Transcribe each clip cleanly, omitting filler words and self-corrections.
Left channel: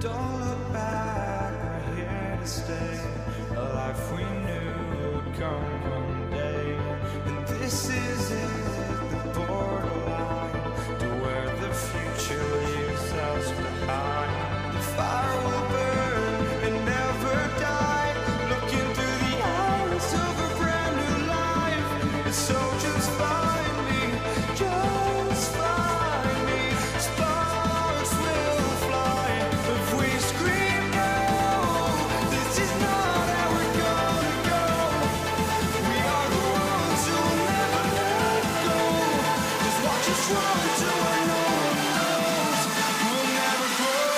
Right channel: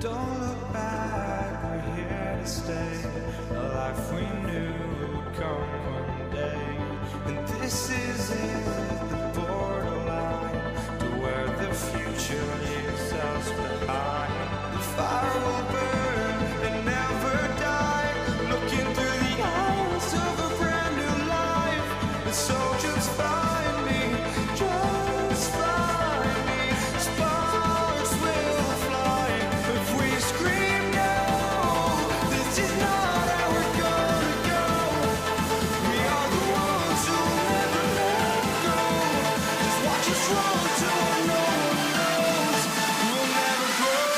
Don't look back, we're here to stay. A life we knew would come one day. And this is it, the borderline to where the future leaves us behind. The fire will burn and never die, looking through the eyes of a brand new life. And so just find me, just find me. Sparks will fly if we scream no. This is not how we're gonna go. We are the ones who will never let go. Just watch us run to where no one knows. We'll never grow.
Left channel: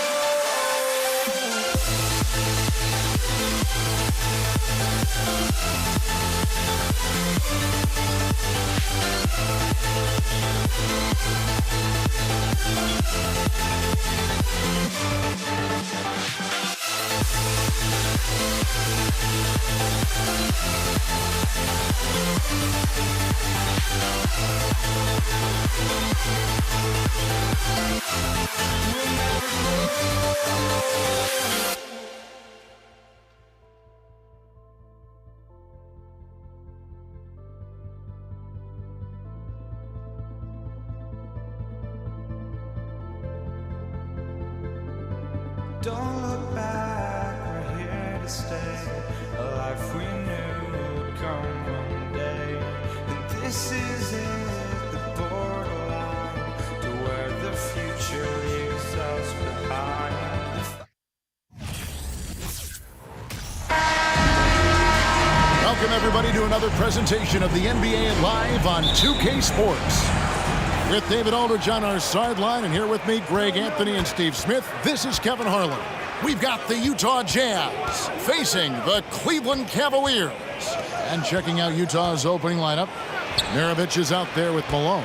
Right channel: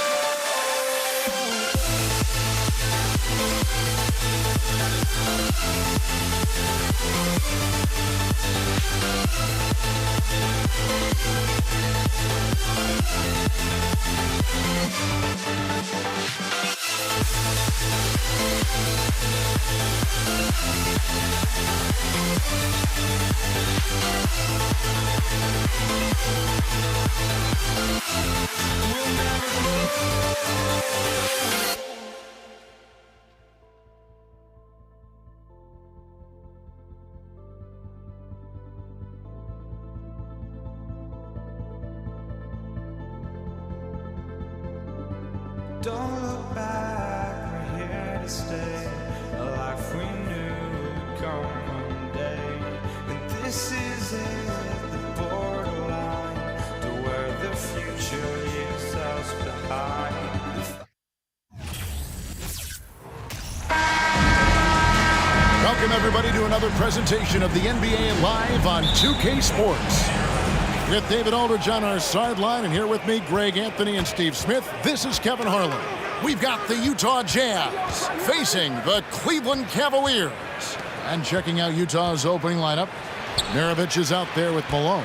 We'll never grow. Don't look back, we're here to stay. A life we knew would come one day. And this is it, the borderline to where the future leaves us behind. Welcome, everybody, to another presentation of the NBA Live on 2K Sports. With David Aldridge on our sideline, and here with me, Greg Anthony and Steve Smith, this is Kevin Harlan. We've got the Utah Jazz facing the Cleveland Cavaliers. And checking out Utah's opening lineup, Maravich is out there with Malone.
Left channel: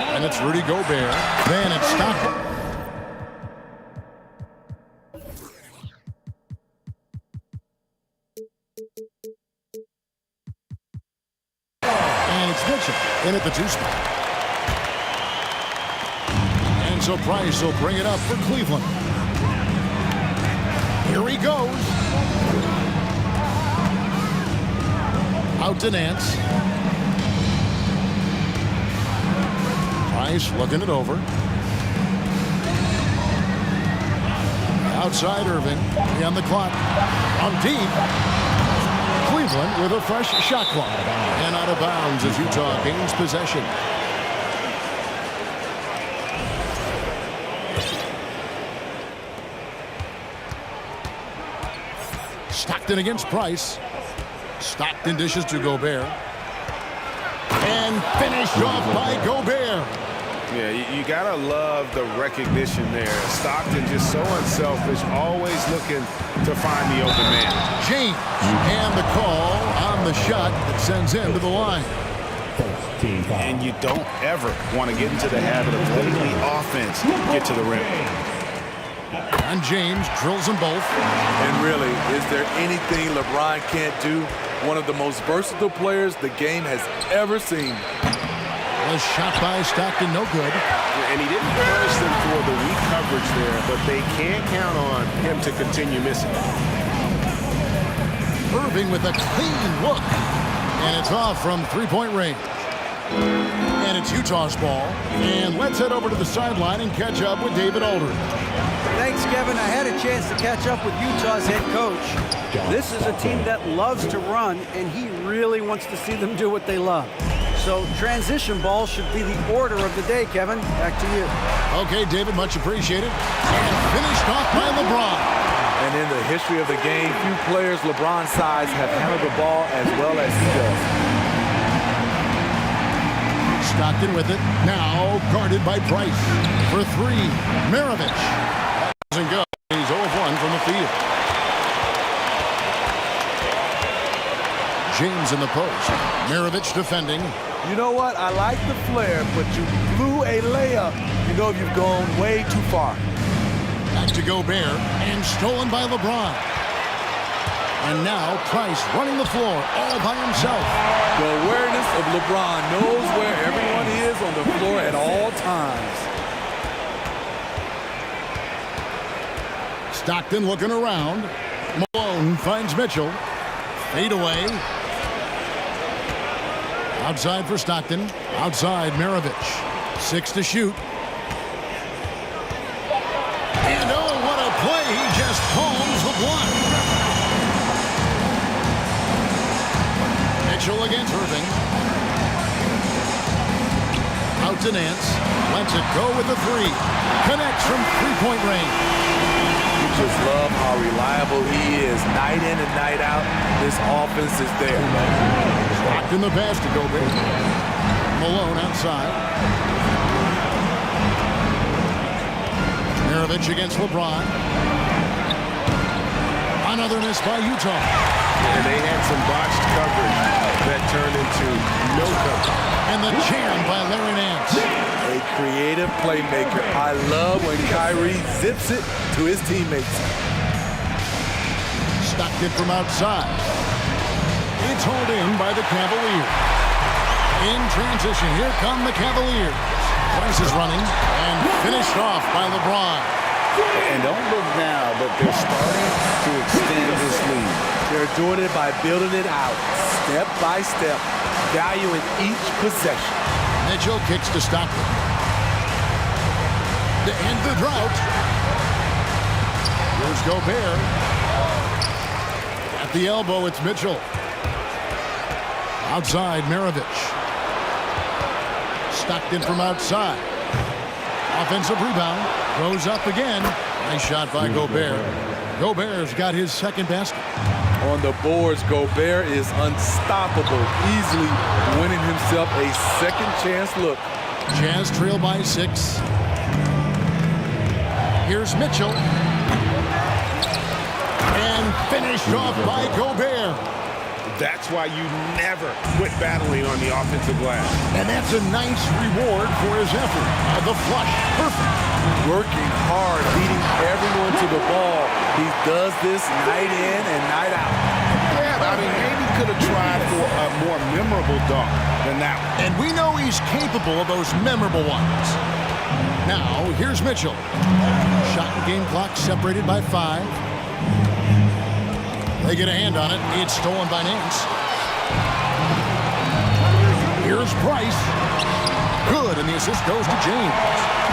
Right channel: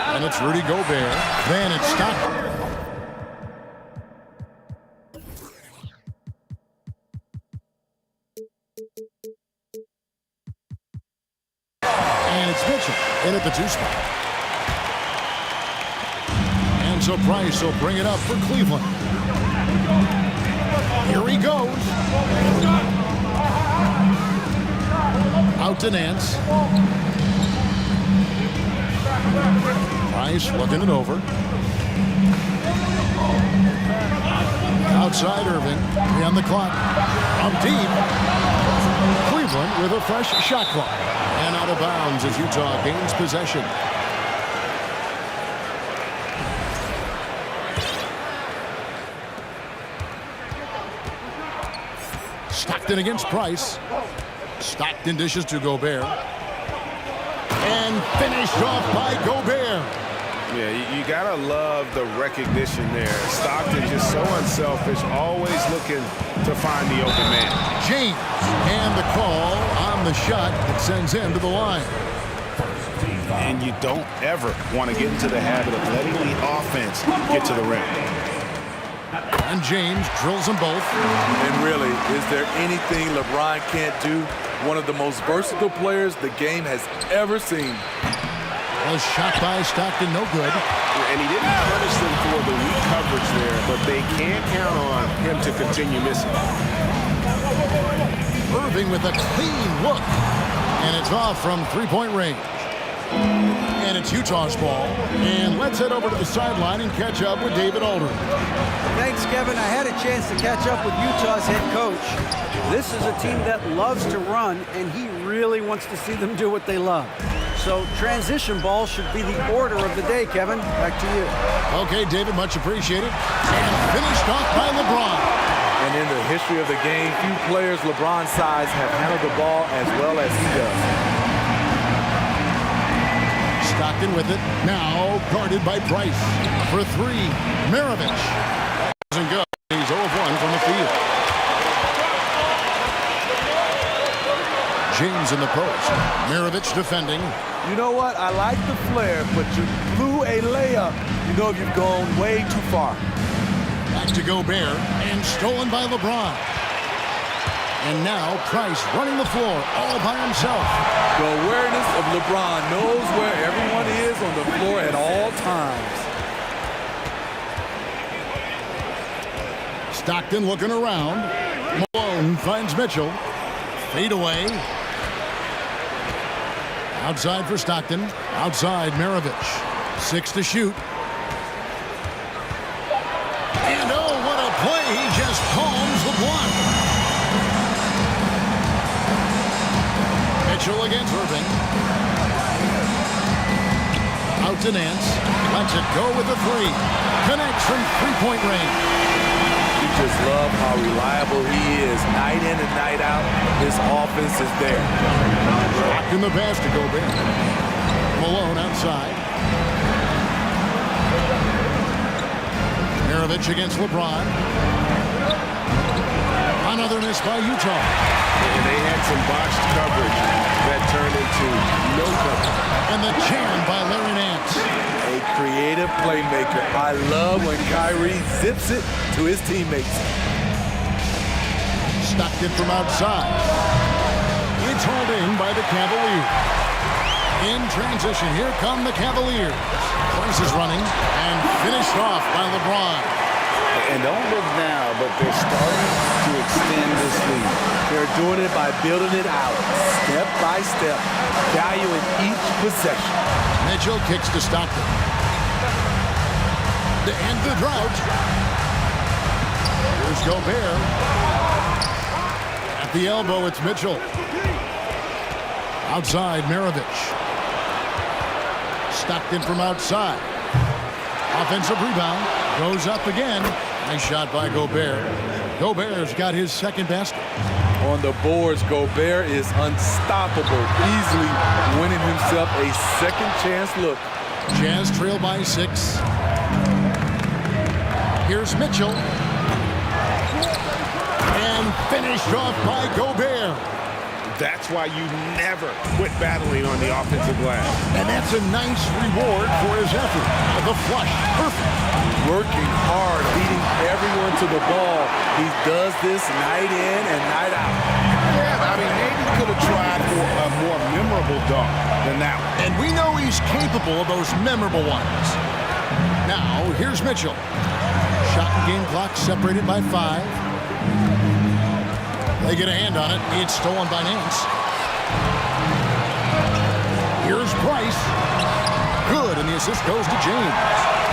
And it's Rudy Gobert. Then it's Stockton. And it's Mitchell in at the 2 spot. And so Price will bring it up for Cleveland. Here he goes. Out to Nance. Price looking it over. Outside Irving. 3 on the clock. On deep. Cleveland with a fresh shot clock. And out of bounds as Utah gains possession. Stockton against Price. Stockton dishes to Gobert. And finished off by Gobert. Yeah, you gotta love the recognition there. Stockton just so unselfish, always looking to find the open man. James, and the call on the shot that sends him to the line. And you don't ever want to get into the habit of letting the offense get to the rim. And James drills them both. And really, is there anything LeBron can't do? One of the most versatile players the game has ever seen. A shot by Stockton, no good. And he didn't punish them for the weak coverage there, but they can't count on him to continue missing. Irving with a clean look. And it's off from three-point range. And it's Utah's ball. And let's head over to the sideline and catch up with David Aldridge. Thanks, Kevin. I had a chance to catch up with Utah's head coach. This is a team that loves to run, and he really wants to see them do what they love. So transition ball should be the order of the day, Kevin. Back to you. Okay, David, much appreciated. And finished off by LeBron. And in the history of the game, few players LeBron's size have handled the ball as well as he does. Stockton with it. Now guarded by Price. For three, Maravich. That doesn't go. He's 0 of 1 from the field. James in the post. Maravich defending. You know what? I like the flair, but you blew a layup. You know you've gone way too far. Back to Gobert, and stolen by LeBron. And now Price running the floor all by himself. The awareness of LeBron knows where everyone is on the floor at all times. Stockton looking around. Malone finds Mitchell. Fade away. Outside for Stockton. Outside Maravich. 6 to shoot. And oh, what a play. He just palms the block. Mitchell against Irving. Out to Nance. Lets it go with the three. Connects from three-point range. You just love how reliable he is. Night in and night out, this offense is there. Stockton the pass to Gobert. Malone outside. Maravich against LeBron. Another miss by Utah. And they had some botched coverage that turned into no coverage. And the jam by Larry Nance. A creative playmaker. I love when Kyrie zips it to his teammates. Stockton from outside. It's hauled in by the Cavaliers. In transition, here come the Cavaliers. Price is running and finished off by LeBron. And don't look now, but they're starting to extend this lead. They're doing it by building it out, step by step, valuing each possession. Mitchell kicks to Stockton. To end the drought. Here's Gobert. At the elbow, it's Mitchell. Outside, Maravich. Stockton from outside. Offensive rebound. Goes up again. Nice shot by Gobert. Gobert's got his second basket. On the boards, Gobert is unstoppable, easily winning himself a second chance look. Jazz trail by 6. Here's Mitchell. And finished off by Gobert. That's why you never quit battling on the offensive glass. And that's a nice reward for his effort. The flush, perfect. Working hard, leading everyone to the ball. He does this night in and night out. Yeah, I mean, maybe he could have tried for a more memorable dunk than that one. And we know he's capable of those memorable ones. Now, here's Mitchell. Shot and game clock separated by 5. They get a hand on it. It's stolen by Nance. Here's Price. Good, and the assist goes to James.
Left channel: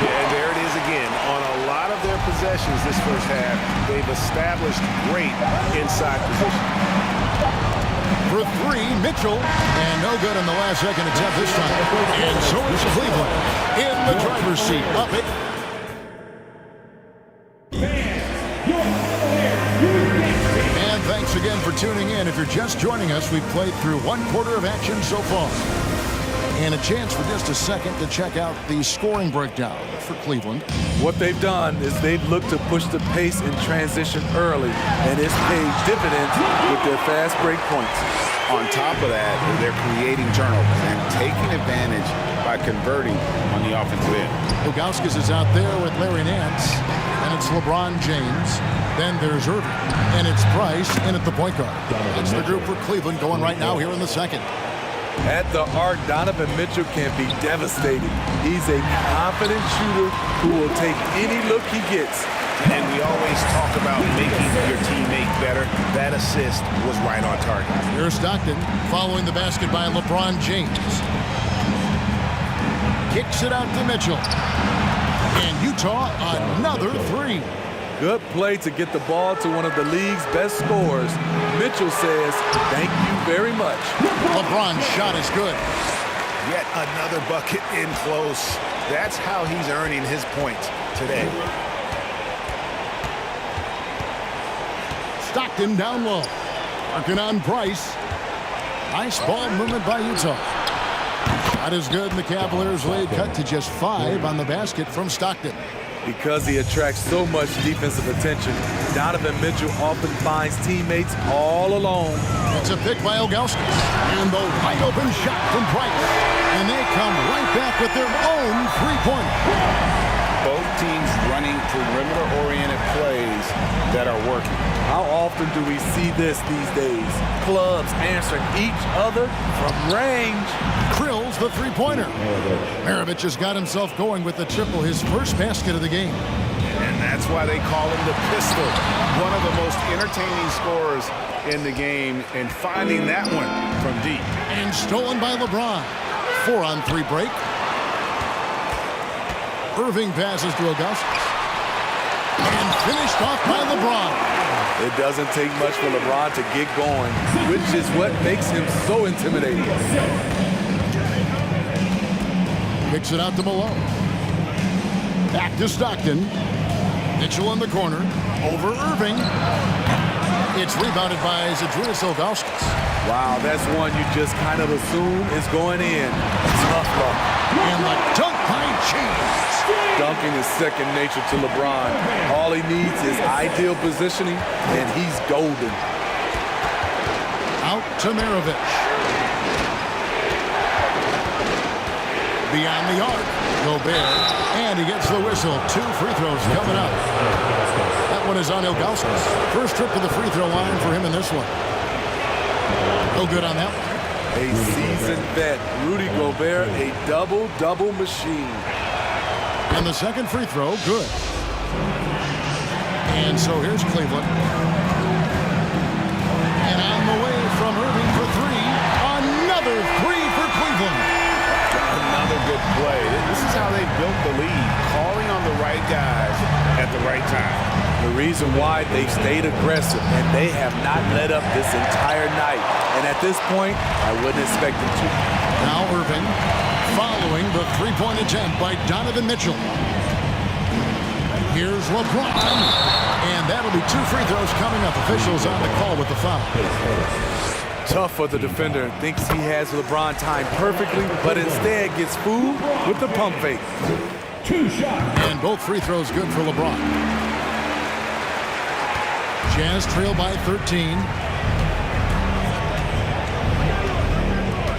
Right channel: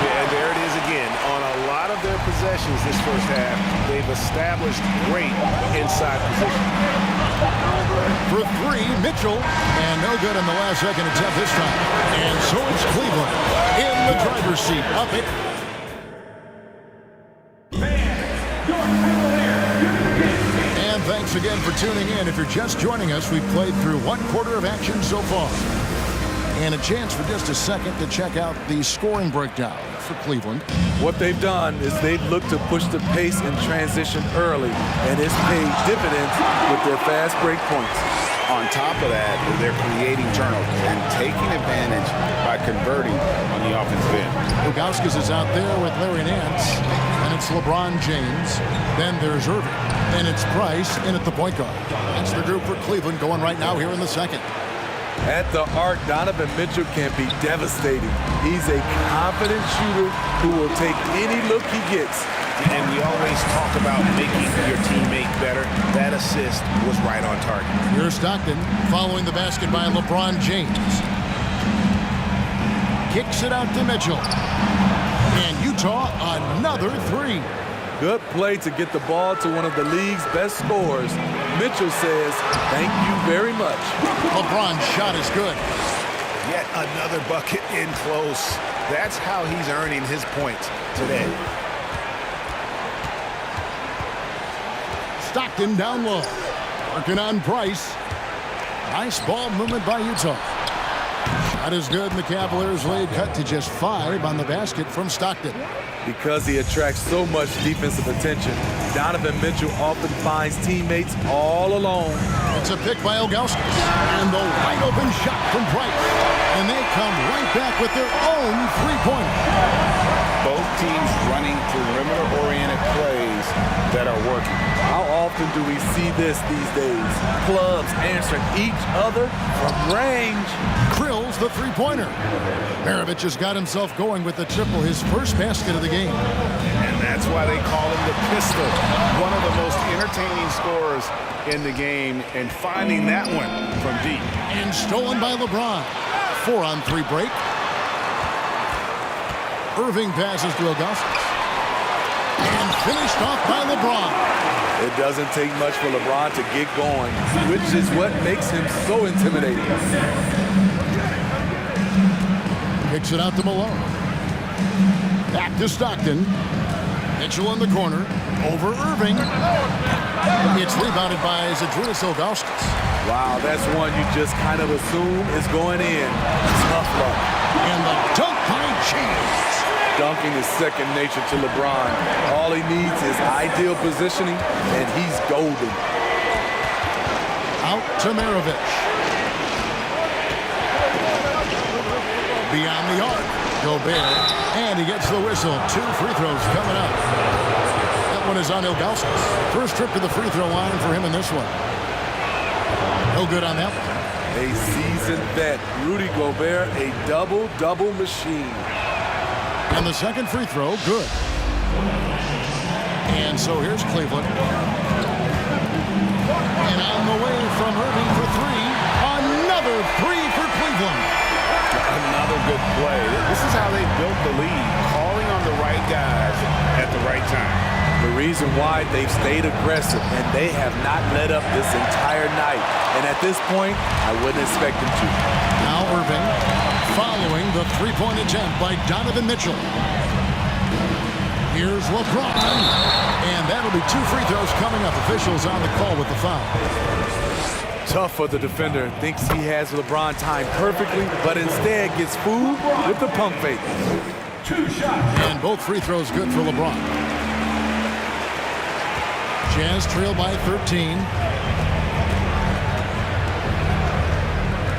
Yeah, and there it is again. On a lot of their possessions this first half, they've established great inside position. for three, Mitchell. And no good on the last second attempt this time. And so it's Cleveland in the driver's seat. Up it. And thanks again for tuning in. If you're just joining us, we've played through one quarter of action so far. And a chance for just a second to check out the scoring breakdown for Cleveland. What they've done is they've looked to push the pace in transition early, and it's paid dividends with their fast break points. On top of that, they're creating turnovers and taking advantage by converting on the offensive end. Ilgauskas is out there with Larry Nance. And it's LeBron James. Then there's Irving. And it's Price in at the point guard. That's the group for Cleveland going right now here in the second. At the arc, Donovan Mitchell can be devastating. He's a confident shooter who will take any look he gets. And we always talk about making your teammate better. That assist was right on target. Here's Stockton following the basket by LeBron James. Kicks it out to Mitchell. And Utah, another three. Good play to get the ball to one of the league's best scorers. Mitchell says, thank you very much. LeBron's shot is good. Yet another bucket in close. That's how he's earning his points today. Stockton down low. Working on Price. Nice ball movement by Utah. Shot is good, and the Cavaliers lead cut to just 5 on the basket from Stockton. Because he attracts so much defensive attention, Donovan Mitchell often finds teammates all alone. It's a pick by Ilgauskas. And the wide open shot from Price. And they come right back with their own three-pointer. Both teams running perimeter-oriented plays that are working. How often do we see this these days? Clubs answering each other from range. Krill's the three-pointer. Maravich has got himself going with the triple, his first basket of the game. And that's why they call him the pistol. One of the most entertaining scorers in the game, and finding that one from deep. And stolen by LeBron. 4-on-3 break. Irving passes to Ilgauskas. And finished off by LeBron. It doesn't take much for LeBron to get going, which is what makes him so intimidating. Kicks it out to Malone. Back to Stockton. Mitchell in the corner. Over Irving. It's rebounded by Zydrunas Ilgauskas. Wow, that's one you just kind of assume is going in. Tough luck. And the dunk by James. Dunking is second nature to LeBron. All he needs is ideal positioning, and he's golden. Out to Maravich. Beyond the arc, Gobert, and he gets the whistle. 2 free throws coming up. That one is on Ilgauskas. First trip to the free throw line for him in this one. No good on that one. A seasoned vet, Rudy Gobert, a double-double machine. And the second free throw, good. And so here's Cleveland. And on the way from Irving for 3. Another 3 for Cleveland. Another good play. This is how they built the lead, calling on the right guys at the right time. The reason why they've stayed aggressive, and they have not let up this entire night. And at this point, I wouldn't expect them to. Now Irving following the three-point attempt by Donovan Mitchell. Here's LeBron. And that'll be 2 free throws coming up. Officials on the call with the foul. Tough for the defender. Thinks he has LeBron timed perfectly, but instead gets fooled with the pump fake. 2 shots. And both free throws good for LeBron. Jazz trail by 13.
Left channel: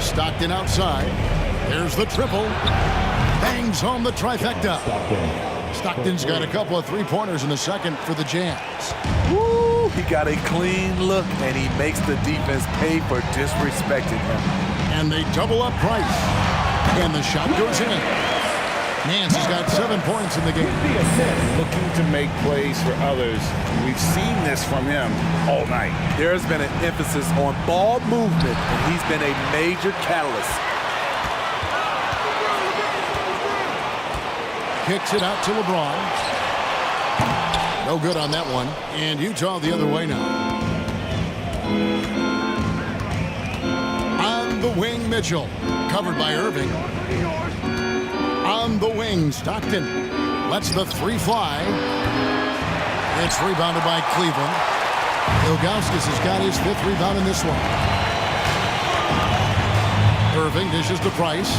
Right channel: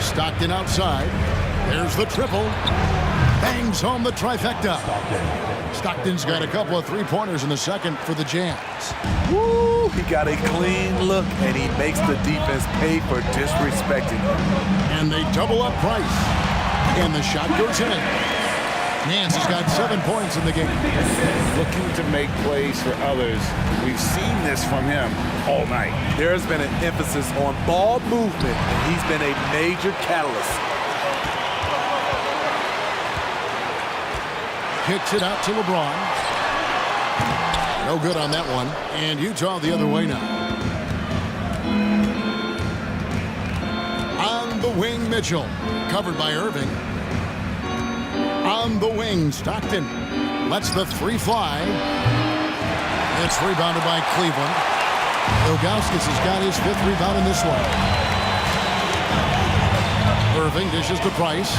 Stockton outside. There's the triple. Bangs home the trifecta. Stockton's got a couple of three-pointers in the second for the Jazz. Woo! He got a clean look, and he makes the defense pay for disrespecting him. And they double up Price. And the shot goes in. Nance has got 7 points in the game. Looking to make plays for others. We've seen this from him all night. There's been an emphasis on ball movement, and he's been a major catalyst. Kicks it out to LeBron. No good on that one. And Utah the other way now. On the wing, Mitchell. Covered by Irving. On the wing, Stockton. Lets the three fly. It's rebounded by Cleveland. Ilgauskas has got his 5th rebound in this one. Irving dishes to Price.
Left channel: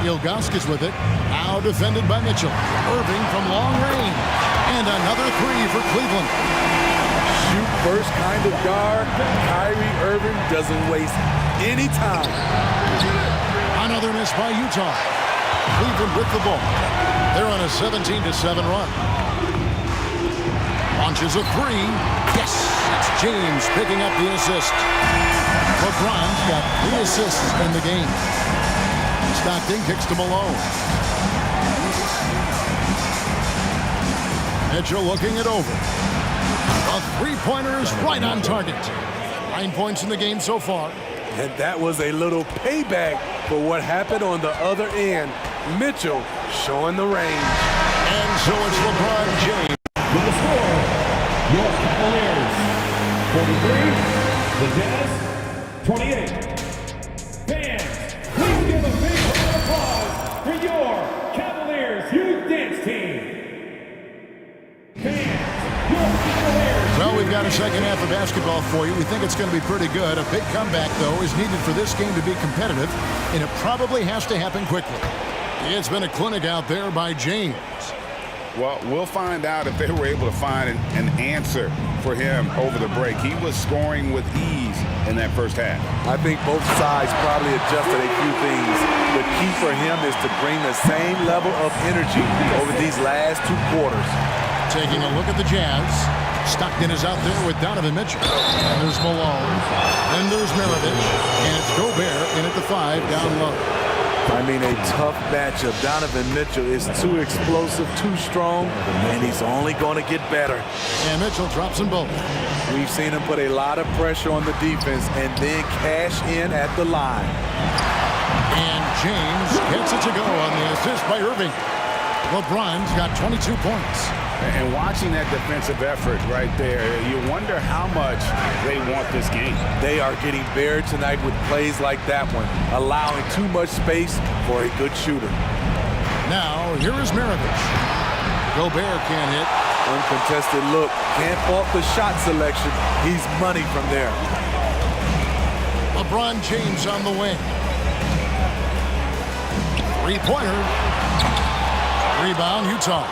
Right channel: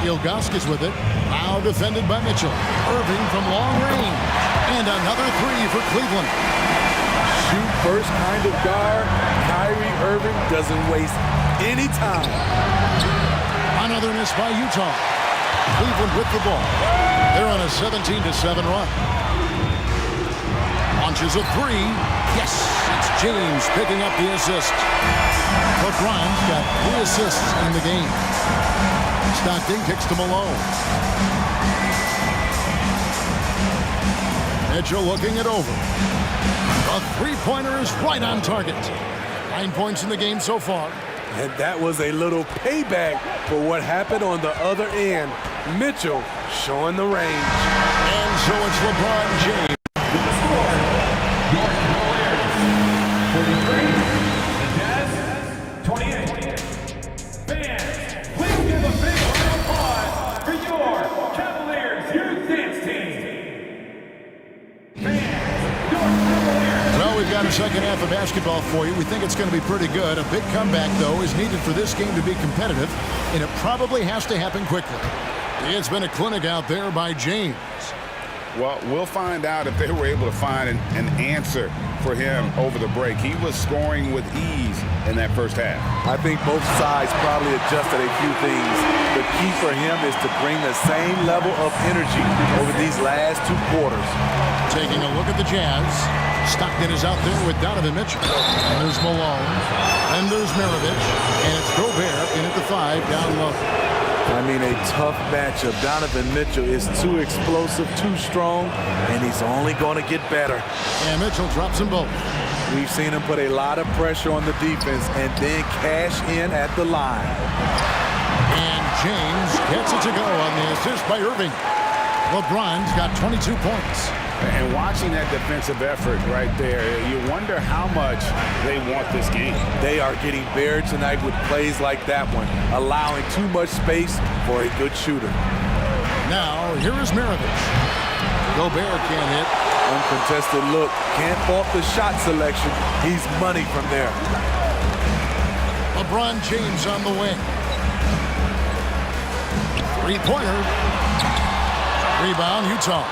Ilgauskas with it. Now defended by Mitchell. Irving from long range. And another 3 for Cleveland. Shoot first kind of guard. Kyrie Irving doesn't waste any time. Another miss by Utah. Cleveland with the ball. They're on a 17-7 run. Launches a 3. Yes, it's James picking up the assist. LeBron's got 3 assists in the game. Stockton kicks to Malone. Mitchell looking it over. A three-pointer is right on target. 9 points in the game so far. And that was a little payback for what happened on the other end. Mitchell showing the range. And so it's LeBron James. With the score, your Cavaliers 43, the Jazz 28. Fans, please give a big round of applause for your Cavaliers Youth Dance Team. Fans, your Cavaliers. Well, we've got a second half of basketball for you. We think it's going to be pretty good. A big comeback, though, is needed for this game to be competitive, and it probably has to happen quickly. It's been a clinic out there by James. Well, we'll find out if they were able to find an answer for him over the break. He was scoring with ease in that first half. I think both sides probably adjusted a few things. The key for him is to bring the same level of energy over these last 2 quarters. Taking a look at the Jazz. Stockton is out there with Donovan Mitchell. And there's Malone. And there's Maravich. And it's Gobert in at the 5 down low. I mean, a tough matchup. Donovan Mitchell is too explosive, too strong, and he's only going to get better. And Mitchell drops them both. We've seen him put a lot of pressure on the defense and then cash in at the line. And James gets it to go on the assist by Irving. LeBron's got 22 points. And watching that defensive effort right there, you wonder how much they want this game. They are getting buried tonight with plays like that one, allowing too much space for a good shooter. Now, here is Maravich. Gobert can't hit. Uncontested look. Can't fault the shot selection. He's money from there. LeBron James on the wing. Three-pointer. Rebound, Utah.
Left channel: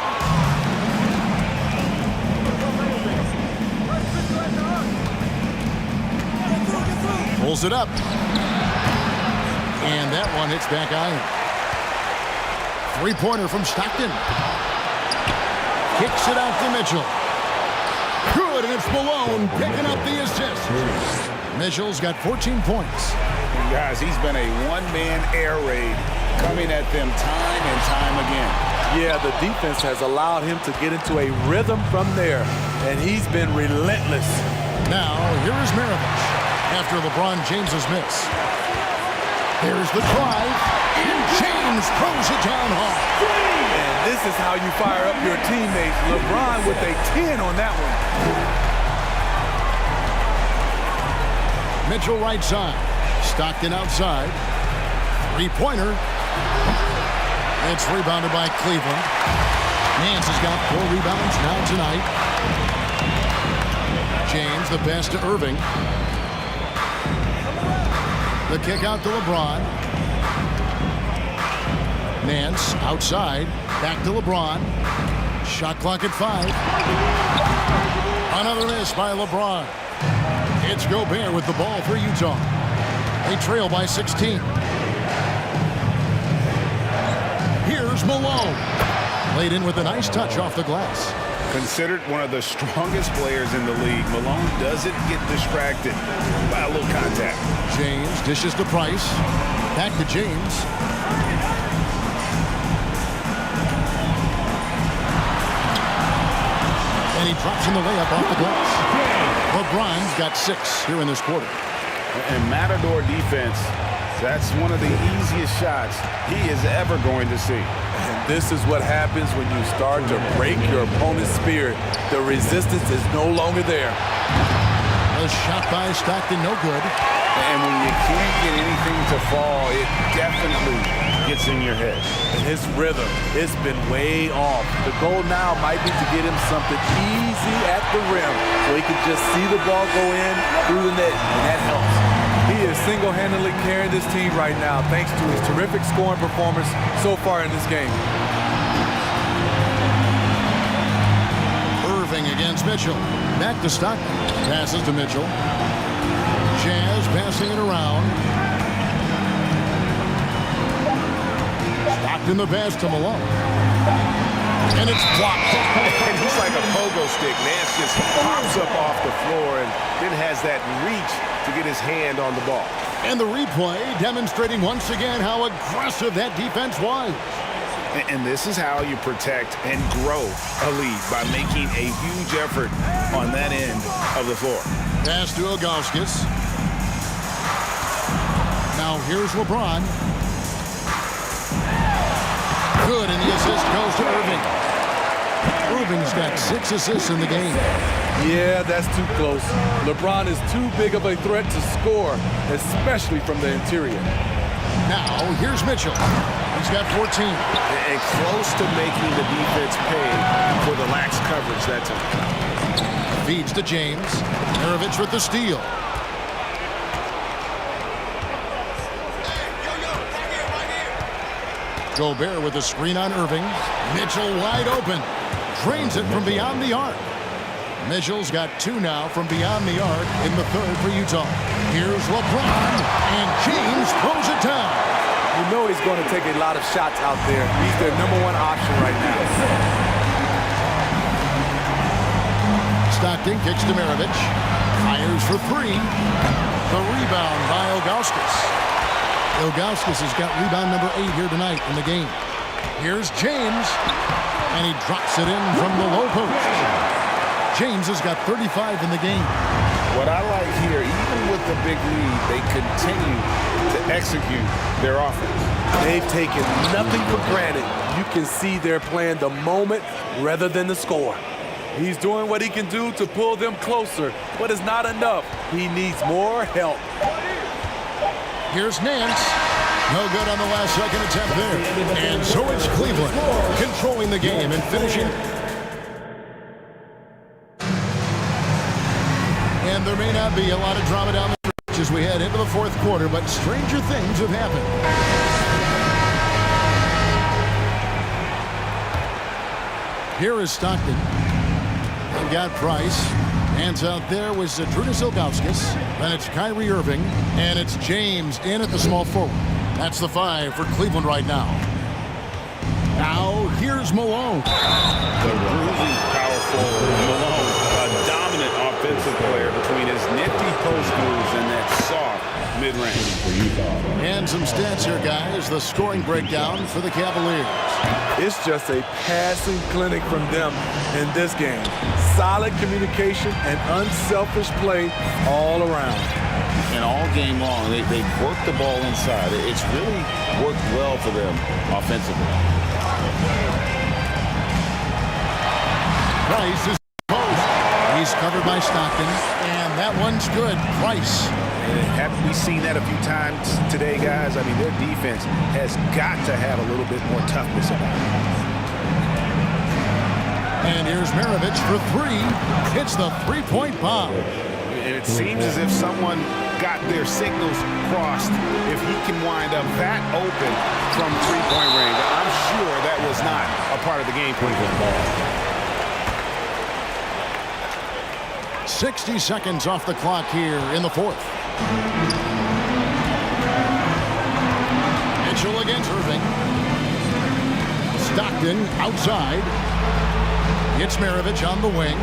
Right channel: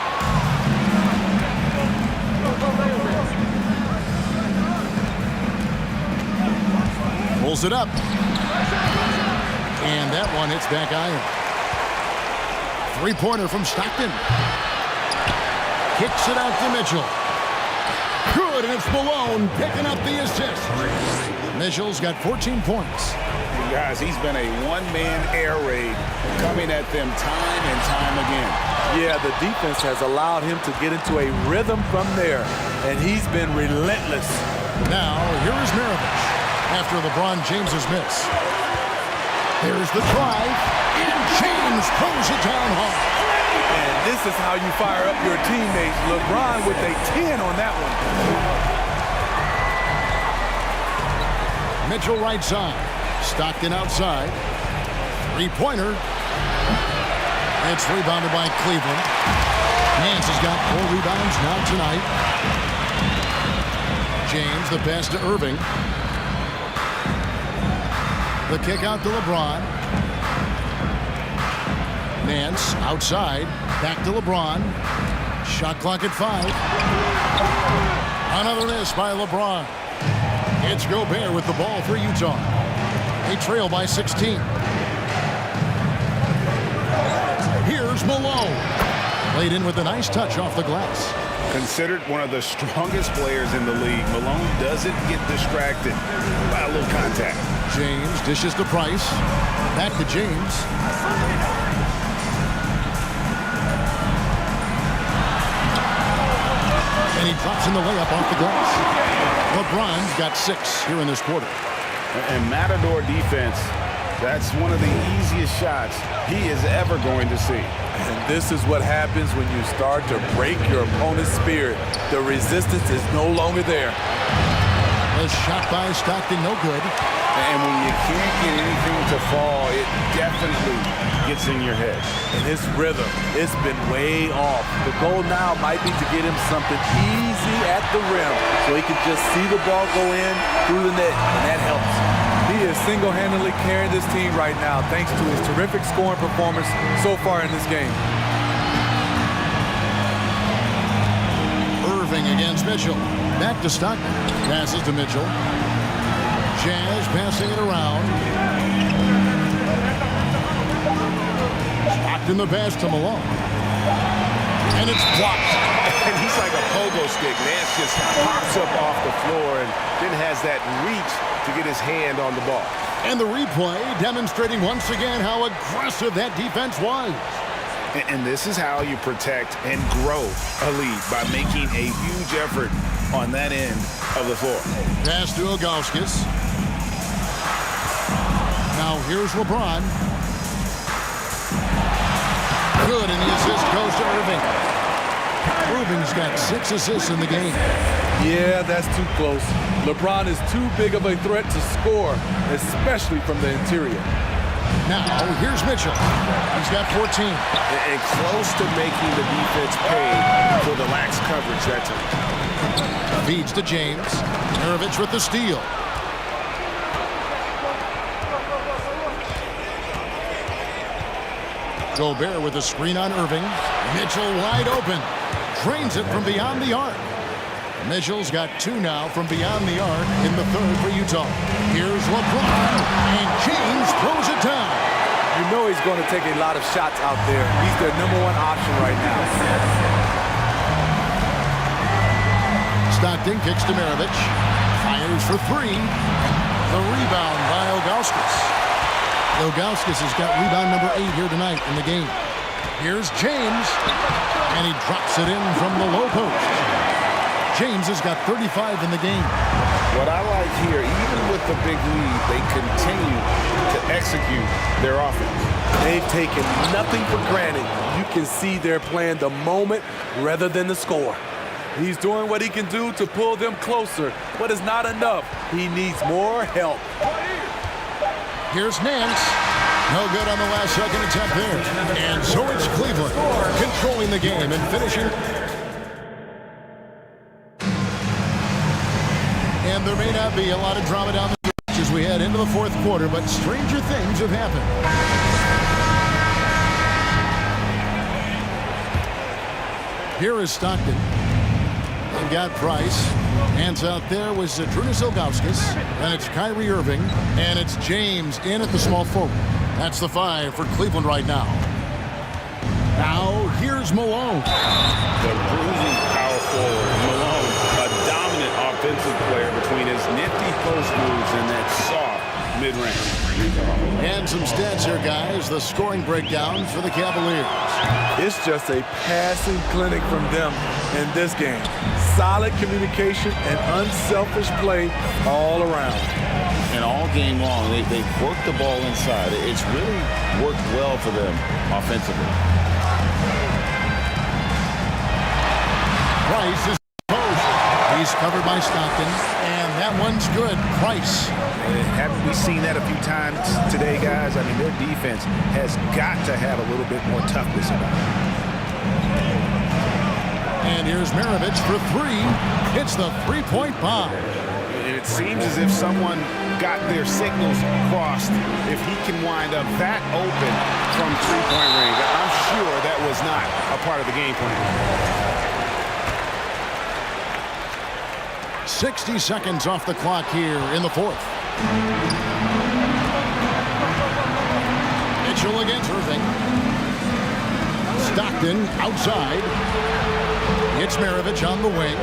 Pulls it up. And that one hits back iron. Three-pointer from Stockton. Kicks it out to Mitchell. Good, and it's Malone picking up the assist. Mitchell's got 14 points. And guys, he's been a one-man air raid coming at them time and time again. Yeah, the defense has allowed him to get into a rhythm from there, and he's been relentless. Now, here is Maravich after LeBron James's miss. There's the drive, and James throws it down hard. And this is how you fire up your teammates. LeBron with a 10 on that one. Mitchell right side. Stockton outside. Three-pointer. It's rebounded by Cleveland. Nance has got 4 rebounds now tonight. James, the pass to Irving. The kick out to LeBron. Nance outside. Back to LeBron. Shot clock at 5. Another miss by LeBron. It's Gobert with the ball for Utah. They trail by 16. Here's Malone. Laid in with a nice touch off the glass. Considered one of the strongest players in the league, Malone doesn't get distracted by a little contact. James dishes to Price. Back to James. And he drops in the layup off the glass. LeBron's got 6 here in this quarter. And Matador defense, that's one of the easiest shots he is ever going to see. And this is what happens when you start to break your opponent's spirit. The resistance is no longer there. A shot by Stockton, no good. And when you can't get anything to fall, it definitely gets in your head. And his rhythm, it's been way off. The goal now might be to get him something easy at the rim so he can just see the ball go in through the net, and that helps. He is single-handedly carrying this team right now thanks to his terrific scoring performance so far in this game. Irving against Mitchell. Back to Stockton. Passes to Mitchell. Jazz passing it around. Stockton the pass to Malone. And it's blocked. And he's like a pogo stick. Nance just pops up off the floor and then has that reach to get his hand on the ball. And the replay demonstrating once again how aggressive that defense was. And this is how you protect and grow a lead, by making a huge effort on that end of the floor. Pass to Ilgauskas. Now here's LeBron. Good, and the assist goes to Irving. Irving's got 6 assists in the game. Yeah, that's too close. LeBron is too big of a threat to score, especially from the interior. Now, here's Mitchell. He's got 14. And close to making the defense pay for the lax coverage that time. Feeds to James. Maravich with the steal. Gobert with a screen on Irving. Mitchell wide open. Drains it from beyond the arc. Mitchell's got 2 now from beyond the arc in the third for Utah. Here's LeBron, and James throws it down. You know he's going to take a lot of shots out there. He's their #1 option right now. Stockton kicks to Maravich. Fires for 3. The rebound by Ilgauskas. Ilgauskas has got rebound number 8 here tonight in the game. Here's James, and he drops it in from the low post. James has got 35 in the game. What I like here, even with the big lead, they continue to execute their offense. They've taken nothing for granted. You can see they're playing the moment rather than the score. He's doing what he can do to pull them closer, but it's not enough. He needs more help. Here's Nance. No good on the last second attempt there. And so it's Cleveland controlling the game and finishing. And there may not be a lot of drama down the stretch as we head into the fourth quarter, but stranger things have happened. Here is Stockton. They've got Price. Hands out there was Zydrunas Ilgauskas. Then it's Kyrie Irving. And it's James in at the small forward. That's the 5 for Cleveland right now. Now, here's Malone. The bruising power forward, Malone, a dominant offensive player between his nifty post moves and that soft mid-range for Utah. And some stats here, guys. The scoring breakdown for the Cavaliers. It's just a passing clinic from them in this game. Solid communication and unselfish play all around. And all game long, they work the ball inside. It's really worked well for them offensively. Price is post. He's covered by Stockton, and that one's good. Price. Haven't we seen that a few times today, guys? I mean, their defense has got to have a little bit more toughness about it. And here's Maravich for 3. Hits the three-point bomb. And it seems as if someone got their signals crossed if he can wind up that open from three-point range. I'm sure that was not a part of the game plan. 60 seconds off the clock here in the fourth. Mitchell against Irving. Stockton outside. It's Maravich on the wing.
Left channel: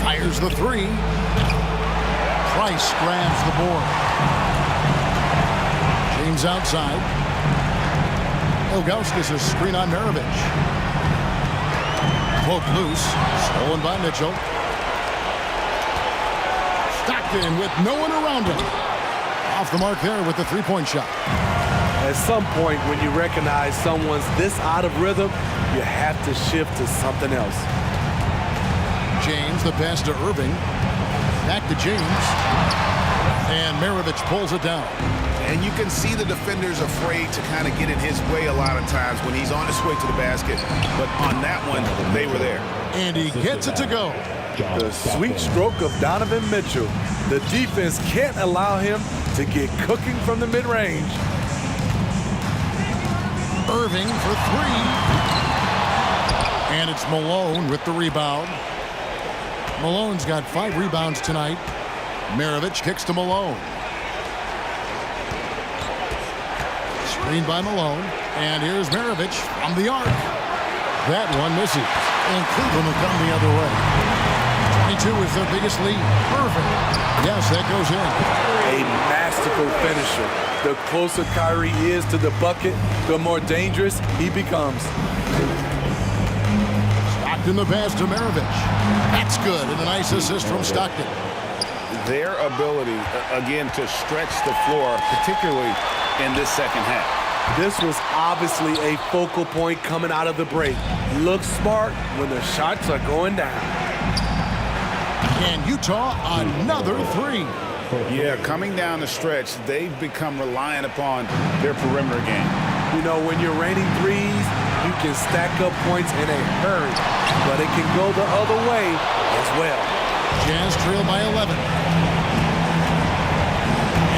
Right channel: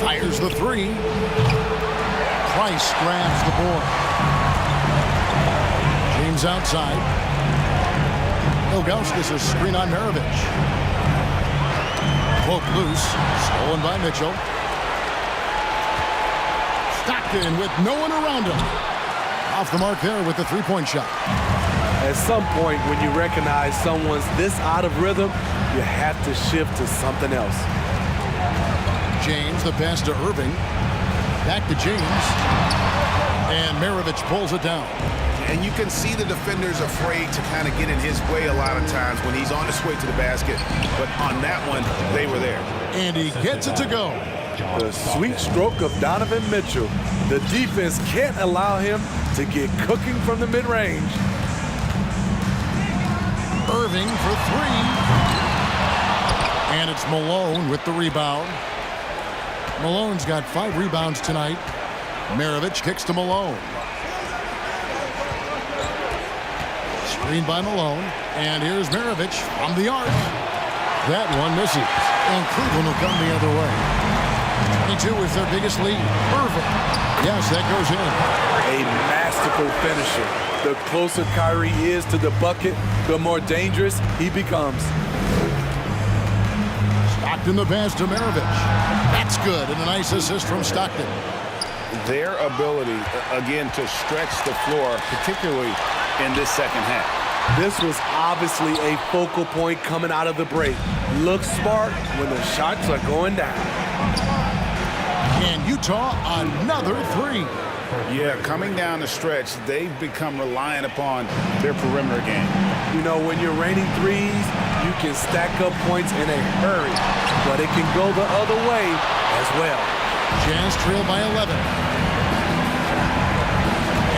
Fires the 3. Price grabs the board. James outside. Ilgauskas a screen on Maravich. Poke loose. Stolen by Mitchell. Stockton with no one around him. Off the mark there with the three-point shot. At some point, when you recognize someone's this out of rhythm, you have to shift to something else. James, the pass to Irving. Back to James. And Maravich pulls it down. And you can see the defenders afraid to kind of get in his way a lot of times when he's on his way to the basket. But on that one, they were there. And he gets it to go. The sweet stroke of Donovan Mitchell. The defense can't allow him to get cooking from the mid-range. Irving for three. And it's Malone with the rebound. Malone's got 5 rebounds tonight. Maravich kicks to Malone. Screen by Malone. And here's Maravich from the arc. That one misses. And Cleveland will come the other way. 22 is their biggest lead. Irving. Yes, that goes in. A masterful finisher. The closer Kyrie is to the bucket, the more dangerous he becomes. Stockton the pass to Maravich. That's good, and a nice assist from Stockton. Their ability, again, to stretch the floor, particularly in this second half. This was obviously a focal point coming out of the break. Look smart when the shots are going down. And Utah, another 3. Yeah, coming down the stretch, they've become reliant upon their perimeter game. You know, when you're raining threes, you can stack up points in a hurry, but it can go the other way as well. Jazz trail by 11.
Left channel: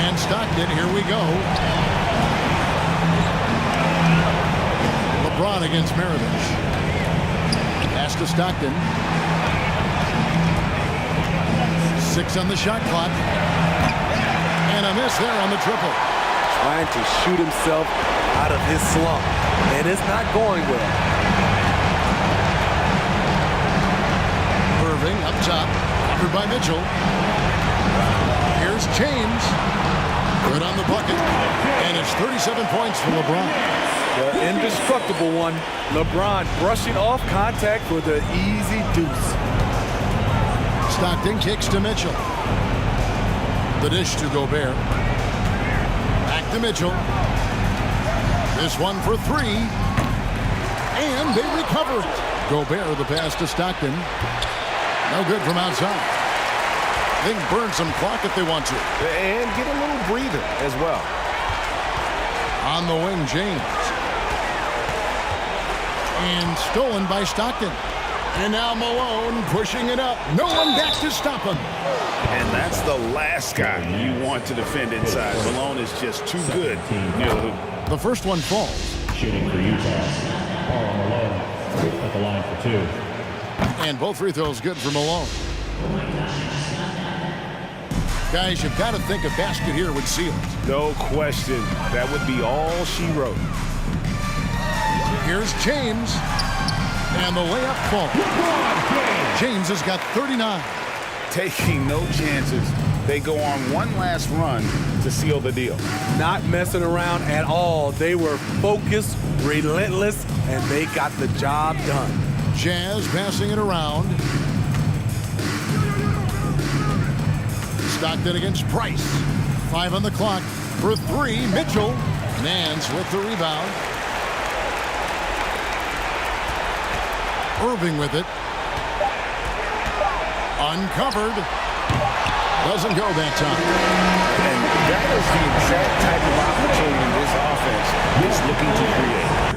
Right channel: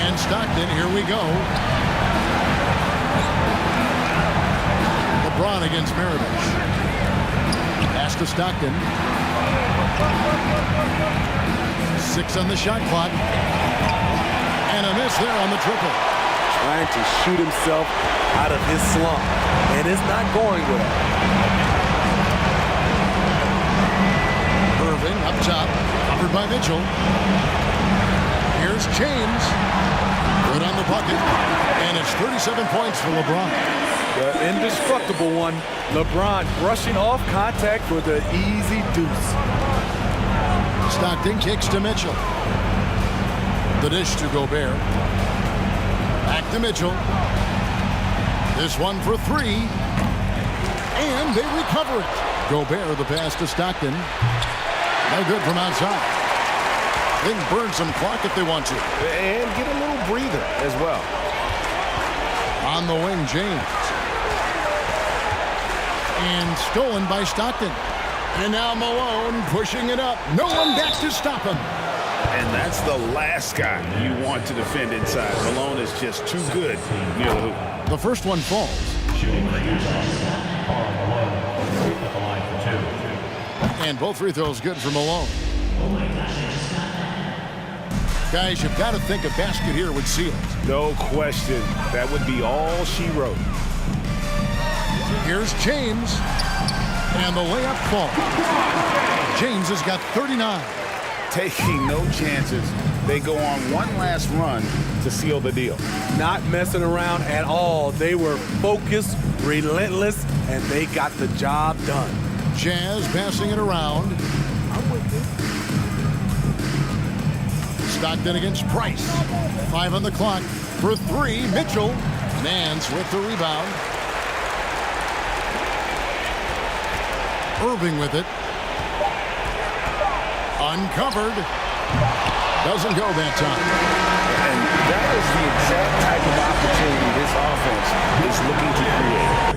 And Stockton, here we go. LeBron against Maravich. Pass to Stockton. 6 on the shot clock. And a miss there on the triple. Trying to shoot himself out of his slump, and it's not going well. Irving up top, covered by Mitchell. Here's James. Good on the bucket. And it's 37 points for LeBron. The indestructible one. LeBron brushing off contact for the easy deuce. Stockton kicks to Mitchell. The dish to Gobert. Back to Mitchell. This one for 3. And they recover it. Gobert the pass to Stockton. No good from outside. They can burn some clock if they want to. And get a little breather as well. On the wing, James. And stolen by Stockton. And now Malone pushing it up. No one back to stop him. And that's the last guy you want to defend inside. Malone is just too good near the hoop. The first one falls. Shooting for Utah, Karl Malone at the line for 2. And both free throws good for Malone. Guys, you've got to think a basket here would seal it. No question. That would be all she wrote. Here's James. And the layup falls. James has got 39. Taking no chances. They go on one last run to seal the deal. Not messing around at all. They were focused, relentless, and they got the job done. Jazz passing it around. Stockton against Price. 5 on the clock. For 3, Mitchell. Nance with the rebound. Irving with it. Uncovered. Doesn't go that time. And that is the exact type of opportunity this offense is looking to create.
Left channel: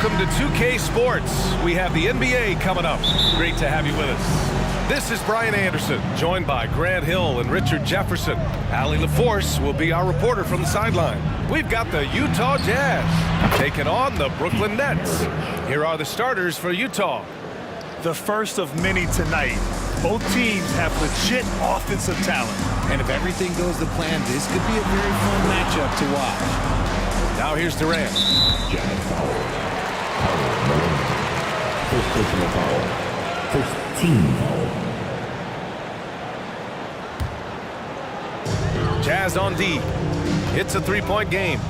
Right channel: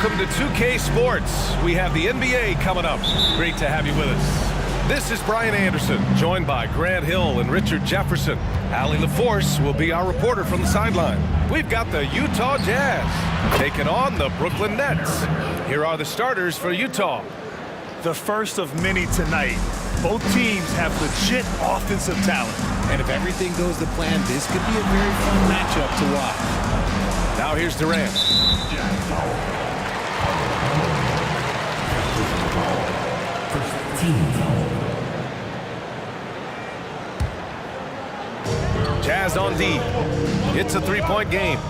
Welcome to 2K Sports. We have the NBA coming up. Great to have you with us. This is Brian Anderson, joined by Grant Hill and Richard Jefferson. Allie LaForce will be our reporter from the sideline. We've got the Utah Jazz taking on the Brooklyn Nets. Here are the starters for Utah. The first of many tonight. Both teams have legit offensive talent. And if everything goes to plan, this could be a very fun matchup to watch. Now here's Durant. Jazz foul. First personal foul. First team foul. Jazz on D. It's a three-point game.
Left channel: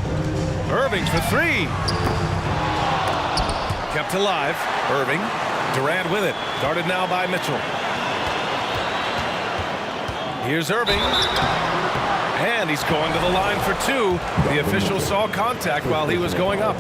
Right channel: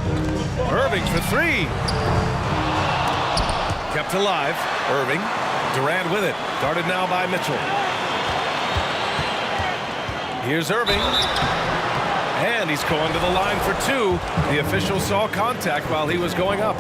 Irving for three. Kept alive. Irving. Durant with it. Guarded now by Mitchell. Here's Irving. And he's going to the line for two. The official saw contact while he was going up.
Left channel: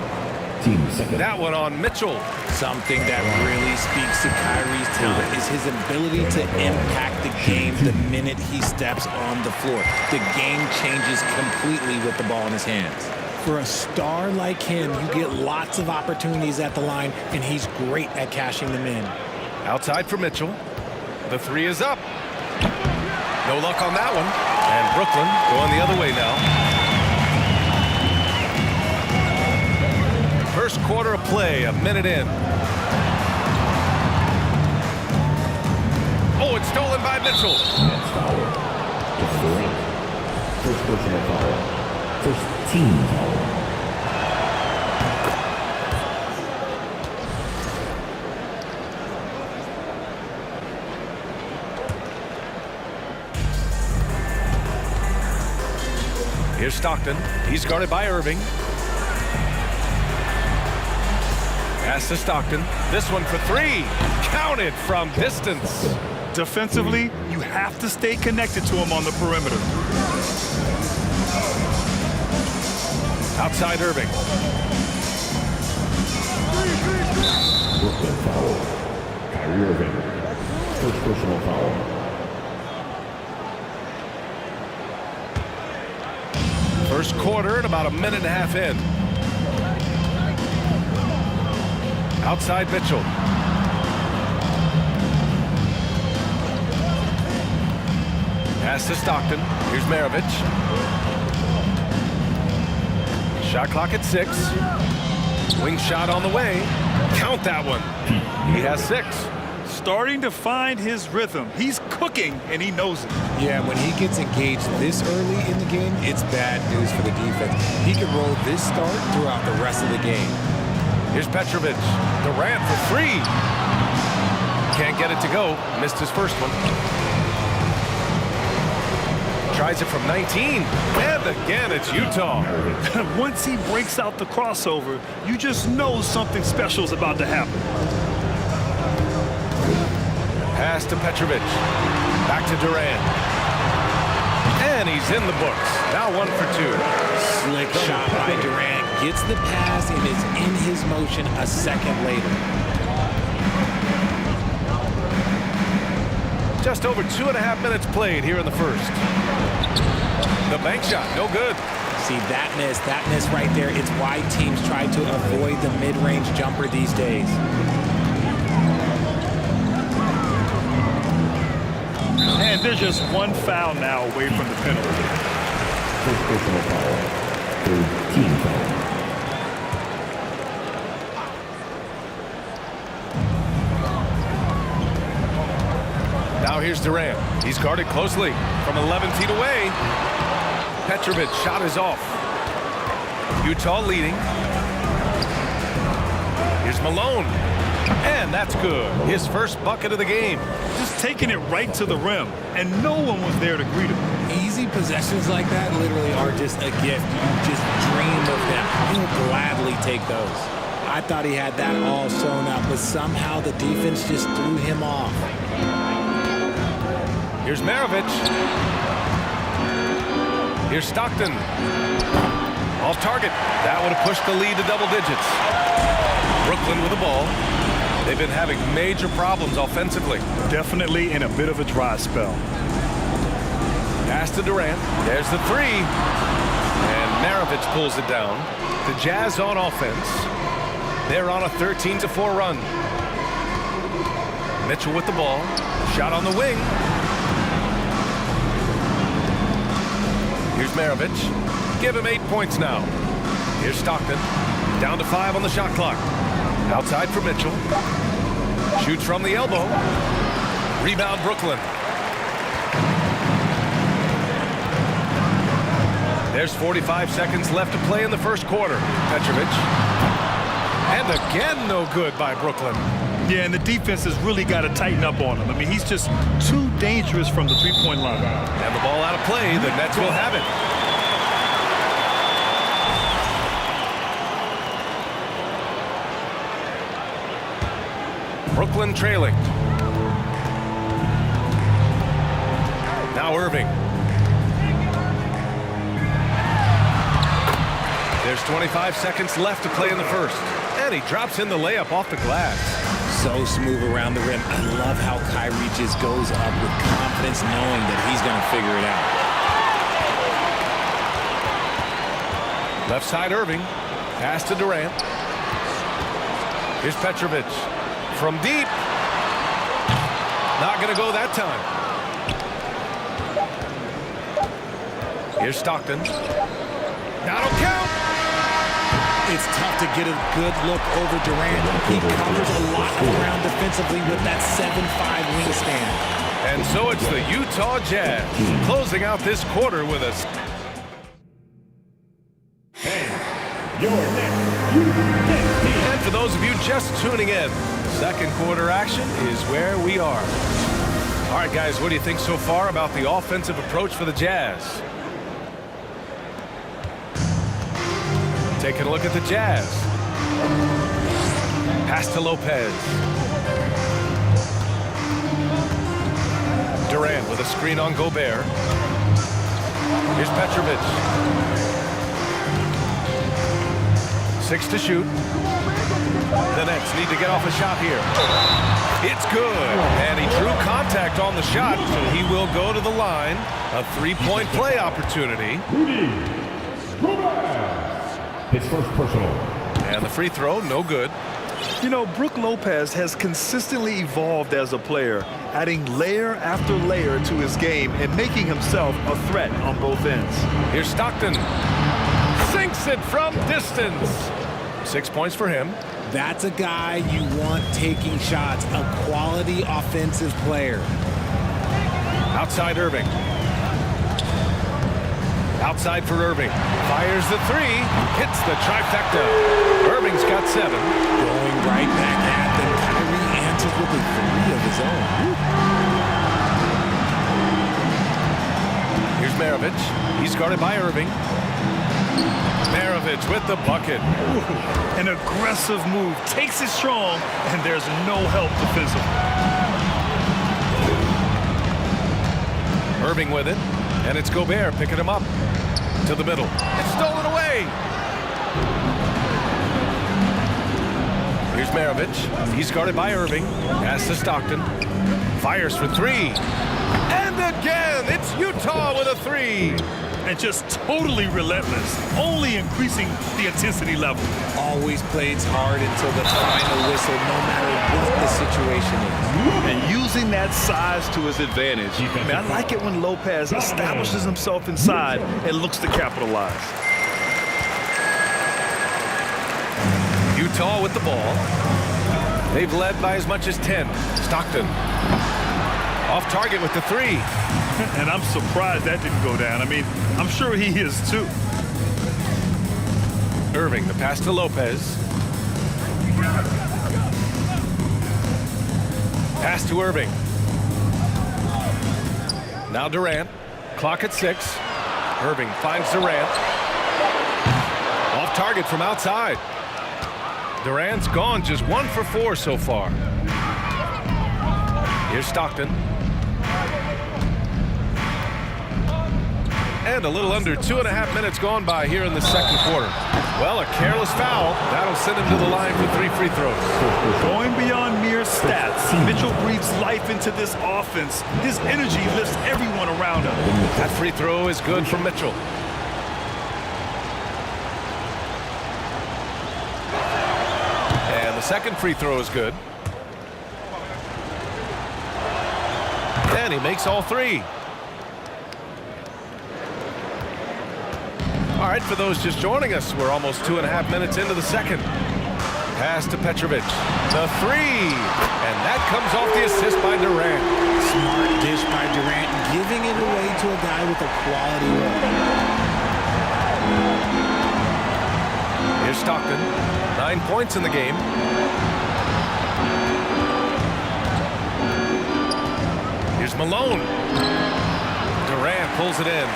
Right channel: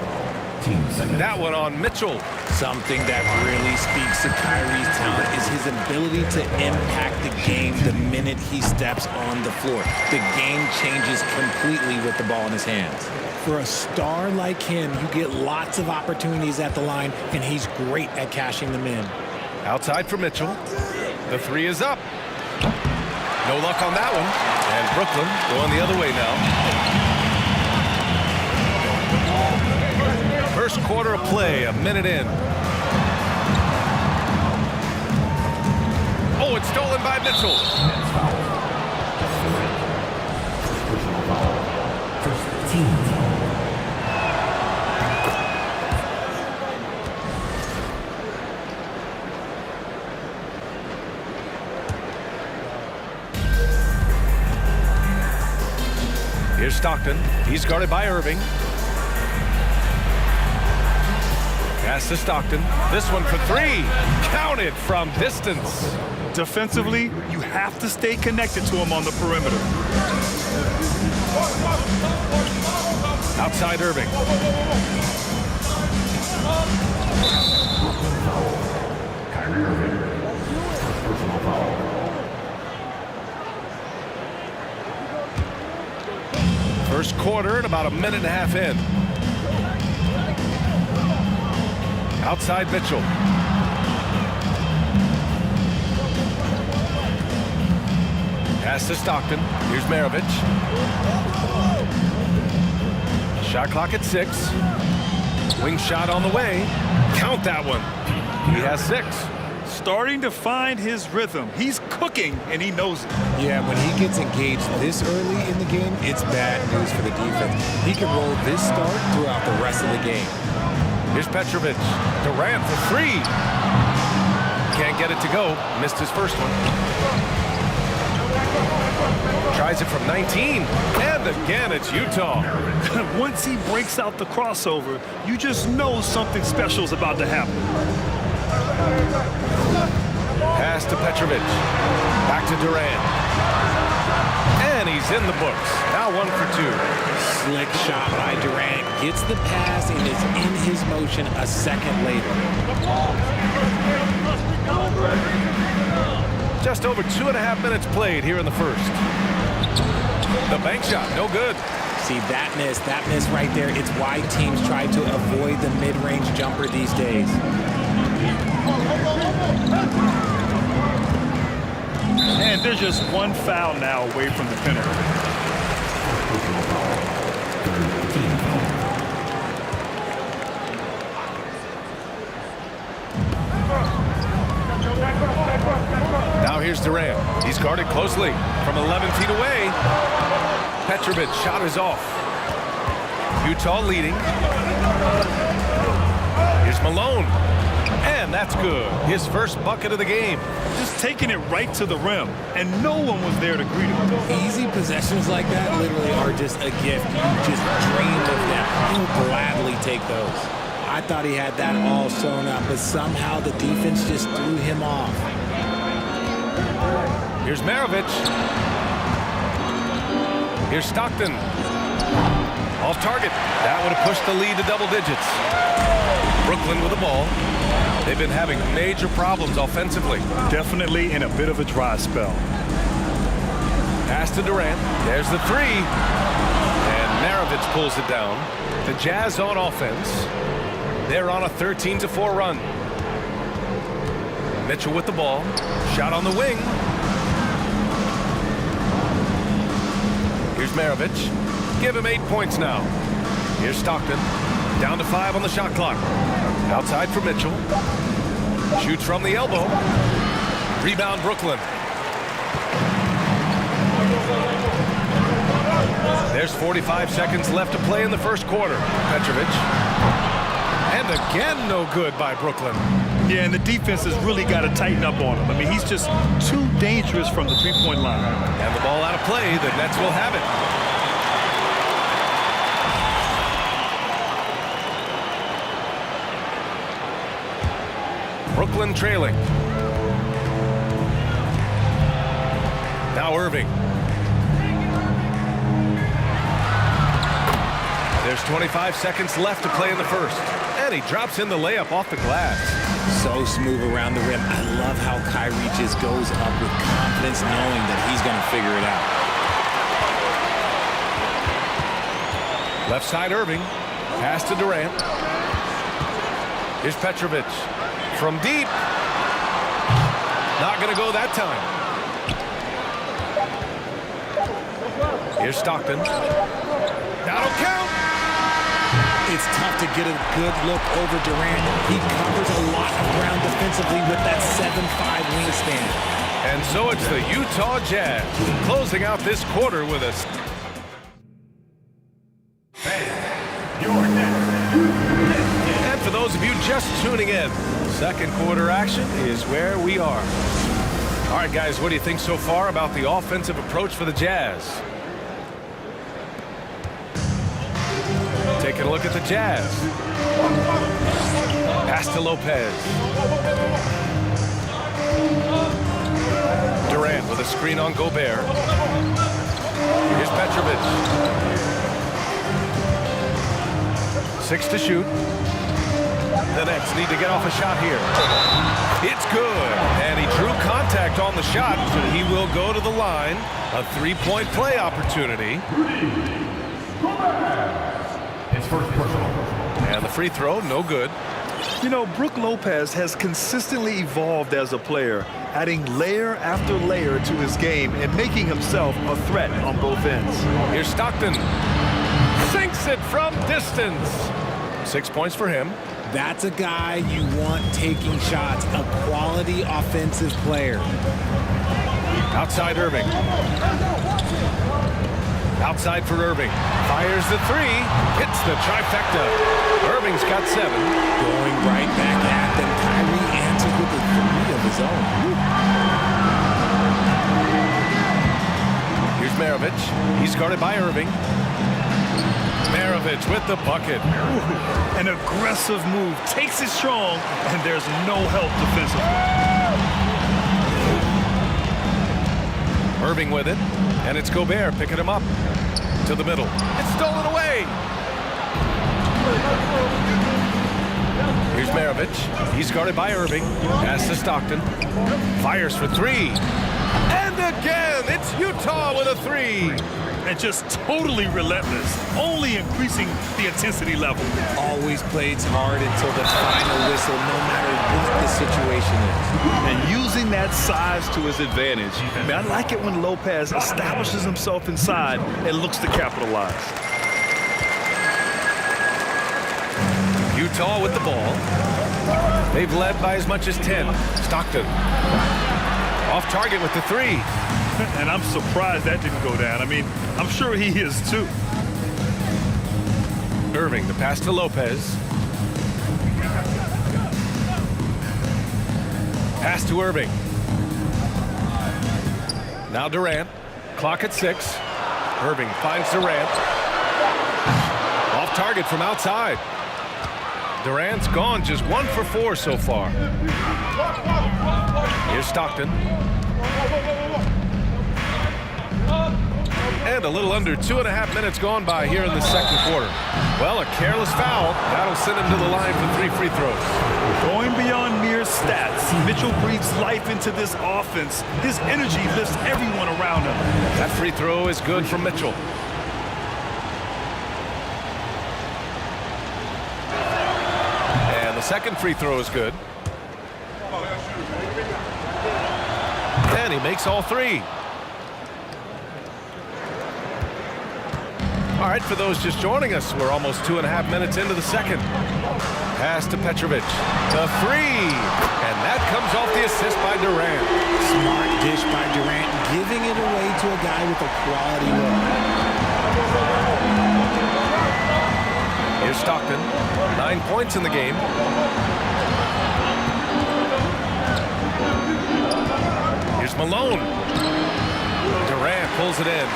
That one on Mitchell. Something that really speaks to Kyrie's talent is his ability to impact the game the minute he steps on the floor. The game changes completely with the ball in his hands. For a star like him, you get lots of opportunities at the line, and he's great at cashing them in. Outside for Mitchell. The three is up. No luck on that one. And Brooklyn going the other way now. First quarter of play, a minute in. Oh, it's stolen by Mitchell. First personal foul. First team foul. Here's Stockton. He's guarded by Irving. Pass to Stockton. This one for three. Counted from distance. Defensively, you have to stay connected to him on the perimeter. Outside Irving. Brooklyn foul. Kyrie Irving. First personal foul. First quarter and about a minute and a half in. Outside Mitchell. Pass to Stockton. Here's Maravich. Shot clock at 6. Wing shot on the way. Count that one. He has 6. Starting to find his rhythm. He's cooking, and he knows it. Yeah, when he gets engaged this early in the game, it's bad news for the defense. He can roll this start throughout the rest of the game. Here's Petrovic. Durant for 3. Can't get it to go. Missed his first one. Tries it from 19. And again, it's Utah. Once he breaks out the crossover, you just know something special is about to happen. Pass to Petrovic. Back to Durant. And he's in the books. Now 1 for 2. Slick shot by Durant. Gets the pass and is in his motion a second later. Just over 2.5 minutes played here in the first. The bank shot, no good. See, that miss right there. It's why teams try to avoid the mid-range jumper these days. And there's just one foul now away from the penalty. First personal foul. Third team foul. Now here's Durant. He's guarded closely from 11 feet away. Petrovic shot is off. Utah leading. Here's Malone. And that's good. His first bucket of the game. Just taking it right to the rim, and no one was there to greet him. Easy possessions like that literally are just a gift. You just dream of them. He'll gladly take those. I thought he had that all sewn up, but somehow the defense just threw him off. Here's Maravich. Here's Stockton. Off target. That would have pushed the lead to double digits. Brooklyn with the ball. They've been having major problems offensively. Definitely in a bit of a dry spell. Pass to Durant. There's the 3. And Maravich pulls it down. The Jazz on offense. They're on a 13-4 run. Mitchell with the ball. Shot on the wing. Here's Maravich. Give him 8 points now. Here's Stockton. Down to 5 on the shot clock. Outside for Mitchell. Shoots from the elbow. Rebound Brooklyn. There's 45 seconds left to play in the first quarter. Petrovic. And again, no good by Brooklyn. Yeah, and the defense has really got to tighten up on him. I mean, he's just too dangerous from the three-point line. And the ball out of play. The Nets will have it. Brooklyn trailing. Now Irving. There's 25 seconds left to play in the first. And he drops in the layup off the glass. So smooth around the rim. I love how Kyrie just goes up with confidence, knowing that he's going to figure it out. Left side Irving. Pass to Durant. Here's Petrovic. From deep. Not going to go that time. Here's Stockton. That'll count. It's tough to get a good look over Durant. He covers a lot of ground defensively with that 7'5" wingspan. And so it's the Utah Jazz closing out this quarter with a... And for those of you just tuning in, second quarter action is where we are. All right, guys, what do you think so far about the offensive approach for the Jazz? Taking a look at the Jazz. Pass to Lopez. Durant with a screen on Gobert. Here's Petrovic. 6 to shoot. The Nets need to get off a shot here. It's good. And he drew contact on the shot, so he will go to the line. A three-point play opportunity. His first personal. And the free throw, no good. You know, Brook Lopez has consistently evolved as a player, adding layer after layer to his game and making himself a threat on both ends. Here's Stockton. Sinks it from distance. 6 points for him. That's a guy you want taking shots, a quality offensive player. Outside Irving. Outside for Irving. Fires the three. Hits the trifecta. Irving's got 7. Going right back at them. Kyrie answers with a 3 of his own. Here's Maravich. He's guarded by Irving. Maravich with the bucket. Ooh, an aggressive move. Takes it strong, and there's no help defensively. Irving with it. And it's Gobert picking him up. To the middle. It's stolen away. Here's Maravich. He's guarded by Irving. Pass to Stockton. Fires for 3. And again, it's Utah with a 3. And just totally relentless, only increasing the intensity level. Always plays hard until the final whistle, no matter what the situation is. And using that size to his advantage. Man, I like it when Lopez establishes himself inside and looks to capitalize. Utah with the ball. They've led by as much as 10. Stockton. Off target with the 3. And I'm surprised that didn't go down. I mean, I'm sure he is too. Irving, the pass to Lopez. Pass to Irving. Now Durant. Clock at 6. Irving finds Durant. Off target from outside. Durant's gone just 1 for 4 so far. Here's Stockton. And a little under 2.5 minutes gone by here in the second quarter. Well, a careless foul. That'll send him to the line for 3 free throws. Going beyond mere stats, Mitchell breathes life into this offense. His energy lifts everyone around him. That free throw is good from Mitchell. And the second free throw is good. And he makes all 3. All right, for those just joining us, we're almost 2.5 minutes into the second. Pass to Petrovic. The 3. And that comes off the assist by Durant. Smart dish by Durant, giving it away to a guy with a quality look. Here's Stockton. 9 points in the game. Here's Malone. Durant pulls it in.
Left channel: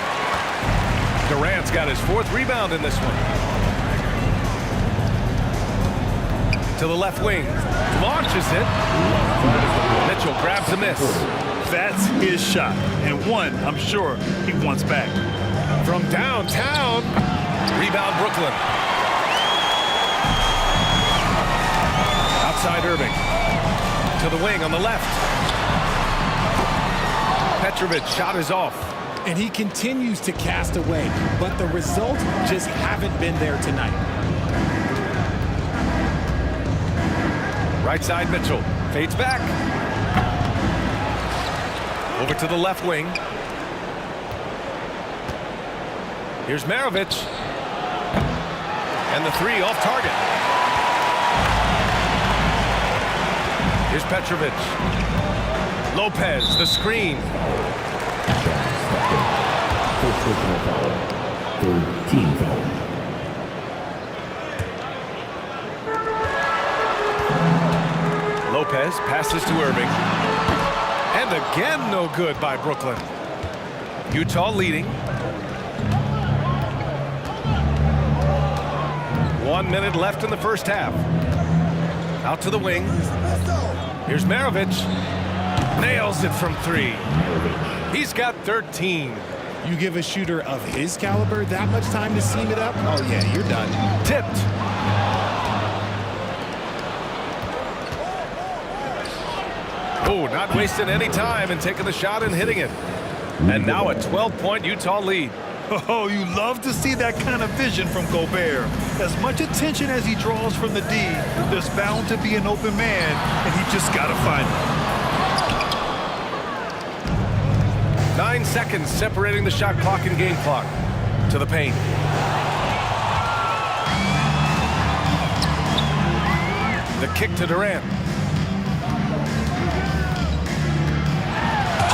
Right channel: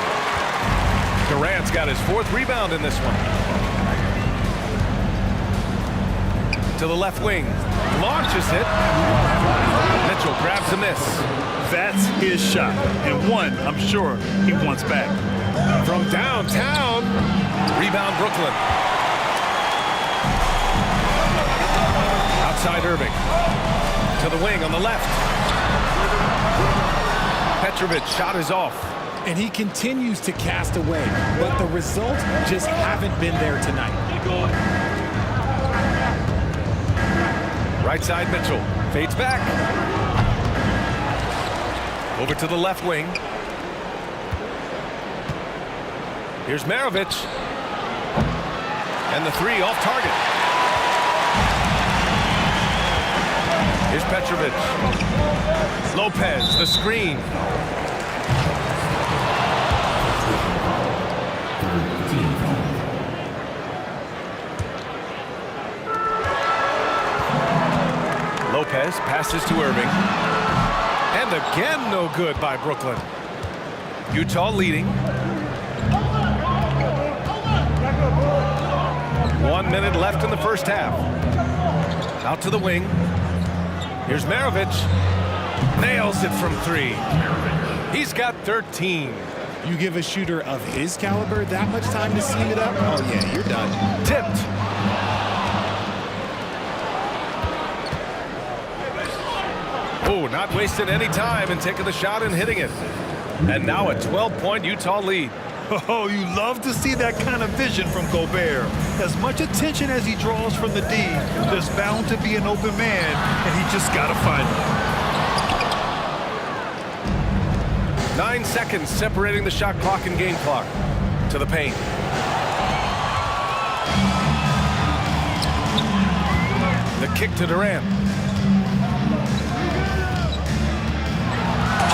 Durant's got his 4th rebound in this one. To the left wing. Launches it. Mitchell grabs a miss. That's his shot. And one, I'm sure, he wants back. From downtown. Rebound Brooklyn. Outside Irving. To the wing on the left. Petrovic shot is off. And he continues to cast away, but the results just haven't been there tonight. Right side Mitchell. Fades back. Over to the left wing. Here's Maravich. And the three off target. Here's Petrovic. Lopez, the screen. Personal foul. Third team foul. Lopez passes to Irving. And again, no good by Brooklyn. Utah leading. 1 minute left in the first half. Out to the wing. Here's Maravich. Nails it from three. He's got 13. You give a shooter of his caliber that much time to seam it up? Oh, yeah, you're done. Tipped. Oh, not wasting any time and taking the shot and hitting it. And now a 12-point Utah lead. Oh, you love to see that kind of vision from Gobert. As much attention as he draws from the D, there's bound to be an open man, and he just got to find him. 9 seconds separating the shot clock and game clock. To the paint. The kick to Durant.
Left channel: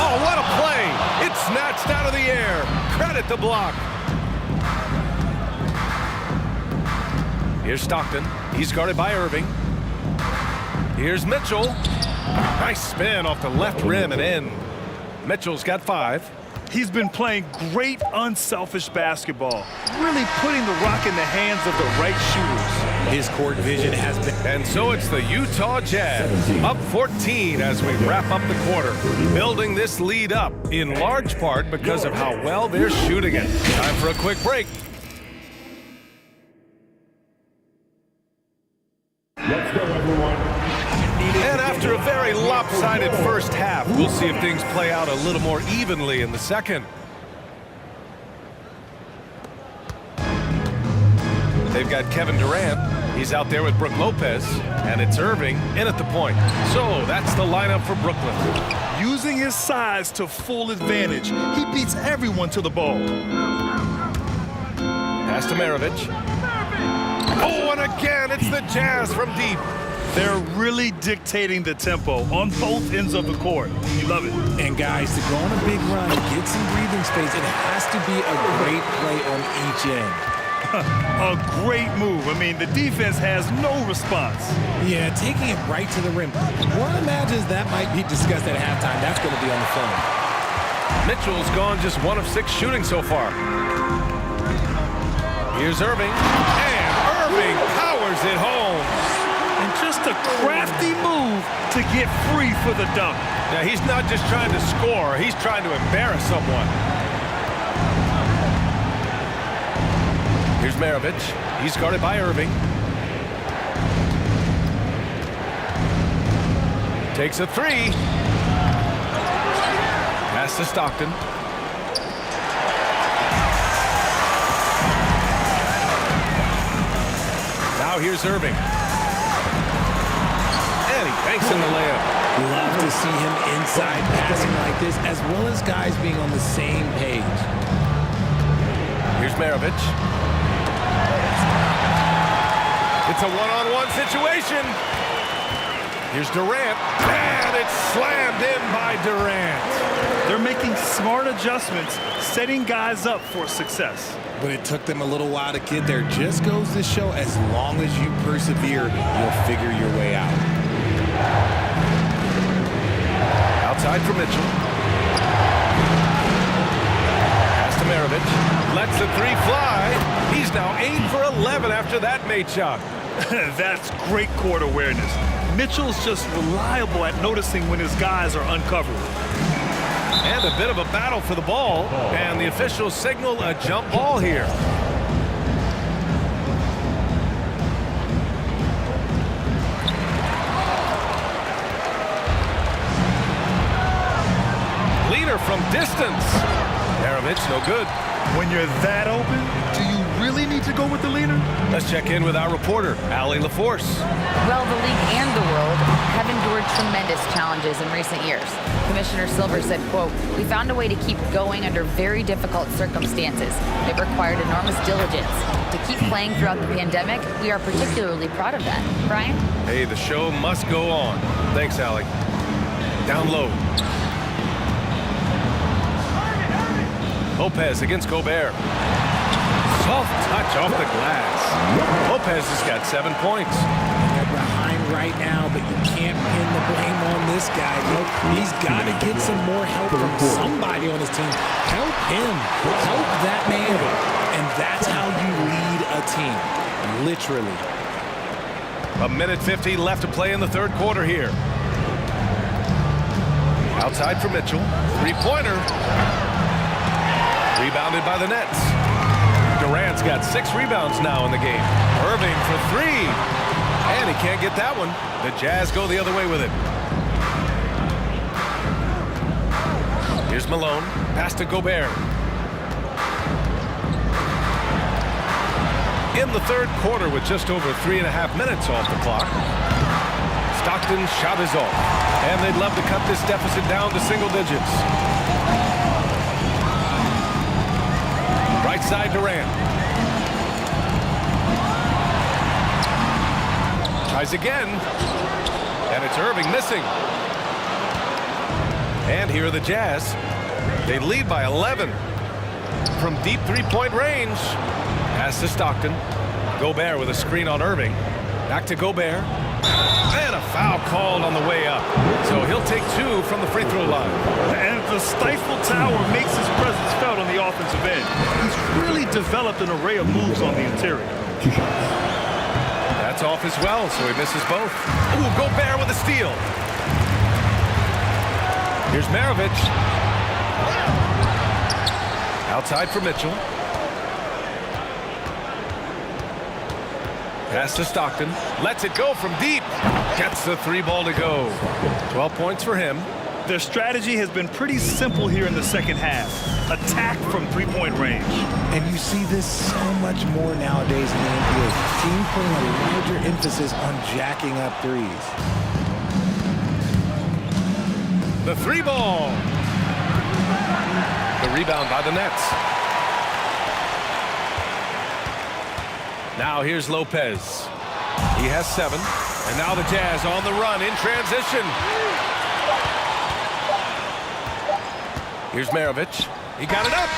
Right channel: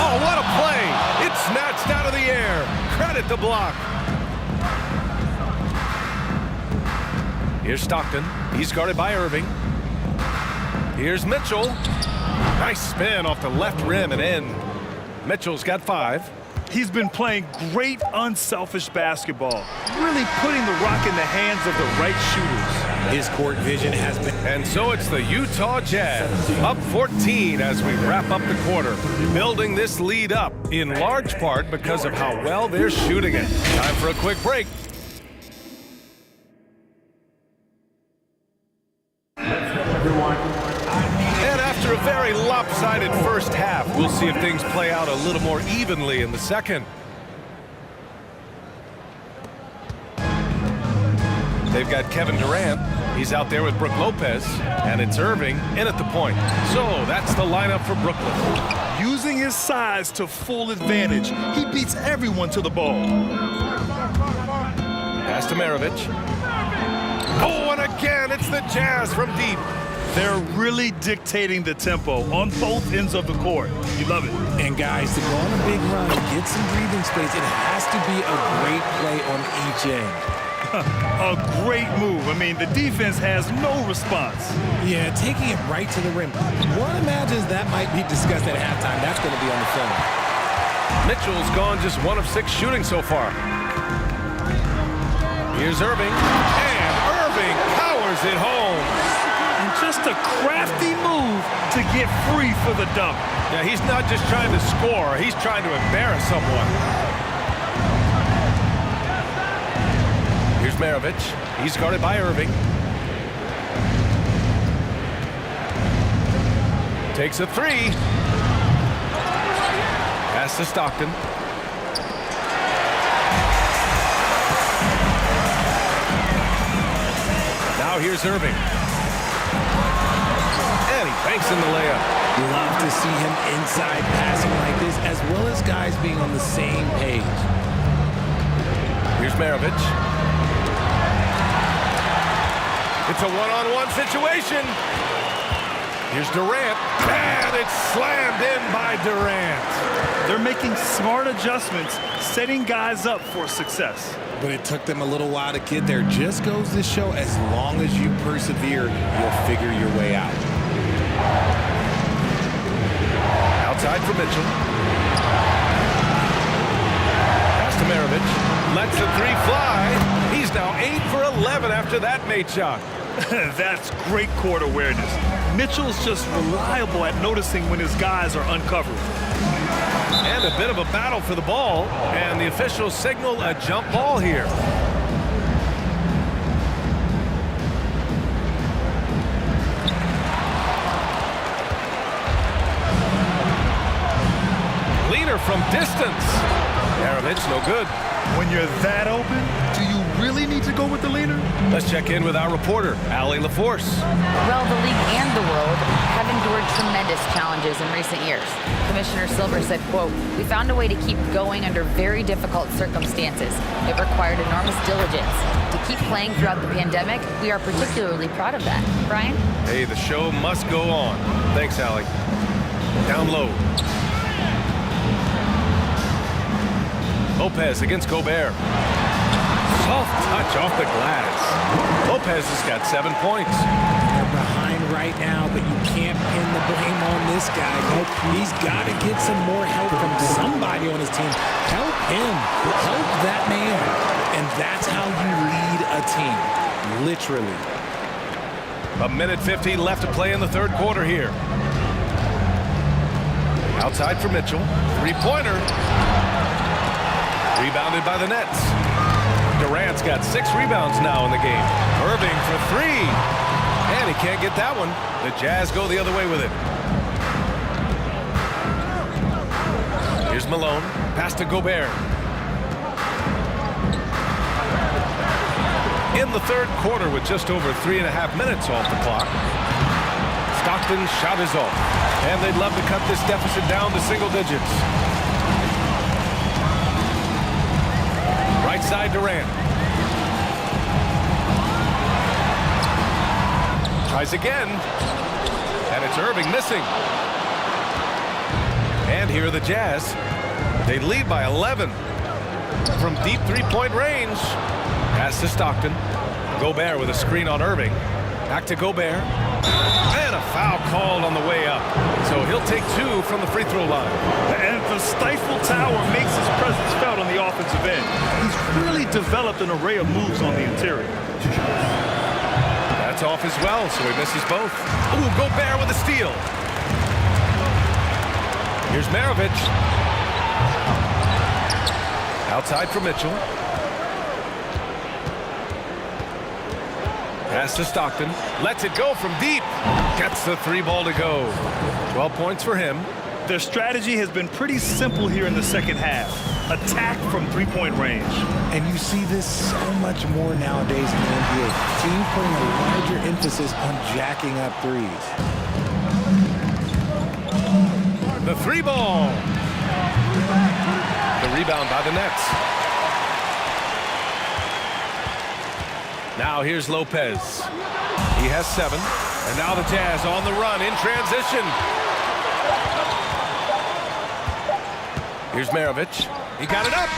Oh, what a play! It's snatched out of the air. Credit the block. Here's Stockton. He's guarded by Irving. Here's Mitchell. Nice spin off the left rim and in. Mitchell's got 5. He's been playing great unselfish basketball, really putting the rock in the hands of the right shooters. His court vision has been... And so it's the Utah Jazz, up 14 as we wrap up the quarter, building this lead up in large part because of how well they're shooting it. Time for a quick break. Let's go, everyone. And after a very lopsided first half, we'll see if things play out a little more evenly in the second. They've got Kevin Durant. He's out there with Brook Lopez. And it's Irving in at the point. So that's the lineup for Brooklyn. Using his size to full advantage, he beats everyone to the ball. Pass to Maravich. Oh, and again, it's the Jazz from deep. They're really dictating the tempo on both ends of the court. You love it. And guys, to go on a big run, get some breathing space, it has to be a great play on each end. A great move. I mean, the defense has no response. Yeah, taking it right to the rim. One imagines that might be discussed at halftime. That's going to be on the film. Mitchell's gone just 1 of 6 shooting so far. Here's Irving. And Irving powers it home. And just a crafty move to get free for the dunk. Yeah, he's not just trying to score. He's trying to embarrass someone. Here's Maravich. He's guarded by Irving. Takes a 3. Pass to Stockton. Now here's Irving. And he banks in the layup. Love to see him inside passing like this, as well as guys being on the same page. Here's Maravich. It's a one-on-one situation. Here's Durant. And it's slammed in by Durant. They're making smart adjustments, setting guys up for success. But it took them a little while to get there. Just goes to show, as long as you persevere, you'll figure your way out. Outside for Mitchell. Pass to Maravich. Lets the 3 fly. He's now 8 for 11 after that made shot. That's great court awareness. Mitchell's just reliable at noticing when his guys are uncovered. And a bit of a battle for the ball. And the officials signal a jump ball here. three-pointer from distance. Maravich, no good. When you're that open, do you really need to go with the leader? Let's check in with our reporter, Allie LaForce. Well, the league and the world have endured tremendous challenges in recent years. Commissioner Silver said, quote, "We found a way to keep going under very difficult circumstances. It required enormous diligence. To keep playing throughout the pandemic, we are particularly proud of that." Brian? Hey, the show must go on. Thanks, Allie. Down low. Lopez against Gobert. Soft touch off the glass. Lopez has got 7 points. They're behind right now, but you can't pin the blame on this guy. Nope, he's got to get some more help from somebody on his team. Help him. Help that man. And that's how you lead a team. Literally. A minute 50 left to play in the third quarter here. Outside for Mitchell. Three-pointer. Rebounded by the Nets. Durant's got 6 rebounds now in the game. Irving for 3. And he can't get that one. The Jazz go the other way with it. Here's Malone. Pass to Gobert. In the third quarter with just over 3.5 minutes off the clock. Stockton's shot is off. And they'd love to cut this deficit down to single digits. Right side Durant. Tries again. And it's Irving missing. And here are the Jazz. They lead by 11. From deep three-point range. Pass to Stockton. Gobert with a screen on Irving. Back to Gobert. And a foul called on the way up. So he'll take 2 from the free throw line. And the stifle tower makes his presence felt on the offensive end. He's really developed an array of moves on the interior. That's off as well, so he misses both. Ooh, Gobert with a steal. Here's Maravich. Outside for Mitchell. Pass to Stockton. Lets it go from deep. Gets the 3 ball to go. 12 points for him. Their strategy has been pretty simple here in the second half. Attack from three-point range. And you see this so much more nowadays in the NBA. Teams putting a larger emphasis on jacking up threes. The 3 ball. The rebound by the Nets. Now here's Lopez. He has 7. And now the Jazz on the run in transition. Here's Maravich. He got it up.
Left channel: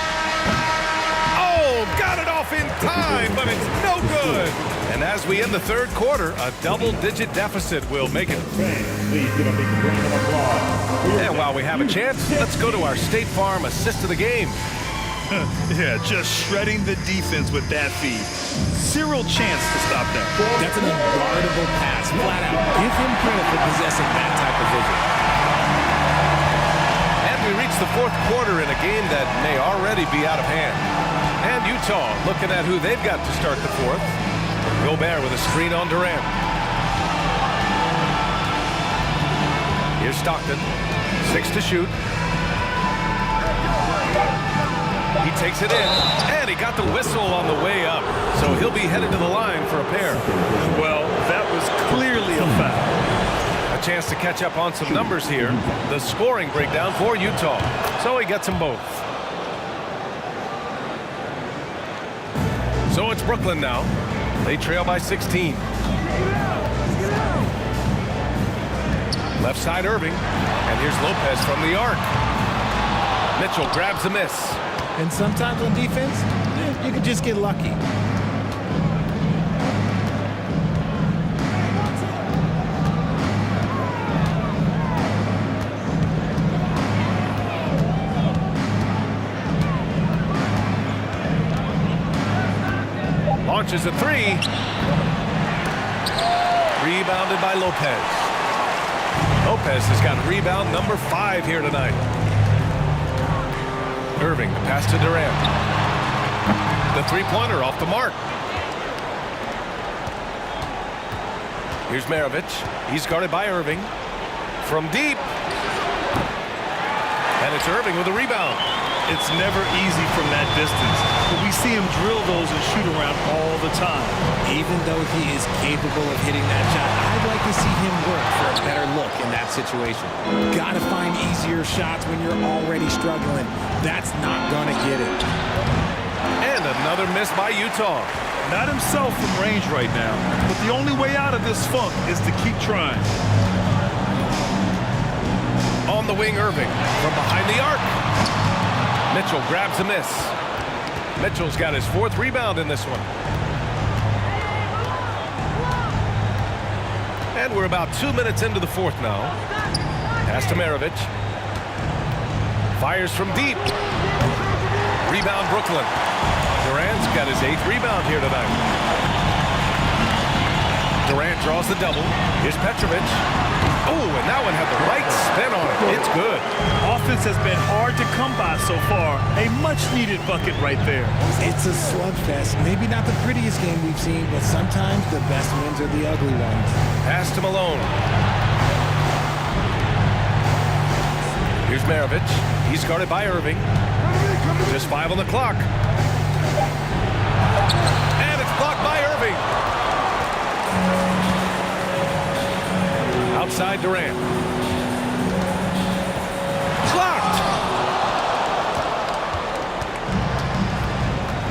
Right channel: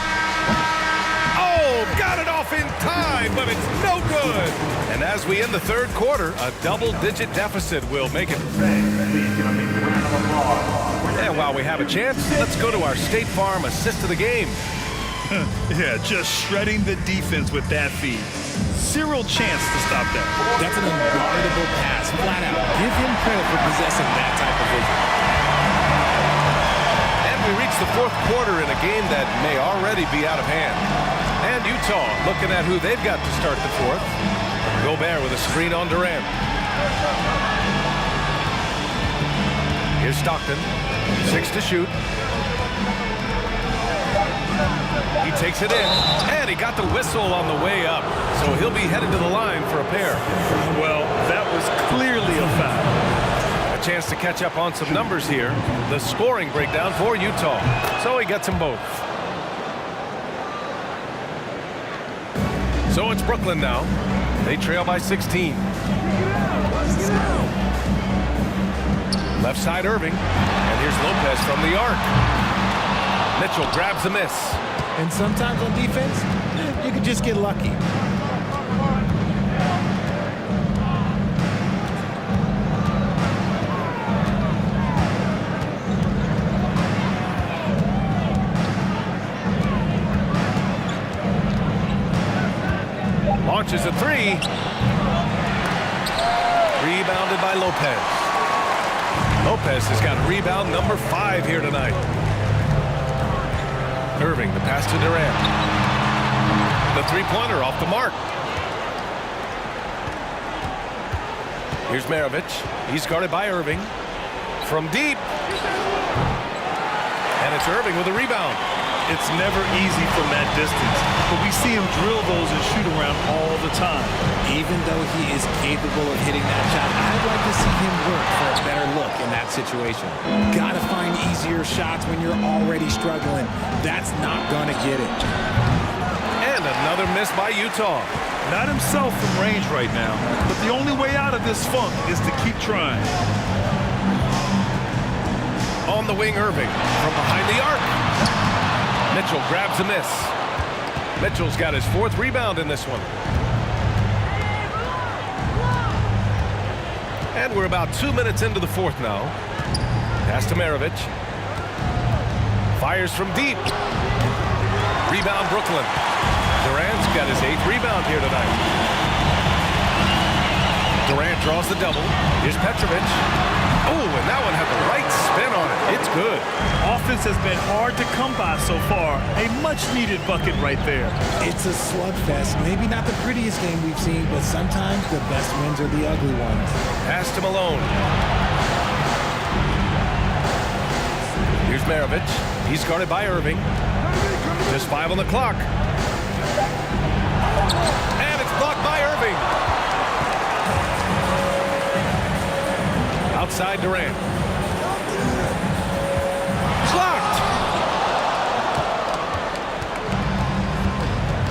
Oh, got it off in time, but it's no good. And as we end the third quarter, a double-digit deficit will make it. Please give a big round of applause. And while we have a chance, let's go to our State Farm assist of the game. Yeah, just shredding the defense with that feed. Zero chance to stop that. That's an unguardable pass, flat out. Give him credit for possessing that type of vision. And we reach the fourth quarter in a game that may already be out of hand. And Utah looking at who they've got to start the fourth. Gobert with a screen on Durant. Here's Stockton. 6 to shoot. He takes it in, and he got the whistle on the way up. So he'll be headed to the line for a pair. Well, that was clearly a foul. A chance to catch up on some numbers here. The scoring breakdown for Utah. So he gets them both. So it's Brooklyn now. They trail by 16. Left side Irving. And here's Lopez from the arc. Mitchell grabs the miss. And sometimes on defense, you could just get lucky. Launches a 3. Rebounded by Lopez. Lopez has got rebound number 5 here tonight. Irving, the pass to Durant. The three-pointer off the mark. Here's Maravich. He's guarded by Irving. From deep. And it's Irving with a rebound. It's never easy from that distance, but we see him drill those and shoot around all the time. Even though he is capable of hitting that shot, I'd like to see him work for a better look in that situation. Gotta find easier shots when you're already struggling. That's not gonna get it. And another miss by Utah. Not himself from range right now, but the only way out of this funk is to keep trying. On the wing, Irving from behind the arc. Mitchell grabs a miss. Mitchell's got his 4th rebound in this one. And we're about 2 minutes into the 4th now. Pass to Maravich. Fires from deep. Rebound Brooklyn. Durant's got his 8th rebound here tonight. Durant draws the double. Here's Petrovic. Oh, and that one had the right spin on it. It's good. Offense has been hard to come by so far. A much-needed bucket right there. It's a slugfest. Maybe not the prettiest game we've seen, but sometimes the best wins are the ugly ones. Pass to Malone. Here's Maravich. He's guarded by Irving. Just 5 on the clock. And it's blocked by Irving. Outside Durant. Blocked.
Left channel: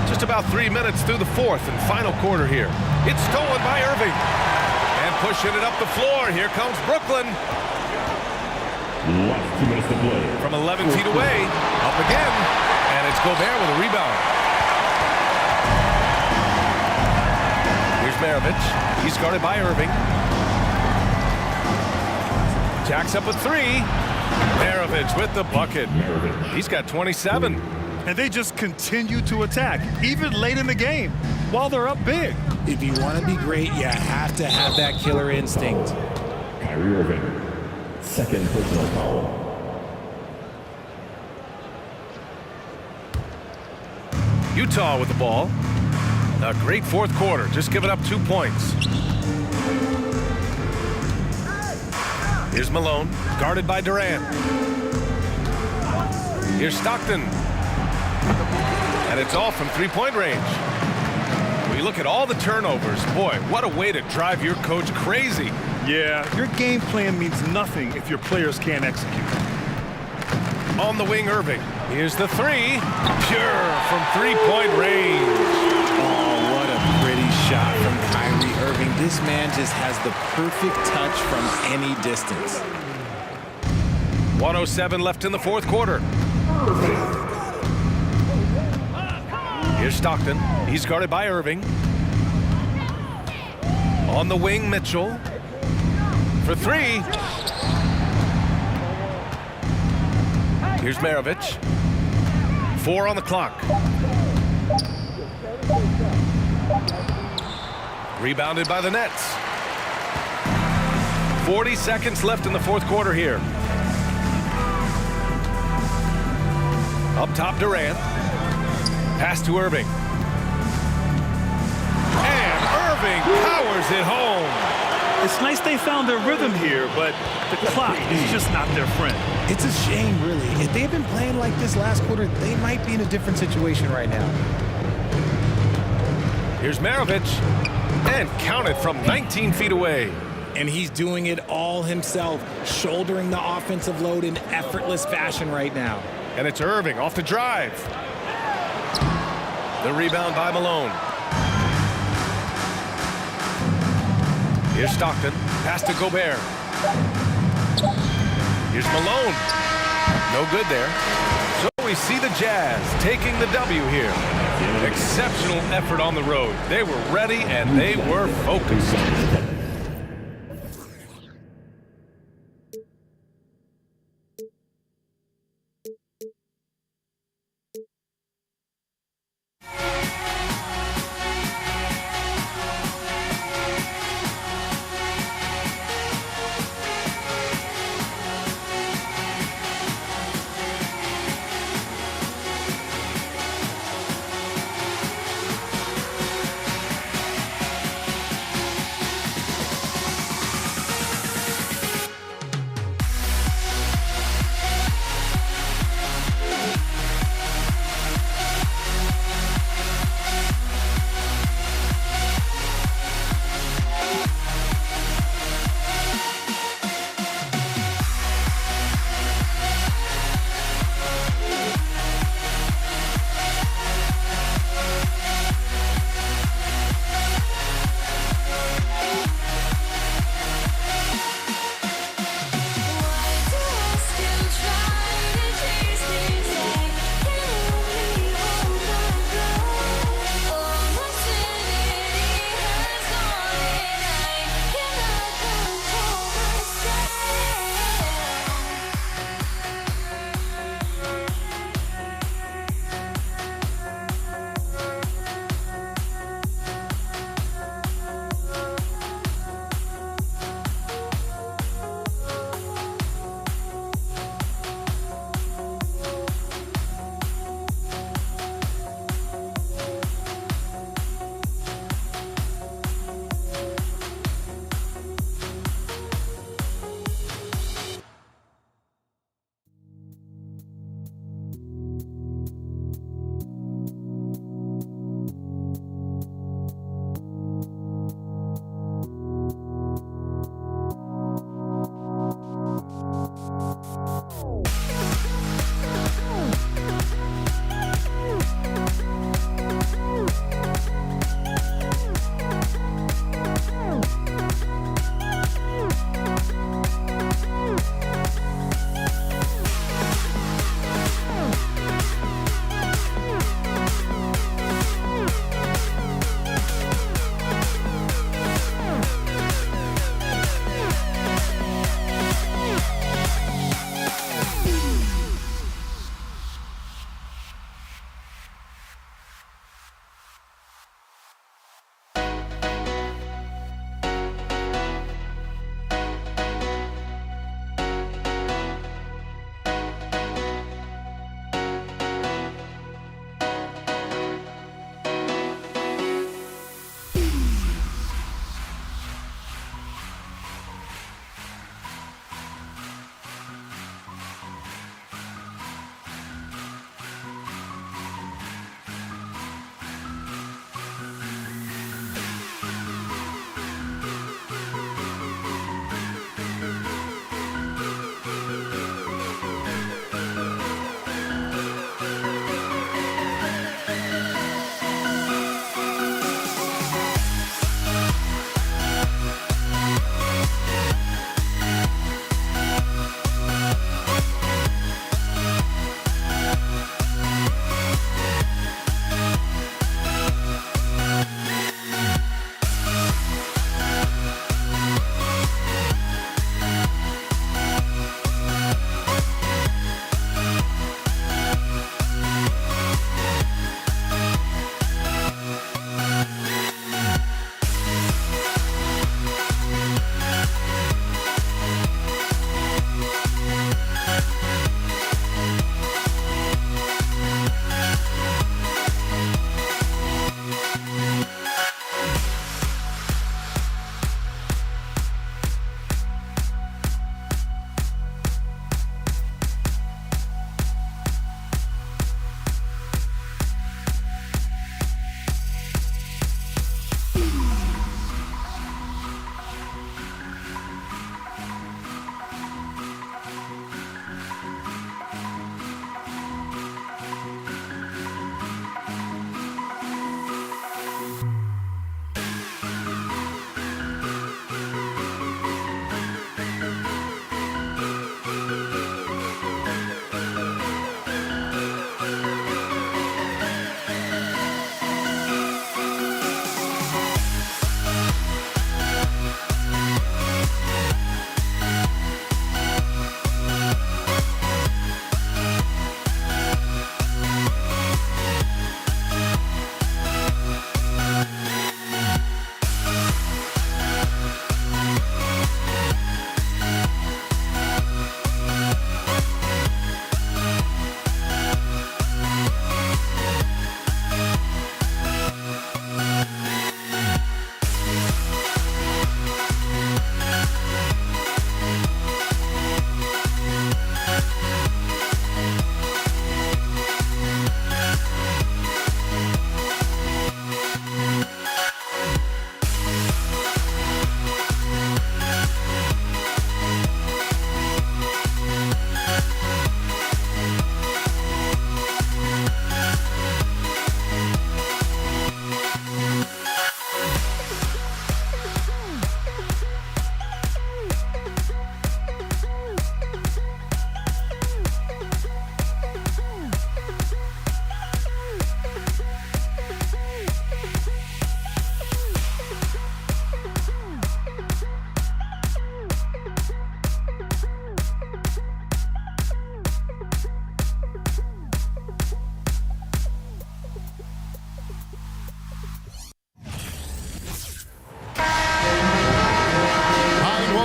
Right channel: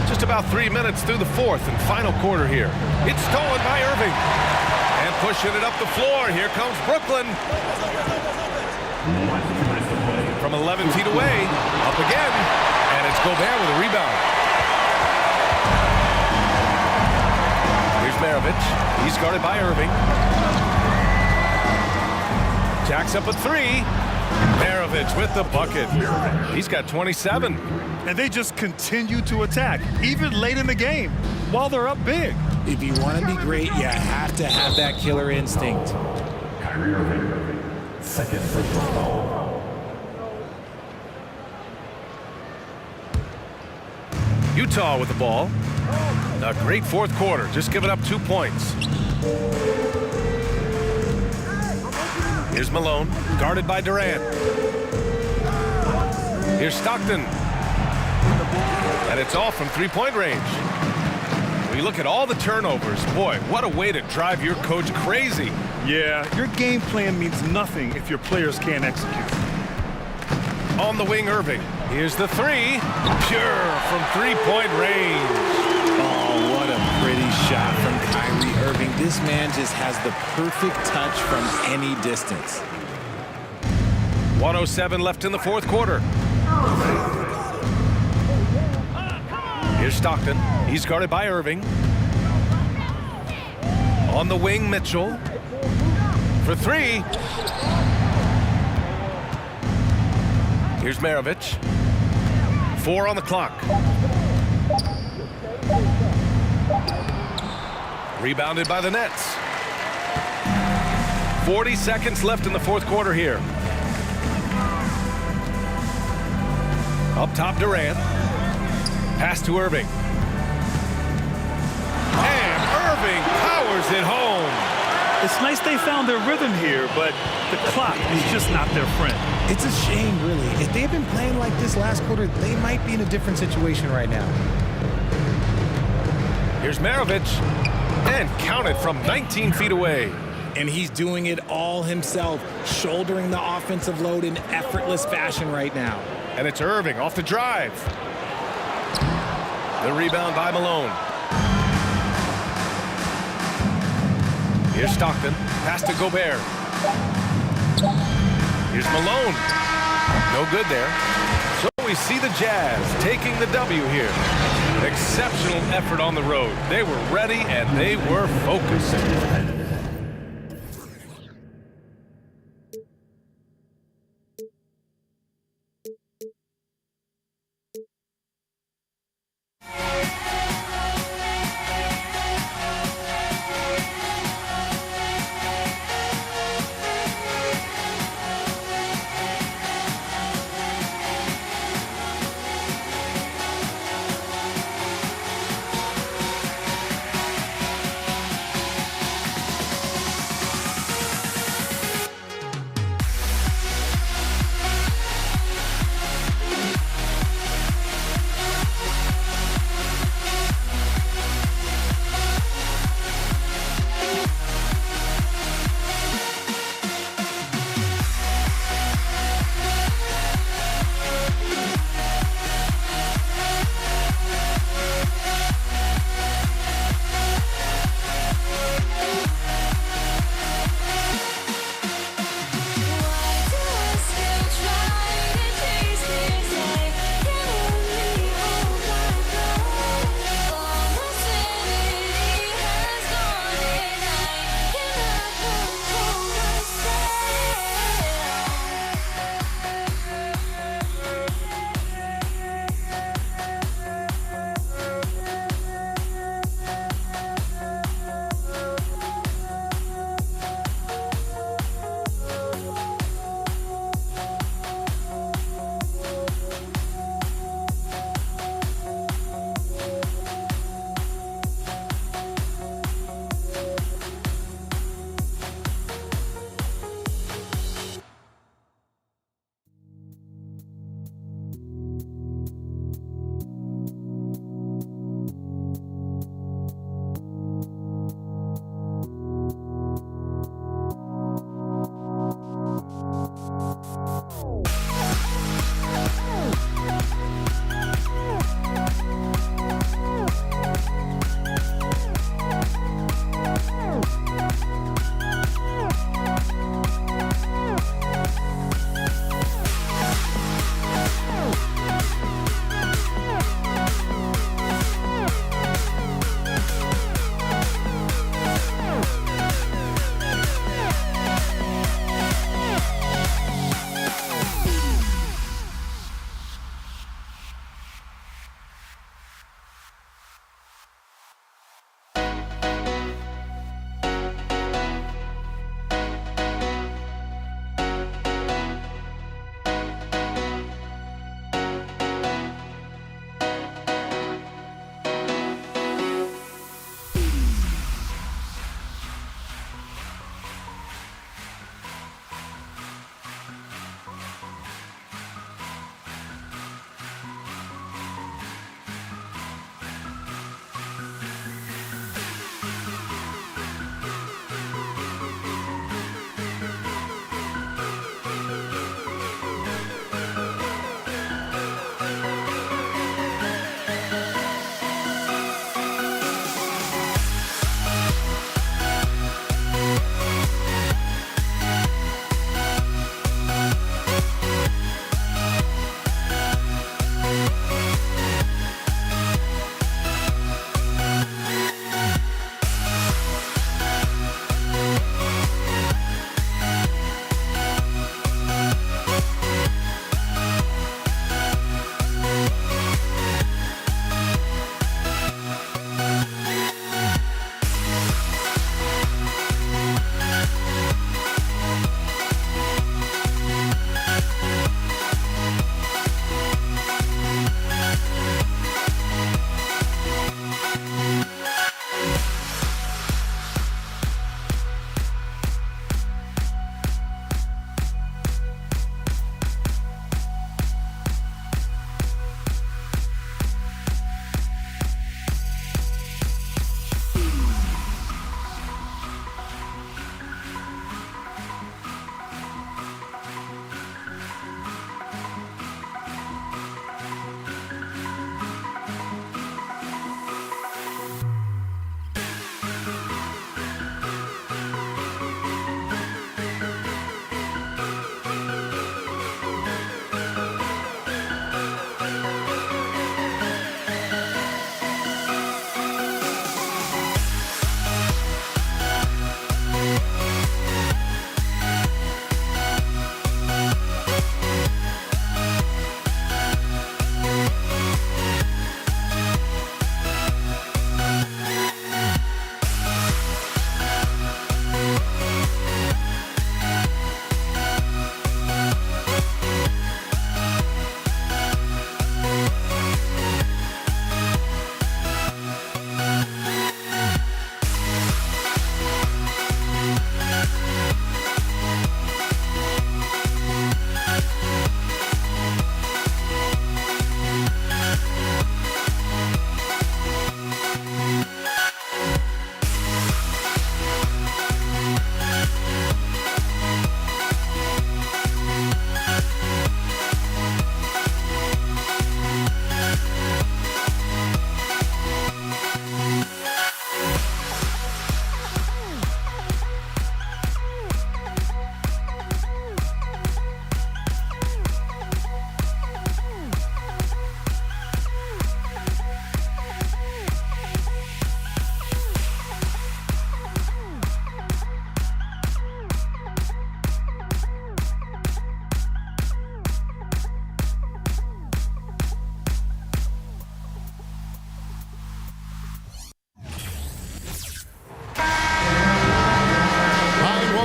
Just about 3 minutes through the 4th and final quarter here. It's stolen by Irving. And pushing it up the floor. Here comes Brooklyn. 2 minutes to play. From 11 feet away. Up again. And it's Gobert with a rebound. Here's Maravich. He's guarded by Irving. Jacks up a 3. Maravich with the bucket. He's got 27. And they just continue to attack, even late in the game, while they're up big. If you want to be great, you have to have that killer instinct. Kyrie Irving, 2nd personal foul. Utah with the ball. A great 4th quarter, just giving up 2 points. Here's Malone, guarded by Durant. Here's Stockton. And it's all from 3-point range. When you look at all the turnovers, boy, what a way to drive your coach crazy. Yeah, your game plan means nothing if your players can't execute. On the wing, Irving. Here's the 3. Pure from 3-point range. Oh, what a pretty shot from Kyrie Irving. This man just has the perfect touch from any distance. 1:07 left in the 4th quarter. Here's Stockton. He's guarded by Irving. On the wing, Mitchell. For 3. Here's Maravich. 4 on the clock. Rebounded by the Nets. 40 seconds left in the 4th quarter here. Up top, Durant. Pass to Irving. And Irving powers it home. It's nice they found their rhythm here, but the clock is just not their friend. It's a shame, really. If they had been playing like this last quarter, they might be in a different situation right now. Here's Maravich. And counted from 19 feet away. And he's doing it all himself, shouldering the offensive load in effortless fashion right now. And it's Irving off the drive. The rebound by Malone. Here's Stockton. Pass to Gobert. Here's Malone. No good there. So we see the Jazz taking the W here. Exceptional effort on the road. They were ready and they were focused.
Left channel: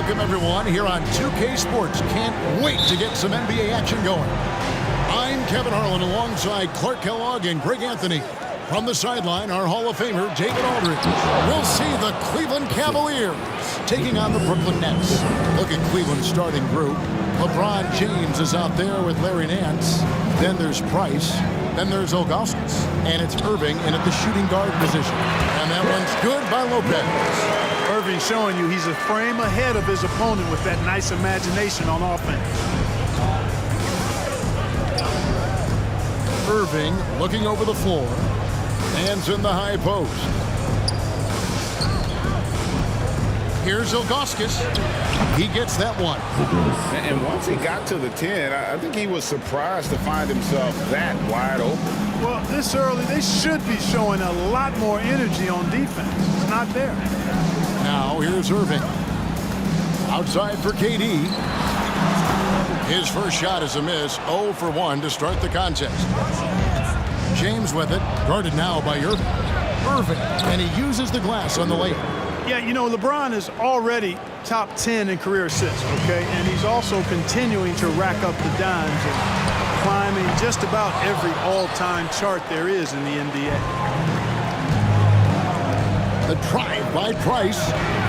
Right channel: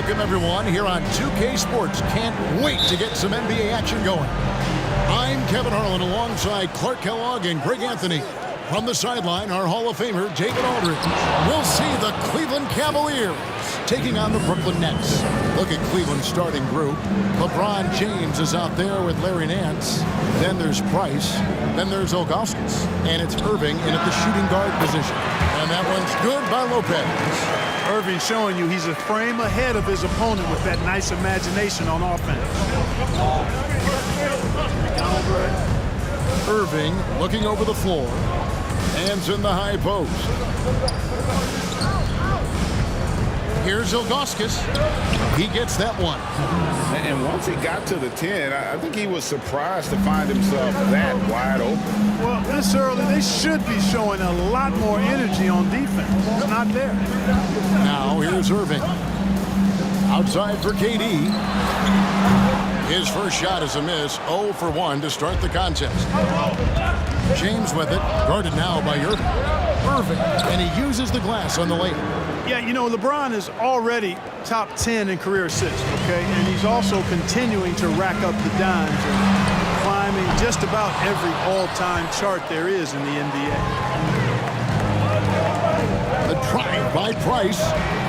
Welcome, everyone, here on 2K Sports. Can't wait to get some NBA action going. I'm Kevin Harlan alongside Clark Kellogg and Greg Anthony. From the sideline, our Hall of Famer, David Aldridge. We'll see the Cleveland Cavaliers taking on the Brooklyn Nets. Look at Cleveland's starting group. LeBron James is out there with Larry Nance. Then there's Price. Then there's Ilgauskas. And it's Irving in at the shooting guard position. And that one's good by Lopez. Irving showing you he's a frame ahead of his opponent with that nice imagination on offense. Irving looking over the floor. Hands in the high post. Here's Ilgauskas. He gets that one. And once he got to the 10, I think he was surprised to find himself that wide open. Well, this early, they should be showing a lot more energy on defense. It's not there. Now here's Irving. Outside for KD. His first shot is a miss. 0 for 1 to start the contest. James with it, guarded now by Irving. And he uses the glass on the layup. Yeah, you know, LeBron is already top 10 in career assists, okay? And he's also continuing to rack up the dimes and climbing just about every all-time chart there is in the NBA. The drive by Price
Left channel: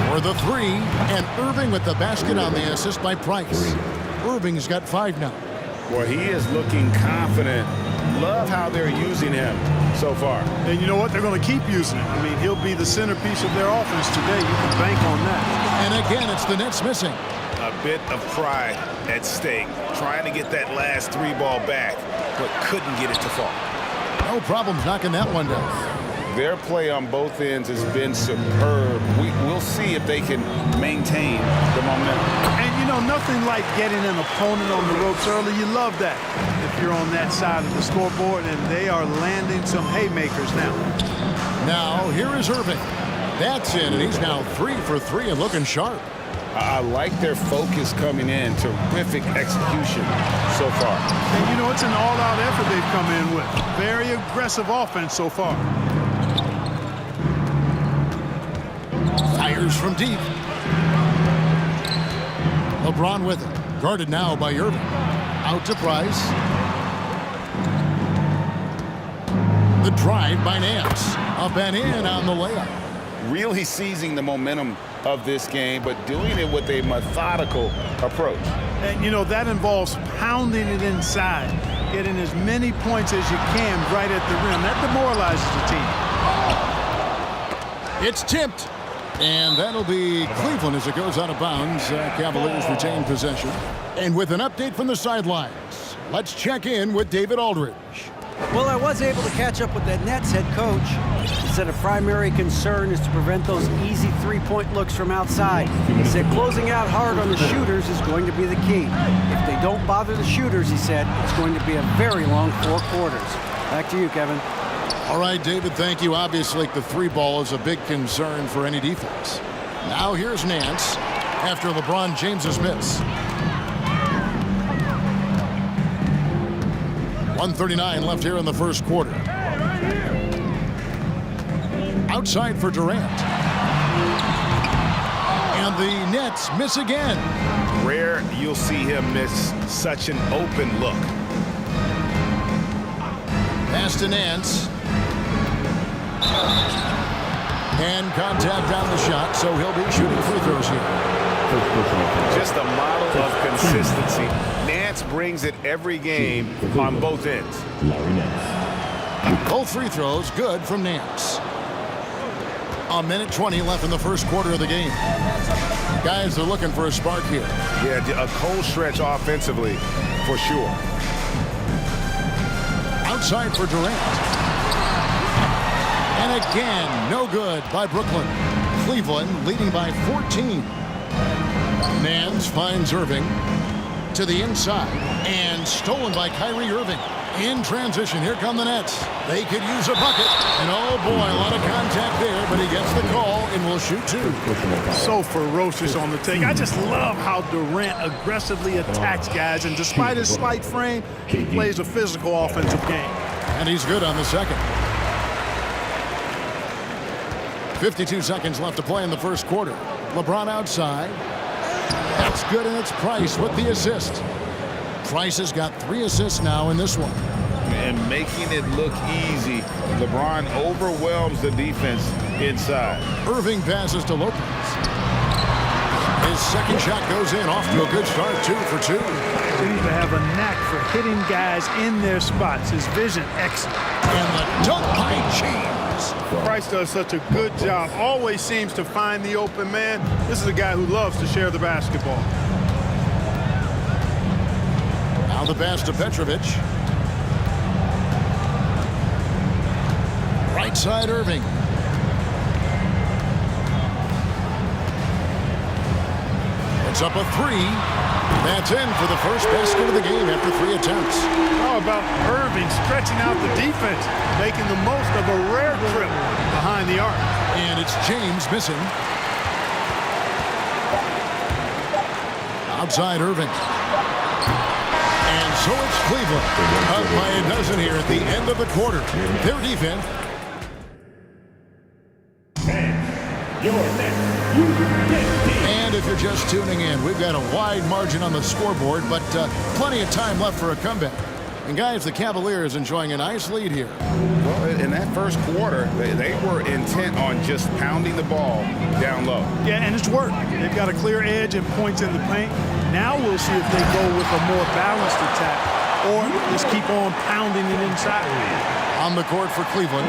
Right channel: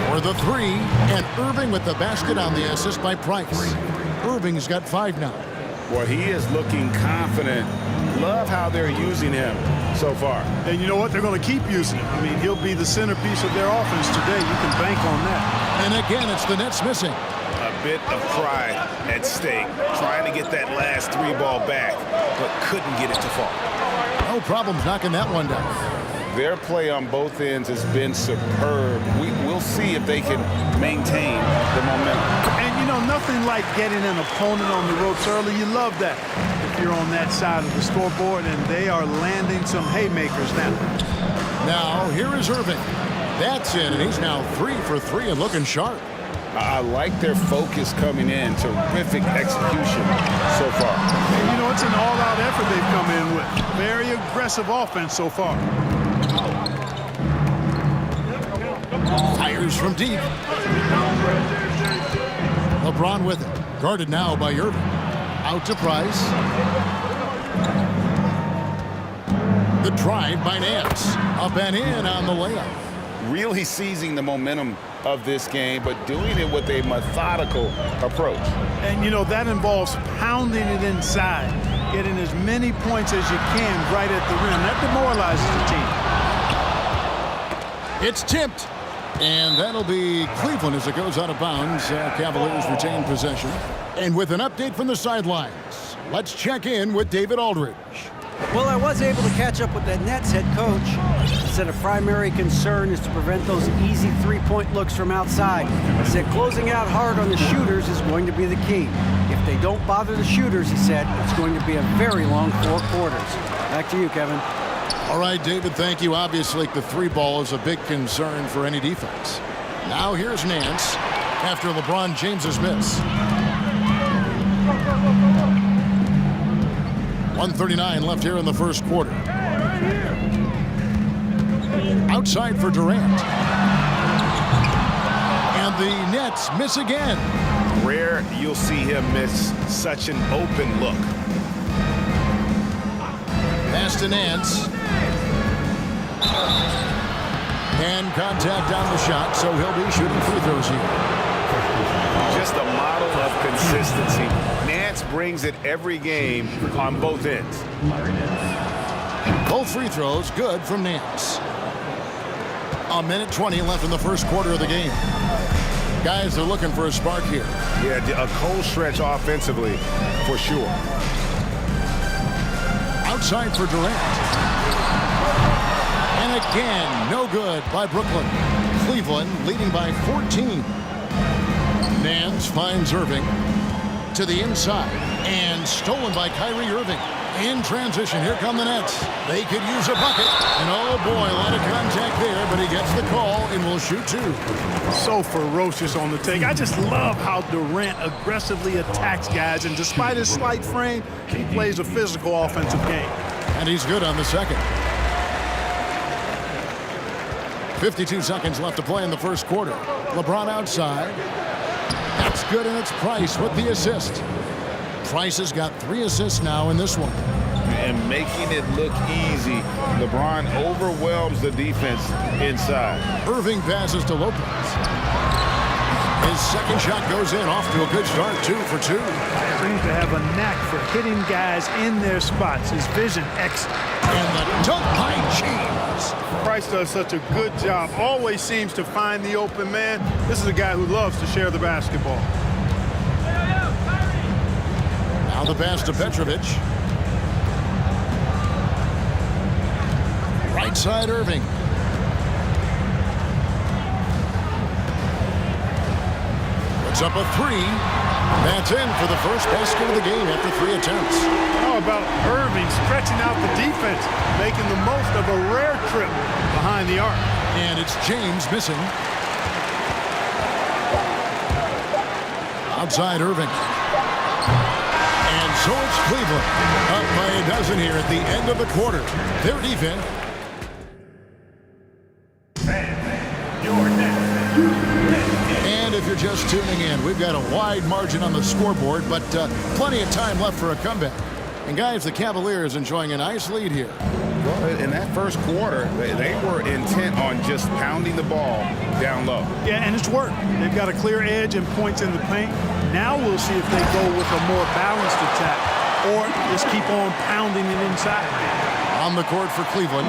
for the 3, and Irving with the basket on the assist by Price. Irving's got 5 now. Well, he is looking confident. Love how they're using him so far. And you know what? They're going to keep using him. I mean, he'll be the centerpiece of their offense today. You can bank on that. And again, it's the Nets missing. A bit of pride at stake, trying to get that last 3 ball back, but couldn't get it to fall. No problems knocking that one down. Their play on both ends has been superb. We'll see if they can maintain the momentum. And, you know, nothing like getting an opponent on the ropes early. You love that if you're on that side of the scoreboard, and they are landing some haymakers now. Now, here is Irving. That's in, and he's now 3 for 3 and looking sharp. I like their focus coming in. Terrific execution so far. And, you know, it's an all-out effort they've come in with. Very aggressive offense so far. Fires from deep. LeBron with it. Guarded now by Irving. Out to Price. The drive by Nance. Up and in on the layup. Really seizing the momentum of this game, but doing it with a methodical approach. And, you know, that involves pounding it inside, getting as many points as you can right at the rim. That demoralizes the team. It's tipped. And that'll be Cleveland as it goes out of bounds. Cavaliers retain possession. And with an update from the sidelines, let's check in with David Aldridge. Well, I was able to catch up with that Nets head coach. He said a primary concern is to prevent those easy three-point looks from outside. He said closing out hard on the shooters is going to be the key. If they don't bother the shooters, he said, it's going to be a very long 4 quarters. Back to you, Kevin. All right, David, thank you. Obviously, the 3 ball is a big concern for any defense. Now here's Nance after LeBron James's miss. 1:39 left here in the first quarter. Outside for Durant. And the Nets miss again. Rare you'll see him miss such an open look. Pass to Nance. And contact on the shot, so he'll be shooting free throws here. Just a model of consistency. Nance brings it every game on both ends. Both free throws good from Nance. 1:20 left in the first quarter of the game. Guys are looking for a spark here. Yeah, a cold stretch offensively, for sure. Outside for Durant. And again, no good by Brooklyn. Cleveland leading by 14. Nance finds Irving to the inside and stolen by Kyrie Irving. In transition, here come the Nets. They could use a bucket. And oh boy, a lot of contact there, but he gets the call and will shoot 2. So ferocious on the take. I just love how Durant aggressively attacks guys, and despite his slight frame, he plays a physical offensive game. And he's good on the second. 52 seconds left to play in the first quarter. LeBron outside. That's good, and it's Price with the assist. Price has got 3 assists now in this one. And making it look easy. LeBron overwhelms the defense inside. Irving passes to Lopez. His second shot goes in, off to a good start, 2 for 2. Seems to have a knack for hitting guys in their spots. His vision excellent. And the dunk by James. Price does such a good job. Always seems to find the open man. This is a guy who loves to share the basketball. Now the pass to Petrovic. Right side, Irving. Puts up a 3. That's in for the first basket of the game after 3 attempts. How about Irving stretching out the defense, making the most of a rare trip behind the arc. And it's James missing. Outside Irving. And so it's Cleveland up by a dozen here at the end of the quarter. Their defense. And if you're just tuning in, we've got a wide margin on the scoreboard, but plenty of time left for a comeback. And guys, the Cavaliers enjoying a nice lead here. Well, in that first quarter, they were intent on just pounding the ball down low. Yeah, and it's worked. They've got a clear edge and points in the paint. Now we'll see if they go with a more balanced attack or just keep on pounding it inside. On the court for Cleveland,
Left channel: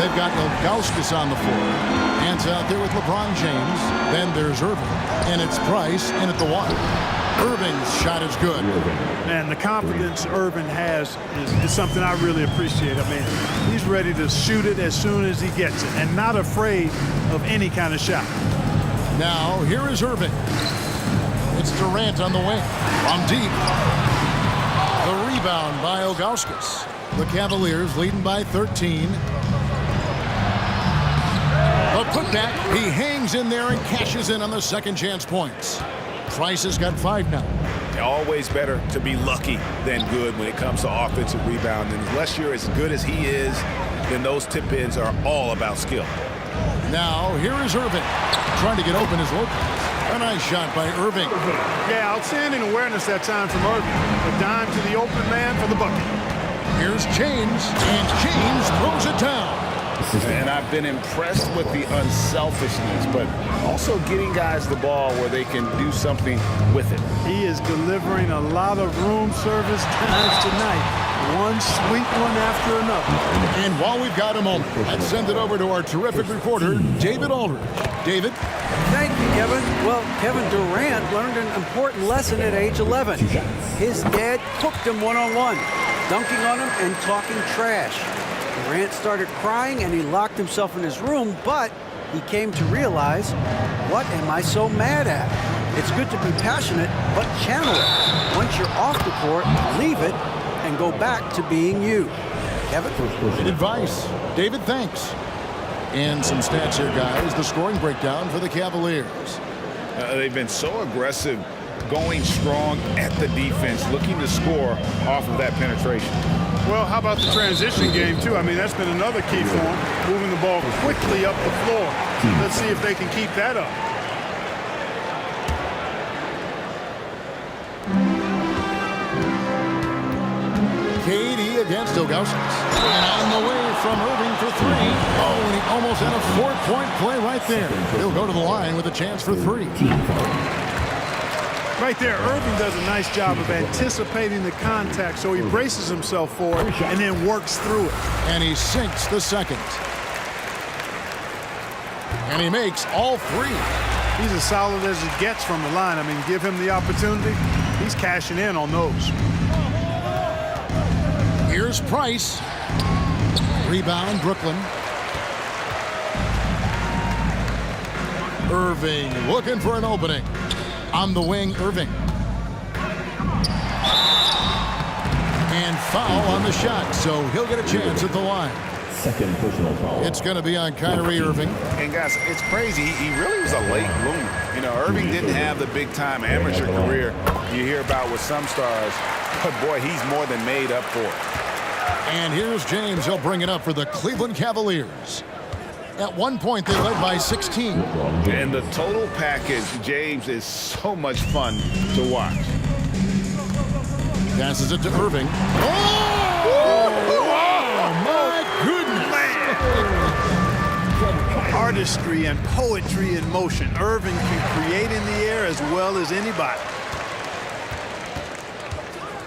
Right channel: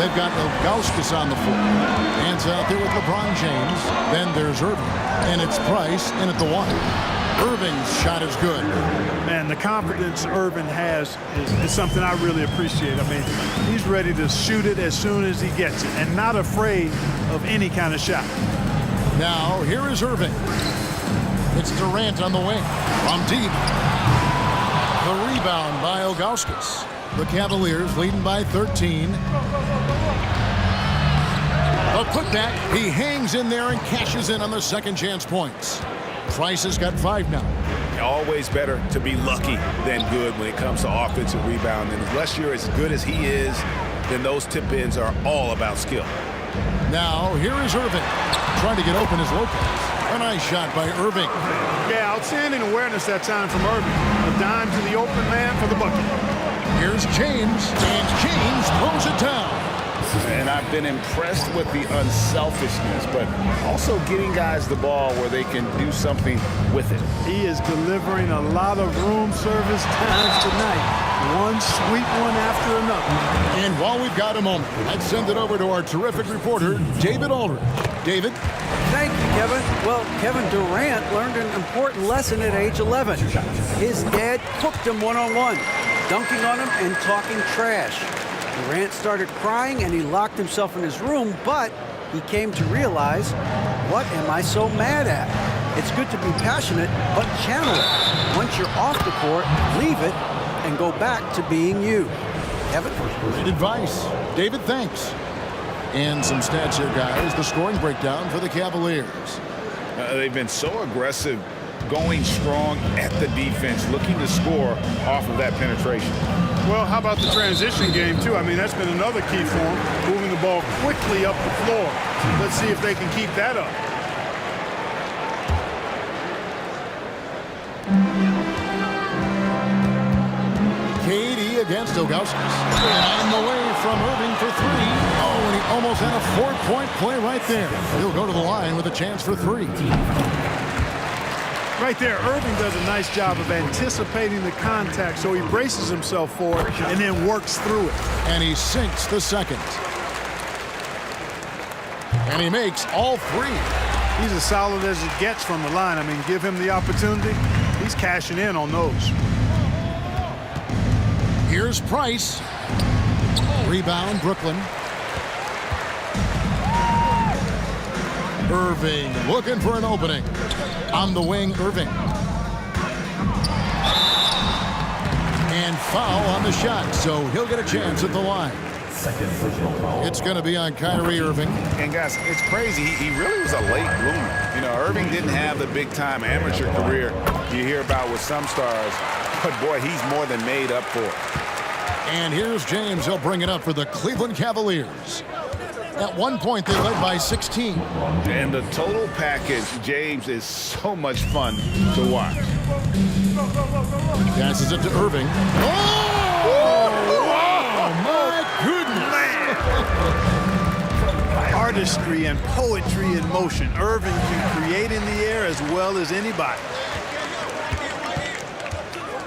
they've got Ilgauskas on the floor. Hands out there with LeBron James. Then there's Irving. And it's Price in at the 1. Irving's shot is good. Man, the confidence Irving has is something I really appreciate. I mean, he's ready to shoot it as soon as he gets it and not afraid of any kind of shot. Now, here is Irving. It's Durant on the wing. From deep. The rebound by Ilgauskas. The Cavaliers leading by 13. A putback. He hangs in there and cashes in on the second chance points. Price has got 5 now. Always better to be lucky than good when it comes to offensive rebound. And unless you're as good as he is, then those tip-ins are all about skill. Now, here is Irving. Trying to get open is Lopez. A nice shot by Irving. Yeah, outstanding awareness that time from Irving. A dime to the open man for the bucket. Here's James, and James throws it down. And I've been impressed with the unselfishness, but also getting guys the ball where they can do something with it. He is delivering a lot of room service times tonight. One sweet one after another. And while we've got a moment, let's send it over to our terrific reporter, David Aldridge. David? Thank you, Kevin. Well, Kevin Durant learned an important lesson at age 11. His dad cooked him one-on-one, dunking on him and talking trash. Durant started crying and he locked himself in his room, but he came to realize, what am I so mad at? It's good to be passionate, but channel it. Once you're off the court, leave it and go back to being you. Kevin? Great advice. David, thanks. And some stats here, guys. The scoring breakdown for the Cavaliers. They've been so aggressive, going strong at the defense, looking to score off of that penetration. Well, how about the transition game, too? I mean, that's been another key for them, moving the ball quickly up the floor. Let's see if they can keep that up. KD against Ilgauskas. And on the way from Irving for 3. Oh, and he almost had a 4-point play right there. He'll go to the line with a chance for 3. Right there, Irving does a nice job of anticipating the contact, so he braces himself for it and then works through it. And he sinks the second. And he makes all 3. He's as solid as it gets from the line. I mean, give him the opportunity. He's cashing in on those. Here's Price. Rebound, Brooklyn. Irving looking for an opening. On the wing, Irving. And foul on the shot, so he'll get a chance at the line. Second personal foul. It's going to be on Kyrie Irving. And guys, it's crazy. He really was a late bloomer. You know, Irving didn't have the big-time amateur career you hear about with some stars, but boy, he's more than made up for it. And here's James. He'll bring it up for the Cleveland Cavaliers. At one point, they led by 16. And the total package, James, is so much fun to watch. Passes it to Irving. Oh, my goodness. Artistry and poetry in motion. Irving can create in the air as well as anybody.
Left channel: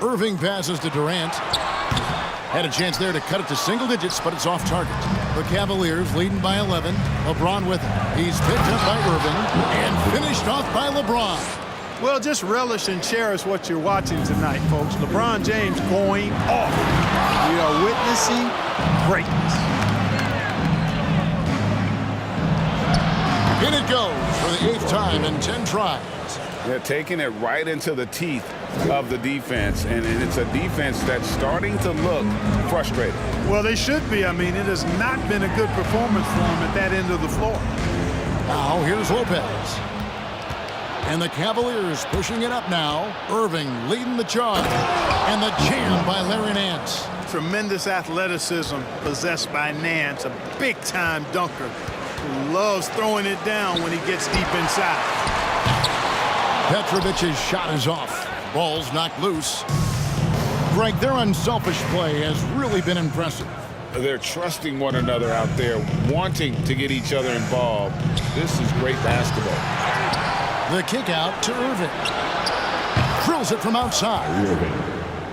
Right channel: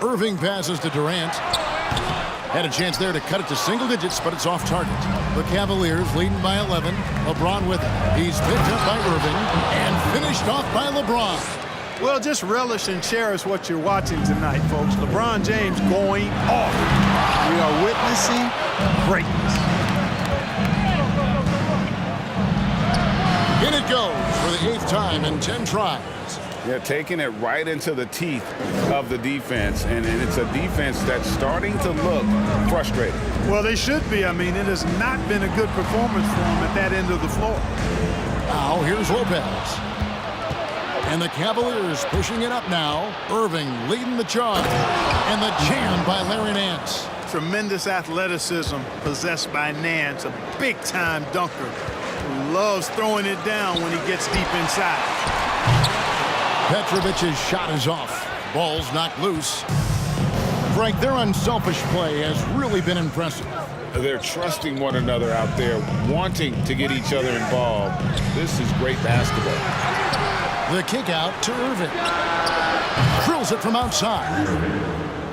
Irving passes to Durant. Had a chance there to cut it to single digits, but it's off target. The Cavaliers leading by 11. LeBron with it. He's picked up by Irving and finished off by LeBron. Well, just relish and cherish what you're watching tonight, folks. LeBron James going off. We are witnessing greatness. In it goes for the 8th time in 10 tries. They're taking it right into the teeth of the defense, and it's a defense that's starting to look frustrated. Well, they should be. I mean, it has not been a good performance for them at that end of the floor. Now, here's Lopez. And the Cavaliers pushing it up now. Irving leading the charge. And the jam by Larry Nance. Tremendous athleticism possessed by Nance, a big-time dunker who loves throwing it down when he gets deep inside. Petrovic's shot is off. Ball's knocked loose. Greg, their unselfish play has really been impressive. They're trusting one another out there, wanting to get each other involved. This is great basketball. The kick out to Irving. Drills it from outside.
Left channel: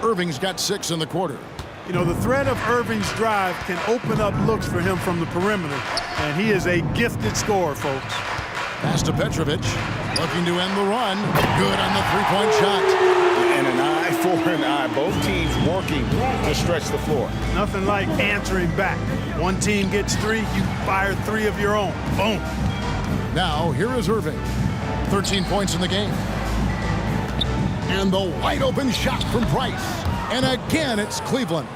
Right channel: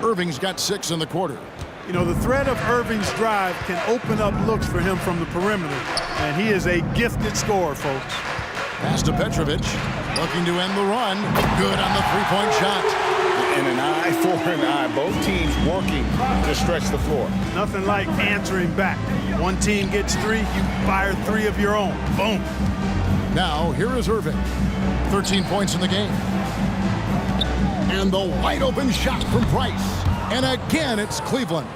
Irving's got 6 in the quarter. You know, the threat of Irving's drive can open up looks for him from the perimeter, and he is a gifted scorer, folks. Pass to Petrovic, looking to end the run. Good on the three-point shot. And an eye for an eye. Both teams working to stretch the floor. Nothing like answering back. One team gets 3, you fire 3 of your own. Boom. Now, here is Irving. 13 points in the game. And the wide-open shot from Price. And again, it's Cleveland.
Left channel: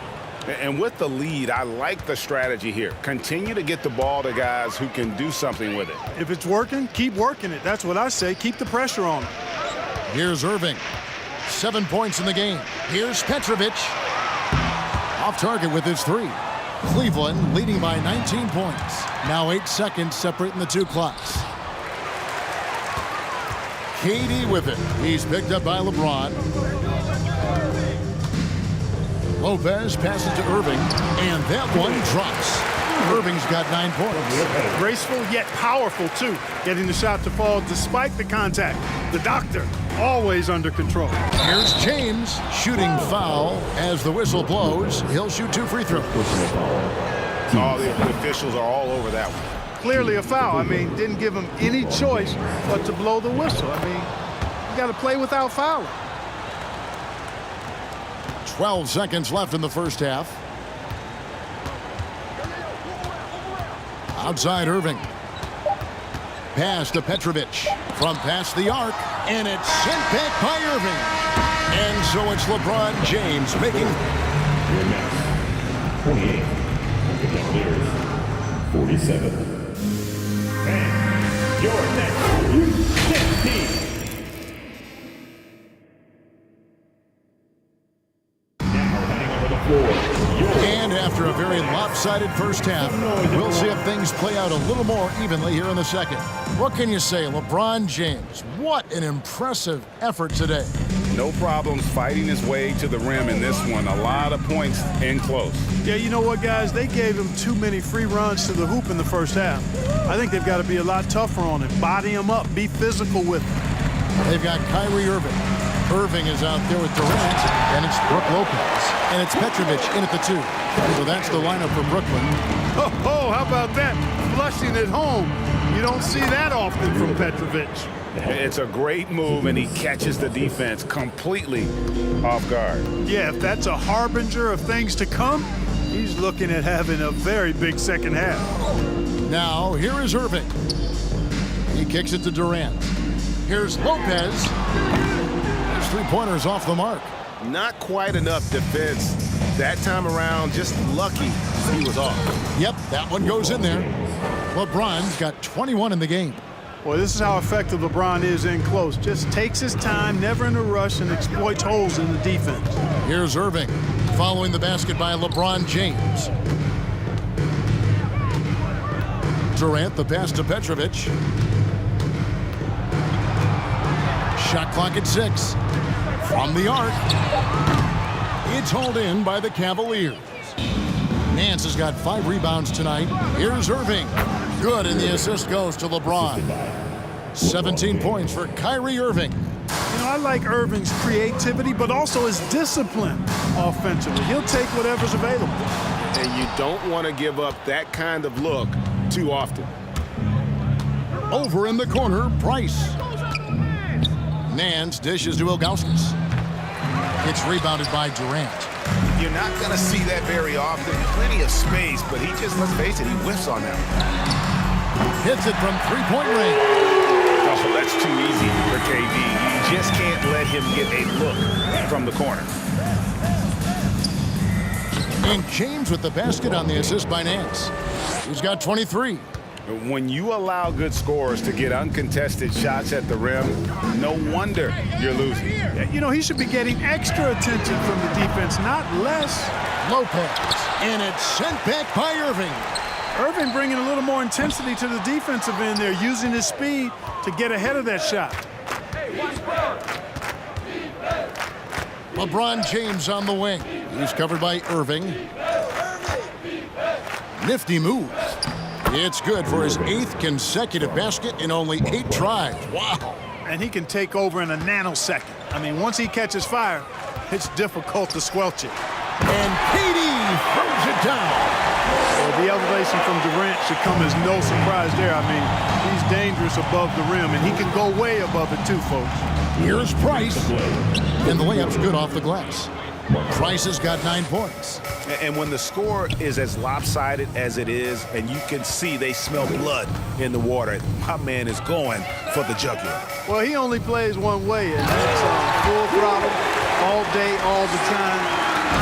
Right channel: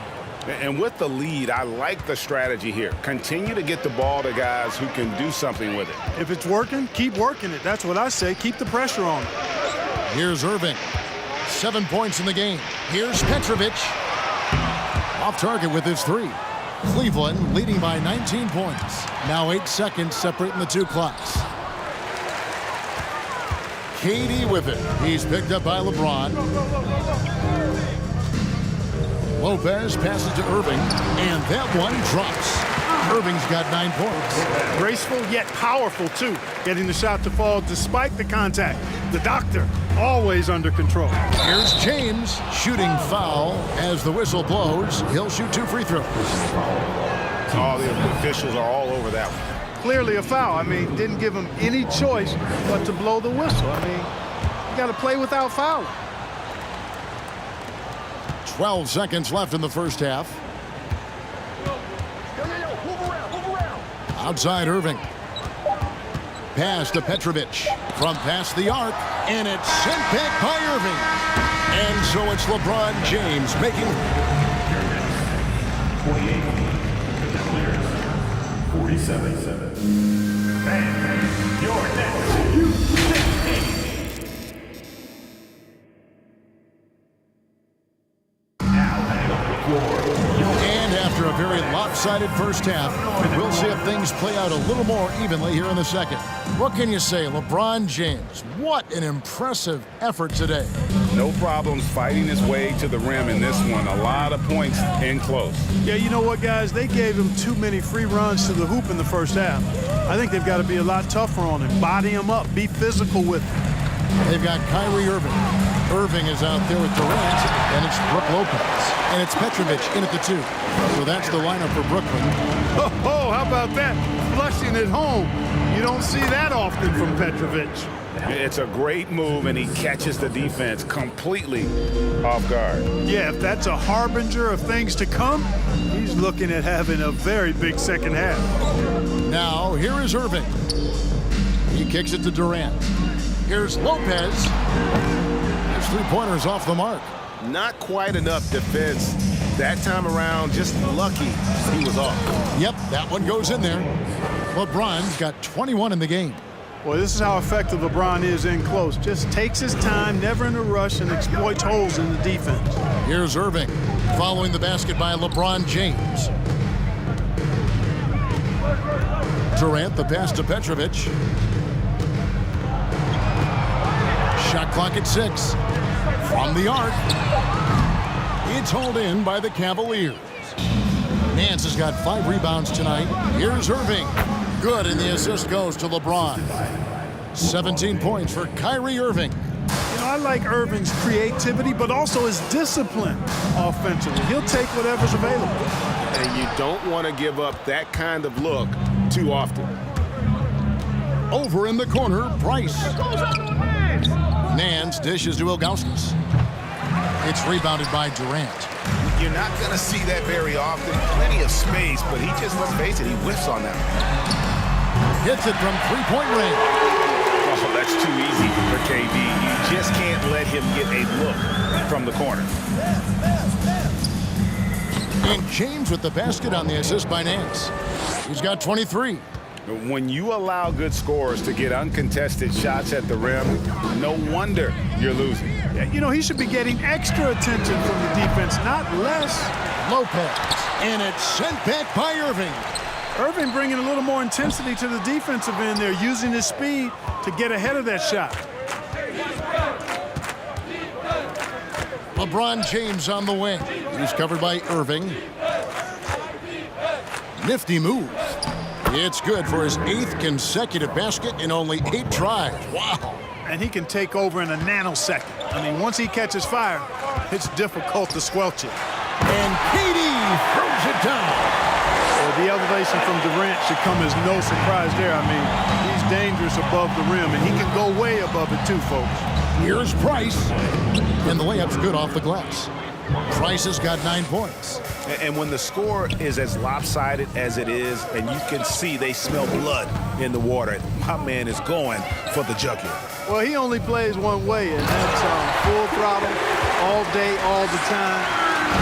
And with the lead, I like the strategy here. Continue to get the ball to guys who can do something with it. If it's working, keep working it. That's what I say. Keep the pressure on. Here's Irving. 7 points in the game. Here's Petrovic. Off target with his 3. Cleveland leading by 19 points. Now 8 seconds separating the 2 clocks. KD with it. He's picked up by LeBron. Lopez passes to Irving, and that one drops. Irving's got 9 points. Graceful yet powerful, too. Getting the shot to fall despite the contact. The doctor, always under control. Here's James shooting foul as the whistle blows. He'll shoot 2 free throws. All the officials are all over that one. Clearly a foul. I mean, didn't give him any choice but to blow the whistle. I mean, you got to play without fouling. 12 seconds left in the first half. Outside Irving. Pass to Petrovic from past the arc, and it's sent back by Irving. And so it's LeBron James making 28. 47. And your next U16 now heading on the floor. And after a very lopsided first half, we'll see if things play out a little more evenly here in the second. What can you say, LeBron James? What an impressive effort today. No problems fighting his way to the rim in this one. A lot of points in close. Yeah, you know what, guys? They gave him too many free runs to the hoop in the first half. I think they've got to be a lot tougher on him. Body him up. Be physical with him. They've got Kyrie Irving. Irving is out there with Durant, and it's Brook Lopez. And it's Petrovic in at the 2. So that's the lineup for Brooklyn. Oh, how about that? Flushing at home. You don't see that often from Petrovic. It's a great move, and he catches the defense completely off guard. Yeah, if that's a harbinger of things to come, he's looking at having a very big second half. Now, here is Irving. He kicks it to Durant. Here's Lopez. His three-pointer's off the mark. Not quite enough defense. That time around, just lucky he was off. Yep, that one goes in there. LeBron's got 21 in the game. Boy, this is how effective LeBron is in close. Just takes his time, never in a rush, and exploits holes in the defense. Here's Irving, following the basket by LeBron James. Durant, the pass to Petrovic. Shot clock at 6. From the arc. It's hauled in by the Cavaliers. Nance has got 5 rebounds tonight. Here's Irving. Good, and the assist goes to LeBron. 17 points for Kyrie Irving. You know, I like Irving's creativity, but also his discipline offensively. He'll take whatever's available. And you don't want to give up that kind of look too often. Over in the corner, Price. Nance dishes to Ilgauskas. It's rebounded by Durant. You're not going to see that very often. Plenty of space, but he just, let's face it, he whiffs on them. Hits it from three-point range. Oh, that's too easy for KD. You just can't let him get a look from the corner. And James with the basket on the assist by Nance. He's got 23. When you allow good scorers to get uncontested shots at the rim, no wonder you're losing. Yeah, you know, he should be getting extra attention from the defense, not less. Lopez, and it's sent back by Irving. Irving bringing a little more intensity to the defensive end there, using his speed to get ahead of that shot. LeBron James on the wing. He's covered by Irving. Nifty move. It's good for his 8th consecutive basket in only 8 tries. Wow. And he can take over in a nanosecond. I mean, once he catches fire, it's difficult to squelch it. And KD throws it down. Well, the elevation from Durant should come as no surprise there. I mean, he's dangerous above the rim, and he can go way above it too, folks. Here's Price. And the layup's good off the glass. Price has got 9 points. And when the score is as lopsided as it is, and you can see they smell blood in the water, my man is going for the jugular. Well, he only plays one way, and that's full throttle, all day, all the time,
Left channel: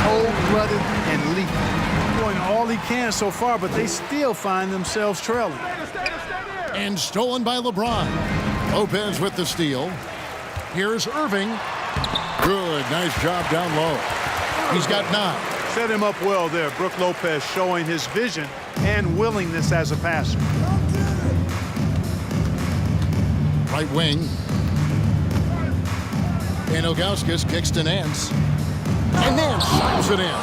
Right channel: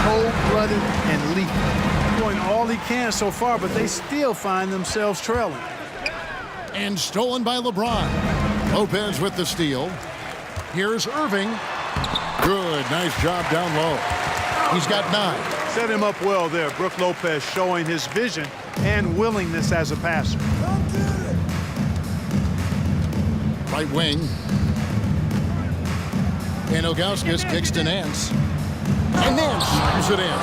cold-blooded and lethal. Doing all he can so far, but they still find themselves trailing. And stolen by LeBron. Lopez with the steal. Here's Irving. Good, nice job down low. He's got 9. Set him up well there. Brook Lopez showing his vision and willingness as a passer. Right wing. And Ilgauskas kicks to Nance. And Nance slams it in.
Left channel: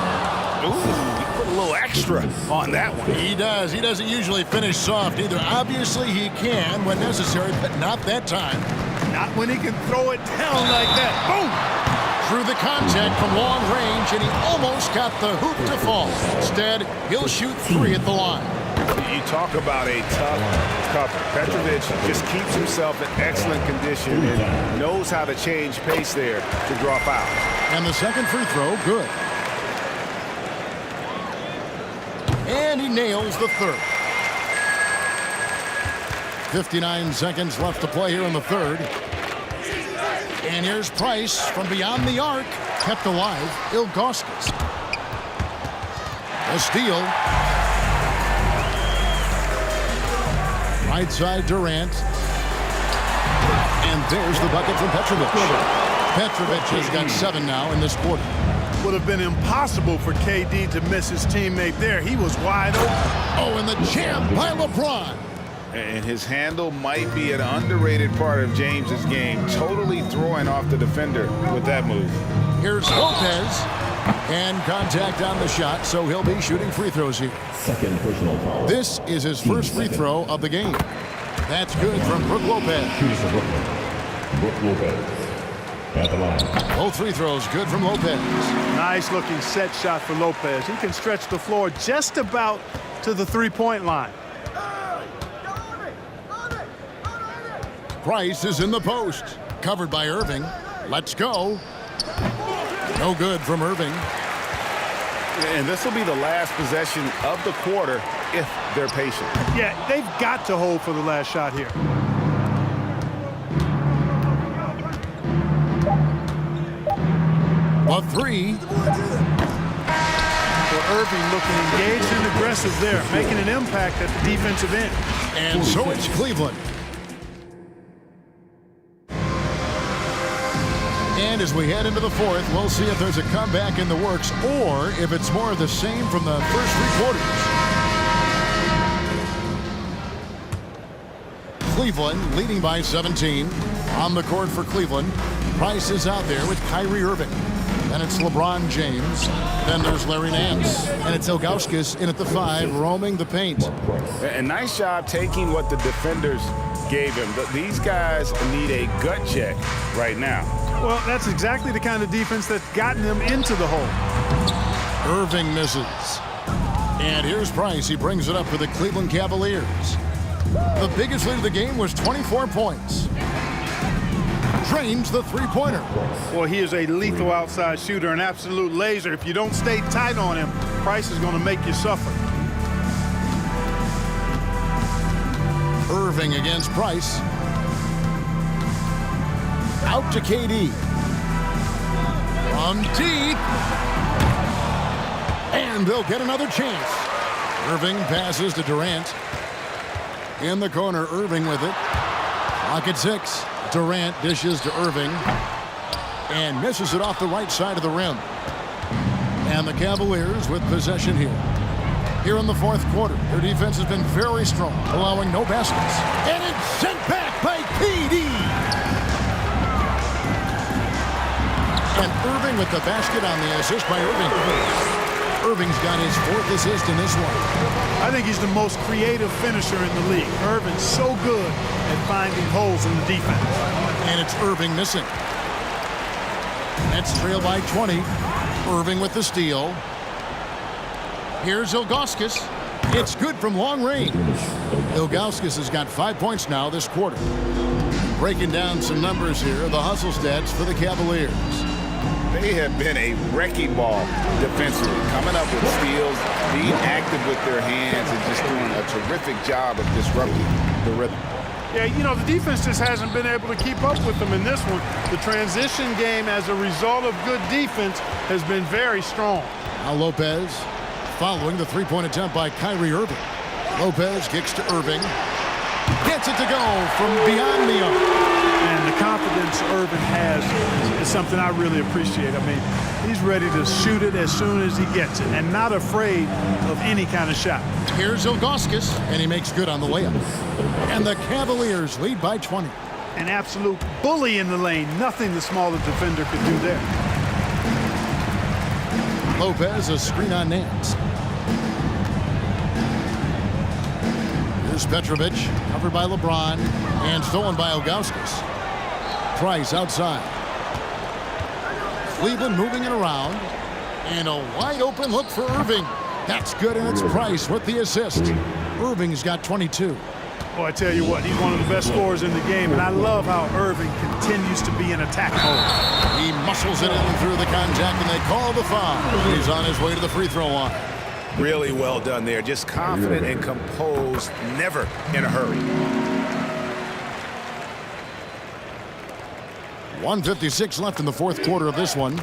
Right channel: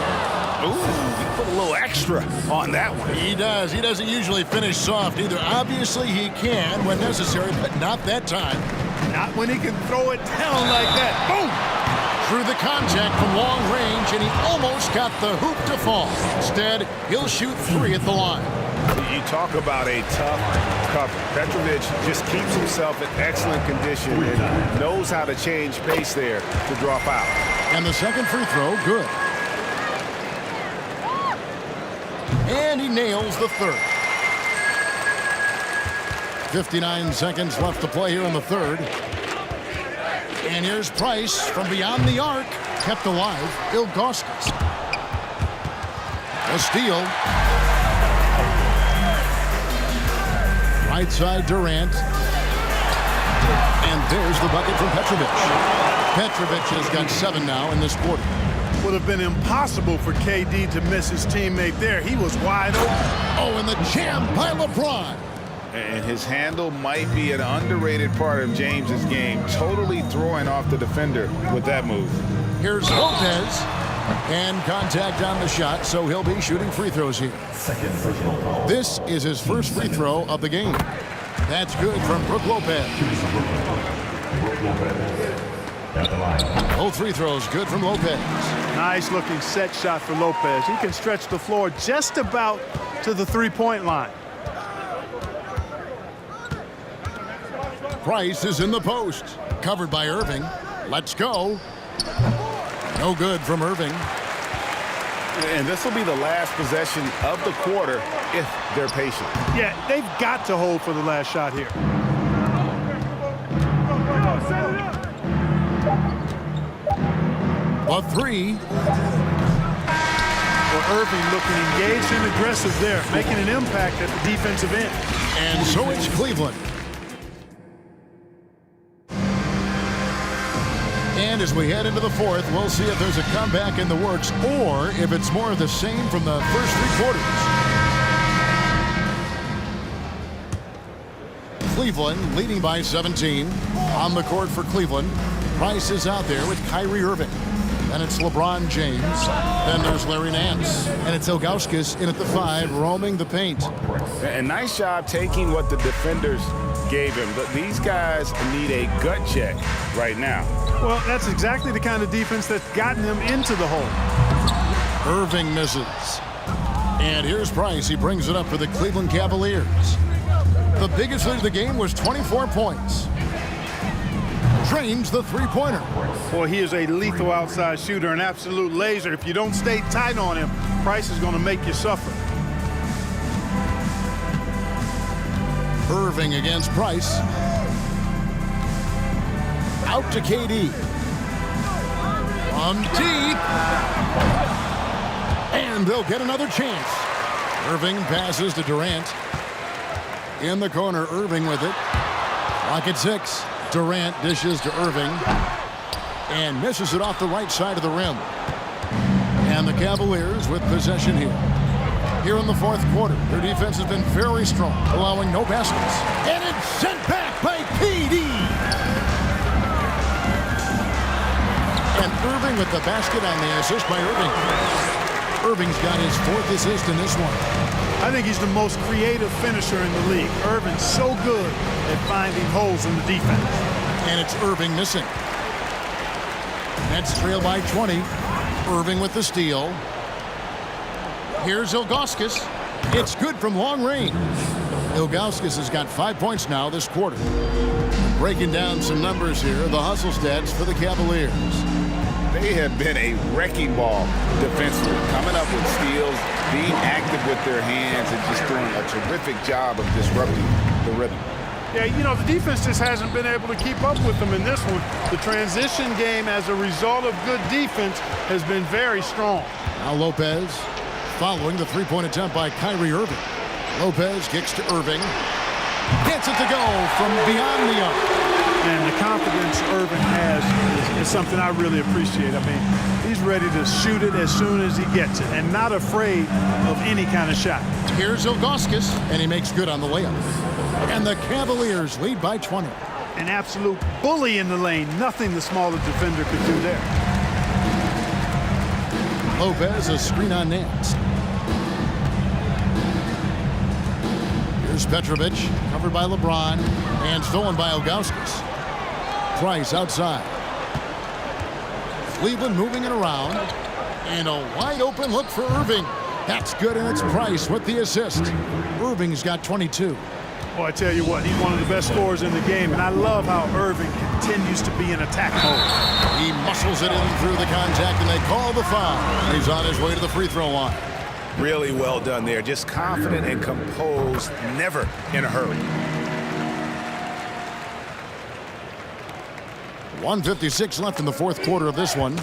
Ooh, he put a little extra on that one. He does. He doesn't usually finish soft either. Obviously, he can when necessary, but not that time. Not when he can throw it down like that. Boom! Through the contact from long range, and he almost got the hoop to fall. Instead, he'll shoot 3 at the line. You talk about a tough cover. Petrovic just keeps himself in excellent condition and knows how to change pace there to draw fouls. And the second free throw, good. And he nails the third. 59 seconds left to play here in the third. And here's Price from beyond the arc. Kept alive, Ilgauskas. A steal. Right side, Durant. And there's the bucket from Petrovic. Petrovic has got 7 now in this quarter. Would have been impossible for KD to miss his teammate there. He was wide open. Oh, and the jam by LeBron. And his handle might be an underrated part of James's game, totally throwing off the defender with that move. Here's Lopez, and contact on the shot, so he'll be shooting free throws here. Second personal foul. This is his first free throw of the game. That's good from Brook Lopez. Shooting for Brooklyn. Brook Lopez at the line. Both free throws good from Lopez. Nice looking set shot for Lopez. He can stretch the floor just about to the three-point line. Price is in the post. Covered by Irving. Let's go. No good from Irving. And this will be the last possession of the quarter if they're patient. Yeah, they've got to hold for the last shot here. A 3. Well, Irving looking engaged and aggressive there, making an impact at the defensive end. And so it's Cleveland. And as we head into the fourth, we'll see if there's a comeback in the works or if it's more of the same from the first 3 quarters. Cleveland leading by 17. On the court for Cleveland, Price is out there with Kyrie Irving. Then it's LeBron James. Then there's Larry Nance. And it's Ilgauskas in at the 5, roaming the paint. And nice job taking what the defenders gave him. These guys need a gut check right now. Well, that's exactly the kind of defense that's gotten them into the hole. Irving misses. And here's Price. He brings it up for the Cleveland Cavaliers. The biggest lead of the game was 24 points. Drains the three-pointer. Boy, he is a lethal outside shooter, an absolute laser. If you don't stay tight on him, Price is going to make you suffer. Irving against Price. Out to KD. From deep. And they'll get another chance. Irving passes to Durant. In the corner, Irving with it. Clock at 6. Durant dishes to Irving. And misses it off the right side of the rim. And the Cavaliers with possession here. Here in the fourth quarter, their defense has been very strong, allowing no baskets. And it's sent back by KD. And Irving with the basket on the assist by Irving. Irving's got his 4th assist in this one. I think he's the most creative finisher in the league. Irving's so good at finding holes in the defense. And it's Irving missing. Nets trail by 20. Irving with the steal. Here's Ilgauskas. It's good from long range. Ilgauskas has got 5 points now this quarter. Breaking down some numbers here, the hustle stats for the Cavaliers. They have been a wrecking ball defensively, coming up with steals, being active with their hands, and just doing a terrific job of disrupting the rhythm. Yeah, you know, the defense just hasn't been able to keep up with them in this one. The transition game, as a result of good defense, has been very strong. Now Lopez following the three-point attempt by Kyrie Irving. Lopez kicks to Irving. Gets it to go from beyond the arc. And the confidence Irving has is something I really appreciate. I mean, he's ready to shoot it as soon as he gets it and not afraid of any kind of shot. Here's Ilgauskas, and he makes good on the layup. And the Cavaliers lead by 20. An absolute bully in the lane. Nothing the smaller defender could do there. Lopez, a screen on Nance. Here's Petrovic, covered by LeBron, and stolen by Ilgauskas. Price outside. Cleveland moving it around. And a wide open look for Irving. That's good, and it's Price with the assist. Irving's got 22. Well, I tell you what, he's one of the best scorers in the game, and I love how Irving continues to be in attack mode. He muscles it in through the contact, and they call the foul. He's on his way to the free throw line. Really well done there. Just confident and composed, never in a hurry. 1:56 left in the fourth quarter of this one.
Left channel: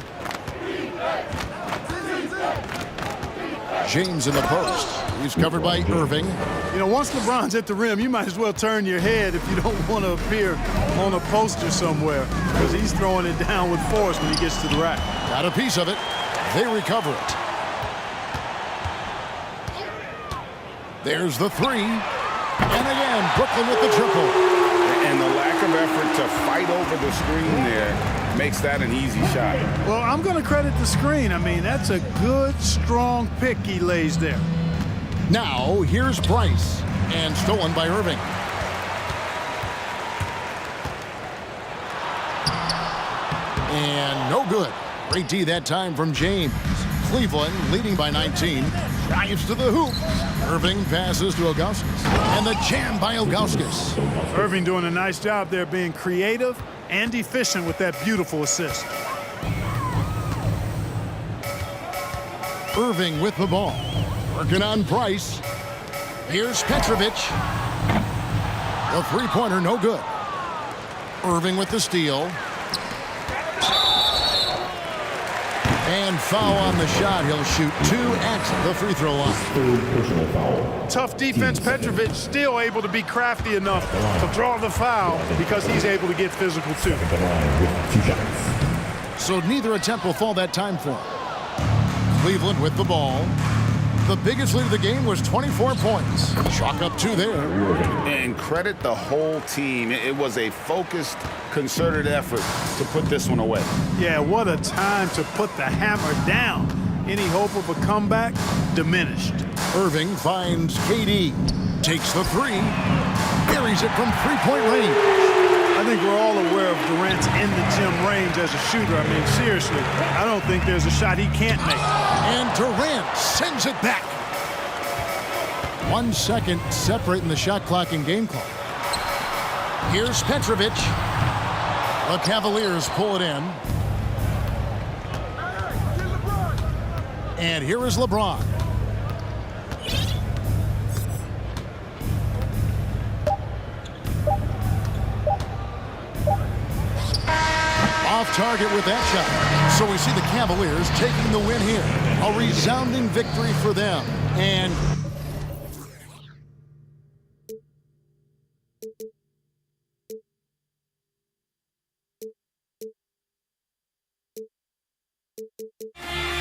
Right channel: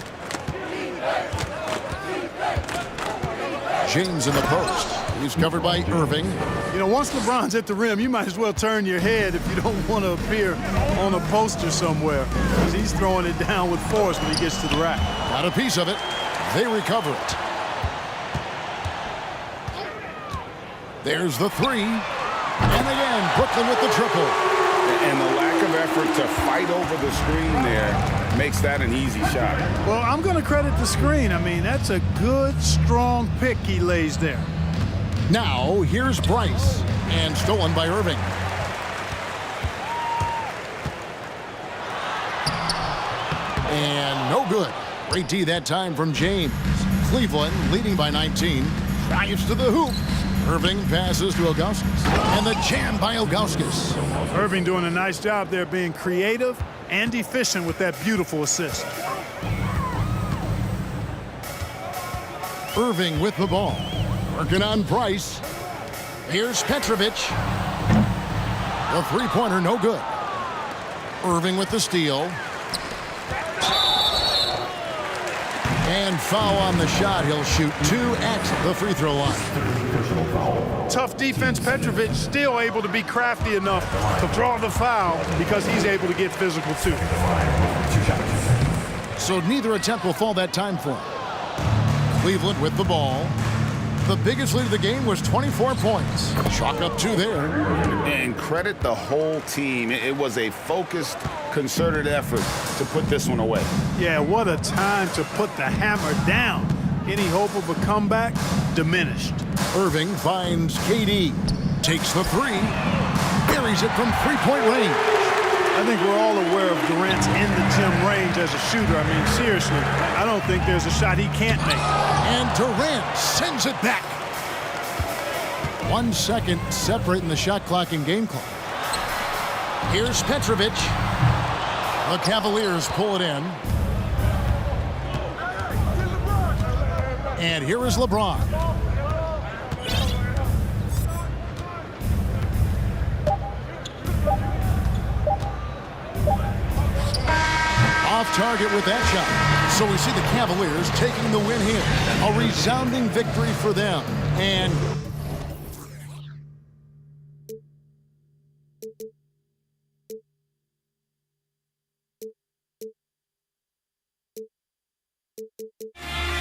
James in the post. He's covered by Irving. You know, once LeBron's at the rim, you might as well turn your head if you don't want to appear on a poster somewhere, because he's throwing it down with force when he gets to the rack. Got a piece of it. They recover it. There's the three. And again, Brooklyn with the triple. And the lack of effort to fight over the screen there makes that an easy shot. Well, I'm going to credit the screen. I mean, that's a good, strong pick he lays there. Now, here's Price, and stolen by Irving. And no good. Great D that time from James. Cleveland leading by 19. Drives to the hoop. Irving passes to Ilgauskas. And the jam by Ilgauskas. Irving doing a nice job there, being creative and efficient with that beautiful assist. Irving with the ball. Working on Price. Here's Petrovic. The three-pointer, no good. Irving with the steal. And foul on the shot. He'll shoot 2 at the free throw line. Tough defense. Petrovic still able to be crafty enough to draw the foul because he's able to get physical too. So neither attempt will fall that time for him. Cleveland with the ball. The biggest lead of the game was 24 points. Chalk up 2 there. And credit the whole team. It was a focused, concerted effort to put this one away. Yeah, what a time to put the hammer down. Any hope of a comeback? Diminished. Irving finds KD. Takes the 3. Buries it from 3-point range. I think we're all aware of Durant's in-the-gym range as a shooter. I mean, seriously, I don't think there's a shot he can't make. And Durant sends it back. 1 second separating the shot clock and game clock. Here's Petrovic. The Cavaliers pull it in. And here is LeBron. Off target with that shot. So we see the Cavaliers taking the win here. A resounding victory for them. And We'll be right back.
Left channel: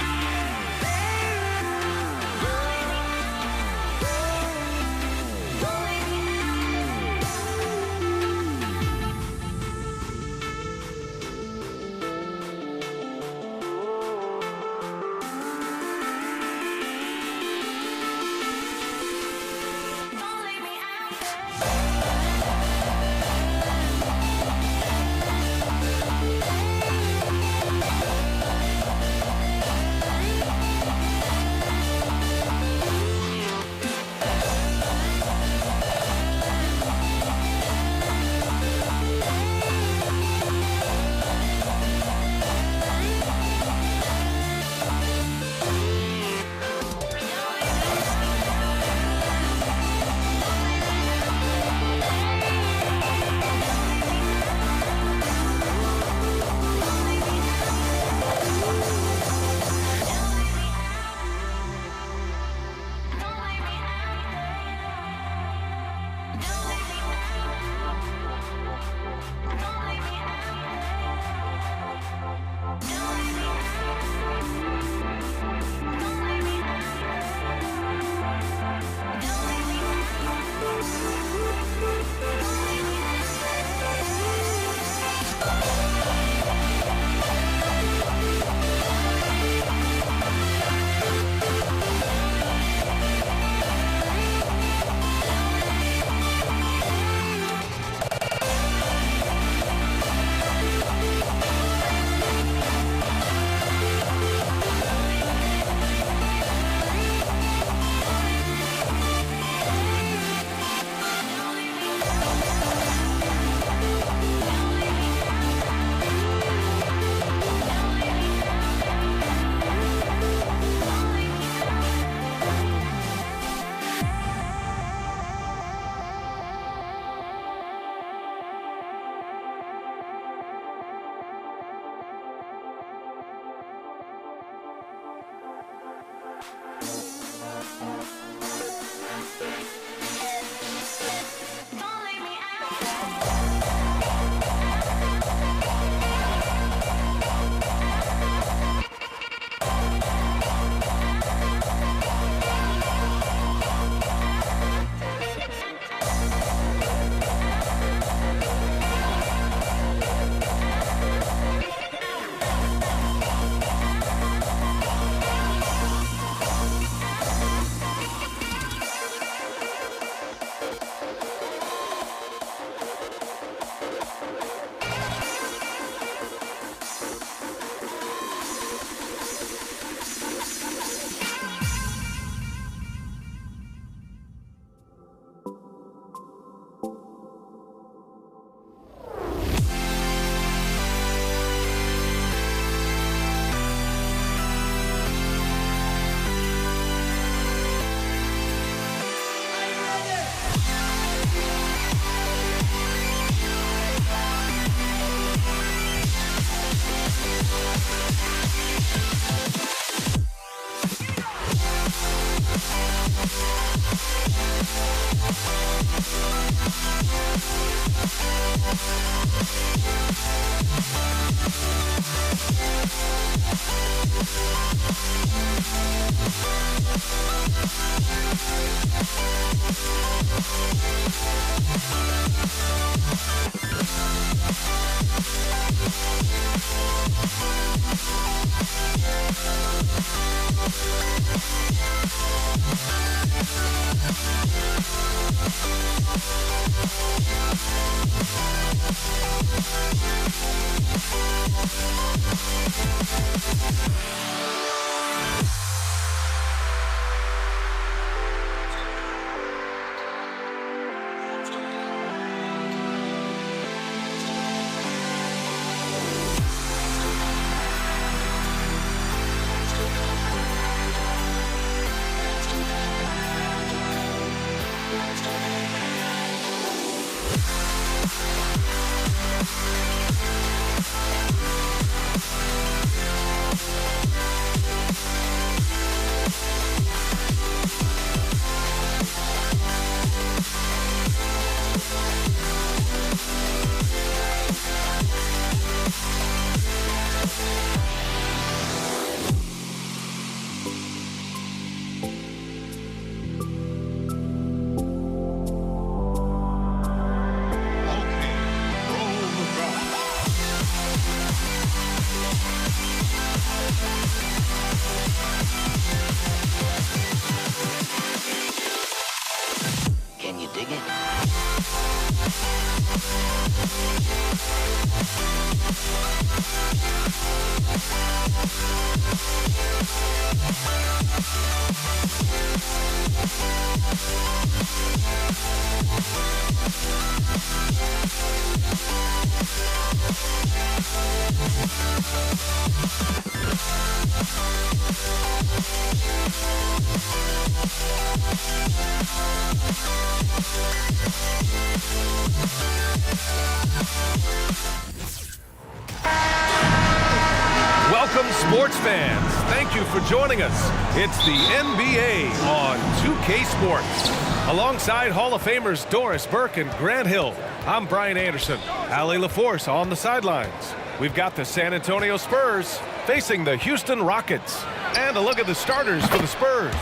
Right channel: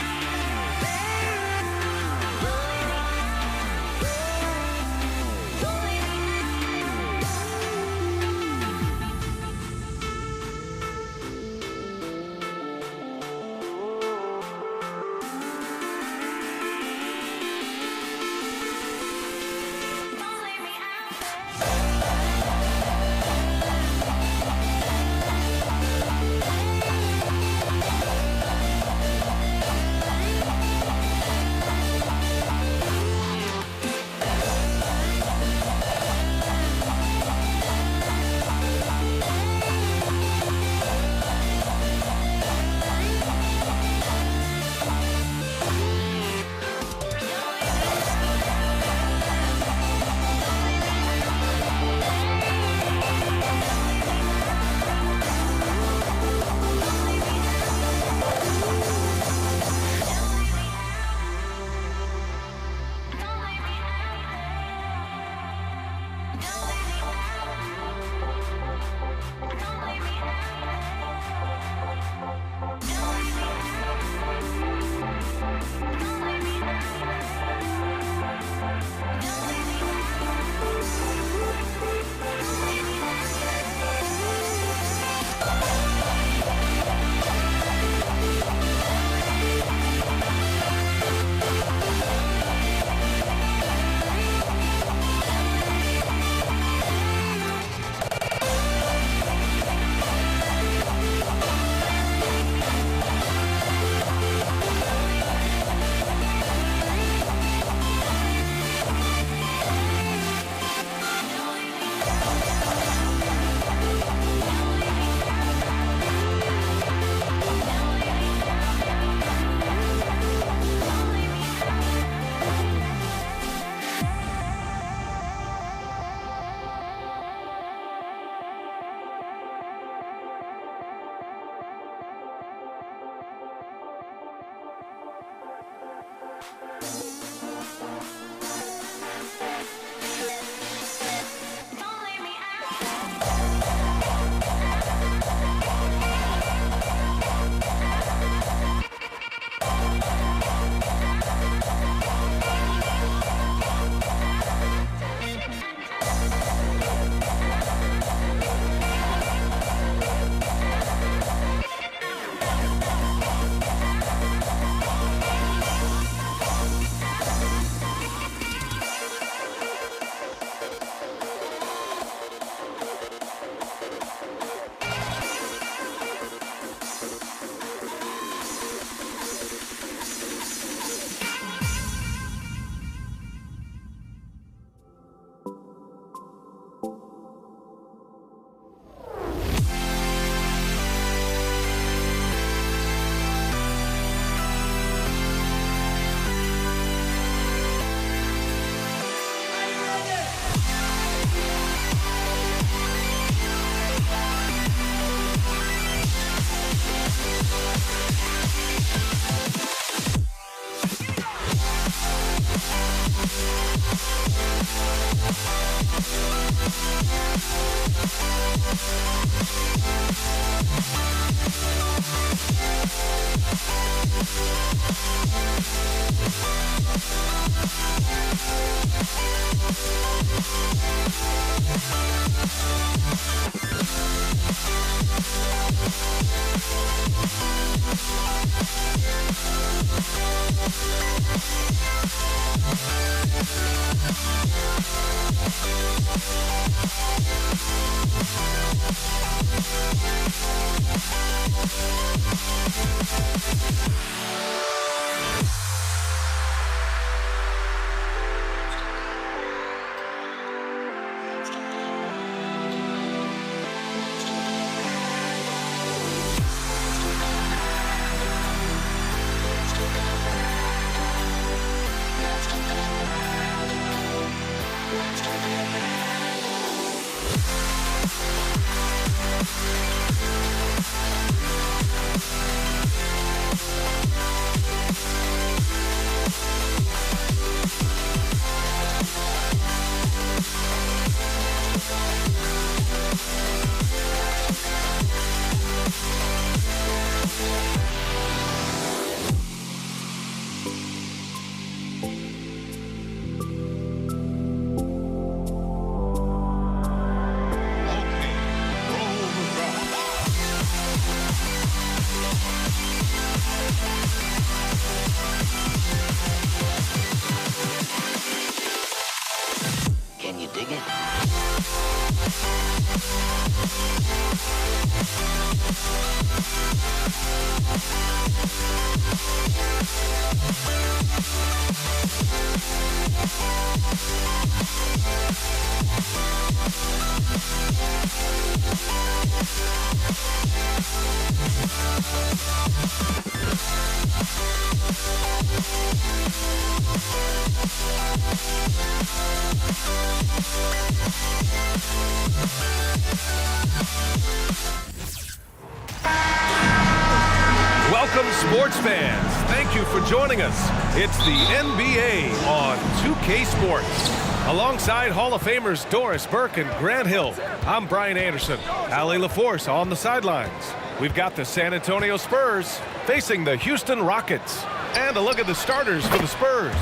Welcome, sports fans. Thank you for joining us. It's the NBA on 2K Sports. Alongside Hall of Famers Doris Burke and Grant Hill, I'm Brian Anderson. Allie LaForce on the sidelines. We've got the San Antonio Spurs facing the Houston Rockets. And a look at the starters for the Spurs.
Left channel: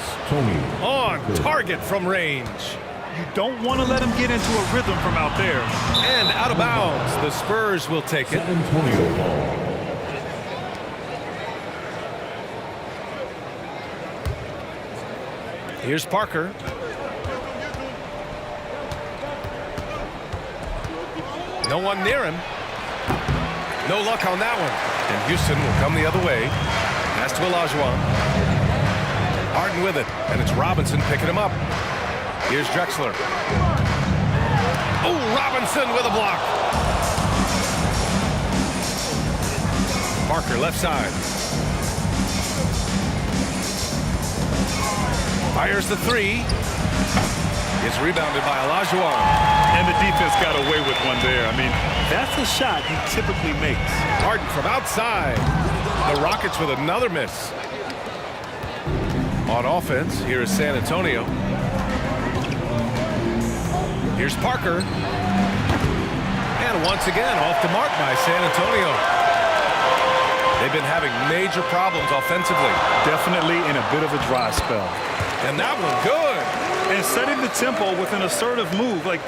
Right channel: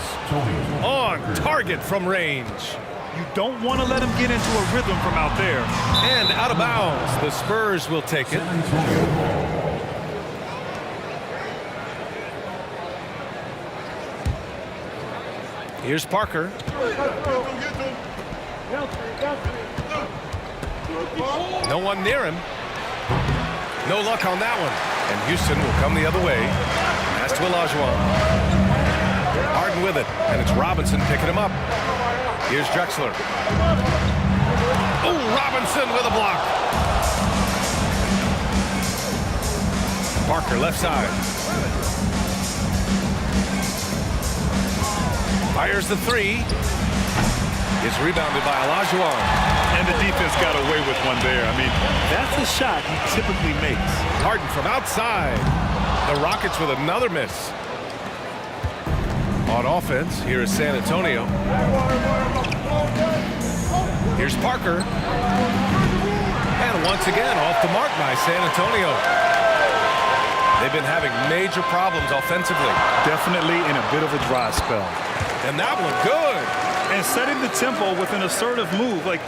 On target from range. You don't want to let him get into a rhythm from out there. And out of bounds, the Spurs will take it. Here's Parker. No one near him. No luck on that one. And Houston will come the other way. Pass to Olajuwon. Harden with it. And it's Robinson picking him up. Here's Drexler. Oh, Robinson with a block. Parker left side. Fires the three. Is rebounded by Olajuwon. And the defense got away with one there. I mean, that's a shot he typically makes. Harden from outside. The Rockets with another miss. On offense, here is San Antonio. Here's Parker. And once again, off the mark by San Antonio. They've been having major problems offensively. Definitely in a bit of a dry spell. And that one good. And setting the tempo with an assertive move. Like,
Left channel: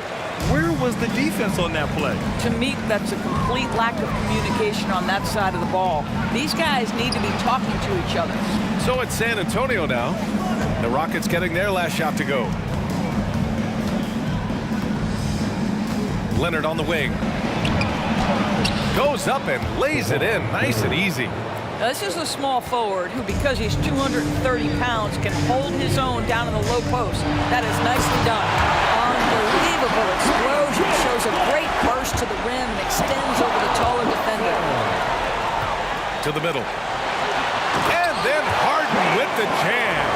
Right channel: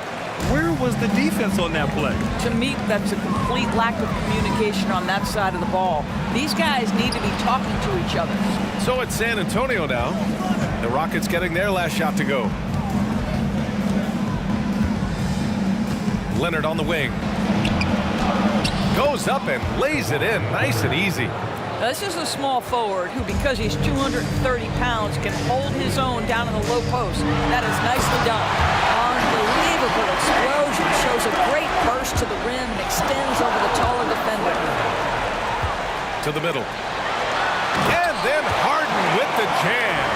where was the defense on that play? To me, that's a complete lack of communication on that side of the ball. These guys need to be talking to each other. So it's San Antonio now. The Rockets getting their last shot to go. Leonard on the wing. Goes up and lays it in nice and easy. Now, this is a small forward who, because he's 230 pounds, can hold his own down in the low post. That is nicely done. Unbelievable explosion. Shows a great burst to the rim and extends over the taller defender. To the middle. And then Harden with the jam.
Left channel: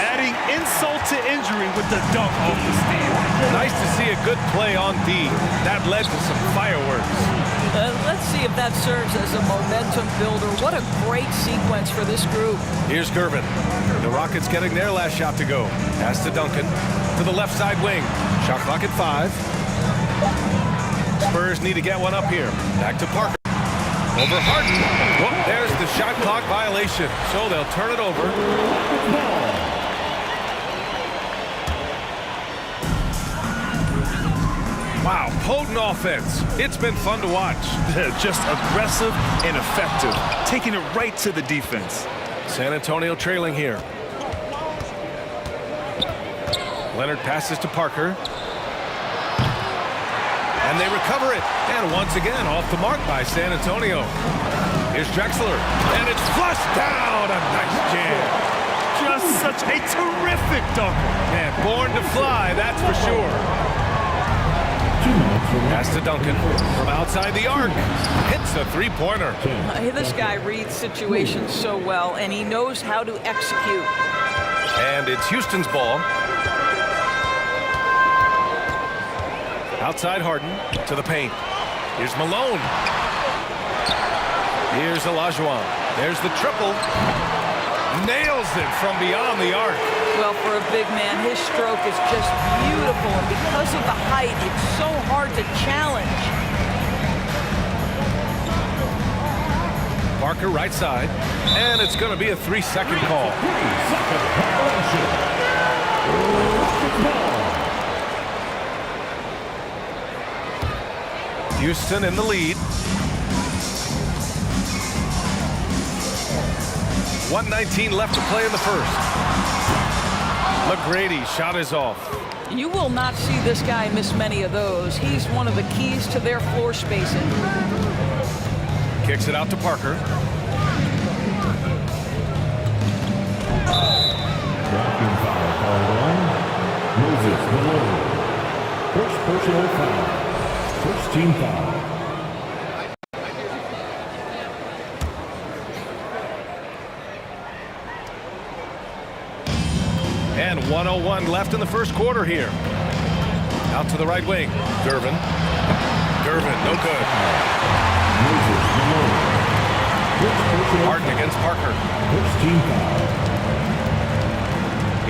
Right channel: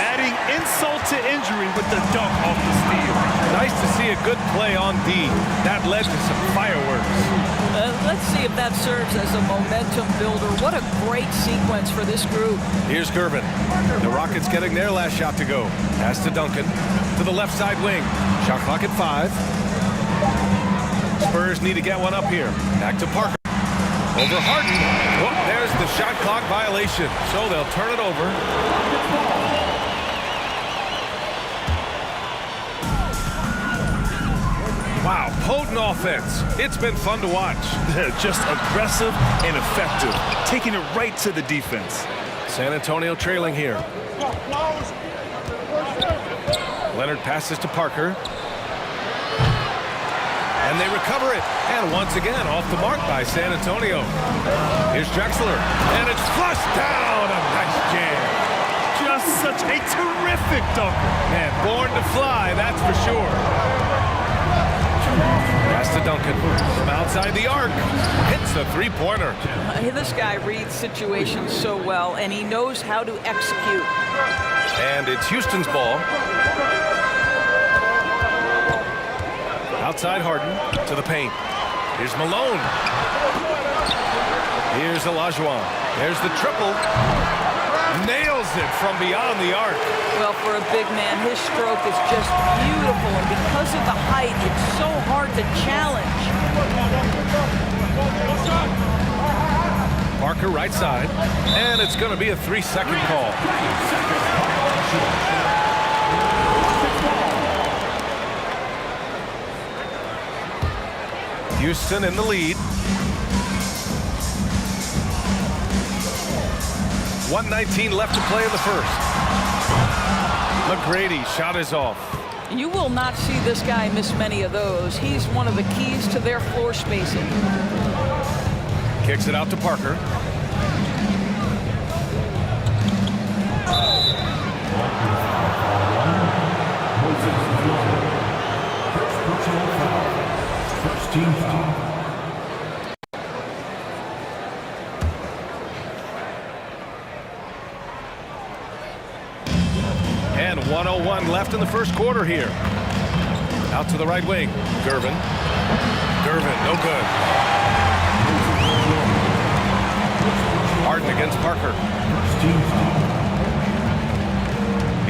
Adding insult to injury with the dunk off the steal. Nice to see a good play on D. That led to some fireworks. Let's see if that serves as a momentum builder. What a great sequence for this group. Here's Gervin. The Rockets getting their last shot to go. Pass to Duncan. To the left side wing. Shot clock at 5. Spurs need to get one up here. Back to Parker. Over Harden. Whoop, there's the shot clock violation. So they'll turn it over. Wow, potent offense. It's been fun to watch. Just aggressive and effective, taking it right to the defense. San Antonio trailing here. Leonard passes to Parker. And they recover it. And once again, off the mark by San Antonio. Here's Drexler. And it's flushed down. A nice jam. Just such a terrific dunker. Man, born to fly, that's for sure. Pass to Duncan from outside the arc. Hits the three-pointer. This guy reads situations so well, and he knows how to execute. And it's Houston's ball. Outside Harden to the paint. Here's Malone. Here's Olajuwon. There's the triple. Nails it from beyond the arc. Well, for a big man, his stroke is just beautiful, and because of the height, it's so hard to challenge. Parker right side, and it's going to be a 3-second call. Houston in the lead. 1:19 left to play in the first. McGrady shot is off. You will not see this guy miss many of those. He's one of the keys to their floor spacing. Kicks it out to Parker. Moses Malone. First personal foul. First team foul. And 1:01 left in the first quarter here. Out to the right wing. Gervin. Gervin, no good. Harden against Parker. First team foul.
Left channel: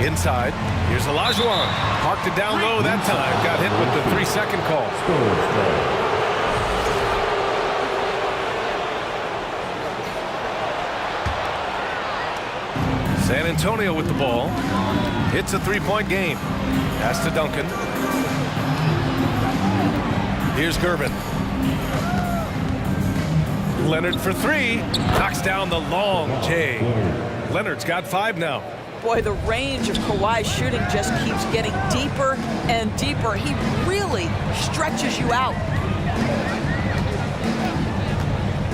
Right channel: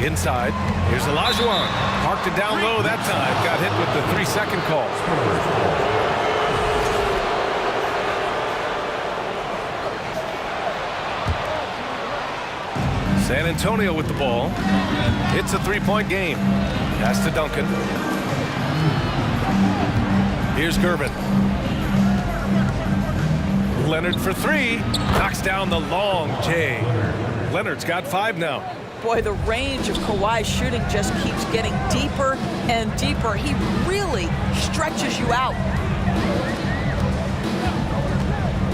Inside. Here's Olajuwon. Parked it down low that time. Got hit with the 3-second call. San Antonio with the ball. It's a 3-point game. Pass to Duncan. Here's Gervin. Leonard for 3. Knocks down the long J. Leonard's got 5 now. Boy, the range of Kawhi's shooting just keeps getting deeper and deeper. He really stretches you out.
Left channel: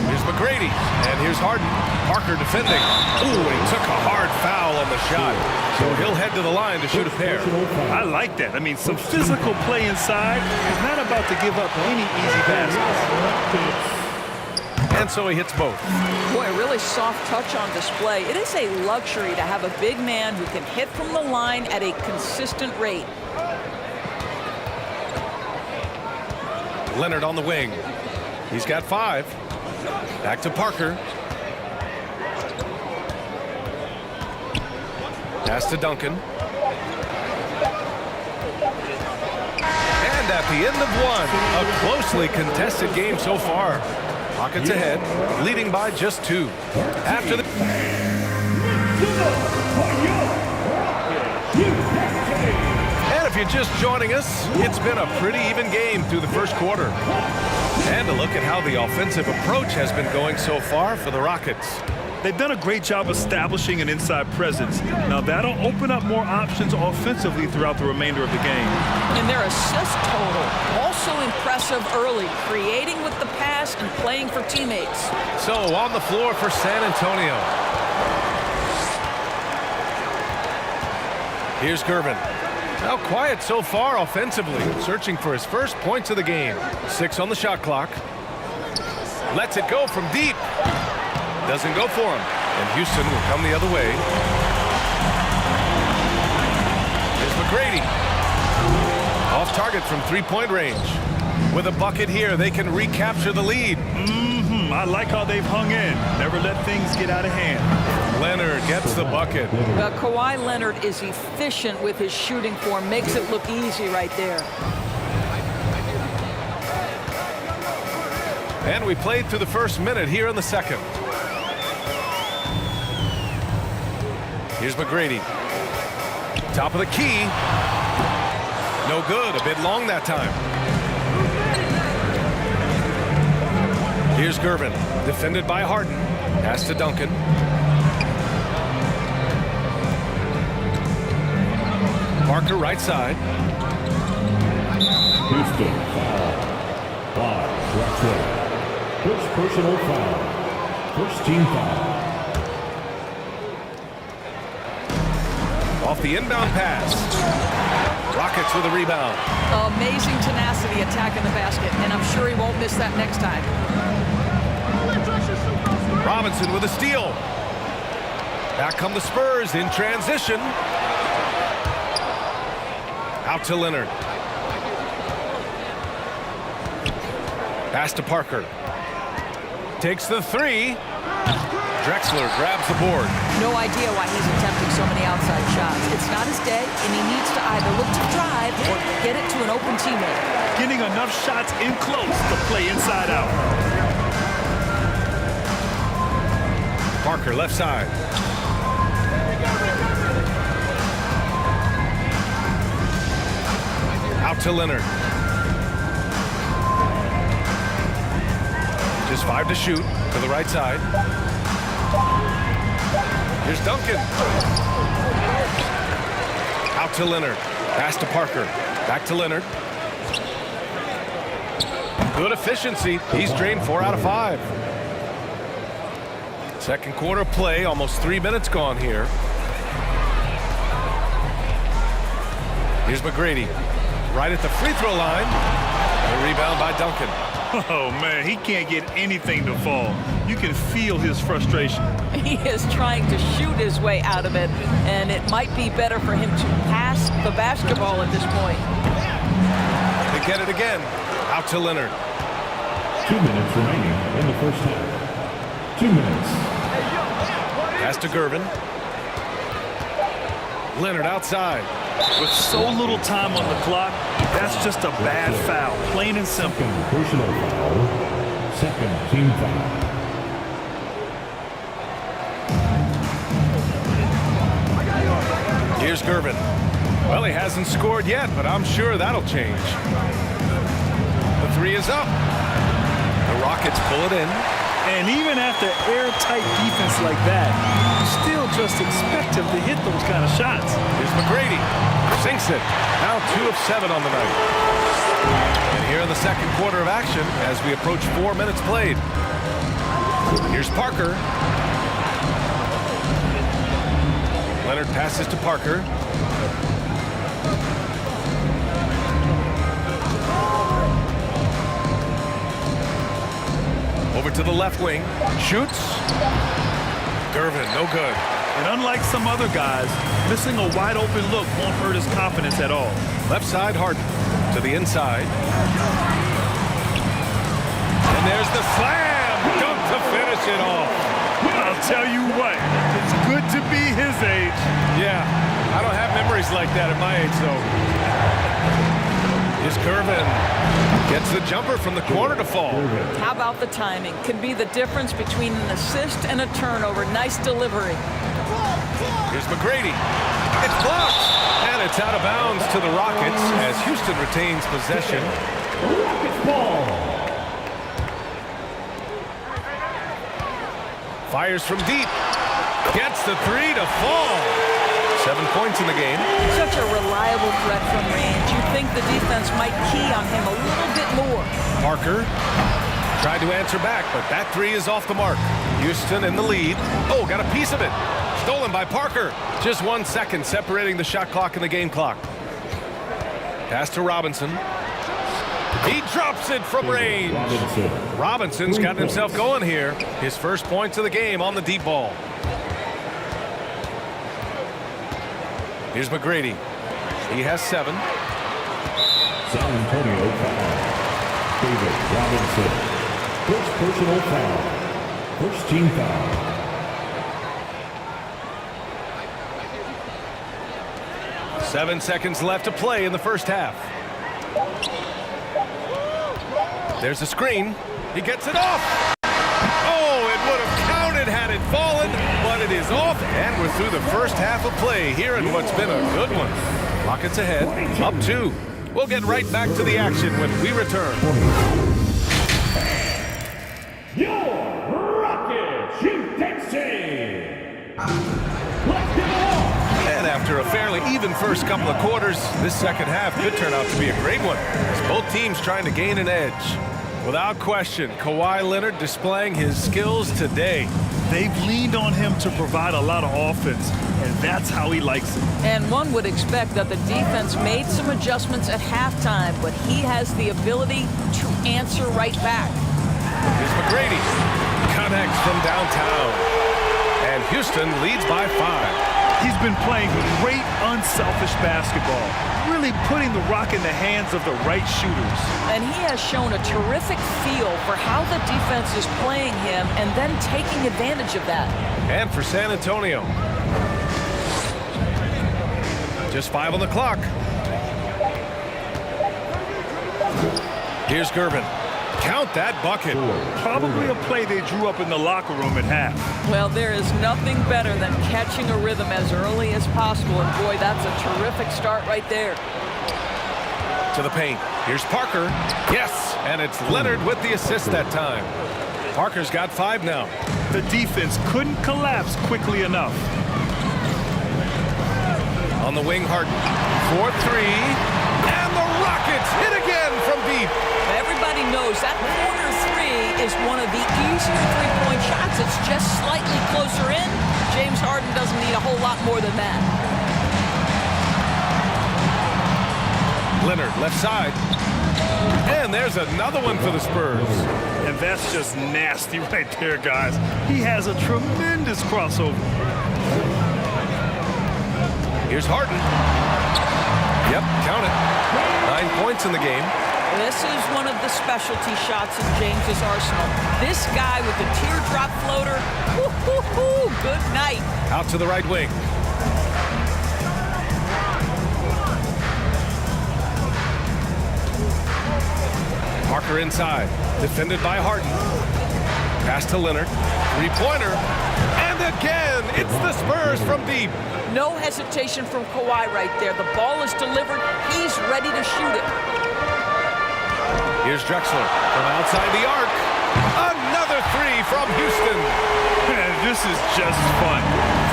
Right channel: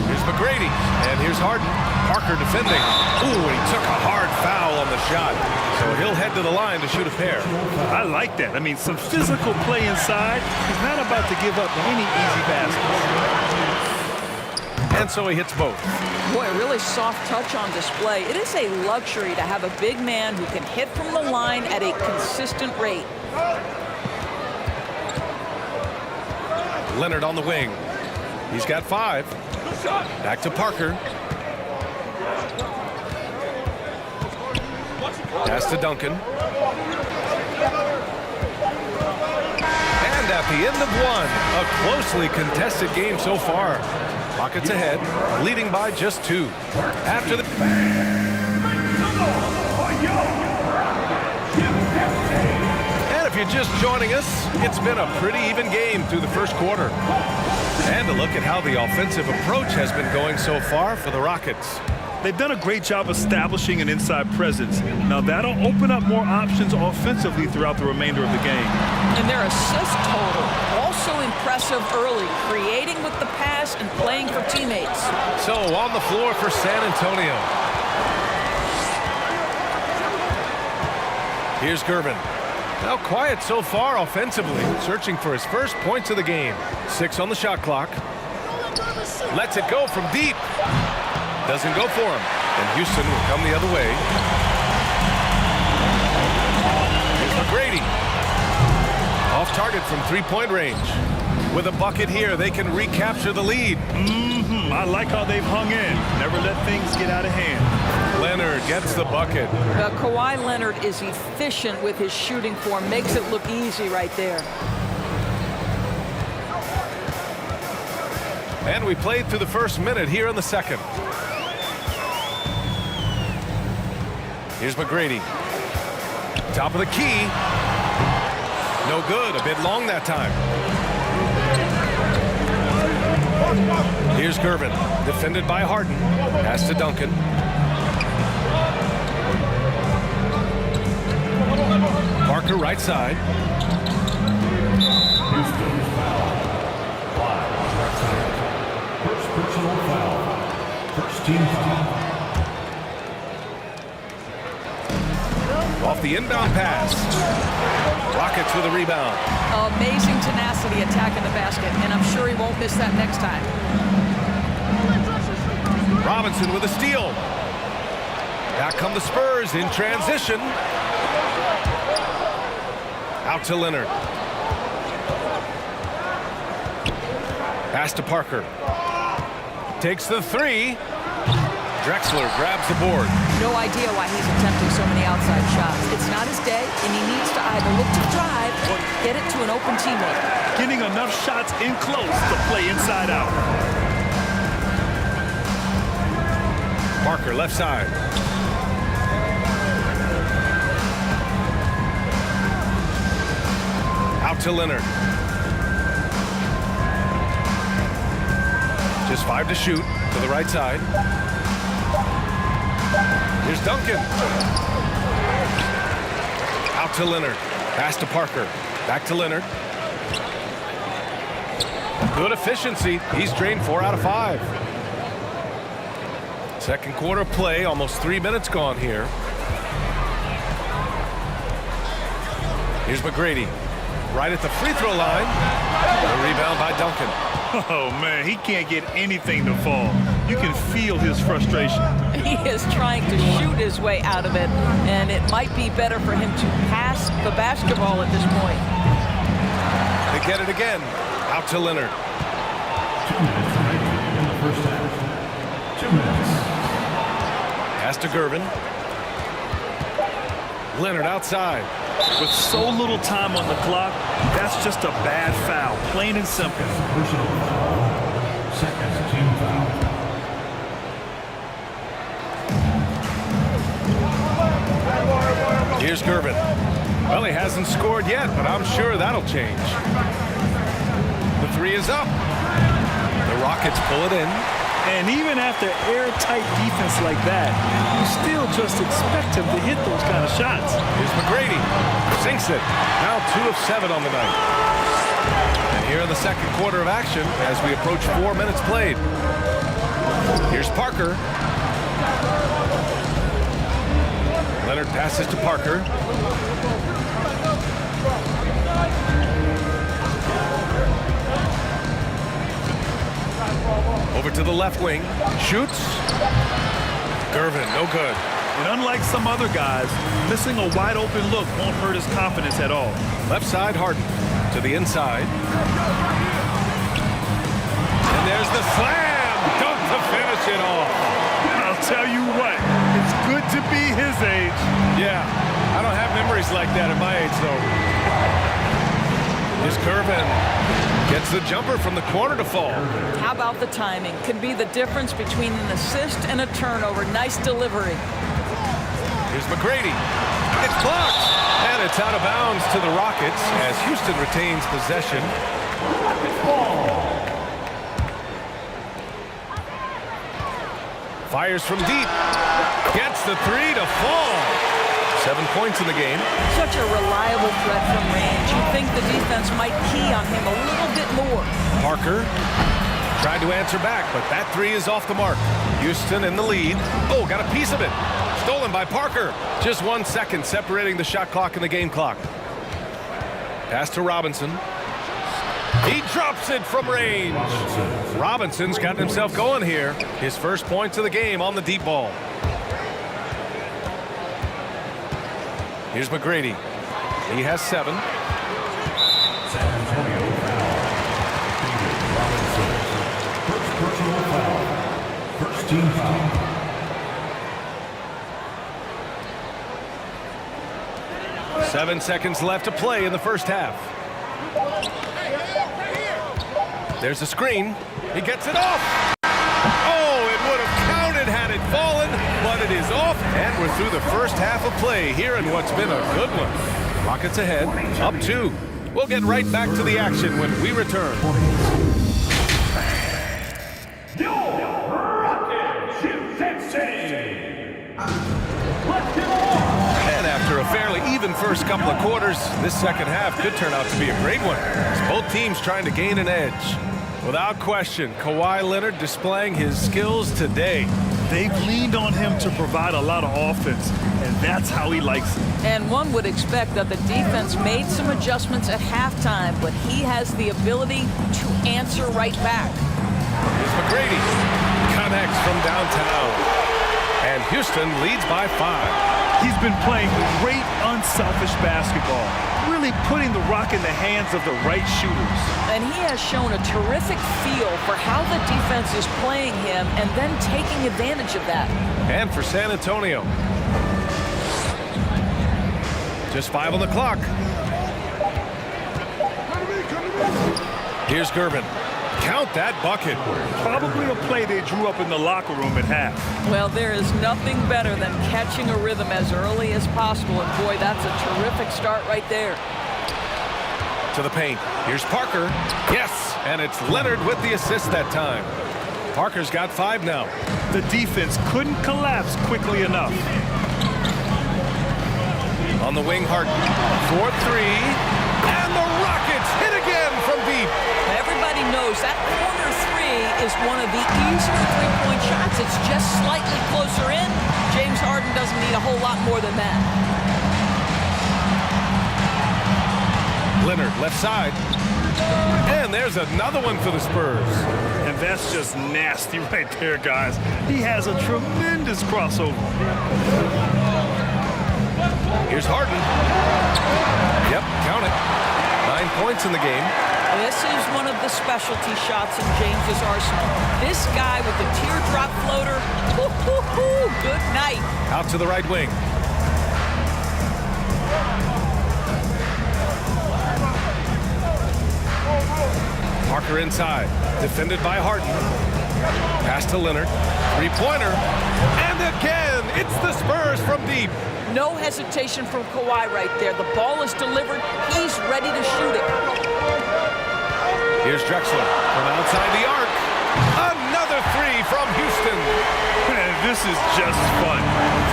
Here's McGrady, and here's Harden. Parker defending. Ooh, and he took a hard foul on the shot. So he'll head to the line to shoot a pair. I like that. I mean, some physical play inside. He's not about to give up any easy baskets. And so he hits both. Boy, a really soft touch on display. It is a luxury to have a big man who can hit from the line at a consistent rate. Leonard on the wing. He's got 5. Back to Parker. Pass to Duncan. And at the end of 1, a closely contested game so far. Rockets ahead, leading by just 2. After the... And if you're just joining us, it's been a pretty even game through the first quarter. And a look at how the offensive approach has been going so far for the Rockets. They've done a great job establishing an inside presence. Now that'll open up more options offensively throughout the remainder of the game. And their assist total, also impressive early, creating with the pass and playing for teammates. So on the floor for San Antonio. Here's Gervin. Now quiet so far offensively, searching for his first points of the game. 6 on the shot clock. Lets it go from deep. Doesn't go for him. And Houston will come the other way. Here's McGrady. Off target from 3-point range. With a bucket here, they can recapture the lead. I like how they've hung in. Never let things get out of hand. Leonard gets the bucket. Kawhi Leonard is efficient with his shooting form. Makes it look easy right there. And we played through the first minute here in the second. Here's McGrady. Top of the key. No good. A bit long that time. Here's Gervin. Defended by Harden. Pass to Duncan. Parker right side. Houston foul. 5 direct hit. First personal foul. First team foul. Off the inbound pass. Rockets with a rebound. Amazing tenacity attacking the basket, and I'm sure he won't miss that next time. Robinson with a steal. Back come the Spurs in transition. Out to Leonard. Pass to Parker. Takes the three. Drexler grabs the board. No idea why he's attempting so many outside shots. It's not his day, and he needs to either look to drive or get it to an open teammate. Getting enough shots in close to play inside out. Parker left side. Out to Leonard. Just 5 to shoot to the right side. Here's Duncan. Out to Leonard. Pass to Parker. Back to Leonard. Good efficiency. He's drained 4 out of 5. Second quarter play. Almost 3 minutes gone here. Here's McGrady. Right at the free throw line. The rebound by Duncan. Oh, man, he can't get anything to fall. You can feel his frustration. He is trying to shoot his way out of it, and it might be better for him to pass the basketball at this point. They get it again. Out to Leonard. 2 minutes remaining in the first half. 2 minutes. Pass to Gervin. Leonard outside. With so little time on the clock, that's just a bad foul, plain and simple. Second personal foul. Second team foul. Here's Gervin. Well, he hasn't scored yet, but I'm sure that'll change. The three is up. The Rockets pull it in. And even after airtight defense like that, you still just expect him to hit those kind of shots. Here's McGrady. Sinks it. Now 2 of 7 on the night. And here in the second quarter of action as we approach 4 minutes played. Here's Parker. Leonard passes to Parker. Over to the left wing. Shoots. Gervin, no good. And unlike some other guys, missing a wide open look won't hurt his confidence at all. Left side, Harden. To the inside. And there's the slam. Dunk to finish it off. I'll tell you what, it's good to be his age. Yeah, I don't have memories like that at my age, though. Here's Gervin. Gets the jumper from the corner to fall. How about the timing? Could be the difference between an assist and a turnover. Nice delivery. Here's McGrady. It's blocked. And it's out of bounds to the Rockets as Houston retains possession. Rockets ball. Fires from deep. Gets the three to fall. 7 points in the game. Such a reliable threat from range. You'd think the defense might key on him a little bit more. Parker tried to answer back, but that three is off the mark. Houston in the lead. Oh, got a piece of it. Stolen by Parker. Just 1 second separating the shot clock and the game clock. Pass to Robinson. He drops it from range. Robinson's gotten himself going here. His first points of the game on the deep ball. Here's McGrady. He has 7. San Antonio foul. David Robinson. First personal foul. First team foul. Seven seconds left to play in the first half. There's a screen. He gets it off. Oh, it would have counted had it fallen, but it is off, and we're through the first half of play here in what's been a good one. Rockets ahead, up 2. We'll get right back to the action when we return. Your Rockets, UTC. Let's give a walk. And after a fairly even first couple of quarters, this second half could turn out to be a great one, as both teams trying to gain an edge. Without question, Kawhi Leonard displaying his skills today. They've leaned on him to provide a lot of offense, and that's how he likes it. And one would expect that the defense made some adjustments at halftime, but he has the ability to answer right back. Here's McGrady. Connects from downtown. And Houston leads by 5. He's been playing great, unselfish basketball, really putting the rock in the hands of the right shooters. And he has shown a terrific feel for how the defense is playing him and then taking advantage of that. And for San Antonio, just 5 on the clock. Here's Gervin. Count that bucket. Probably a play they drew up in the locker room at half. Well, there is nothing better than catching a rhythm as early as possible, and boy, that's a terrific start right there. To the paint. Here's Parker. Yes, and it's Leonard with the assist that time. Parker's got 5 now. The defense couldn't collapse quickly enough. On the wing, Harden. 4-3. And the Rockets hit again from deep. Everybody knows that corner 3 is one of the easier three-point shots. It's just slightly closer in. James Harden doesn't need a whole lot more than that. Leonard, left side. And there's another one for the Spurs. And that's just nasty right there, guys. He has a tremendous crossover. Here's Harden. Yep, count it. 9 points in the game. This is one of the specialty shots in James's arsenal. This guy with the teardrop floater, good night. Out to the right wing. Parker inside, defended by Harden. Pass to Leonard, 3-pointer, and again, it's the Spurs from deep. No hesitation from Kawhi right there. The ball is delivered. He's ready to shoot it. Here's Drexler from outside the arc. Another 3 from Houston. Man, this is just fun.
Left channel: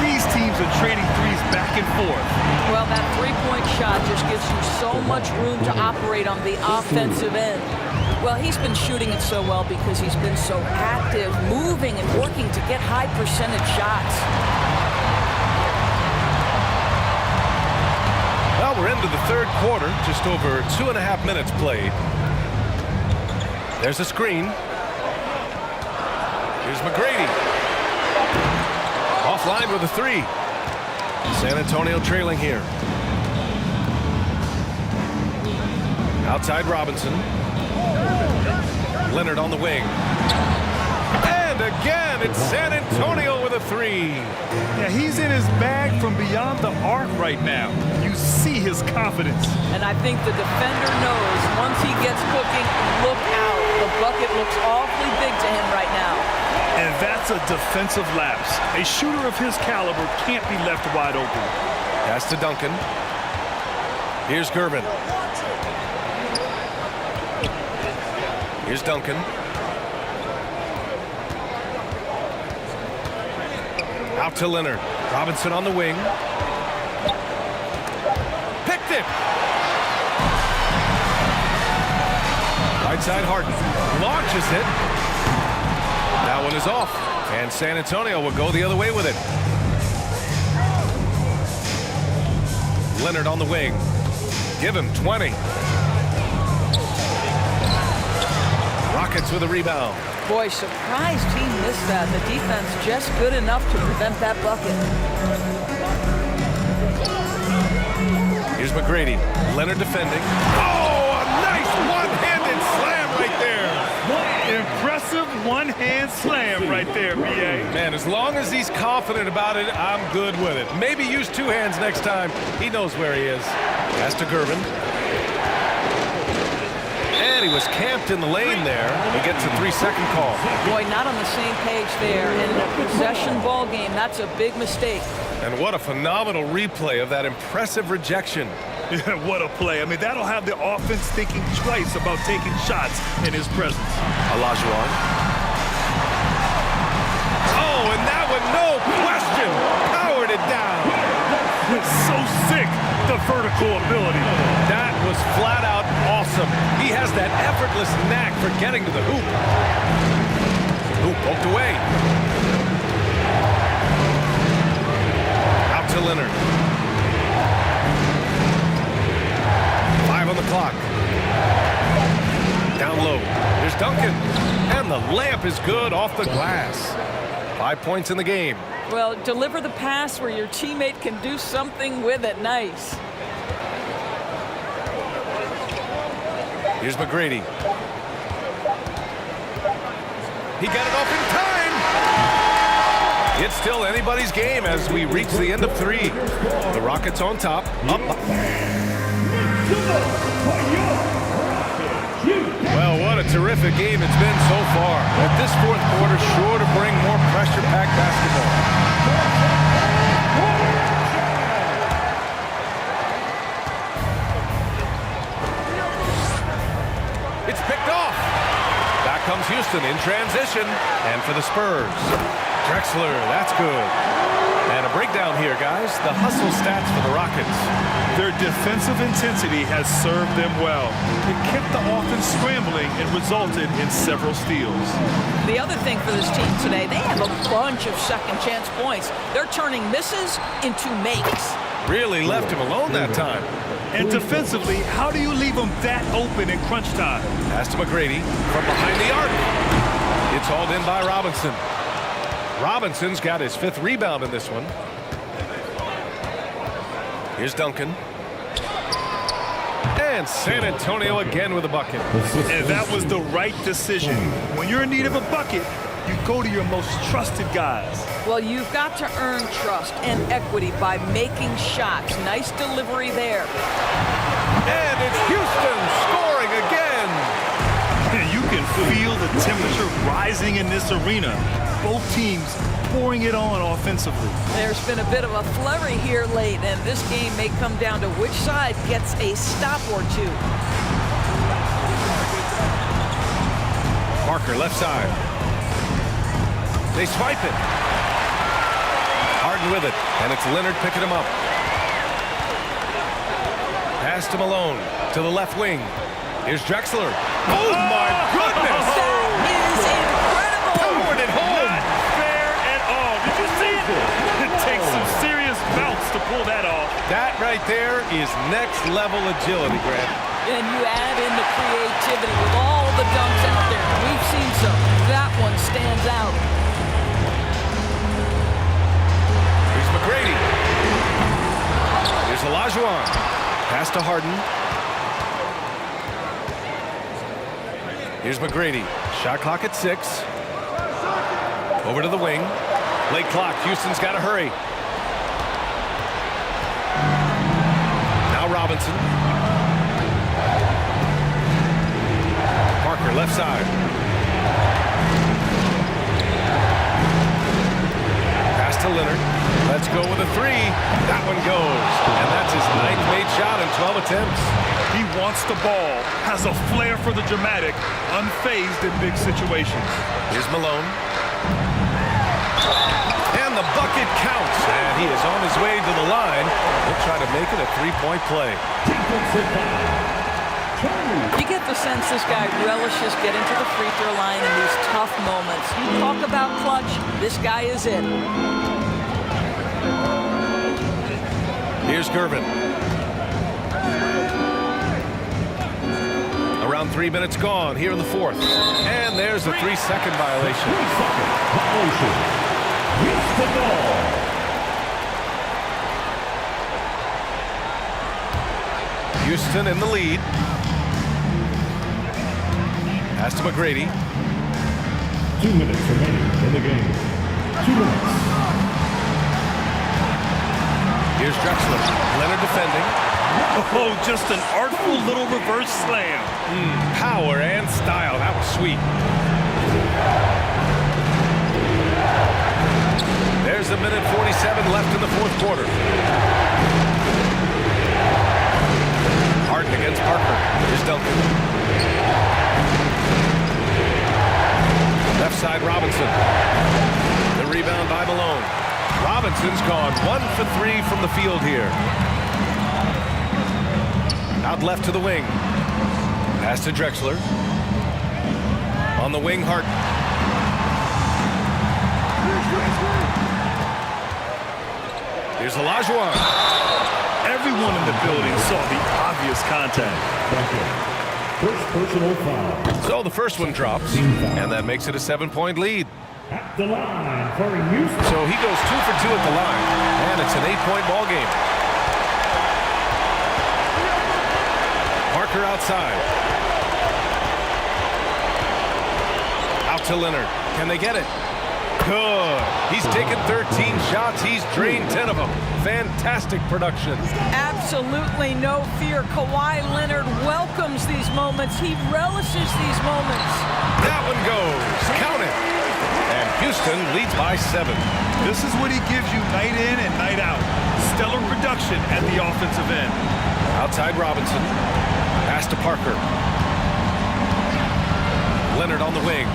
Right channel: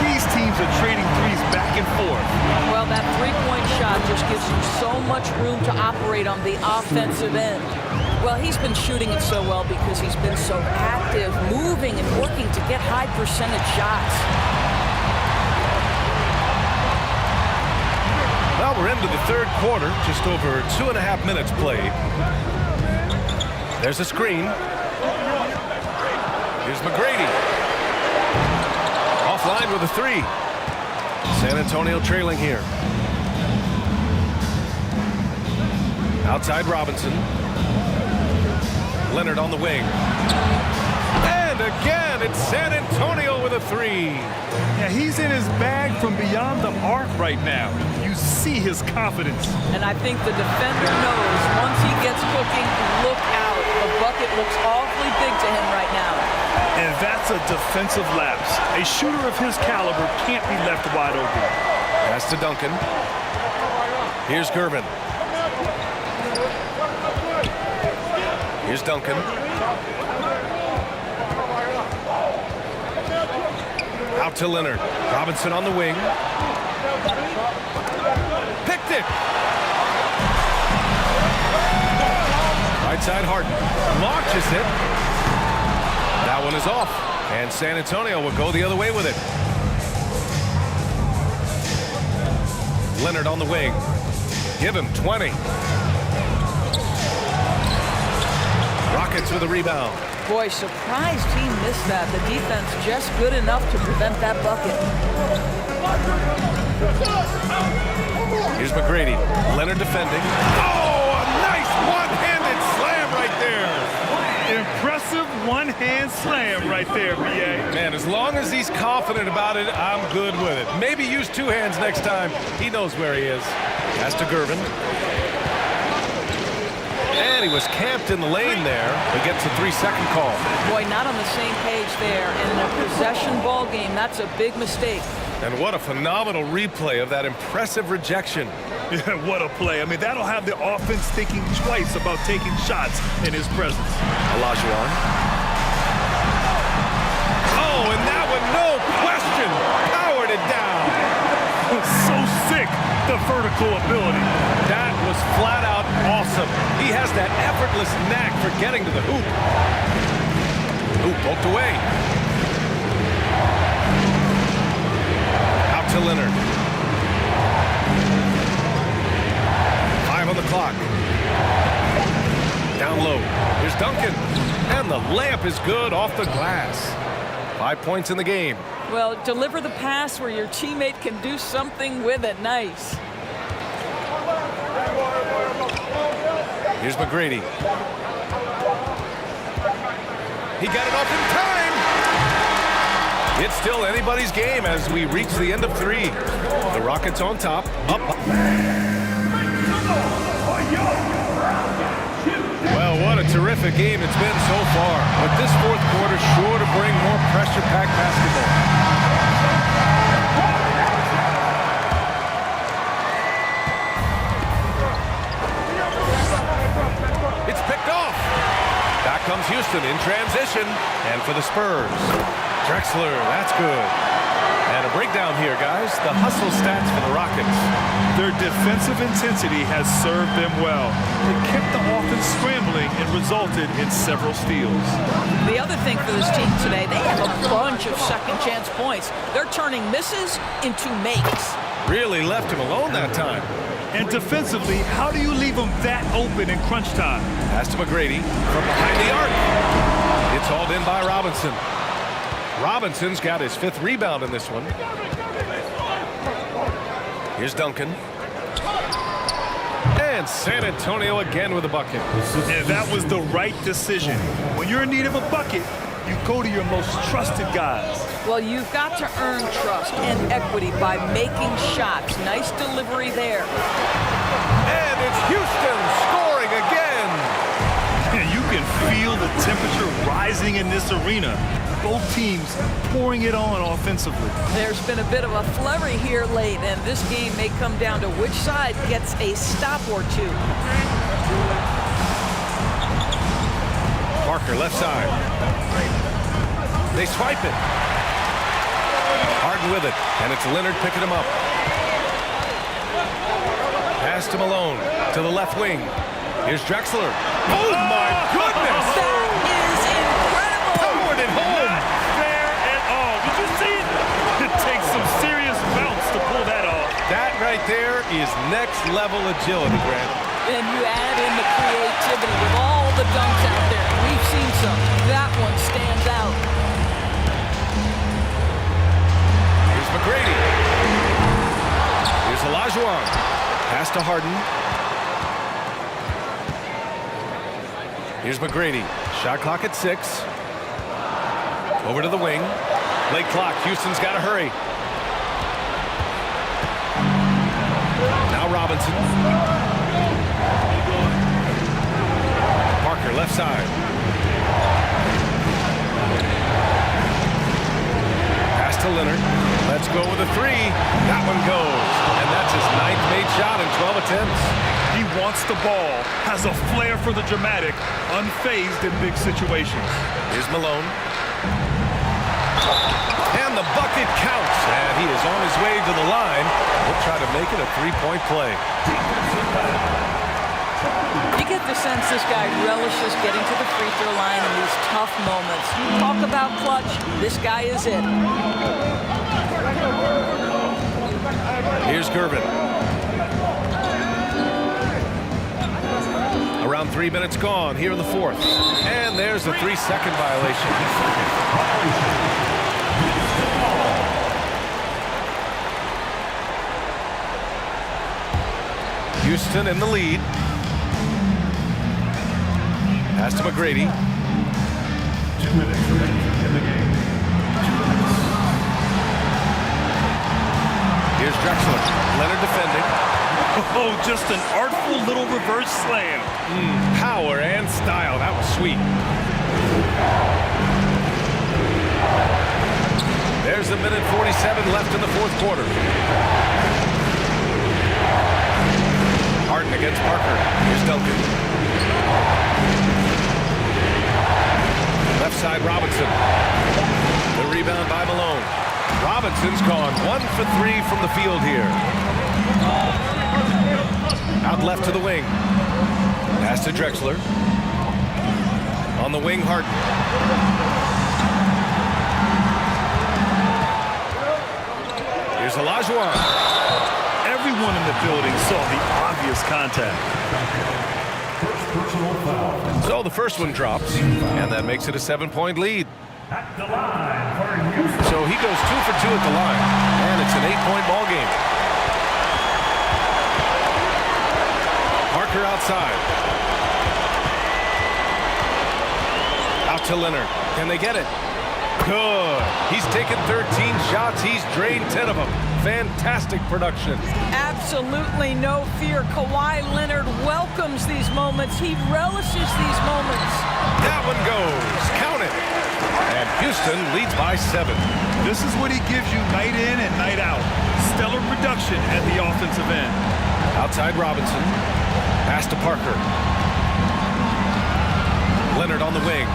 These teams are trading threes back and forth. Well, that three-point shot just gives you so much room to operate on the offensive end. Well, he's been shooting it so well because he's been so active, moving and working to get high percentage shots. Well, we're into the third quarter, just over 2.5 minutes played. There's a screen. Here's McGrady. Offline with a 3. San Antonio trailing here. Outside Robinson. Leonard on the wing. And again, it's San Antonio with a 3. Yeah, he's in his bag from beyond the arc right now. You see his confidence. And I think the defender knows once he gets cooking, look out. The bucket looks awfully big to him right now. And that's a defensive lapse. A shooter of his caliber can't be left wide open. Pass to Duncan. Here's Gervin. Here's Duncan. Out to Leonard. Robinson on the wing. Picked it. Right side Harden. Launches it. That one is off. And San Antonio will go the other way with it. Leonard on the wing. Give him 20. Rockets with a rebound. Boy, surprised he missed that. The defense just good enough to prevent that bucket. Here's McGrady. Leonard defending. Oh, a nice one-handed slam right there. Impressive one-hand slam right there, B.A. Man, as long as he's confident about it, I'm good with it. Maybe use 2 hands next time. He knows where he is. Pass to Gervin. Man, he was camped in the lane there. He gets a 3-second call. Boy, not on the same page there. And in a possession ball game, that's a big mistake. And what a phenomenal replay of that impressive rejection. Yeah, what a play. I mean, that'll have the offense thinking twice about taking shots in his presence. Olajuwon. Oh, and that one, no question, powered it down. So sick, the vertical ability. That was flat out awesome. He has that effortless knack for getting to the hoop. Hoop poked away. Out to Leonard. 5 on the clock. Down low. Here's Duncan. And the layup is good off the glass. 5 points in the game. Well, deliver the pass where your teammate can do something with it. Nice. Here's McGrady. He got it off in time. It's still anybody's game as we reach the end of 3. The Rockets on top. Up. Well, what a terrific game it's been so far. But this fourth quarter sure to bring more pressure-packed basketball. It's picked off. Back comes Houston in transition. And for the Spurs, Drexler, that's good. And a breakdown here, guys. The hustle stats for the Rockets. Their defensive intensity has served them well. It kept the offense scrambling and resulted in several steals. The other thing for this team today, they have a bunch of second chance points. They're turning misses into makes. Really left him alone that time. And defensively, how do you leave them that open in crunch time? Pass to McGrady from behind the arc. It's hauled in by Robinson. Robinson's got his 5th rebound in this one. Here's Duncan. And San Antonio again with a bucket. And that was the right decision. When you're in need of a bucket, you go to your most trusted guys. Well, you've got to earn trust and equity by making shots. Nice delivery there. And it's Houston scoring again. And you can feel the temperature rising in this arena. Both teams pouring it on offensively. There's been a bit of a flurry here late, and this game may come down to which side gets a stop or two. Parker left side. They swipe it. Harden with it, and it's Leonard picking him up. Pass to Malone to the left wing. Here's Drexler. Oh my goodness! That is incredible! Powered it home! Not fair at all. Did you see it? It takes some serious bounce to pull that off. That right there is next level agility, Grant. And you add in the creativity with all the dunks out there. We've seen some. That one stands out. Here's McGrady. Here's Olajuwon. Pass to Harden. Here's McGrady. Shot clock at 6. Over to the wing. Late clock. Houston's got to hurry. Now Robinson. Parker left side. Pass to Leonard. Let's go with a 3. That one goes. And that's his 9th made shot in 12 attempts. He wants the ball, has a flair for the dramatic, unfazed in big situations. Here's Malone. And the bucket counts. And he is on his way to the line. He'll try to make it a 3-point play. You get the sense this guy relishes getting to the free throw line in these tough moments. You talk about clutch, this guy is it. Here's Gervin. Around 3 minutes gone here in the 4th. And there's a 3-second violation. Houston in the lead. Pass to McGrady. 2 minutes remaining in the game. 2 minutes. Here's Drexler. Leonard defending. Oh, just an artful little reverse slam. Power and style. That was sweet. There's a minute 47 left in the fourth quarter. Harden against Parker. Here's Duncan. Left side, Robinson. The rebound by Malone. Robinson's gone 1 for 3 from the field here. Out left to the wing. Pass to Drexler. On the wing, Harden. Here's Olajuwon. Everyone in the building saw the obvious contact. First personal foul. So the first one drops, and that makes it a 7-point lead. At the line for Houston. So he goes 2 for 2 at the line, and it's an 8-point ball game. Parker outside. Out to Leonard. Can they get it? Good. He's taken 13 shots. He's drained 10 of them. Fantastic production. Absolutely no fear. Kawhi Leonard welcomes these moments. He relishes these moments. That one goes. Count it. And Houston leads by 7. This is what he gives you night in and night out. Stellar production at the offensive end. Outside Robinson. Pass to Parker. Leonard on the wing.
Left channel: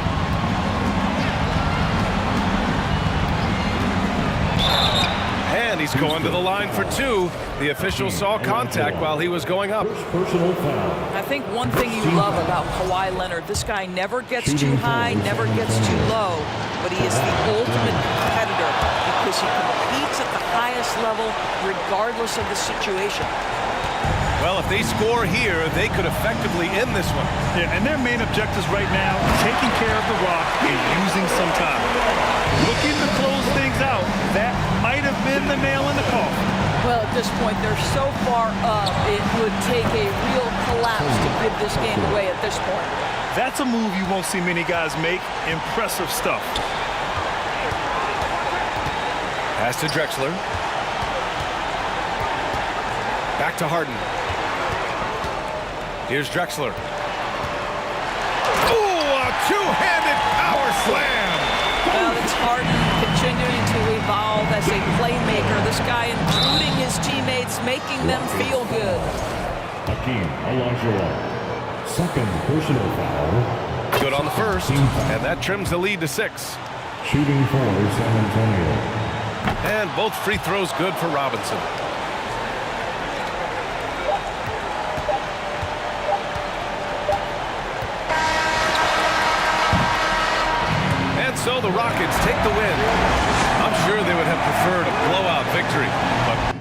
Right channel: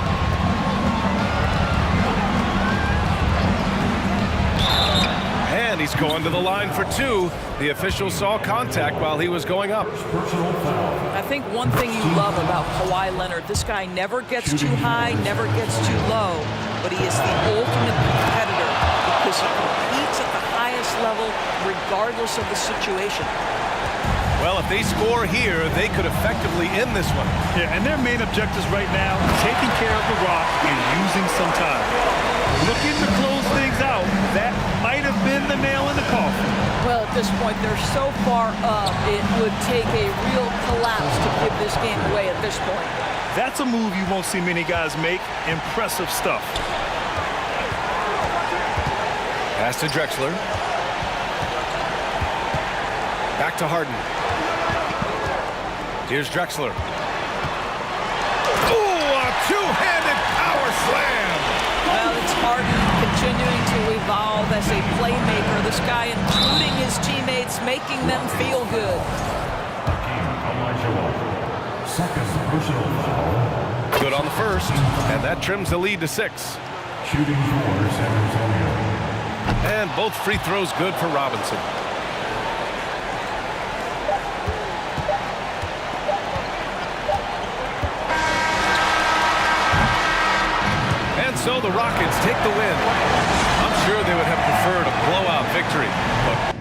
And he's going to the line for 2. The official saw contact while he was going up. Personal foul. I think one thing you love about Kawhi Leonard, this guy never gets too high, never gets too low, but he is the ultimate competitor because he competes at the highest level regardless of the situation. Well, if they score here, they could effectively end this one. Yeah, and their main objectives right now, taking care of the rock and using some time. Looking to close things out, that might have been the nail in the coffin. Well, at this point, they're so far up, it would take a real collapse to give this game away at this point. That's a move you won't see many guys make. Impressive stuff. Pass to Drexler. Back to Harden. Here's Drexler. Oh, a two-handed power slam. Well, it's Harden continuing to evolve as a playmaker. This guy including his teammates, making them feel good. Hakeem Olajuwon. Second personal foul. Good on the first, and that trims the lead to 6. Shooting for San Antonio. And both free throws good for Robinson. And so the Rockets take the win. I'm sure they would have preferred a blowout victory, but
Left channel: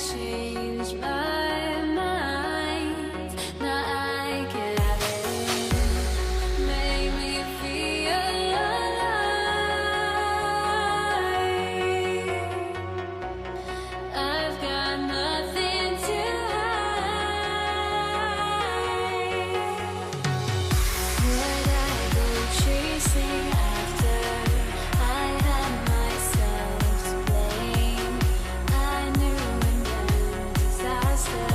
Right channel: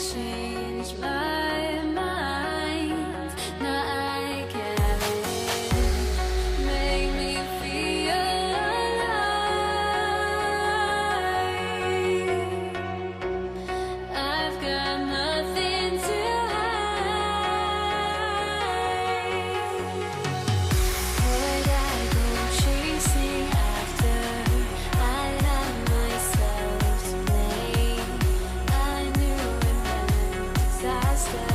change my mind. Now I can have it. Make me feel alive. I've got nothing to hide. Would I go chasing after? I had myself to blame. I knew it meant disaster.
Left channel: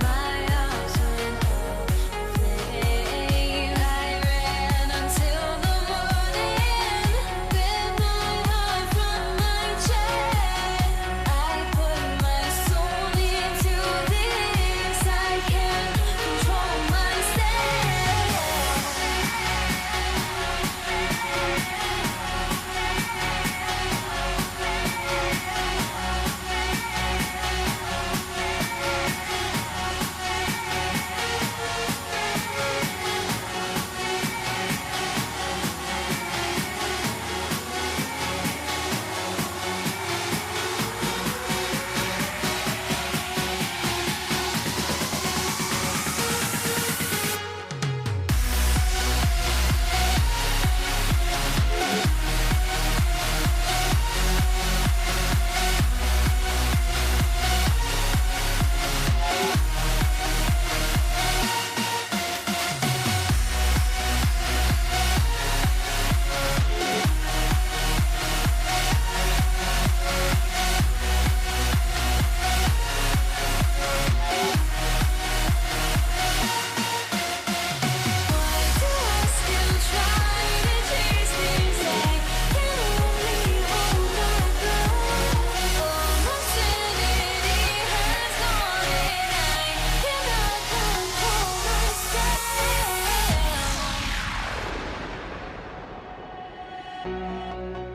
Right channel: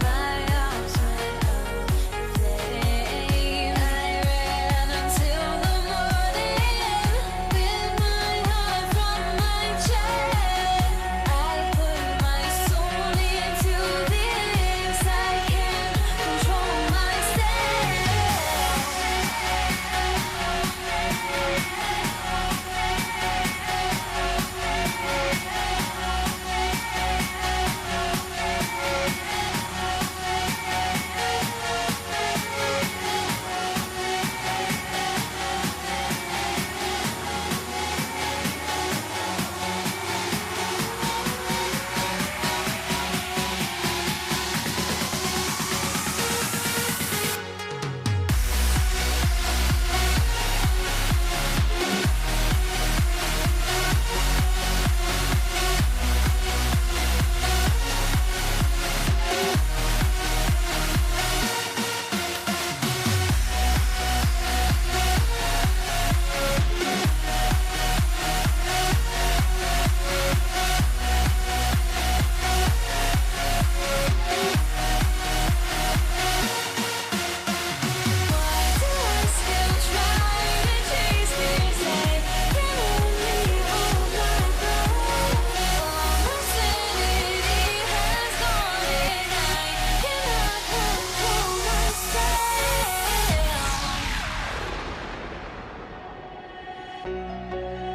My arms went up in flame. I ran until the morning, bit my heart from my chest. I put my soul into this. I can't control myself.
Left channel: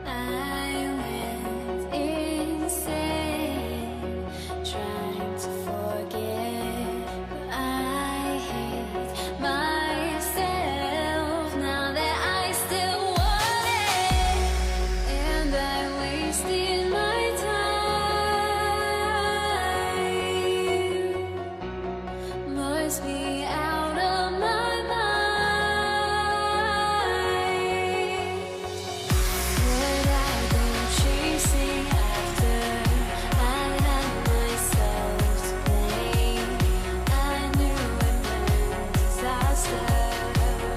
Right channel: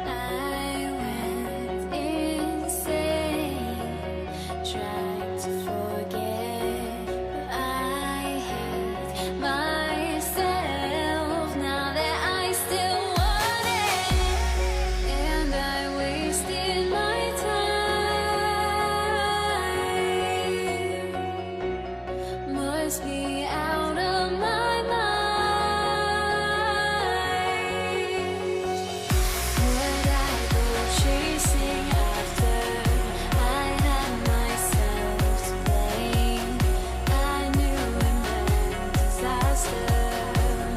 I went insane, trying to forget, but I hate myself now that I still want it, and I wasted my time. Must be out of my mind. Would I go chasing after? I had myself to blame. I knew it meant disaster.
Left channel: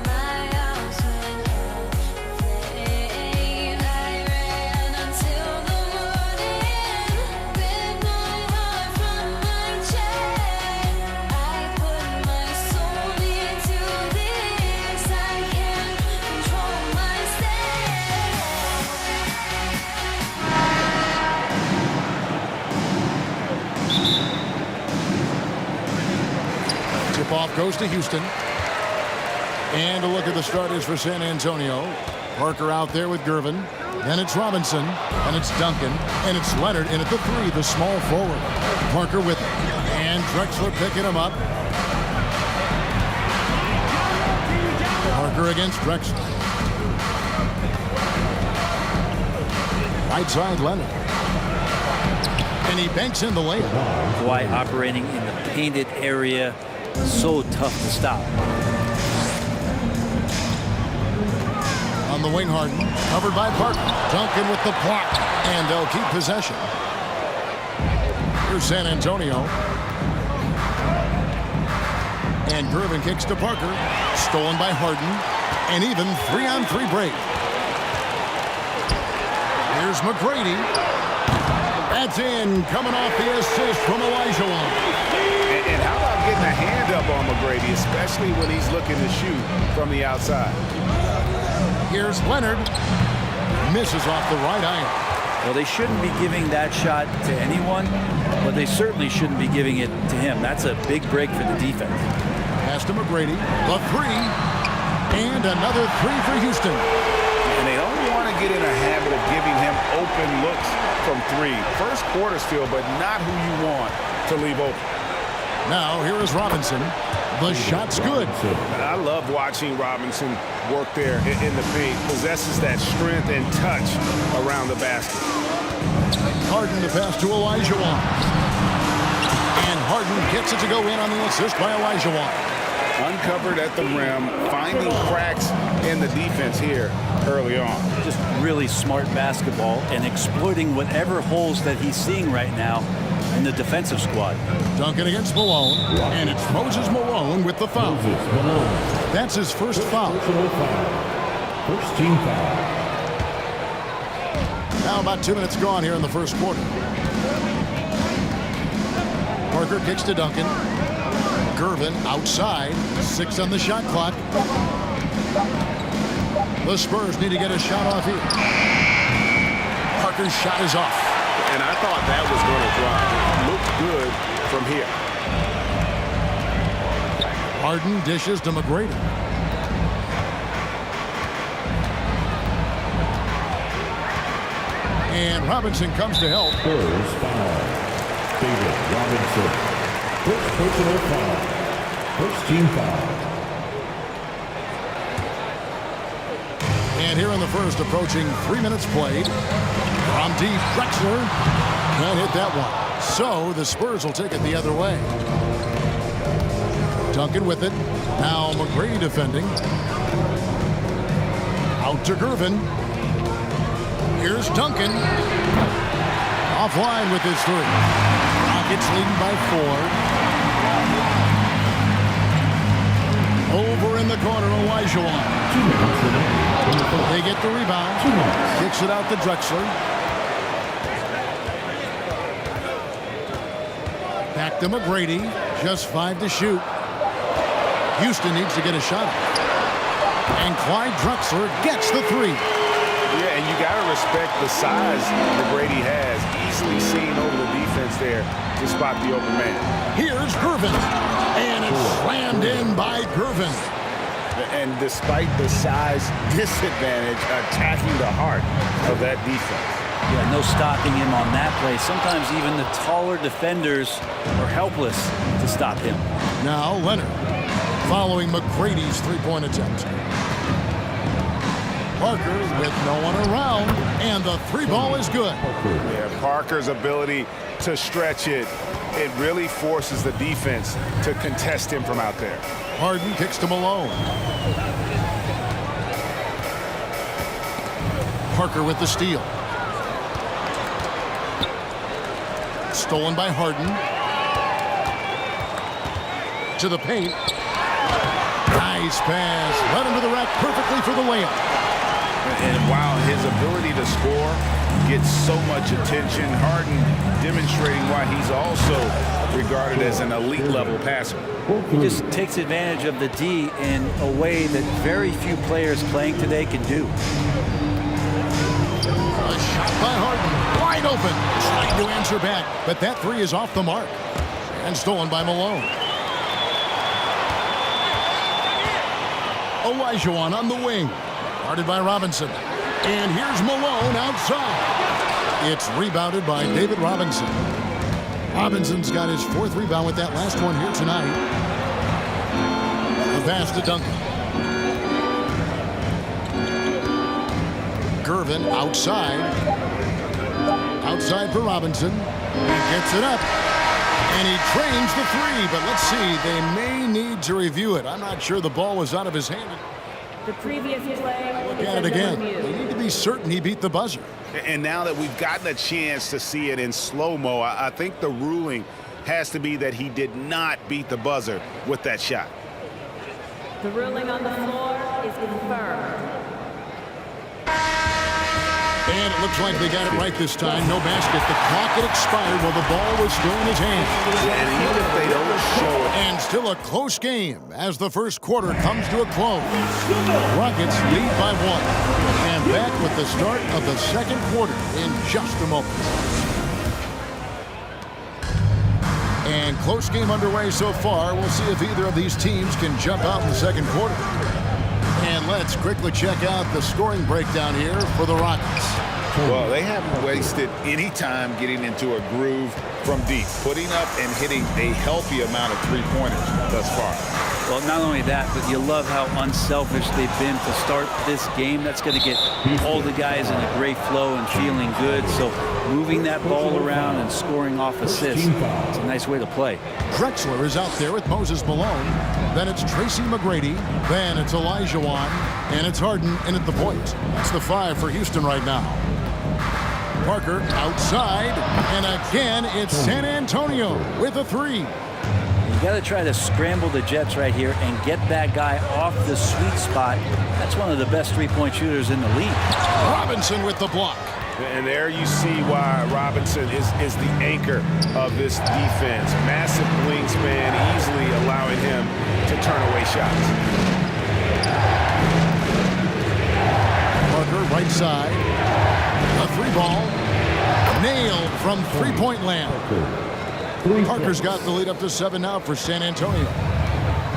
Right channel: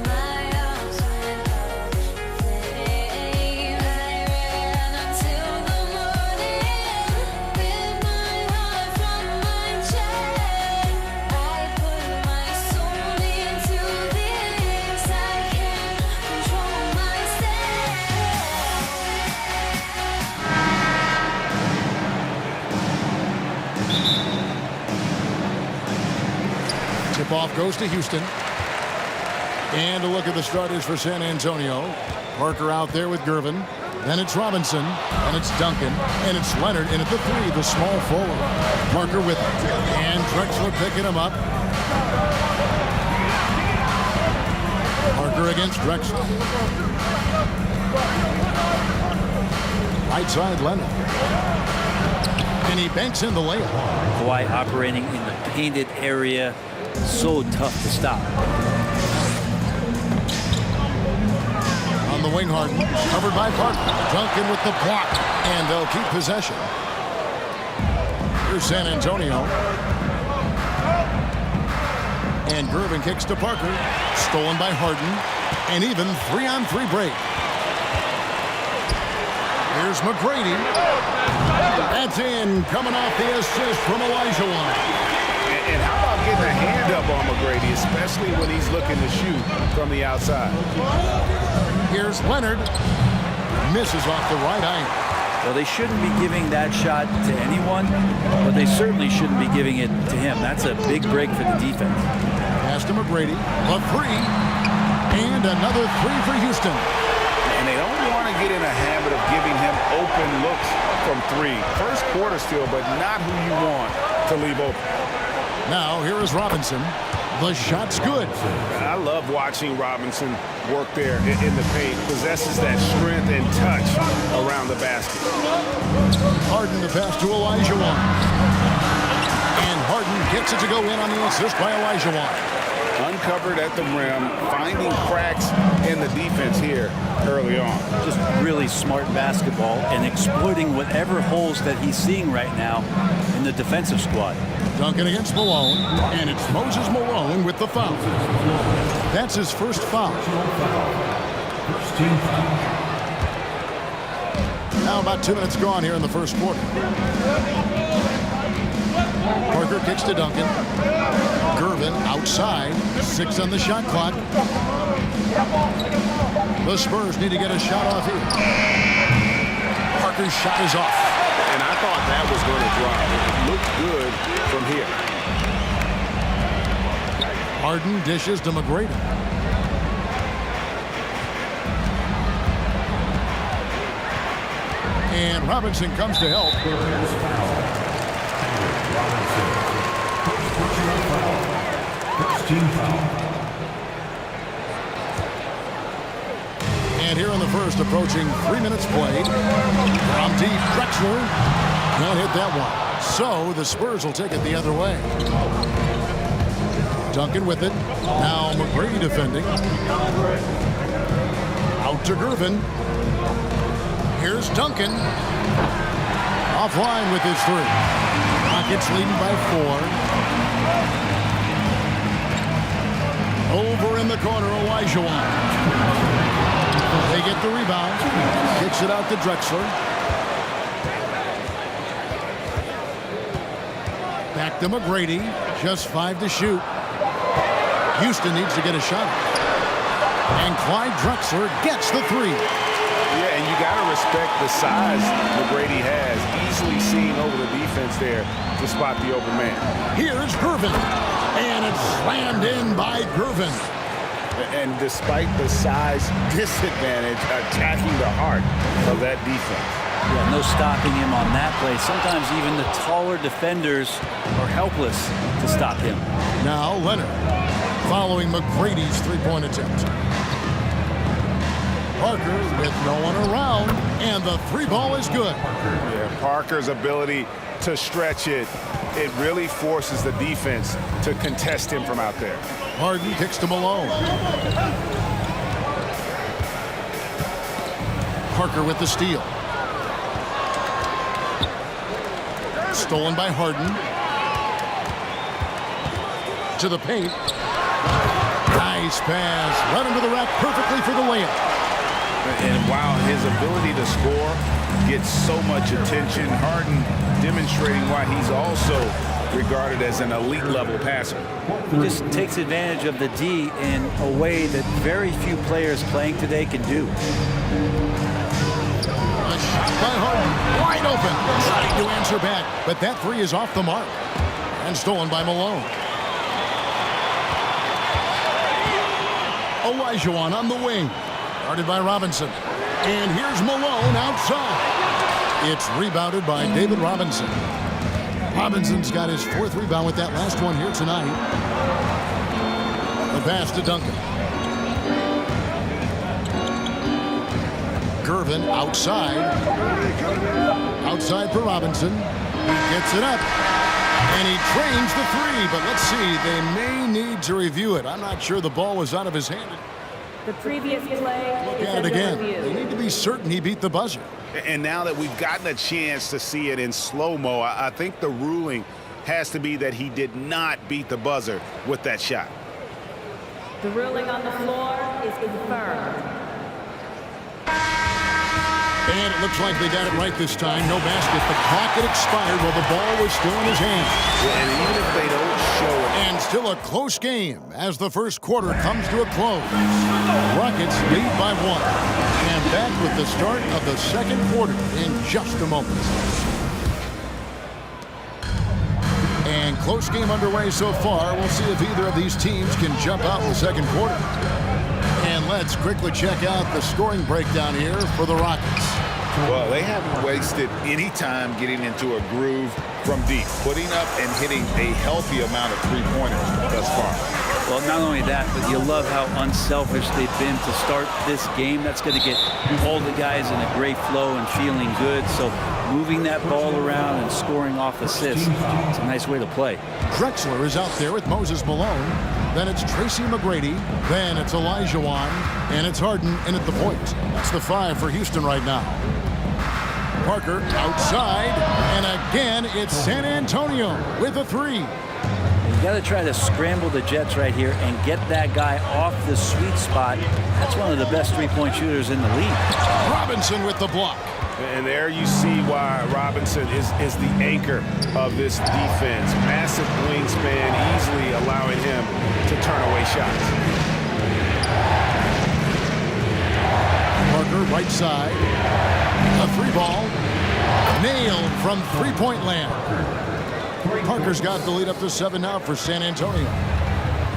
My arms went up in flame. I ran until the morning, bit my heart from my chest. I put my soul into this. I can't control myself. Tip-off goes to Houston. And a look at the starters for San Antonio. Parker out there with Gervin. Then it's Robinson. And it's Duncan. And it's Leonard in at the 3, the small forward. Parker with him. And Drexler picking him up. Parker against Drexler. Right side, Leonard. And he banks in the layup. Kawhi operating in the painted area. So tough to stop. On the wing, Harden. Covered by Parker. Duncan with the block. And they'll keep possession. Here's San Antonio. And Gervin kicks to Parker. Stolen by Harden. And even 3-on-3 break. Here's McGrady. That's in. Coming off the assist from Olajuwon. And how about getting a hand up on McGrady, especially when he's looking to shoot from the outside? Here's Leonard. Misses off the right iron. Well, they shouldn't be giving that shot to anyone, but they certainly shouldn't be giving it to him. That's a big break for the defense. Pass to McGrady. The 3. And another 3 for Houston. And they don't want to get in a habit of giving him open looks from 3. First quarter still, but not who you want to leave open. Now, here is Robinson. The shot's good. I love watching Robinson work there in the paint. Possesses that strength and touch around the basket. Harden to pass to Olajuwon. And Harden gets it to go in on the assist by Olajuwon. Uncovered at the rim, finding cracks in the defense here early on. Just really smart basketball and exploiting whatever holes that he's seeing right now in the defensive squad. Duncan against Malone, and it's Moses Malone with the foul. That's his first foul. First team foul. Now about 2 minutes gone here in the first quarter. Parker kicks to Duncan. Gervin outside. 6 on the shot clock. The Spurs need to get a shot off here. Parker's shot is off. And I thought that was going to drive. It looked good from here. Harden dishes to McGrady. And Robinson comes to help. Spurs foul. David Robinson. First personal foul. First team foul. And here in the first, approaching 3 minutes played. From deep, Drexler can't hit that one. So the Spurs will take it the other way. Duncan with it. Now McGrady defending. Out to Gervin. Here's Duncan. Offline with his 3. Rockets leading by 4. Over in the corner, Olajuwon. They get the rebound. Kicks it out to Drexler. Back to McGrady. Just 5 to shoot. Houston needs to get a shot. And Clyde Drexler gets the 3. Yeah, and you got to respect the size McGrady has. Easily seen over the defense there to spot the open man. Here's Gervin. And it's slammed in by Gervin. And despite the size disadvantage, attacking the heart of that defense. Yeah, no stopping him on that play. Sometimes even the taller defenders are helpless to stop him. Now Leonard following McGrady's 3-point attempt. Parker with no one around, and the 3 ball is good. Yeah, Parker's ability to stretch it, it really forces the defense to contest him from out there. Harden kicks to Malone. Parker with the steal. Stolen by Harden. To the paint. Nice pass. Led him to the rack perfectly for the layup. And while his ability to score gets so much attention, Harden demonstrating why he's also regarded as an elite level passer. He just takes advantage of the D in a way that very few players playing today can do. A shot by Harden, wide open, trying to answer back, but that 3 is off the mark and stolen by Malone. Olajuwon on the wing, guarded by Robinson, and here's Malone outside. It's rebounded by David Robinson. Robinson's got his 4th rebound with that last one here tonight. The pass to Duncan. Gervin outside. Outside for Robinson. He gets it up. And he trains the 3, but let's see. They may need to review it. I'm not sure the ball was out of his hand. The previous play Look is at it under again. review. They need to be certain he beat the buzzer. And now that we've gotten a chance to see it in slow-mo, I think the ruling has to be that he did not beat the buzzer with that shot. The ruling on the floor is confirmed. And it looks like they got it right this time. No basket. The clock had expired while the ball was still in his hand. And even if they don't show it. And still a close game as the first quarter comes to a close. Rockets lead by 1. And back with the start of the second quarter in just a moment. And close game underway so far. We'll see if either of these teams can jump out in the second quarter. And let's quickly check out the scoring breakdown here for the Rockets. Well, they haven't wasted any time getting into a groove from deep, putting up and hitting a healthy amount of 3-pointers thus far. Well, not only that, but you love how unselfish they've been to start this game. That's going to get all the guys in a great flow and feeling good. So moving that ball around and scoring off assists, it's a nice way to play. Drexler is out there with Moses Malone. Then it's Tracy McGrady. Then it's Elijah Wan. And it's Harden in at the point. That's the 5 for Houston right now. Parker outside. And again, it's San Antonio with a 3. You got to try to scramble the Jets right here and get that guy off the sweet spot. That's one of the best three-point shooters in the league. Robinson with the block. And there you see why Robinson is the anchor of this defense. Massive wingspan, easily allowing him to turn away shots. Parker right side. A 3 ball. Nailed from three-point land. Parker's got the lead up to 7 now for San Antonio.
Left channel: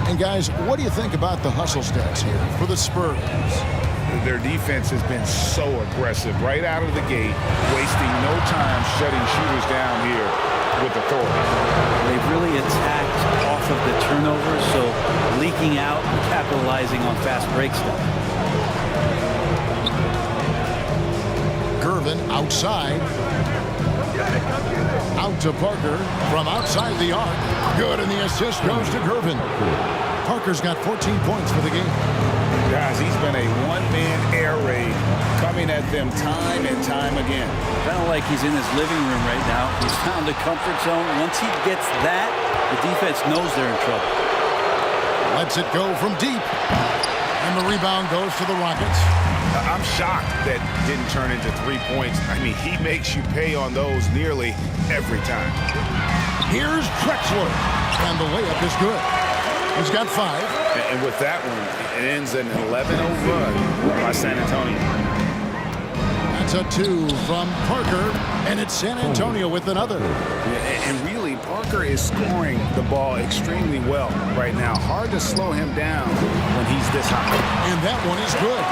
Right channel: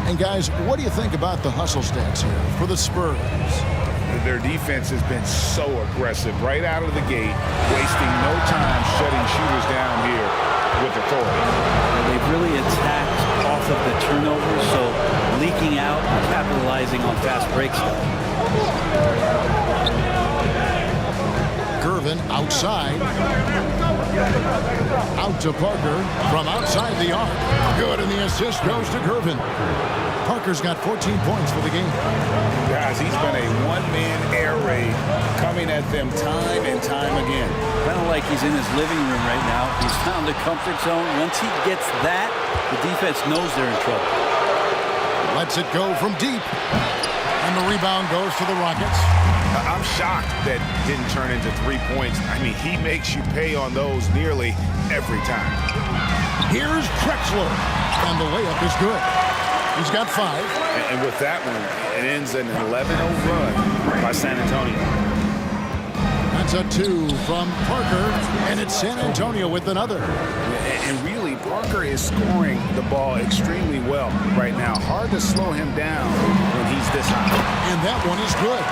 And guys, what do you think about the hustle stats here for the Spurs? Their defense has been so aggressive right out of the gate, wasting no time shutting shooters down here with authority. They've really attacked off of the turnovers, so leaking out and capitalizing on fast break stuff. Gervin outside. Out to Parker from outside the arc. Good, and the assist goes to Gervin. Parker's got 14 points for the game. Guys, he's been a one-man air raid coming at them time and time again. Kind of like he's in his living room right now. He's found the comfort zone. Once he gets that, the defense knows they're in trouble. Lets it go from deep. And the rebound goes to the Rockets. I'm shocked that didn't turn into 3 points. I mean, he makes you pay on those nearly every time. Here's Drexler. And the layup is good. He's got 5. And with that one, it ends in an 11-0 run by San Antonio. That's a 2 from Parker, and it's San Antonio with another. And really, Parker is scoring the ball extremely well right now. Hard to slow him down when he's this high. And that one is good.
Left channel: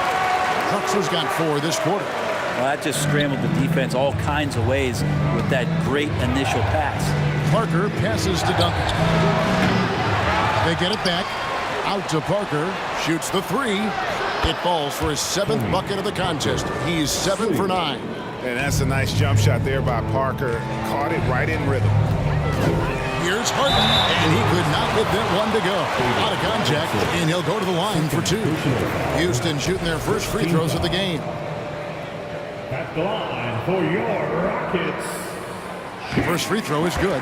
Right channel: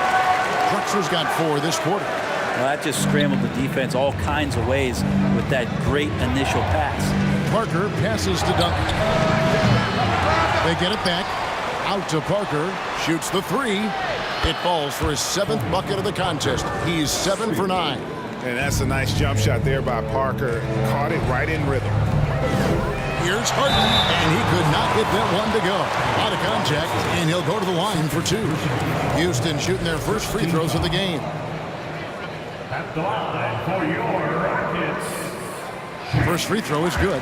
Drexler's got 4 this quarter. Well, that just scrambled the defense all kinds of ways with that great initial pass. Parker passes to Duncan. They get it back. Out to Parker. Shoots the 3. It falls for his 7th bucket of the contest. He's 7 for 9. And that's a nice jump shot there by Parker. Caught it right in rhythm. Here's Harden, and he could not get that one to go. Out of contact, and he'll go to the line for 2. Houston shooting their first free throws of the game. At the line for your Rockets. First free throw is good.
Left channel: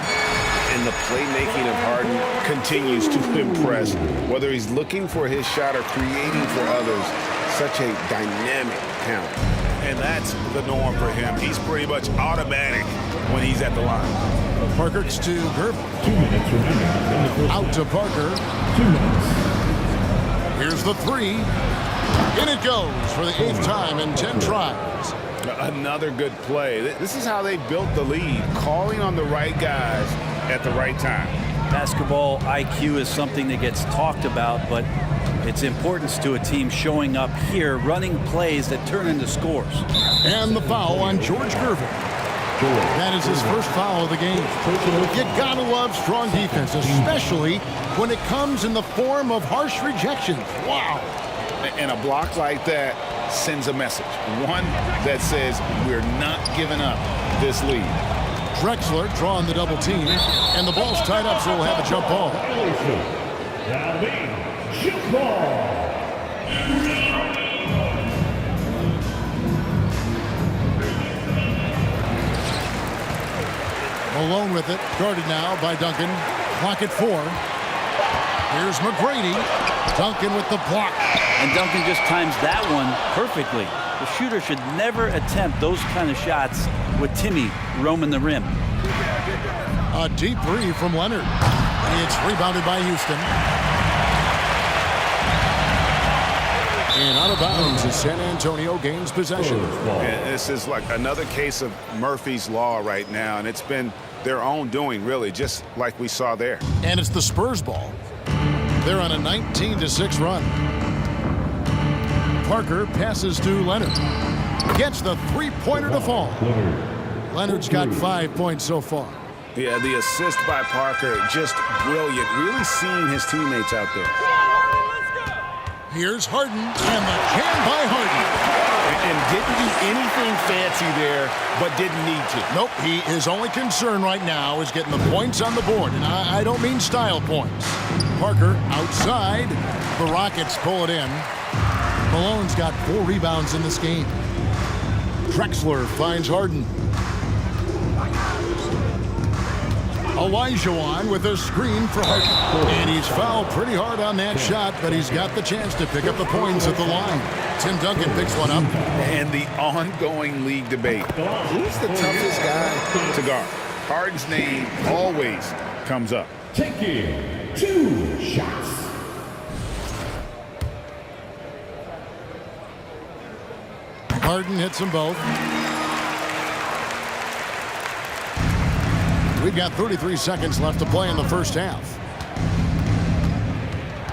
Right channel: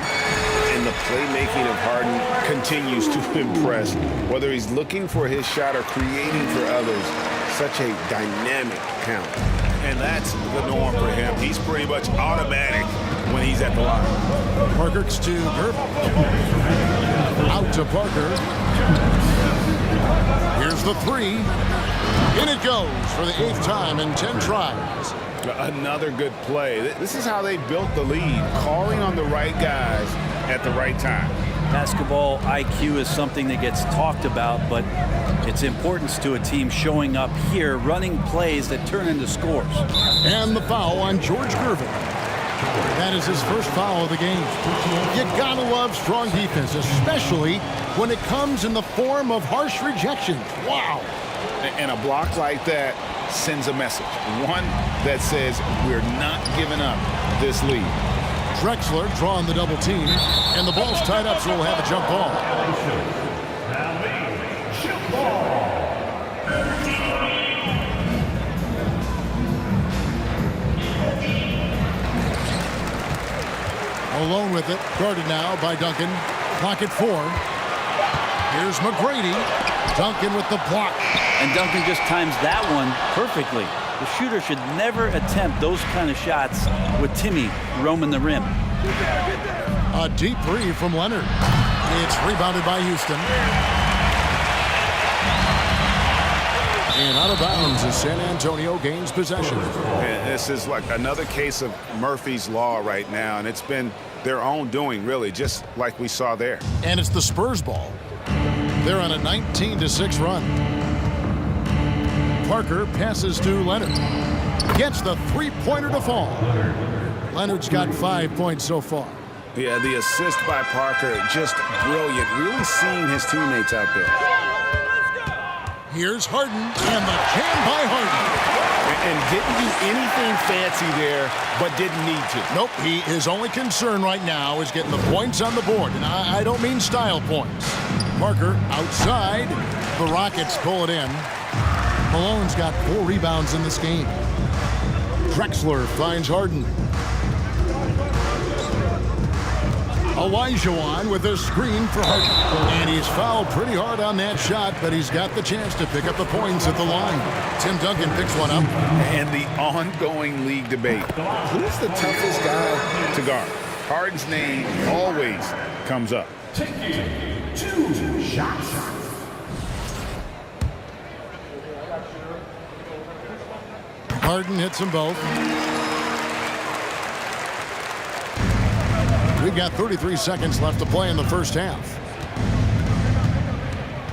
And the playmaking of Harden continues to impress. Whether he's looking for his shot or creating for others, such a dynamic talent. And that's the norm for him. He's pretty much automatic when he's at the line. Parker to Gervin. 2 minutes remaining. Out to Parker. 2 minutes. Here's the 3. In it goes for the 8th time in 10 tries. Another good play. This is how they built the lead, calling on the right guys at the right time. Basketball IQ is something that gets talked about, but its importance to a team showing up here, running plays that turn into scores. And the foul on George Gervin. That is his first foul of the game. You gotta love strong defense, especially when it comes in the form of harsh rejections. Wow. And a block like that sends a message. One that says we're not giving up this lead. Drexler drawing the double team, and the ball's tied up, so we'll have a jump ball. Now the jump ball. Malone with it, guarded now by Duncan. Clock at 4. Here's McGrady. Duncan with the block. And Duncan just times that one perfectly. The shooter should never attempt those kind of shots with Timmy roaming the rim. A deep 3 from Leonard. It's rebounded by Houston. And out of bounds as San Antonio gains possession. And this is like another case of Murphy's Law right now, and it's been their own doing, really, just like we saw there. And it's the Spurs ball. They're on a 19-6 run. Parker passes to Leonard. Gets the 3-pointer to fall. Leonard's got 5 points so far. Yeah, the assist by Parker, just brilliant. Really seeing his teammates out there. Here's Harden, and the jam by Harden. And didn't do anything fancy there, but didn't need to. Nope, his only concern right now is getting the points on the board, and I don't mean style points. Parker outside. The Rockets pull it in. Malone's got 4 rebounds in this game. Drexler finds Harden. Olajuwon with a screen for Harden. And he's fouled pretty hard on that shot, but he's got the chance to pick up the points at the line. Tim Duncan picks one up. And the ongoing league debate. Who's the toughest guy to guard? Harden's name always comes up. Taking 2 shots. Harden hits them both. We've got 33 seconds left to play in the first half.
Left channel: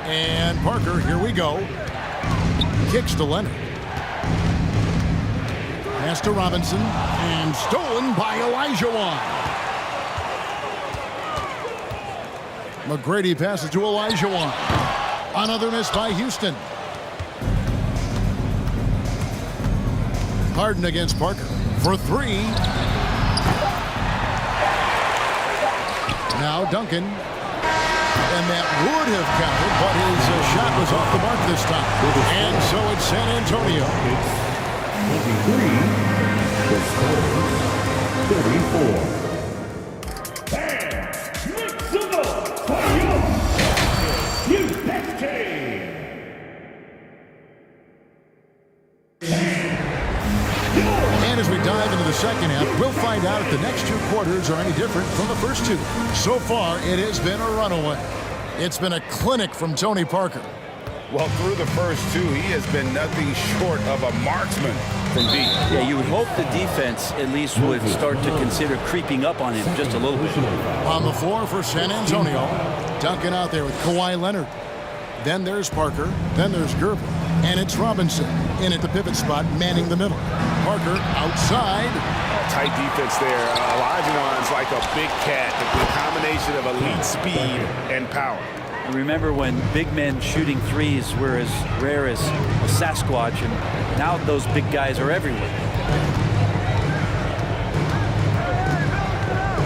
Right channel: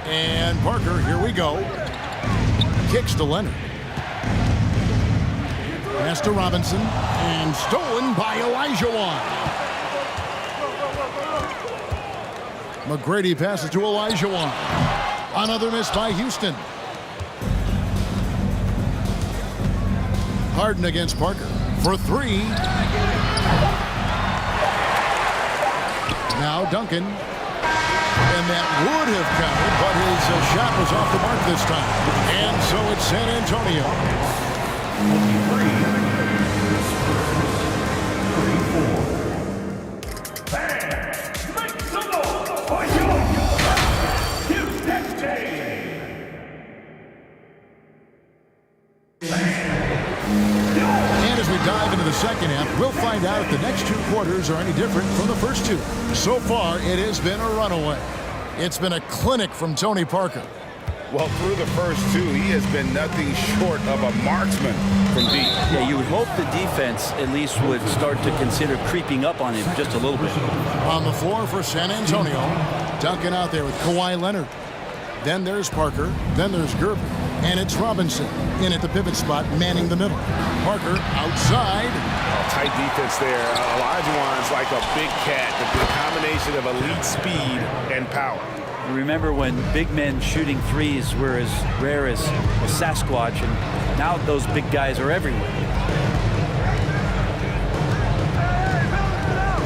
And Parker, here we go. Kicks to Leonard. Pass to Robinson. And stolen by Olajuwon. McGrady passes to Olajuwon. Another miss by Houston. Harden against Parker for 3. Now Duncan. And that would have counted, but his shot was off the mark this time. And so it's San Antonio. 34. Bam! Make some noise for your Houston team! And as we dive into the second half, we'll find out if the next 2 quarters are any different from the first 2. So far, it has been a runaway. It's been a clinic from Tony Parker. Well, through the first 2, he has been nothing short of a marksman from deep. Yeah, you would hope the defense at least would start to consider creeping up on him just a little bit. On the floor for San Antonio, Duncan out there with Kawhi Leonard. Then there's Parker. Then there's Gervin. And it's Robinson in at the pivot spot, manning the middle. Parker outside. Oh, tight defense there. Olajuwon's like a big cat. The combination of elite speed and power. I remember when big men shooting threes were as rare as a Sasquatch, and now those big guys are everywhere.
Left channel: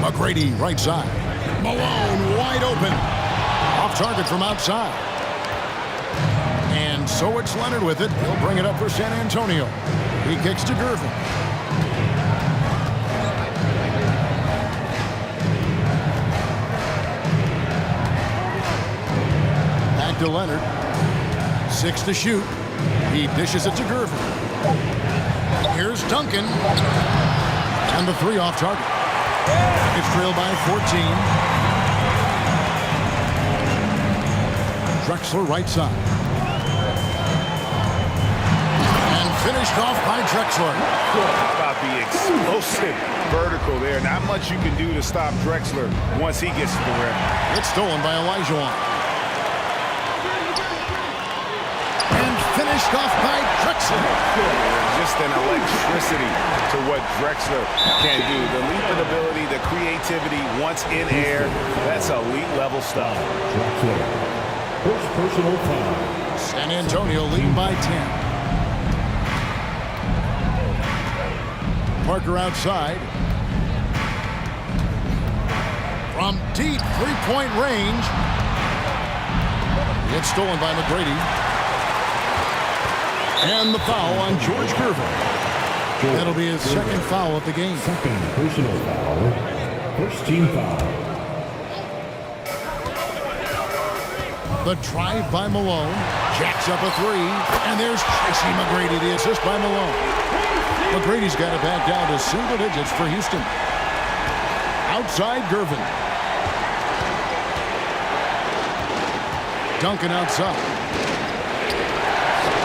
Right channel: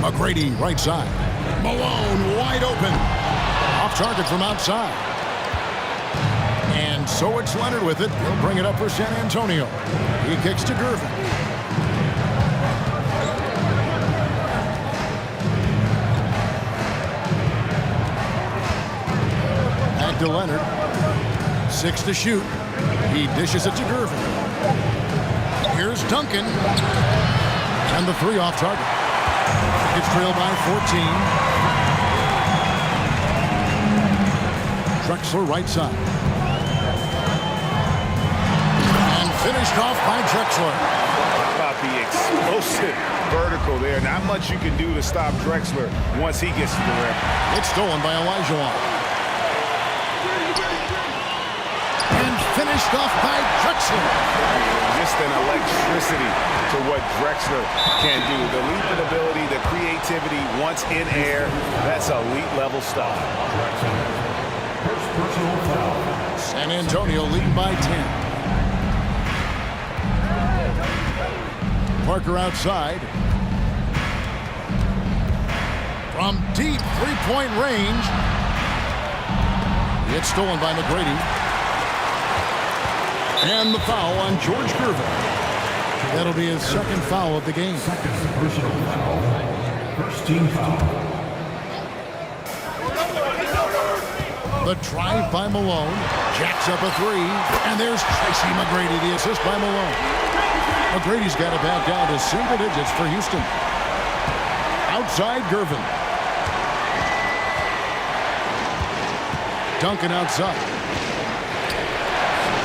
McGrady right side. Malone wide open. Off target from outside. And so it's Leonard with it. He'll bring it up for San Antonio. He kicks to Gervin. Back to Leonard. 6 to shoot. He dishes it to Gervin. Here's Duncan. And the 3 off target. It's trailed by 14. Drexler right side. And finished off by Drexler. How about the explosive vertical there? Not much you can do to stop Drexler once he gets to the rim. It's stolen by Olajuwon. And finished off by Drexler. Yeah, just an electricity to what Drexler can do. The leaping ability, the creativity once in air, that's elite level stuff. Drexler. First personal foul. San Antonio leading by 10. Parker outside. From deep three-point range. It's stolen by McGrady. And the foul on George Gervin. That'll be his second foul of the game. Second personal foul. First team foul. The drive by Malone. Jacks up a 3. And there's Tracy McGrady, the assist by Malone. McGrady's got it back down to single digits for Houston. Outside Gervin. Duncan outside.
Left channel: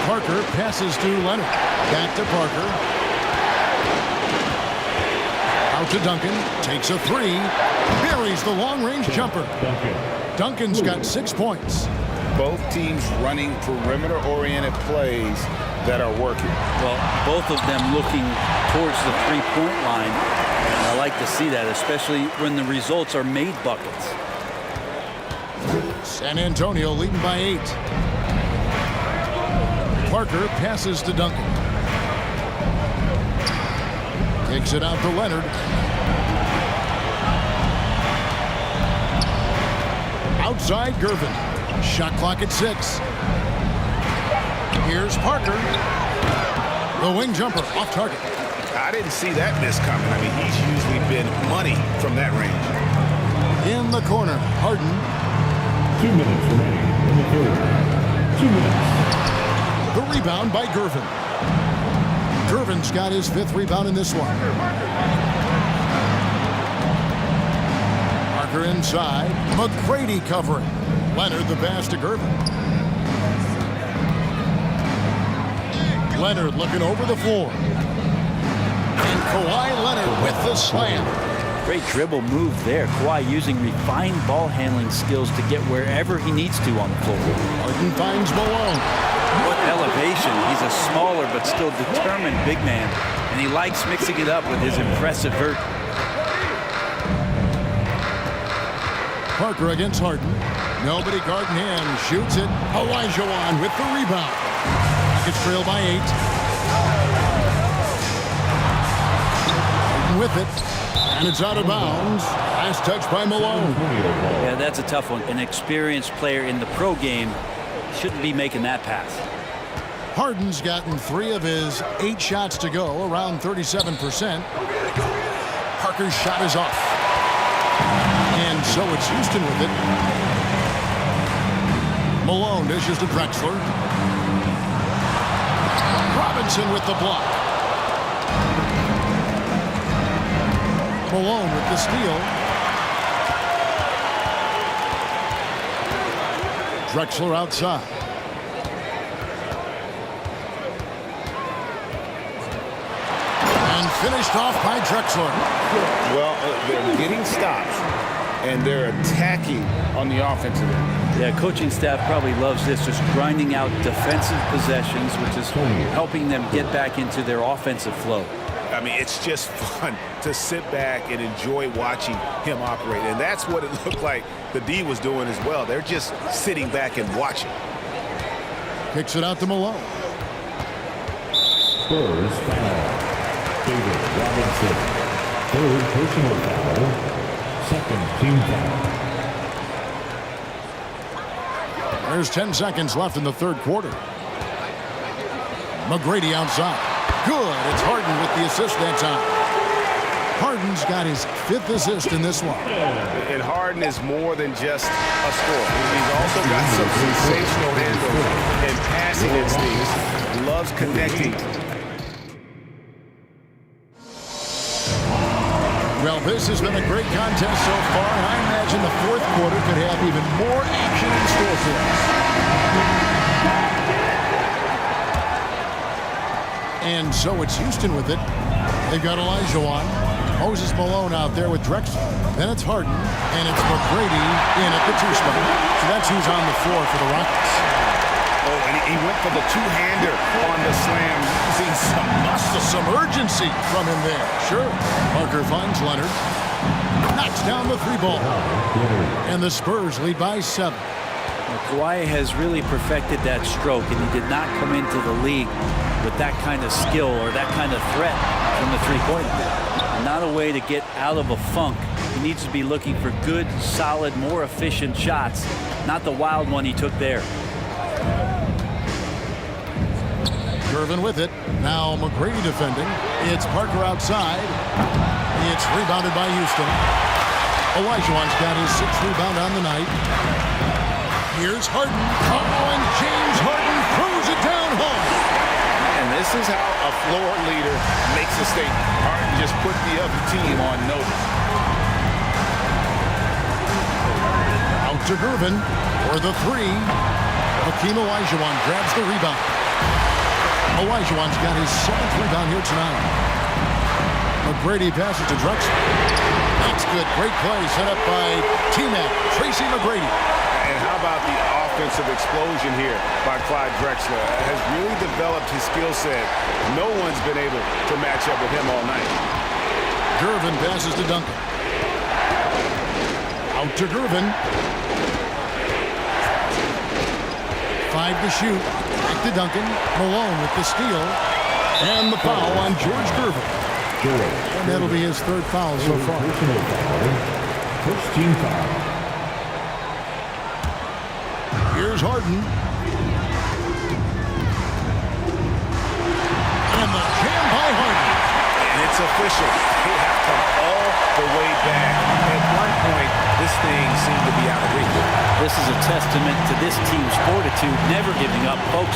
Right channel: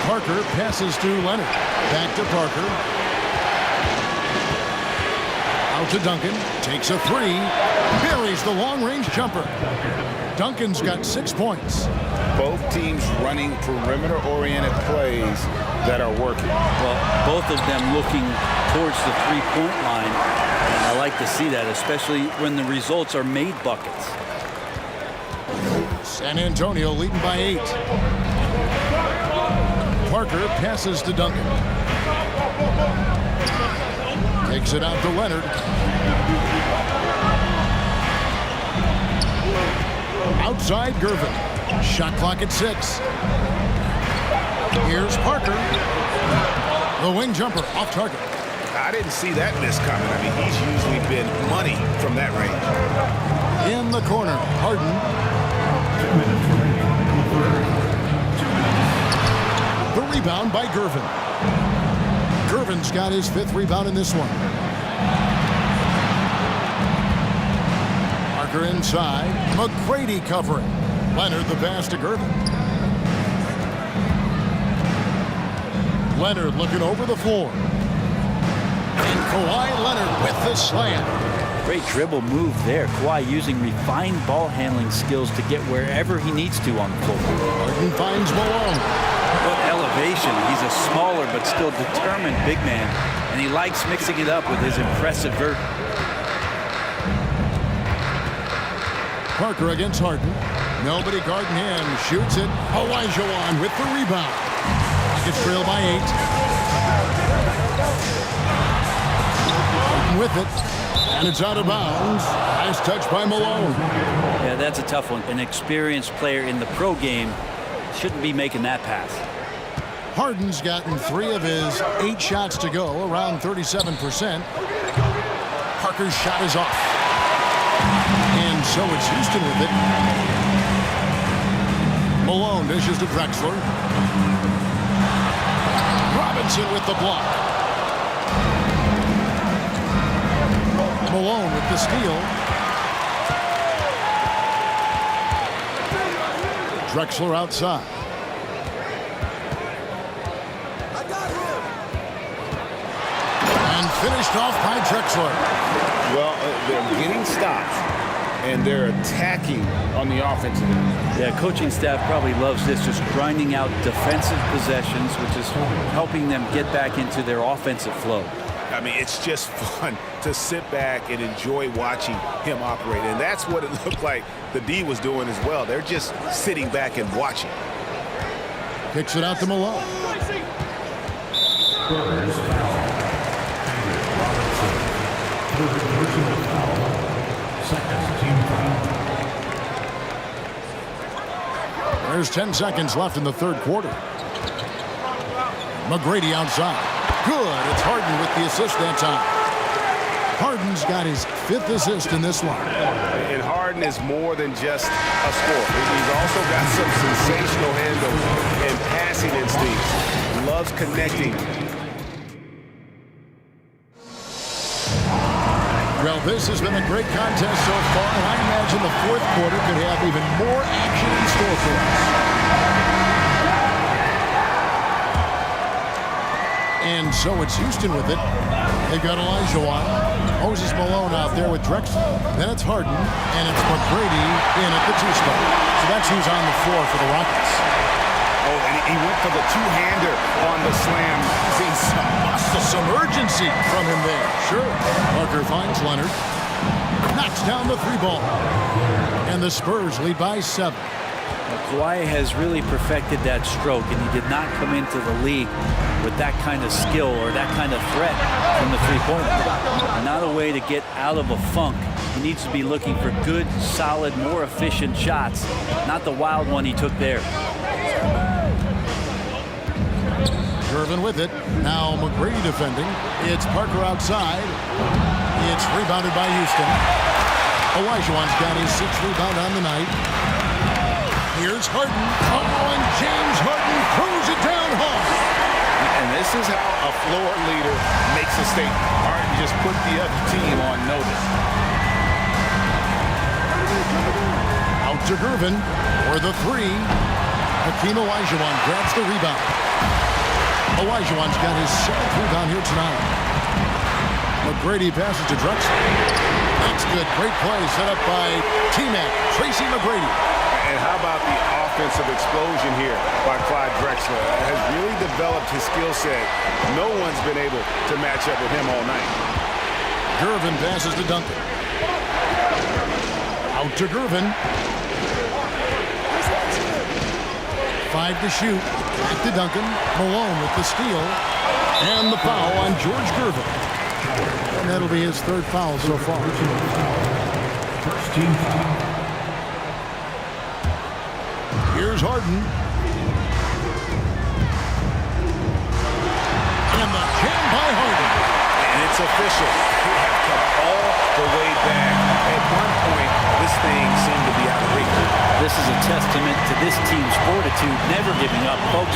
Parker passes to Leonard. Back to Parker. Out to Duncan. Takes a 3. Buries the long-range jumper. Duncan's got 6 points. Both teams running perimeter-oriented plays that are working. Well, both of them looking towards the three-point line. And I like to see that, especially when the results are made buckets. San Antonio leading by 8. Parker passes to Duncan. Takes it out to Leonard. Outside Gervin. Shot clock at 6. Here's Parker. The wing jumper off target. I didn't see that miss coming. I mean, he's usually been money from that range. In the corner, Harden. 2 minutes remaining in the third. 2 minutes. The rebound by Gervin. Gervin's got his 5th rebound in this one. Parker inside. McGrady covering. Leonard the pass to Gervin. Leonard looking over the floor. And Kawhi Leonard with the slam. Great dribble move there. Kawhi using refined ball handling skills to get wherever he needs to on the floor. Harden finds Malone. What elevation. He's a smaller but still determined big man. And he likes mixing it up with his impressive vert. Parker against Harden. Nobody guarding him. Shoots it. Olajuwon with the rebound. Rockets trail by 8. Harden with it. And it's out of bounds. Last touch by Malone. Yeah, that's a tough one. An experienced player in the pro game shouldn't be making that pass. Harden's gotten 3 of his 8 shots to go, around 37%. Parker's shot is off. And so it's Houston with it. Malone dishes to Drexler. Robinson with the block. Malone with the steal. Drexler outside. And finished off by Drexler. Well, they're getting stops, and they're attacking on the offensive end. Yeah, coaching staff probably loves this, just grinding out defensive possessions, which is helping them get back into their offensive flow. I mean, it's just fun to sit back and enjoy watching him operate. And that's what it looked like the D was doing as well. They're just sitting back and watching. Kicks it out to Malone. Spurs foul. David Robinson. 3rd personal foul. 2nd team foul. There's 10 seconds left in the 3rd quarter. McGrady outside. Good. It's Harden with the assist that time. Harden's got his 5th assist in this one. And Harden is more than just a scorer. He's also got some sensational handles and passing instincts. Loves connecting. Well, this has been a great contest so far, and I imagine the 4th quarter could have even more action in store for us. And so it's Houston with it. They've got Olajuwon. Moses Malone out there with Drexler. Then it's Harden, and it's McGrady in at the 2 spot. So that's who's on the floor for the Rockets. Oh, and he went for the two-hander on the slam, using some muscle. Some urgency from him there. Sure. Parker finds Leonard. Knocks down the 3 ball. And the Spurs lead by 7. Well, Kawhi has really perfected that stroke, and he did not come into the league with that kind of skill or that kind of threat from the three-point line. Not a way to get out of a funk. He needs to be looking for good, solid, more efficient shots, not the wild one he took there. Gervin with it. Now McGrady defending. It's Parker outside. It's rebounded by Houston. Olajuwon's got his 6th rebound on the night. Here's Harden. Oh, and James Harden throws it down hard. And this is how a floor leader makes a statement. Harden just put the other team on notice. Out to Gervin for the 3. Hakeem Olajuwon grabs the rebound. Olajuwon's got his 7th rebound here tonight. McGrady passes to Drexler. That's good. Great play set up by T-Mac, Tracy McGrady. And how about the offensive explosion here by Clyde Drexler? Has really developed his skill set. No one's been able to match up with him all night. Gervin passes to Duncan. Out to Gervin. 5 to shoot. Back to Duncan. Malone with the steal. And the foul on George Gervin. And that'll be his 3rd foul so far. First team foul. Here's Harden. And the jam by Harden. And it's official. They have come all the way back. At one point, this thing seemed to be out of reach. This is a testament to this team's fortitude, never giving up. Folks,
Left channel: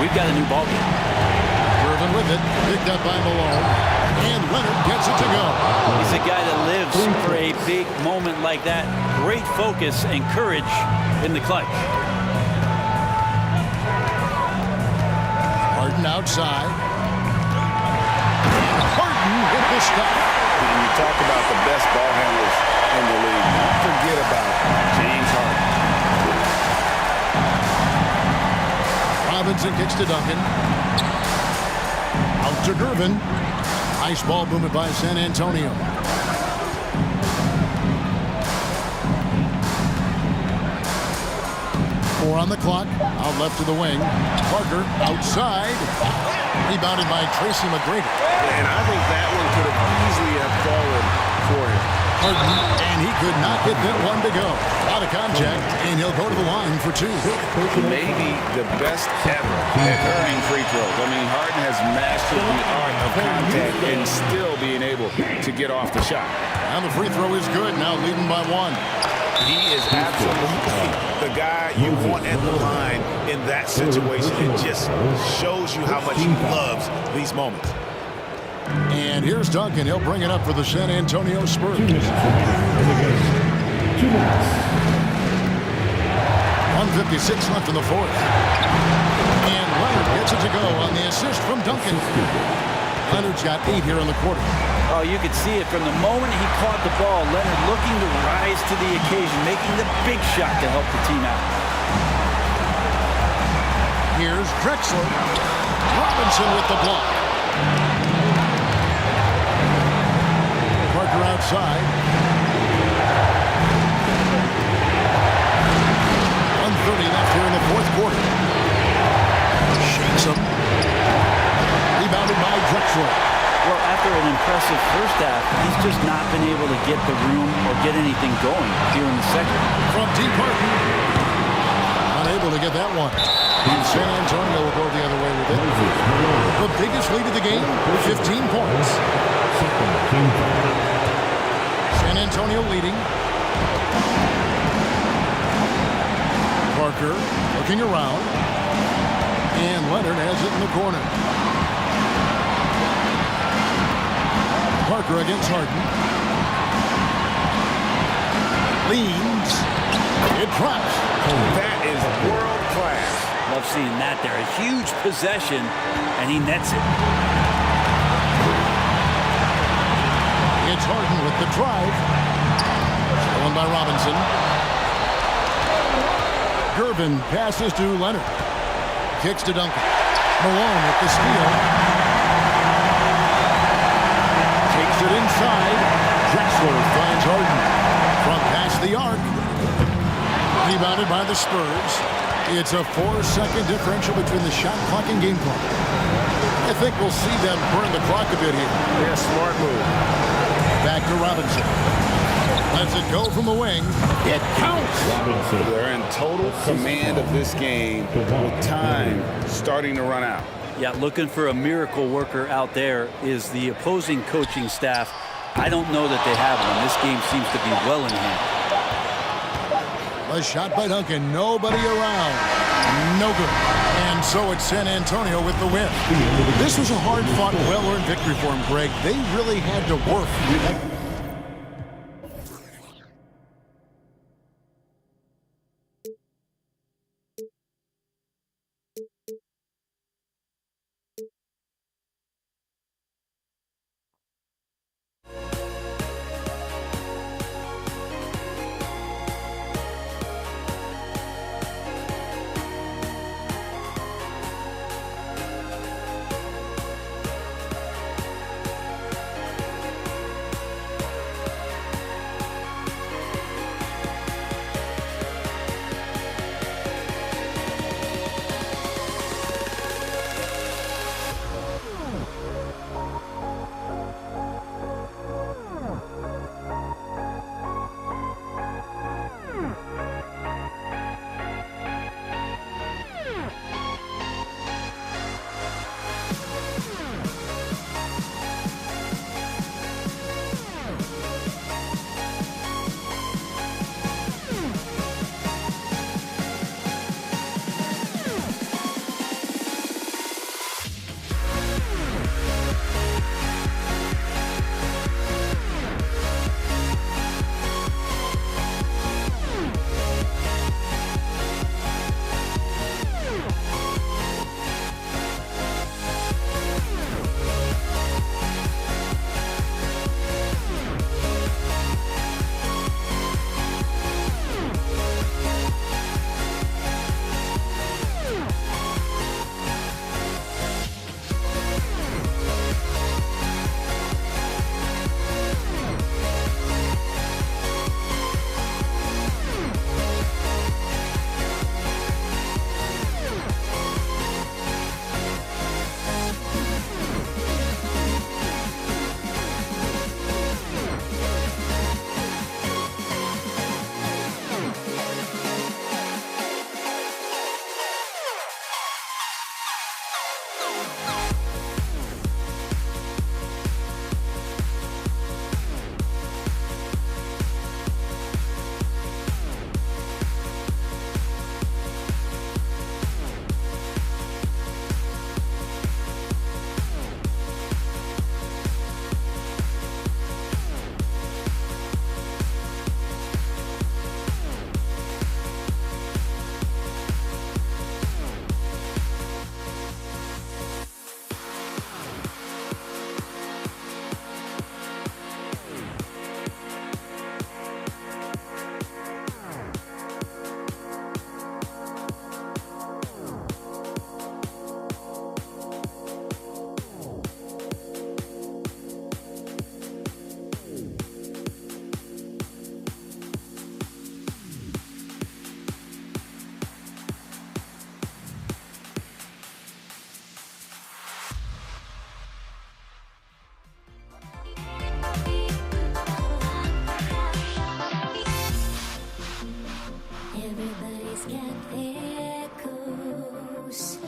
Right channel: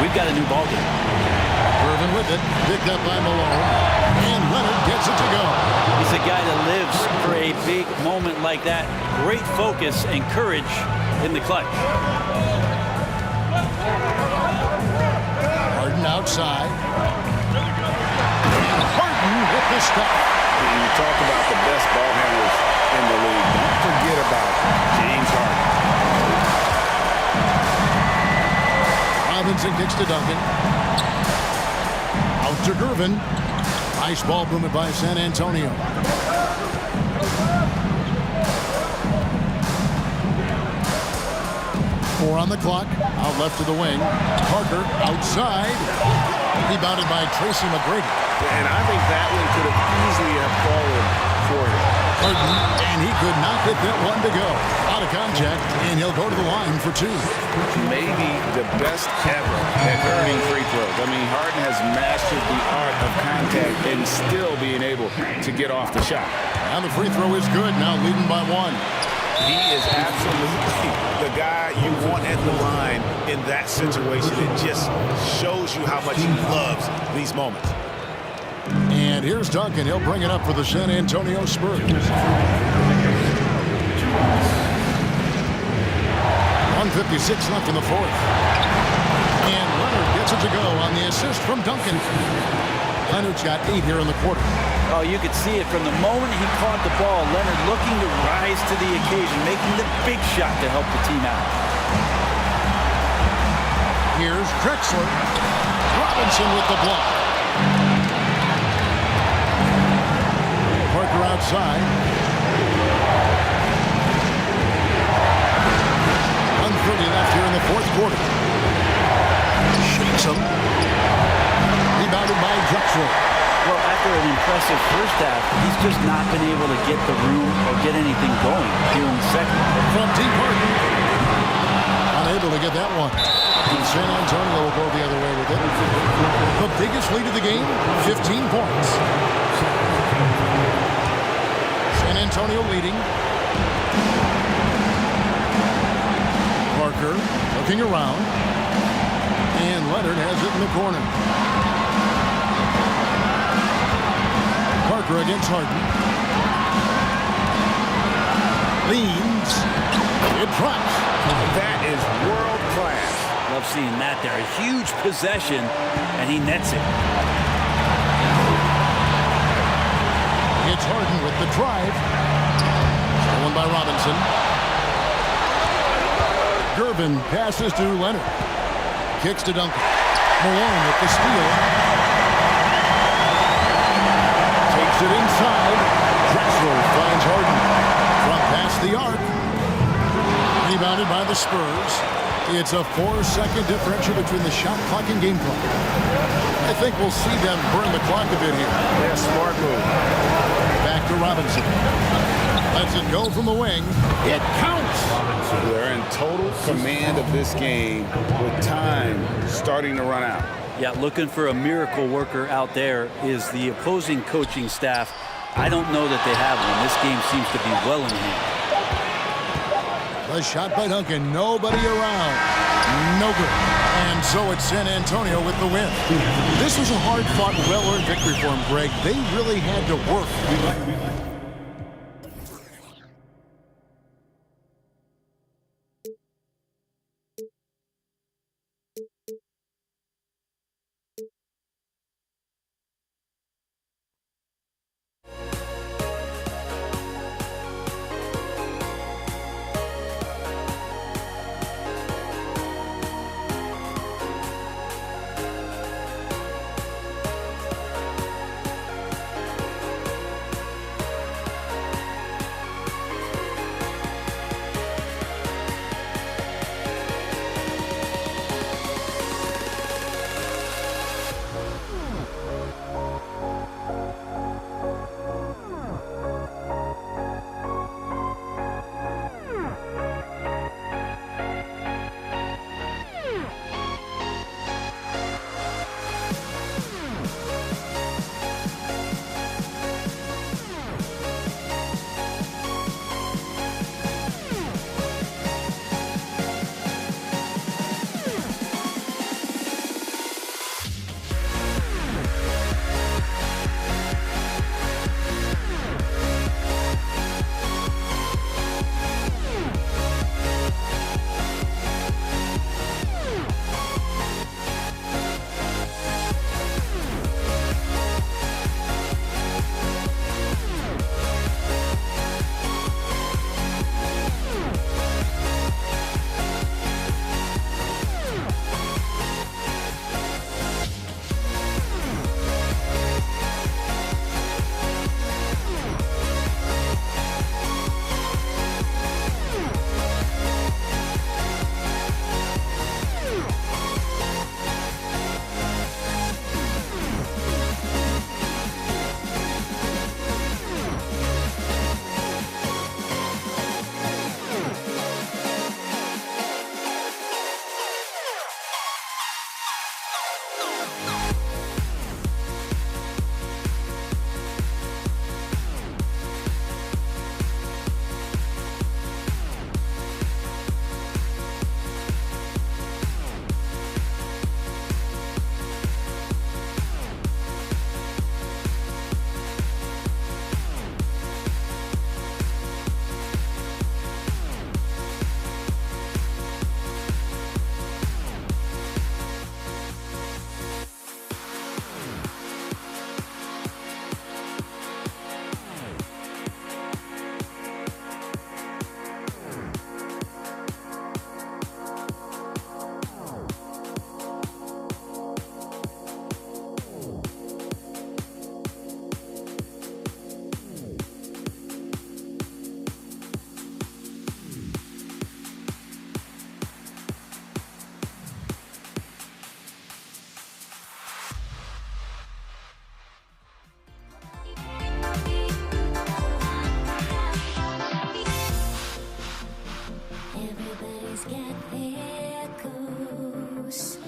we've got a new ballgame. Gervin with it, picked up by Malone, and Leonard gets it to go. He's a guy that lives for a big moment like that. Great focus and courage in the clutch. Harden outside. And Harden with the stuff. And you talk about the best ball handlers in the league. Don't forget about James Harden. Robinson kicks to Duncan. Out to Gervin. Nice ball movement by San Antonio. Four on the clock. Out left to the wing. Parker outside. Rebounded by Tracy McGrady. And I think that one could have easily have fallen for him. Harden, and he could not get that one to go. Out of contact, and he'll go to the line for 2. Maybe the best ever at earning free throws. I mean, Harden has mastered the art of contact and still being able to get off the shot. And the free throw is good, now leading by 1. He is absolutely the guy you want at the line in that situation. It just shows you how much he loves these moments. And here's Duncan. He'll bring it up for the San Antonio Spurs. 1:56 left in the 4th. And Leonard gets it to go on the assist from Duncan. Leonard's got 8 here in the quarter. Oh, you could see it from the moment he caught the ball. Leonard looking to rise to the occasion, making the big shot to help the team out. Here's Drexler. Robinson with the block. Parker outside. 1:30 left here in the 4th quarter. Shakes him. Rebounded by Drexler. Well, after an impressive first half, he's just not been able to get the room or get anything going here in the second. From deep Harden. Unable to get that one. And San Antonio will go the other way with it. The biggest lead of the game, 15 points. San Antonio leading. Parker looking around. And Leonard has it in the corner. Parker against Harden. Leans. It drops. That is world class. Love seeing that there. A huge possession, and he nets it. It's Harden with the drive. Stolen by Robinson. Gervin passes to Leonard. Kicks to Duncan. Malone with the steal. Takes it inside. Drexler finds Harden. From past the arc. Rebounded by the Spurs. It's a 4-second differential between the shot clock and game clock. I think we'll see them burn the clock a bit here. Yeah, smart move. Back to Robinson. Lets it go from the wing. It counts. They're in total command of this game with time starting to run out. Yeah, looking for a miracle worker out there is the opposing coaching staff. I don't know that they have one. This game seems to be well in hand. The shot by Duncan. Nobody around. No good. And so it's San Antonio with the win. This was a hard-fought, well-earned victory for them, Greg. They really had to work. Everybody's got their goals,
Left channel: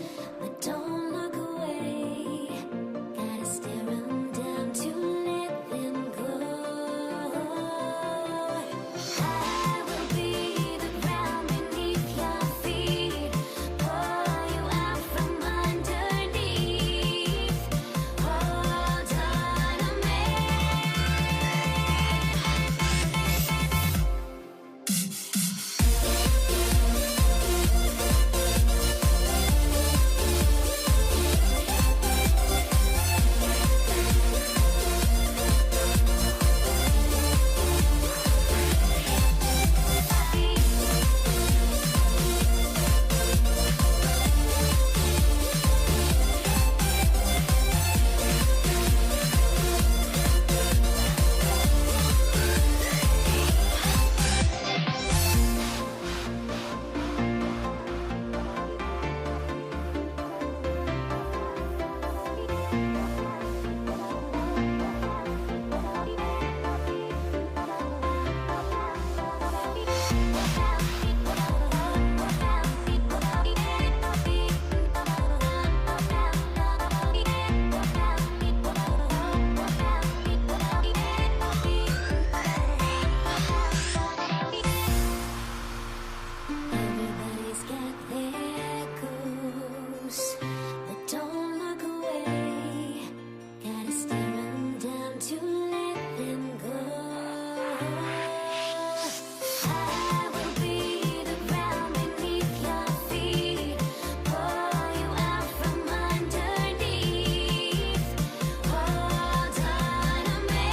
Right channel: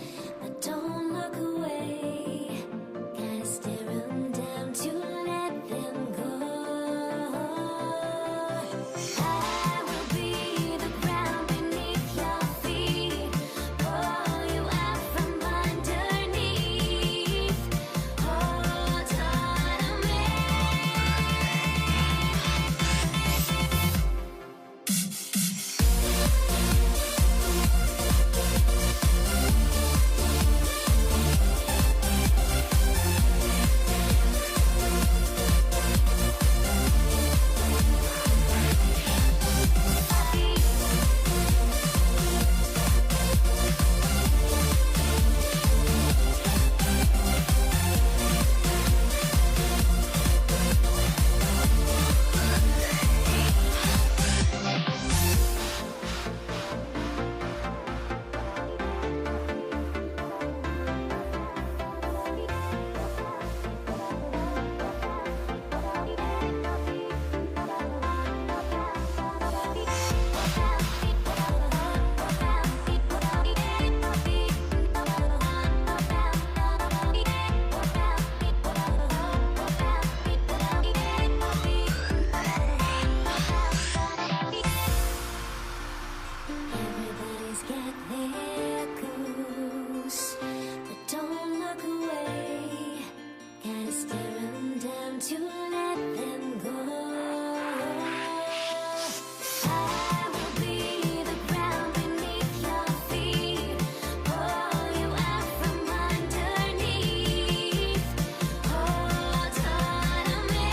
but don't look away. Gotta stare them down to let them go. I will be the ground beneath your feet, pull you out from underneath. Hold on to me. Everybody's got their goals, but don't look away. Gotta stare them down to let them go. I will be the ground beneath your feet, pull you out from underneath. Hold on to me.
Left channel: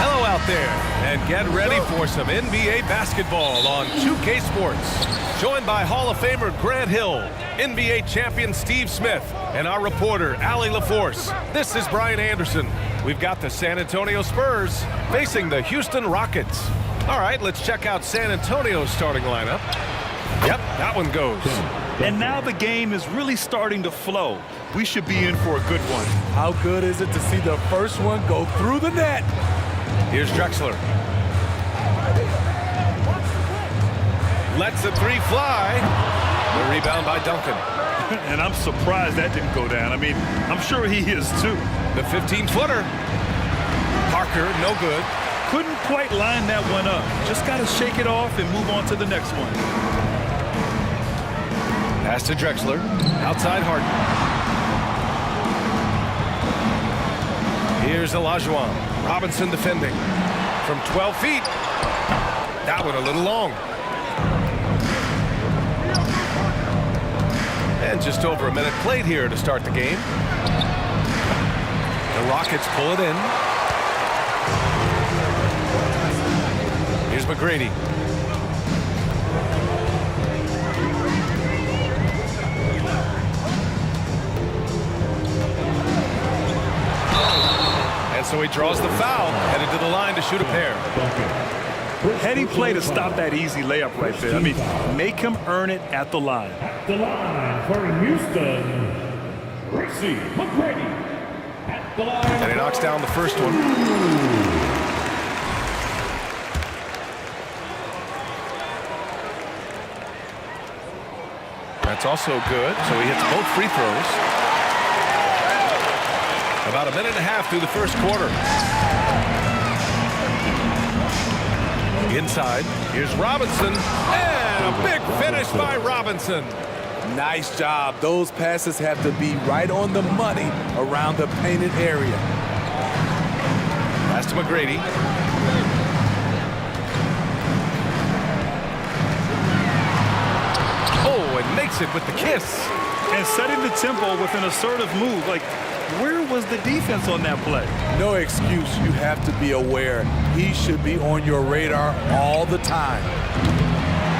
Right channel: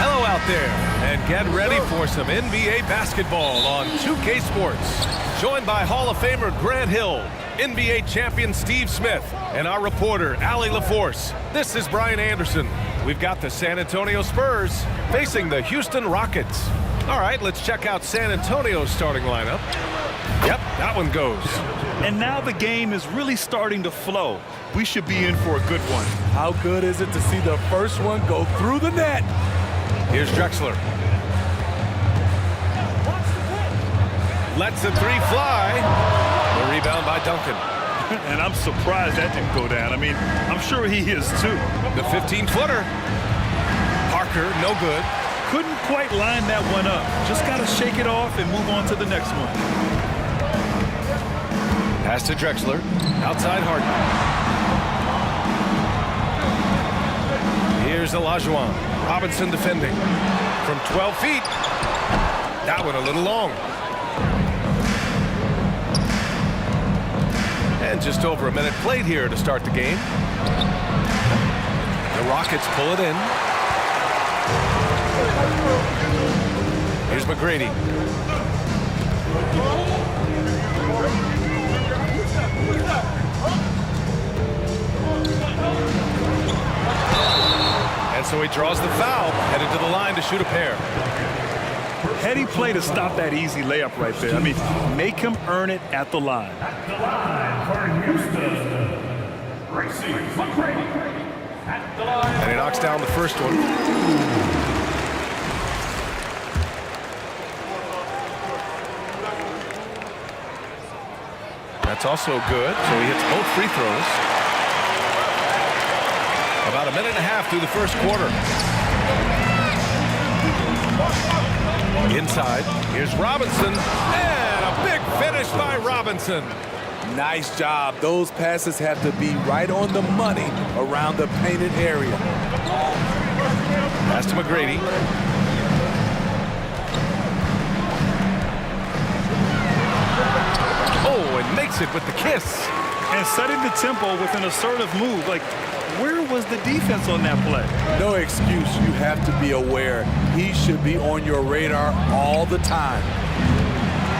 Hello out there, and get ready for some NBA basketball on 2K Sports. Joined by Hall of Famer Grant Hill, NBA champion Steve Smith, and our reporter Allie LaForce. This is Brian Anderson. We've got the San Antonio Spurs facing the Houston Rockets. All right, let's check out San Antonio's starting lineup. Yep, that one goes. And now the game is really starting to flow. We should be in for a good one. How good is it to see the first one go through the net? Here's Drexler. Lets the three fly. The rebound by Duncan. And I'm surprised that didn't go down. I mean, I'm sure he is too. The 15-footer. Parker, no good. Couldn't quite line that one up. Just got to shake it off and move on to the next one. Pass to Drexler. Outside Harden. Here's Olajuwon. Robinson defending. From 12 feet. That one a little long. And just over a minute played here to start the game. The Rockets pull it in. Here's McGrady. And so he draws the foul, headed to the line to shoot a pair. Heady play to stop that easy layup right there. I mean, make him earn it at the line. At the line for Houston, Tracy McGrady. At the line. And he knocks down the first one. That's also good, so he hits both free throws. About a minute and a half through the first quarter. Inside, here's Robinson, and a big finish by Robinson. Nice job. Those passes have to be right on the money around the painted area. Pass to McGrady. Oh, and makes it with the kiss. And setting the tempo with an assertive move. Like, where was the defense on that play? No excuse. You have to be aware. He should be on your radar all the time.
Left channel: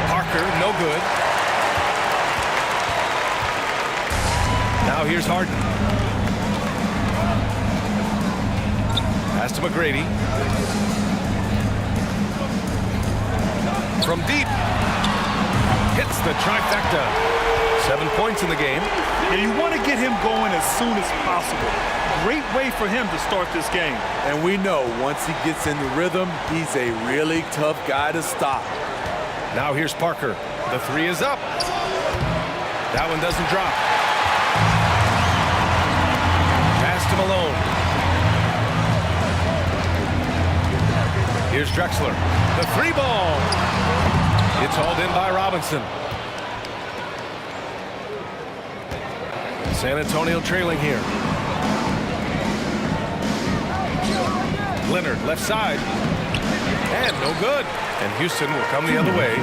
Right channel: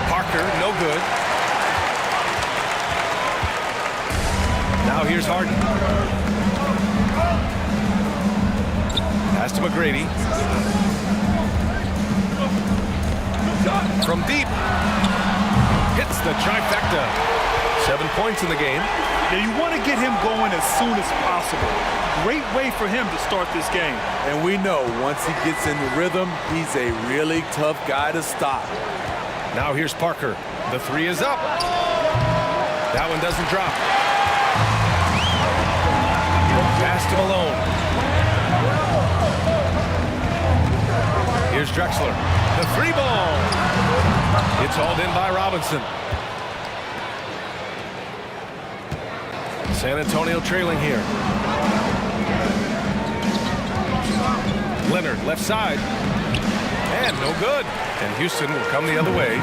Parker, no good. Now here's Harden. Pass to McGrady. From deep. Hits the trifecta. 7 points in the game. Now you want to get him going as soon as possible. Great way for him to start this game. And we know once he gets in the rhythm, he's a really tough guy to stop. Now here's Parker. The three is up. That one doesn't drop. Pass to Malone. Here's Drexler. The three ball. It's hauled in by Robinson. San Antonio trailing here. Leonard left side. And no good. And Houston will come the other way.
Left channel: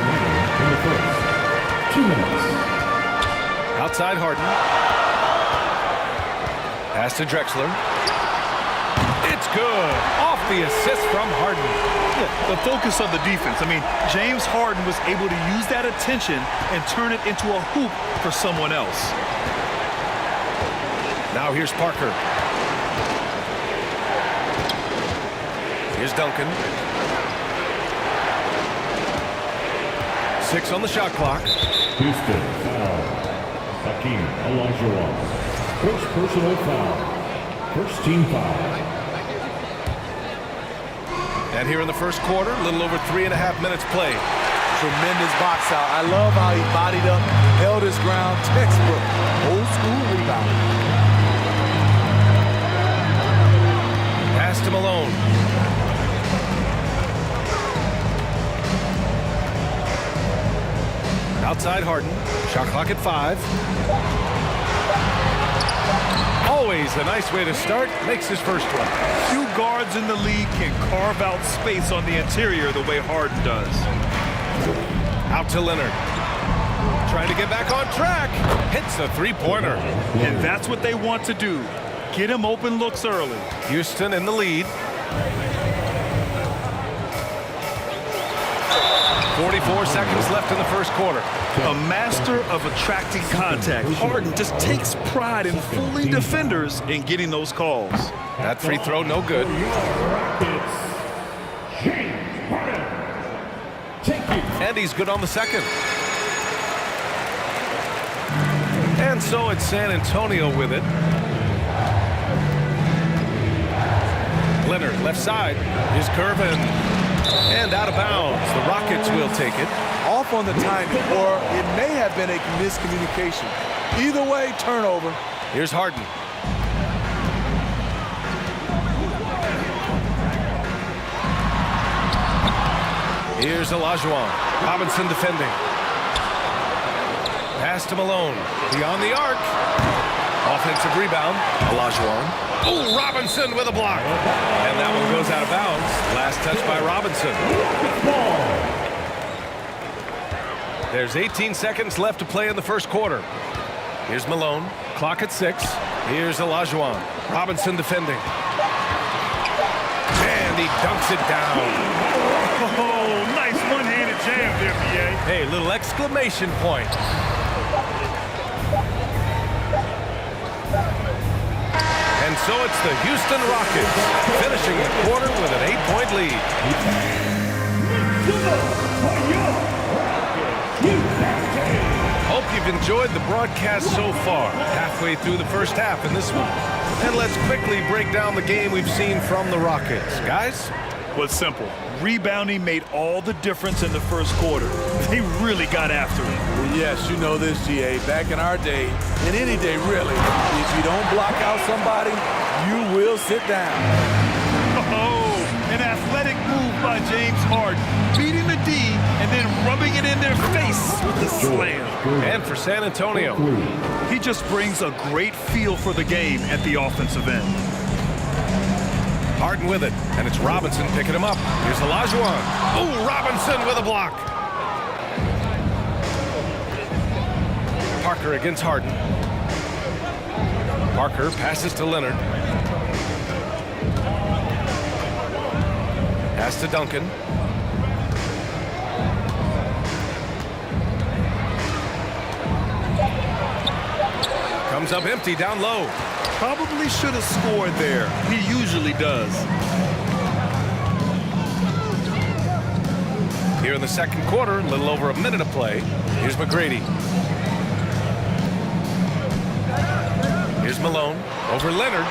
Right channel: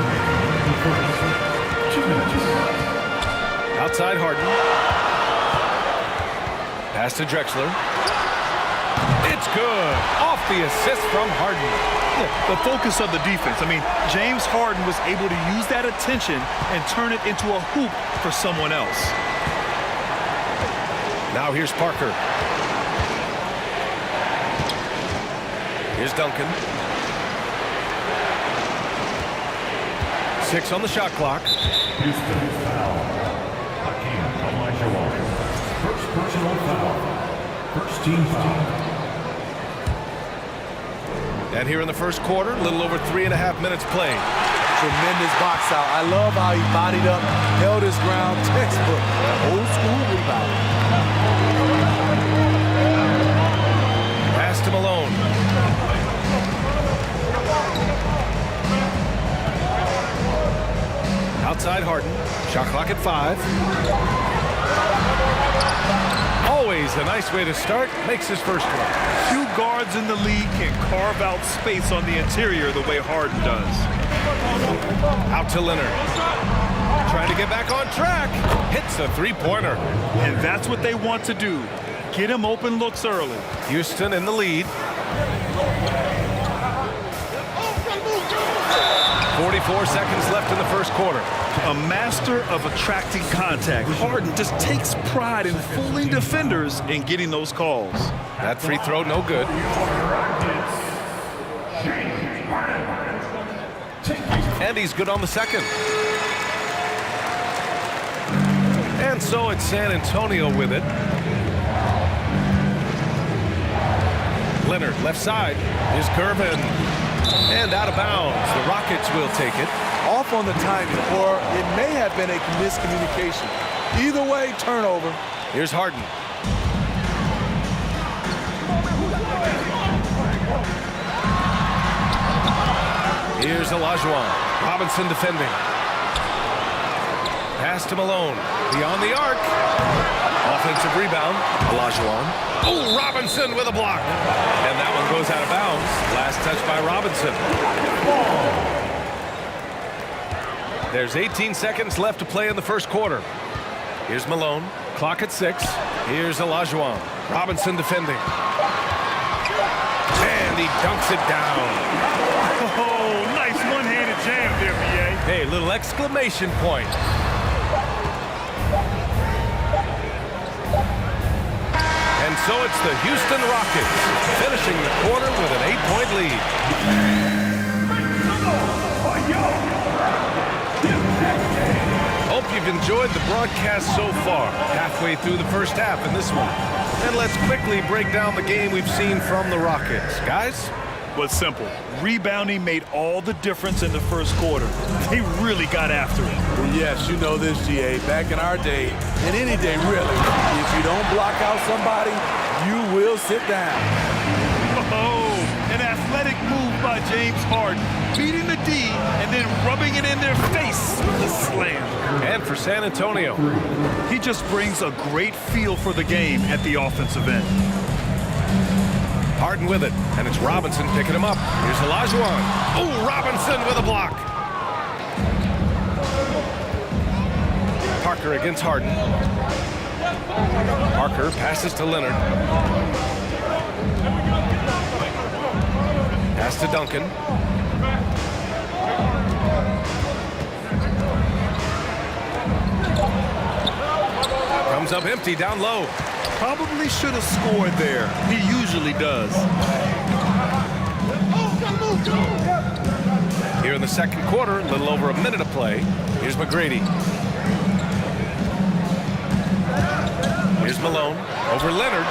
2 minutes. Outside Harden. Pass to Drexler. It's good. Off the assist from Harden. Yeah, the focus of the defense. I mean, James Harden was able to use that attention and turn it into a hoop for someone else. Now here's Parker. Here's Duncan. 6 on the shot clock. Houston foul. Hakeem Olajuwon. First personal foul. First team foul. And here in the first quarter, a little over 3.5 minutes played. Tremendous box out. I love how he bodied up, held his ground, textbook, old school rebounding. Pass to Malone. Outside Harden. Shot clock at 5. Always a nice way to start. Makes his first one. Few guards in the league can carve out space on the interior the way Harden does. Out to Leonard. Trying to get back on track. Hits a three-pointer. And that's what they want to do. Get him open looks early. Houston in the lead. 44 seconds left in the first quarter. A master of attracting contact. Harden just takes pride in fooling defenders and getting those calls. That free throw, no good. And he's good on the second. And so it's San Antonio with it. Leonard, left side. Here's Gervin. And out of bounds. The Rockets will take it. Off on the timing, or it may have been a miscommunication. Either way, turnover. Here's Harden. Here's Olajuwon. Robinson defending. Pass to Malone. Beyond the arc. Offensive rebound. Olajuwon. Oh, Robinson with a block. And that one goes out of bounds. Last touch by Robinson. There's 18 seconds left to play in the first quarter. Here's Malone. Clock at 6. Here's Olajuwon. Robinson defending. And he dunks it down. Oh, nice one-handed jam there, B.A. Hey, little exclamation point. And so it's the Houston Rockets finishing the quarter with an 8-point lead. Hope you've enjoyed the broadcast so far. Halfway through the first half in this one. And let's quickly break down the game we've seen from the Rockets. Guys? Was simple. Rebounding made all the difference in the first quarter. They really got after it. Well, yes, you know this, GA. Back in our day, and any day really, if you don't block out somebody, you will sit down. Oh, an athletic move by James Harden. Beating the D and then rubbing it in their face with the slam. And for San Antonio, he just brings a great feel for the game at the offensive end. Harden with it, and it's Robinson picking him up. Here's Olajuwon. Oh, Robinson with a block. Parker against Harden. Parker passes to Leonard. Pass to Duncan. Comes up empty down low. Probably should have scored there. He usually does. Here in the second quarter, a little over a minute of play. Here's McGrady. Here's Malone over Leonard.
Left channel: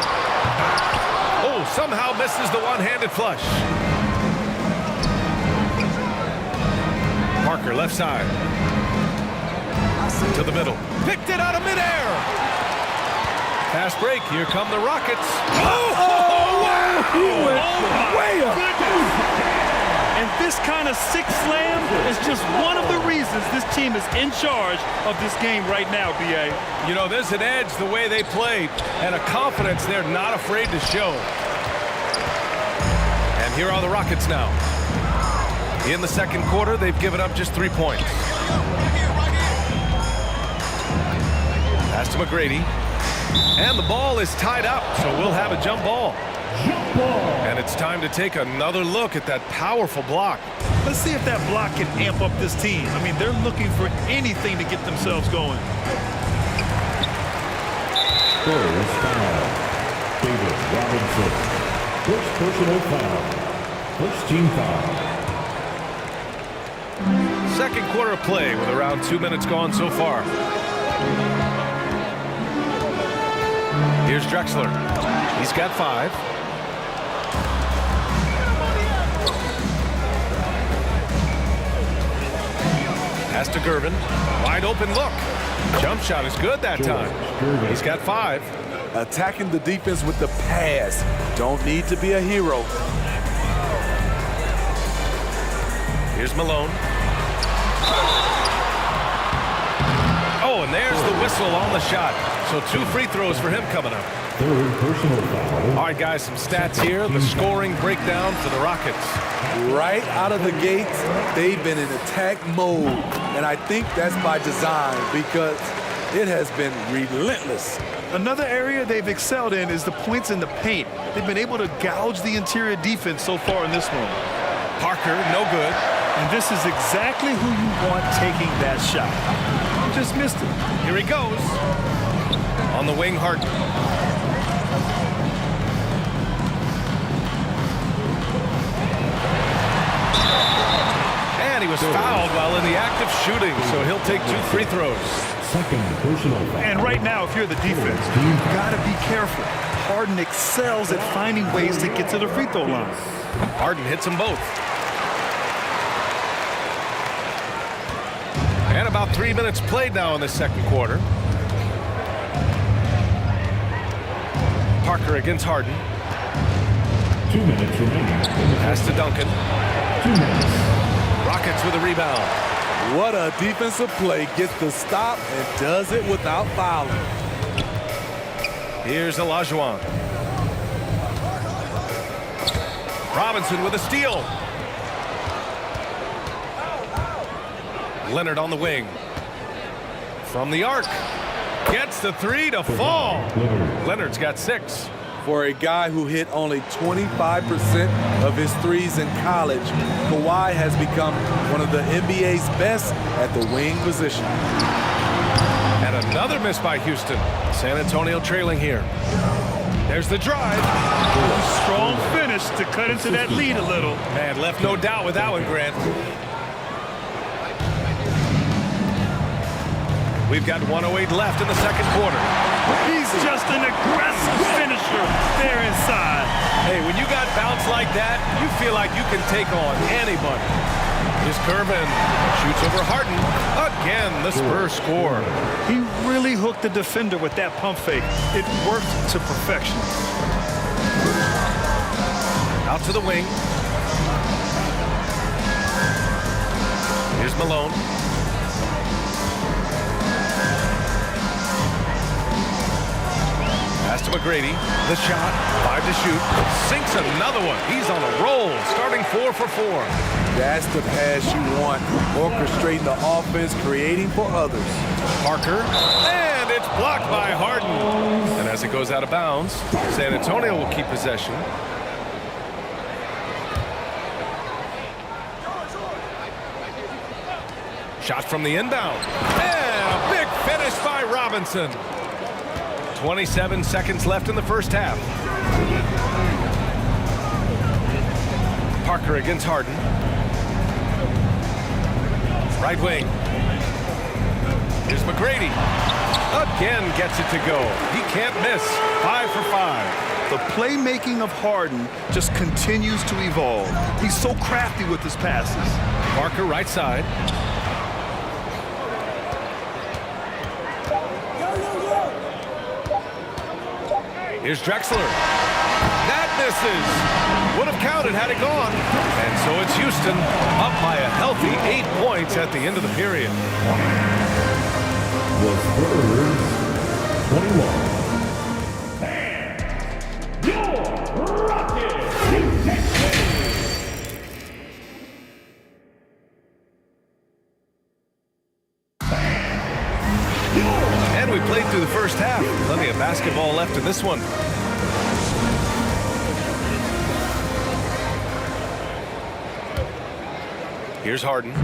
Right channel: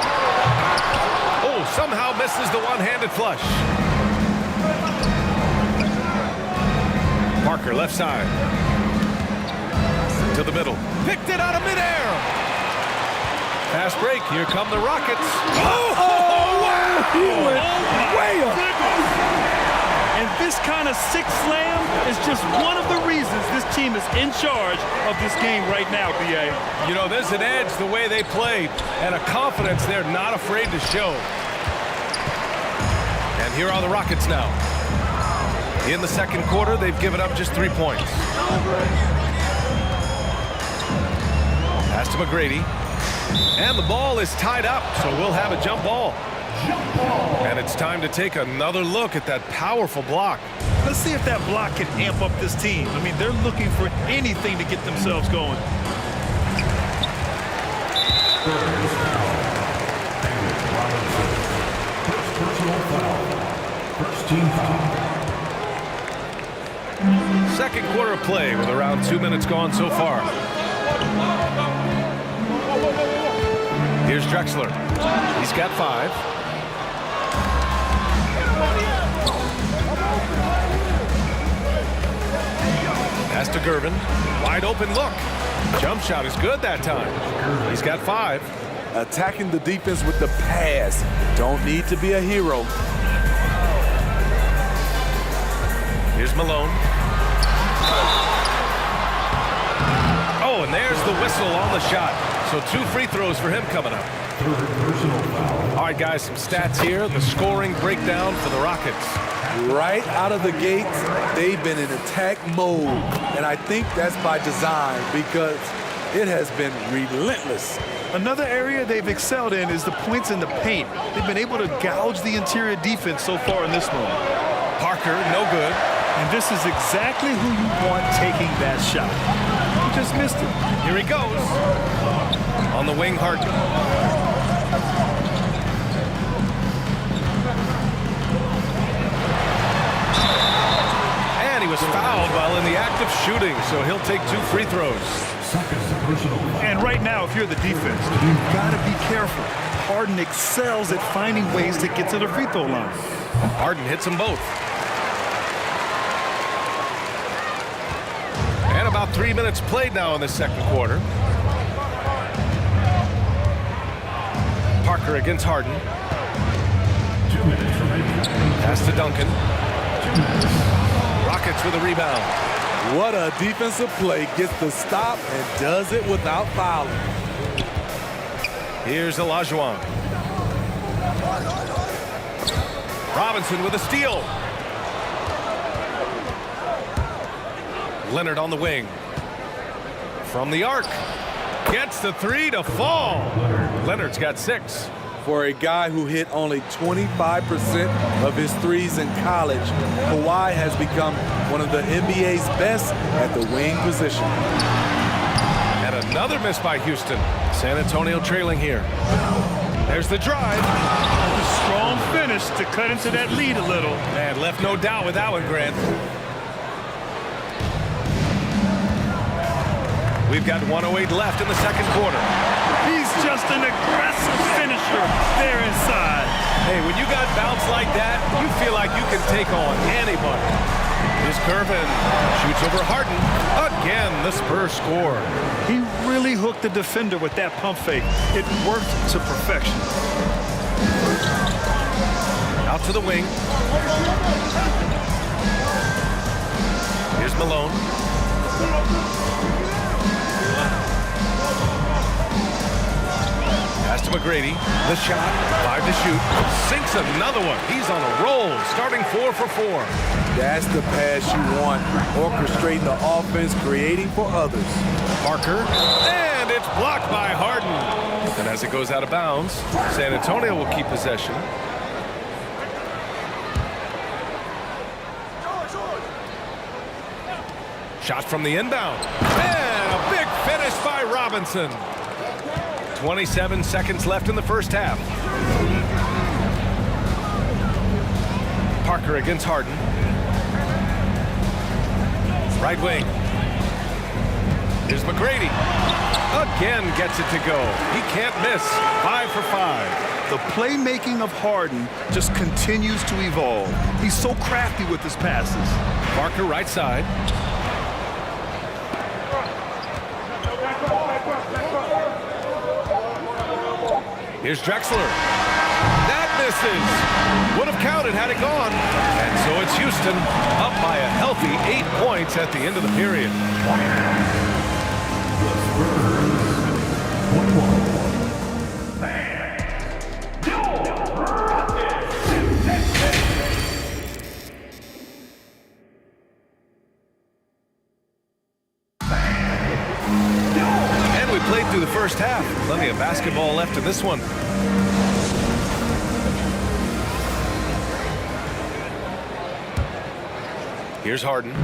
Oh, somehow misses the one-handed flush. Parker left side. To the middle. Picked it out of midair. Fast break. Here come the Rockets. Oh, wow! He went way up. And this kind of sick slam is just one of the reasons this team is in charge of this game right now, B.A. You know, there's an edge the way they played and a confidence they're not afraid to show. And here are the Rockets now. In the second quarter, they've given up just 3 points. Pass to McGrady. And the ball is tied up, so we'll have a jump ball. And it's time to take another look at that powerful block. Let's see if that block can amp up this team. I mean, they're looking for anything to get themselves going. David Robinson. First personal foul. First team foul. Second quarter of play with around 2 minutes gone so far. Here's Drexler. He's got 5. Pass to Gervin. Wide open look. Jump shot is good that time. He's got 5. Attacking the defense with the pass. Don't need to be a hero. Here's Malone. Oh, and there's the whistle on the shot. So 2 free throws for him coming up. Third personal foul. All right, guys, some stats here. The scoring breakdown for the Rockets. Right out of the gates, they've been in attack mode. And I think that's by design because it has been relentless. Another area they've excelled in is the points in the paint. They've been able to gouge the interior defense so far in this one. Parker, no good. And this is exactly who you want taking that shot. He just missed it. Here he goes. On the wing, Harden. And he was fouled while in the act of shooting, so he'll take 2 free throws. Second personal foul. And right now, if you're the defense, you've got to be careful. Harden excels at finding ways to get to the free throw line. Harden hits them both. And about 3 minutes played now in the second quarter. Parker against Harden. 2 minutes remaining. Pass to Duncan. 2 minutes. Rockets with a rebound. What a defensive play. Gets the stop and does it without fouling. Here's Olajuwon. Robinson with a steal. Leonard on the wing. From the arc. Gets the 3 to fall. Leonard's got 6. For a guy who hit only 25% of his threes in college, Kawhi has become one of the NBA's best at the wing position. And another miss by Houston. San Antonio trailing here. There's the drive. Strong finish to cut into that lead a little. Man, left no doubt with that one, Grant. We've got 1:08 left in the second quarter. He's just an aggressive finisher there inside. Hey, when you got bounce like that, you feel like you can take on anybody. Here's Gervin. Shoots over Harden. Again, the Spurs score. He really hooked the defender with that pump fake. It worked to perfection. Out to the wing. Here's Malone. Pass to McGrady. The shot. 5 to shoot. Sinks another one. He's on a roll. Starting 4 for 4. That's the pass you want. Orchestrating the offense, creating for others. Parker, and it's blocked by Harden. And as it goes out of bounds, San Antonio will keep possession. Shot from the inbound. And a big finish by Robinson. 27 seconds left in the first half. Parker against Harden. Right wing. Here's McGrady. Again gets it to go. He can't miss. 5 for 5. The playmaking of Harden just continues to evolve. He's so crafty with his passes. Parker right side. Here's Drexler. That misses. Would have counted had it gone. And so it's Houston up by a healthy 8 points at the end of the period. The Spurs, 21. And we played through the first half. Plenty of basketball left in this one. Here's Harden.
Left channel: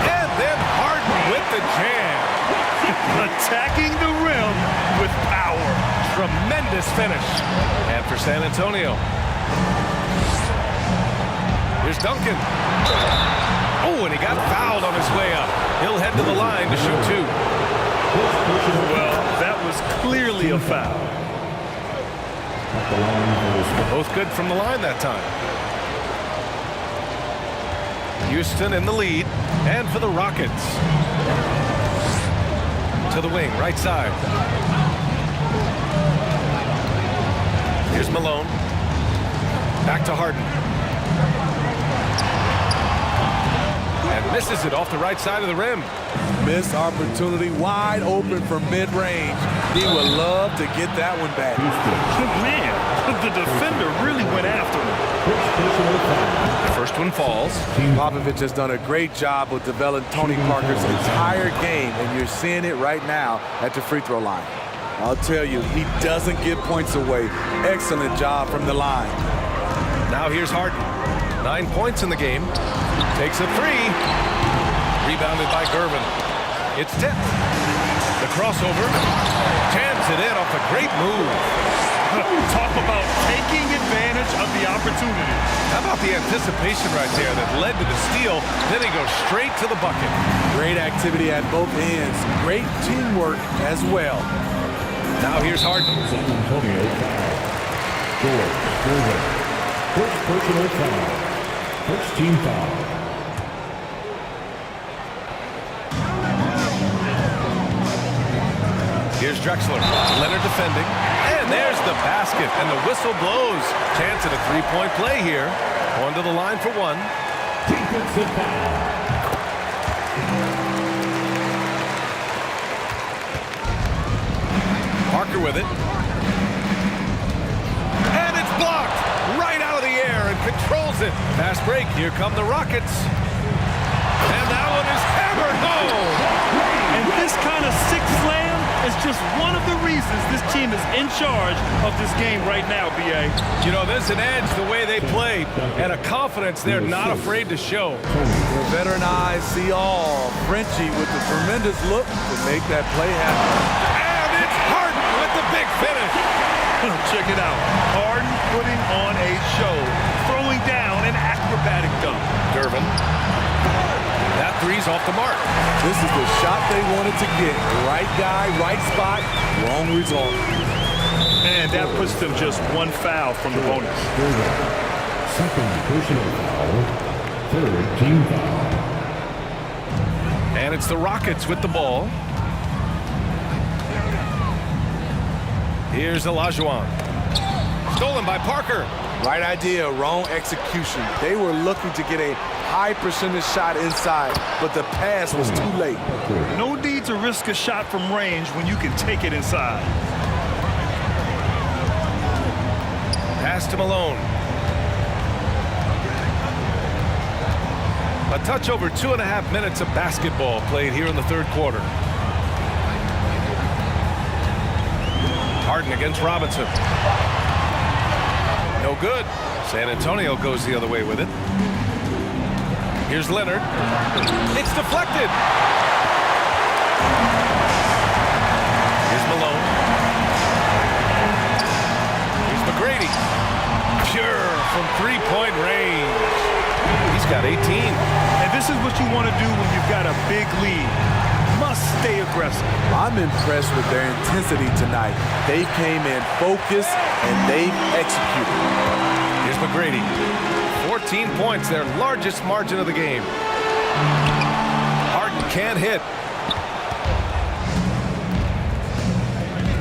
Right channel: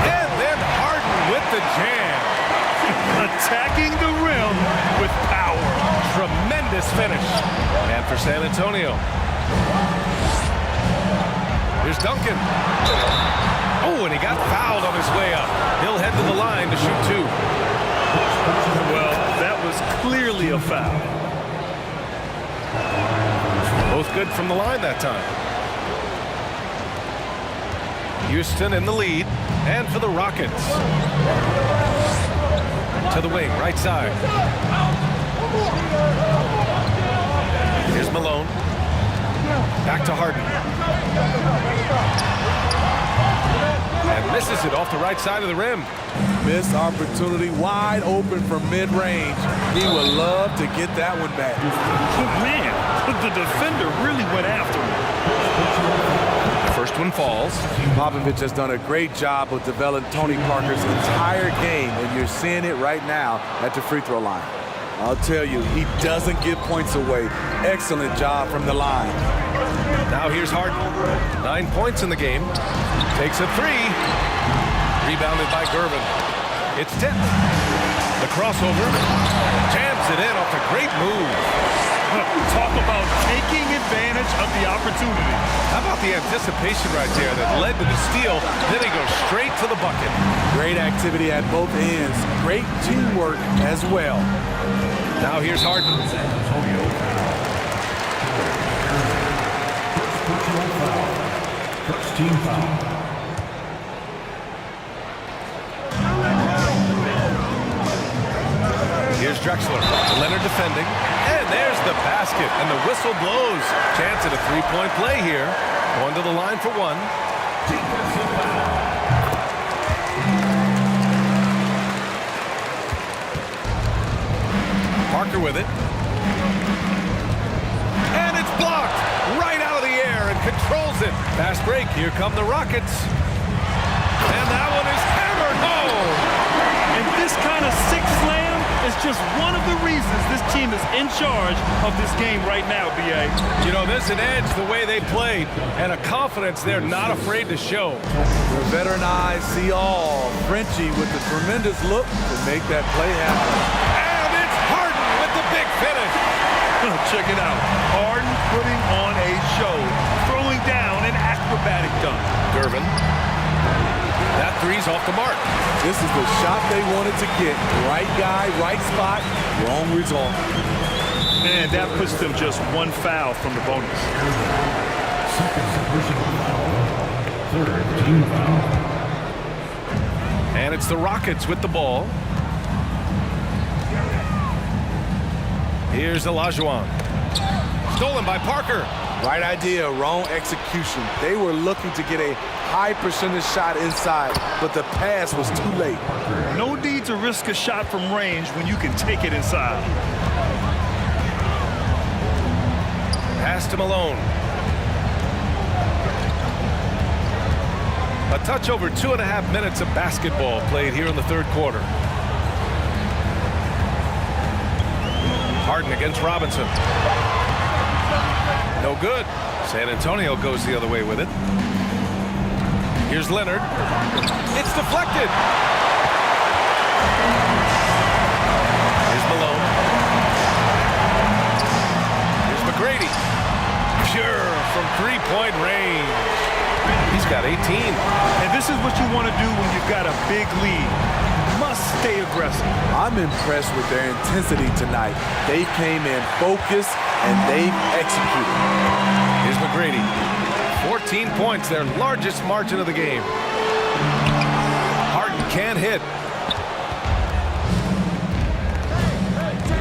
And then Harden with the jam. Attacking the rim with power. Tremendous finish. And for San Antonio. Here's Duncan. Oh, and he got fouled on his way up. He'll head to the line to shoot 2. Well, that was clearly a foul. Both good from the line that time. Houston in the lead. And for the Rockets. To the wing, right side. Here's Malone. Back to Harden. And misses it off the right side of the rim. Missed opportunity, wide open from mid-range. He would love to get that one back. Man, the defender really went after him. The first one falls. Popovich has done a great job of developing Tony Parker's entire game, and you're seeing it right now at the free throw line. I'll tell you, he doesn't give points away. Excellent job from the line. Now here's Harden. 9 points in the game. Takes a 3. Rebounded by Gervin. It's tipped. The crossover. Jams it in off a great move. Talk about taking advantage of the opportunity. How about the anticipation right there that led to the steal? Then he goes straight to the bucket. Great activity at both ends. Great teamwork as well. Now here's Harden. San Antonio. George Gervin. First personal foul. First team foul. Here's Drexler. Leonard defending. And there's the basket. And the whistle blows. Chance at a three-point play here. Going to the line for 1. Defensive foul. Parker with it. And it's blocked. Right out of the air and controls it. Fast break. Here come the Rockets. And that one is hammered home. And this kind of sick slam is just one of the reasons this team is in charge of this game right now, B.A. You know, there's an edge the way they play and a confidence they're not afraid to show. Their veteran eyes see all. Frenchie with the tremendous look to make that play happen. And it's Harden with the big finish. Check it out. Harden putting on a show, throwing down an acrobatic dunk. Gervin. That three's off the mark. This is the shot they wanted to get. Right guy, right spot, wrong result. And that puts them just 1 foul from the bonus. Second personal foul. Third team foul. And it's the Rockets with the ball. Here's Olajuwon. Stolen by Parker. Right idea, wrong execution. They were looking to get a high percentage shot inside, but the pass was too late. No need to risk a shot from range when you can take it inside. Pass to Malone. A touch over 2.5 minutes of basketball played here in the third quarter. Harden against Robinson. No good. San Antonio goes the other way with it. Here's Leonard. It's deflected. Here's Malone. Here's McGrady. Pure from three-point range. He's got 18. And this is what you want to do when you've got a big lead. Must stay aggressive. I'm impressed with their intensity tonight. They came in focused and they've executed. Here's McGrady. 14 points, their largest margin of the game. Harden can't hit.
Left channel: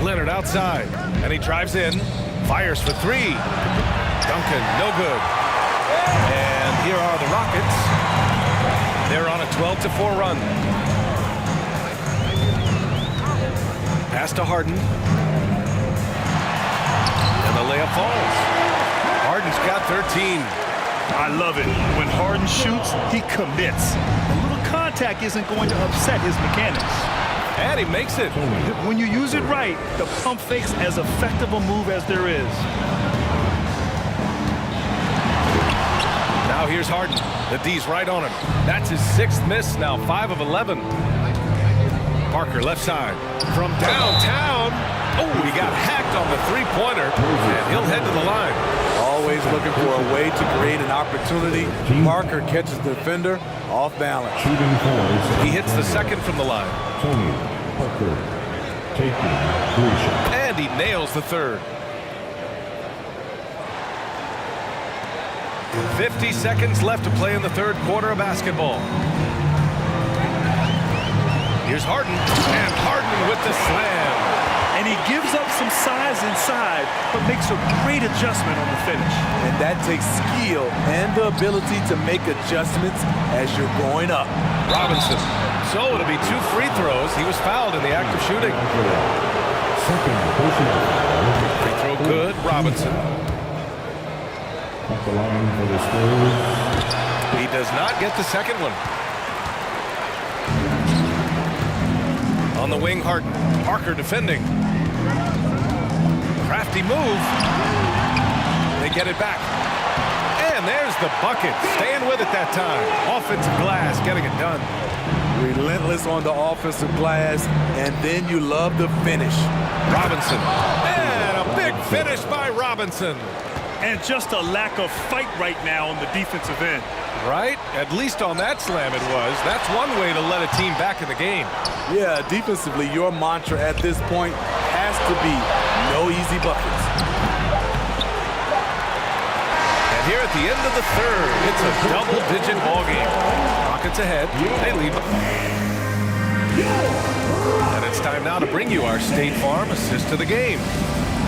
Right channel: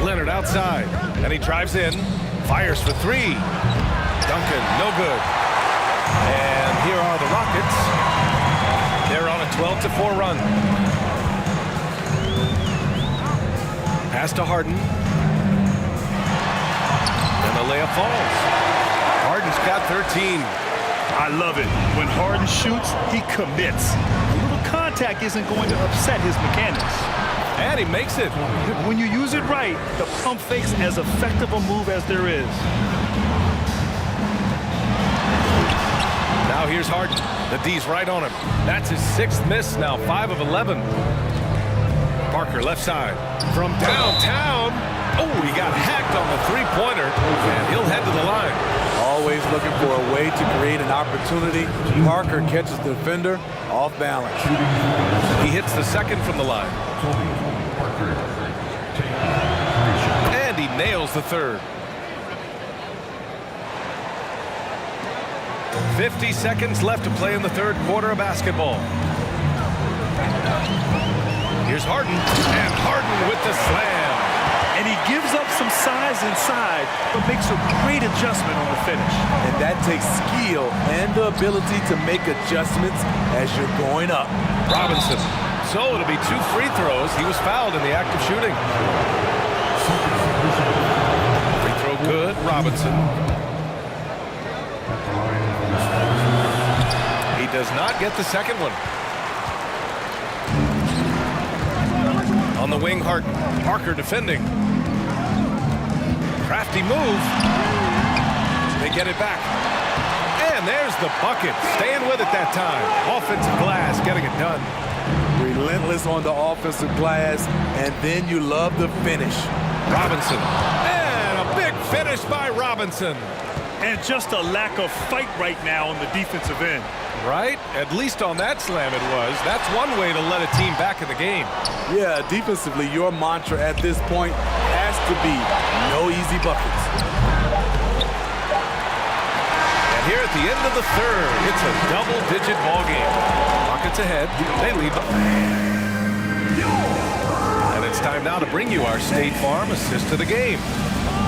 Leonard outside, and he drives in, fires for three. Duncan, no good. And here are the Rockets. They're on a 12-4 run. Pass to Harden. And the layup falls. Harden's got 13. I love it. When Harden shoots, he commits. A little contact isn't going to upset his mechanics. And he makes it. When you use it right, the pump fake's as effective a move as there is. Now here's Harden. The D's right on him. That's his 6th miss, now 5 of 11. Parker left side. From downtown. Oh, he got hacked on the three-pointer, and he'll head to the line. Always looking for a way to create an opportunity. Parker catches the defender off balance. He hits the second from the line. Tony Parker taking 3 shots. And he nails the third. 50 seconds left to play in the third quarter of basketball. Here's Harden, and Harden with the slam. And he gives up some size inside, but makes a great adjustment on the finish. And that takes skill and the ability to make adjustments as you're going up. Robinson. So it'll be 2 free throws. He was fouled in the act of shooting. Free throw good, Robinson. At the line for the Spurs. He does not get the second one. On the wing, Harden. Parker defending. Crafty move. They get it back. And there's the bucket. Staying with it that time. Offensive glass getting it done. Relentless on the offensive glass, and then you love the finish. Robinson. And a big finish by Robinson. And just a lack of fight right now on the defensive end. Right? At least on that slam it was. That's one way to let a team back in the game. Yeah, defensively, your mantra at this point has to be no easy buckets. And here at the end of the third, it's a double-digit ball game. Rockets ahead. They lead. And it's time now to bring you our State Farm assist to the game.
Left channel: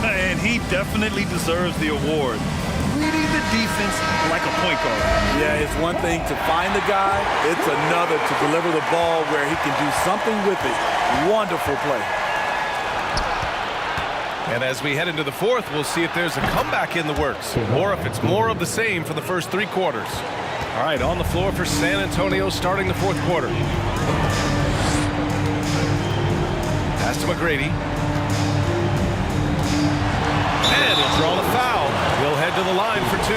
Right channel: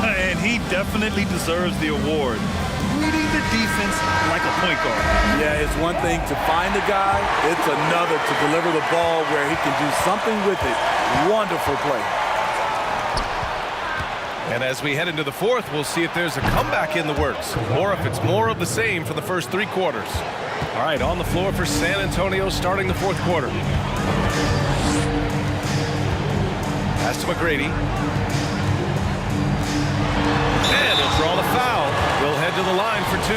And he definitely deserves the award. Reading the defense like a point guard. Yeah, it's one thing to find a guy. It's another to deliver the ball where he can do something with it. Wonderful play. And as we head into the fourth, we'll see if there's a comeback in the works or if it's more of the same for the first 3 quarters. All right, on the floor for San Antonio starting the fourth quarter. Pass to McGrady. And he'll draw the foul. He'll head to the line for 2.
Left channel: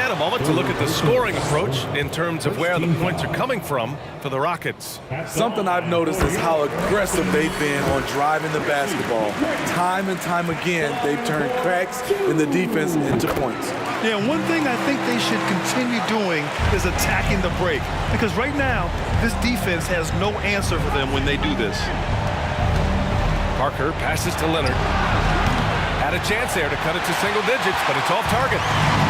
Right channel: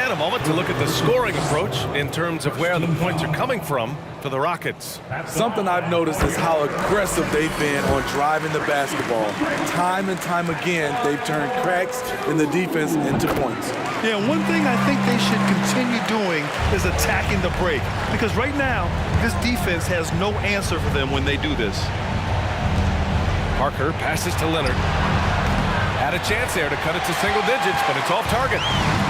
And a moment to look at the scoring approach in terms of where the points are coming from for the Rockets. Something I've noticed is how aggressive they've been on driving the basketball. Time and time again, they've turned cracks in the defense into points. Yeah, one thing I think they should continue doing is attacking the break. Because right now, this defense has no answer for them when they do this. Parker passes to Leonard. Had a chance there to cut it to single digits, but it's off target.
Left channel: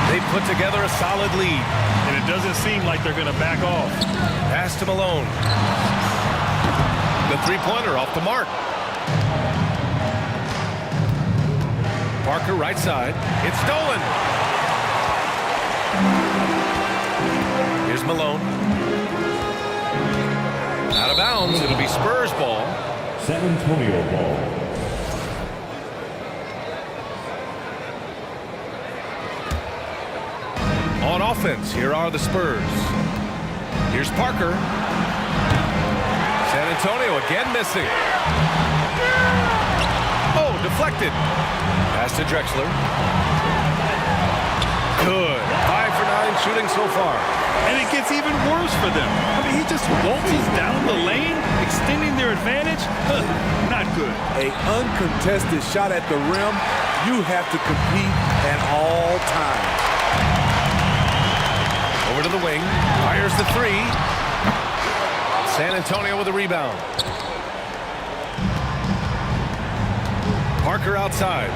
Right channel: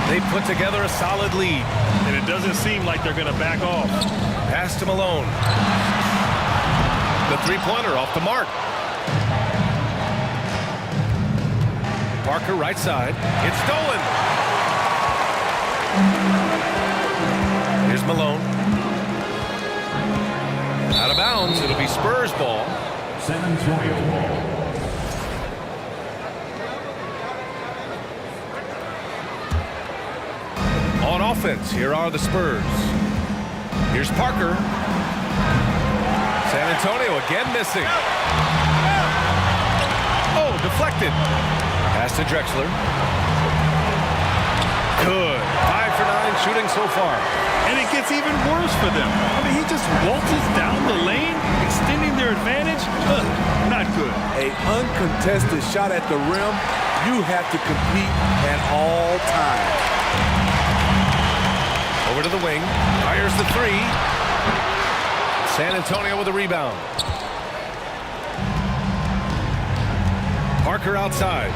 They put together a solid lead. And it doesn't seem like they're going to back off. Pass to Malone. The three-pointer off the mark. Parker right side. It's stolen. Here's Malone. Out of bounds. It'll be Spurs ball. San Antonio ball. offense. Here are the Spurs. Here's Parker. San Antonio again missing. Oh, deflected. Pass to Drexler. Good. 5 for 9 shooting so far. And it gets even worse for them. I mean, he just waltzes down the lane, extending their advantage. Not good. An uncontested shot at the rim. You have to compete at all times. Over to the wing. Fires the three. San Antonio with a rebound. Parker outside.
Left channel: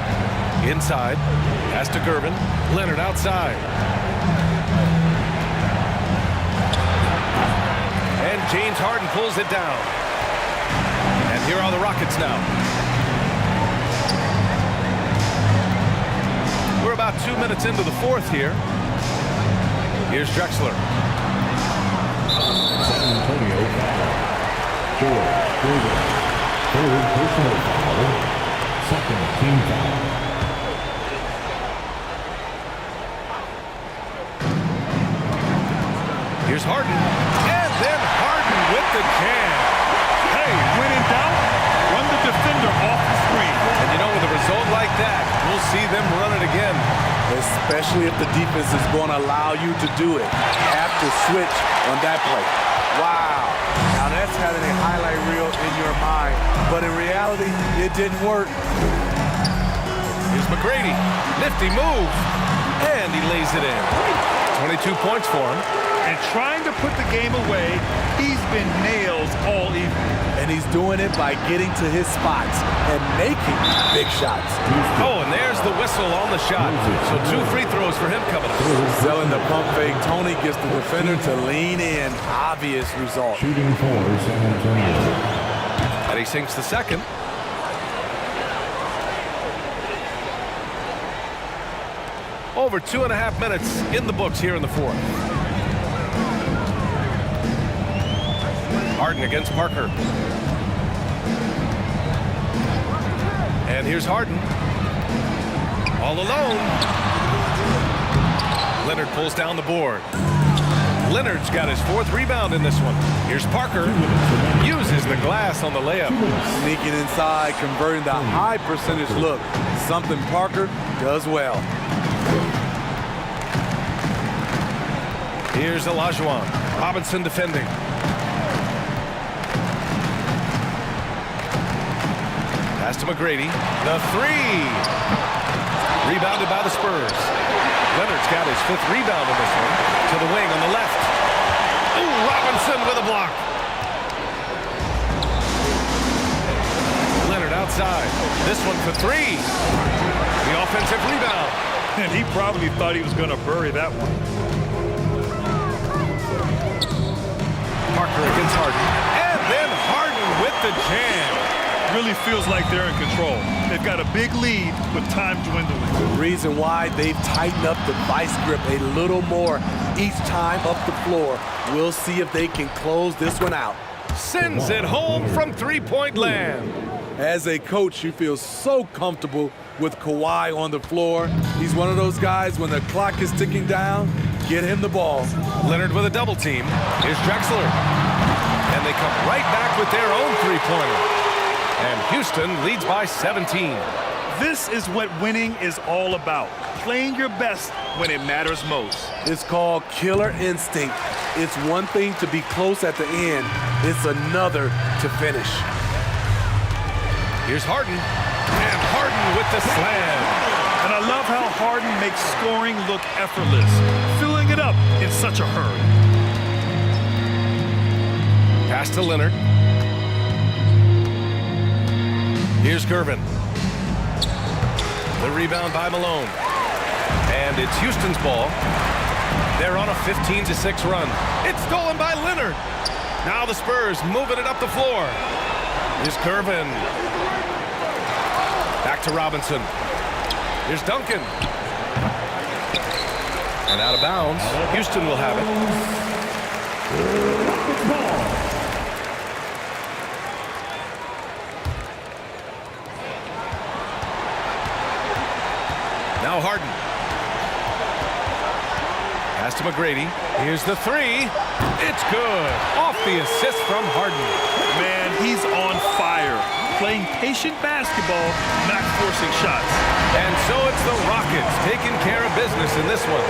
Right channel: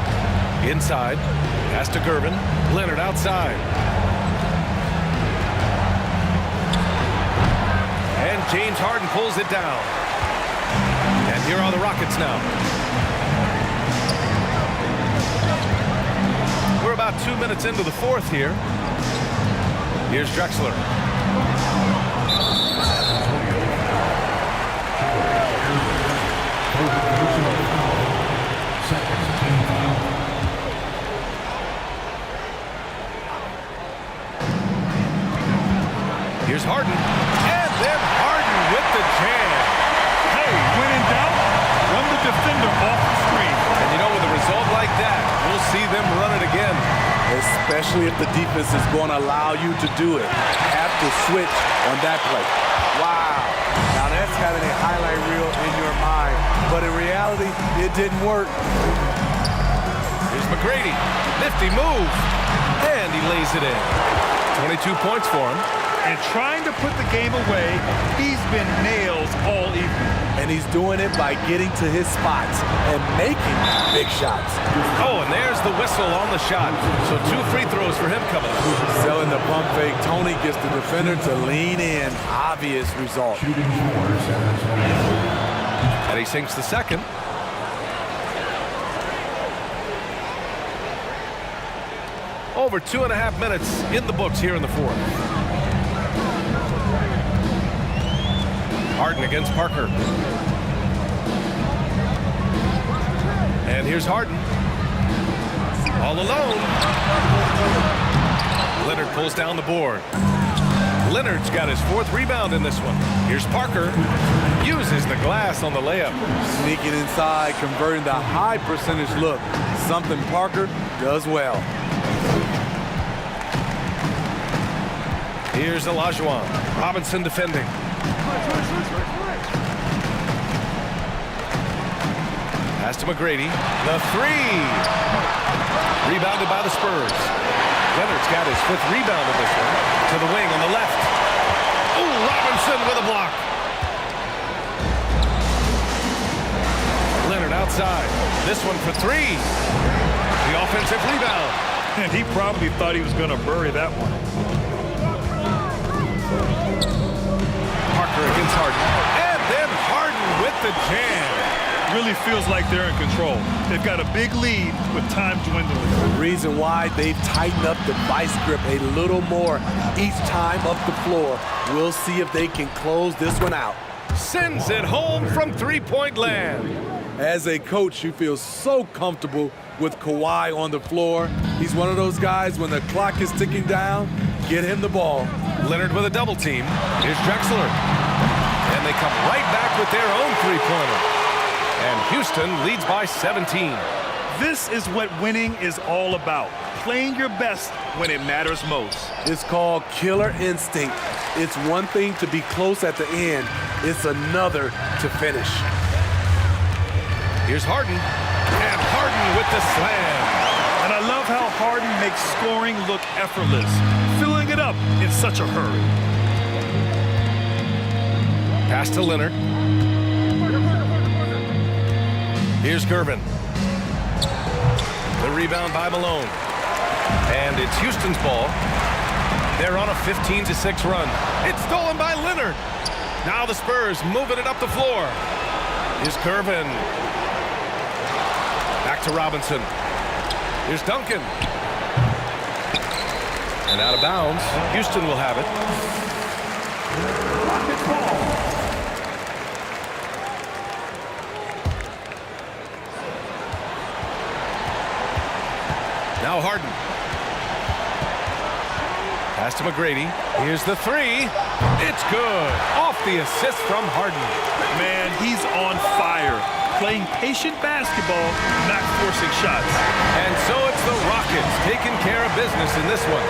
Inside. Pass to Gervin. Leonard outside. And James Harden pulls it down. And here are the Rockets now. We're about 2 minutes into the fourth here. Here's Drexler. San Antonio foul. Forward personal foul. Second team foul. Here's Harden. And then Harden with the jam. Hey, when in doubt, run the defender off the screen. And you know, with a result like that, we'll see them run it again. Especially if the defense is going to allow you to do it. Have to switch on that play. Wow. Now that's having a highlight reel in your mind. But in reality, it didn't work. Here's McGrady. Nifty move. And he lays it in. 22 points for him. And trying to put the game away, he's been nails all evening. And he's doing it by getting to his spots and making big shots. Oh, and there's the whistle on the shot. So 2 free throws for him coming up. Selling the pump fake. Tony gets the defender to lean in. Obvious result. Shooting for San Antonio. And he sinks the second. Over 2.5 minutes in the books here in the fourth. Harden against Parker. And here's Harden. All alone. Leonard pulls down the board. Leonard's got his 4th rebound in this one. Here's Parker. Uses the glass on the layup. Sneaking inside, converting the high percentage look. Something Parker does well. Here's Olajuwon. Robinson defending. Pass to McGrady. The 3. Rebounded by the Spurs. Leonard's got his 5th rebound in this one. To the wing on the left. Oh, Robinson with a block. Leonard outside. This one for 3. The offensive rebound. And he probably thought he was going to bury that one. Parker against Harden. And then Harden with the jam. Really feels like they're in control. They've got a big lead with time dwindling. The reason why they've tightened up the vice grip a little more each time up the floor. We'll see if they can close this one out. Sends it home from 3-point land. As a coach, you feel so comfortable with Kawhi on the floor. He's one of those guys, when the clock is ticking down, get him the ball. Leonard with a double team. Here's Drexler. And they come right back with their own 3-pointer. And Houston leads by 17. This is what winning is all about. Playing your best when it matters most. It's called killer instinct. It's one thing to be close at the end. It's another to finish. Here's Harden. And Harden with the slam. And I love how Harden makes scoring look effortless, filling it up in such a hurry. Pass to Leonard. Here's Gervin. The rebound by Malone. And it's Houston's ball. They're on a 15-6 run. It's stolen by Leonard. Now the Spurs moving it up the floor. Here's Gervin. Back to Robinson. Here's Duncan. And out of bounds. Houston will have it. Now Harden. Pass to McGrady. Here's the three. It's good. Off the assist from Harden. Man, he's on fire. Playing patient basketball, not forcing shots. And so it's the Rockets taking care of business in this one.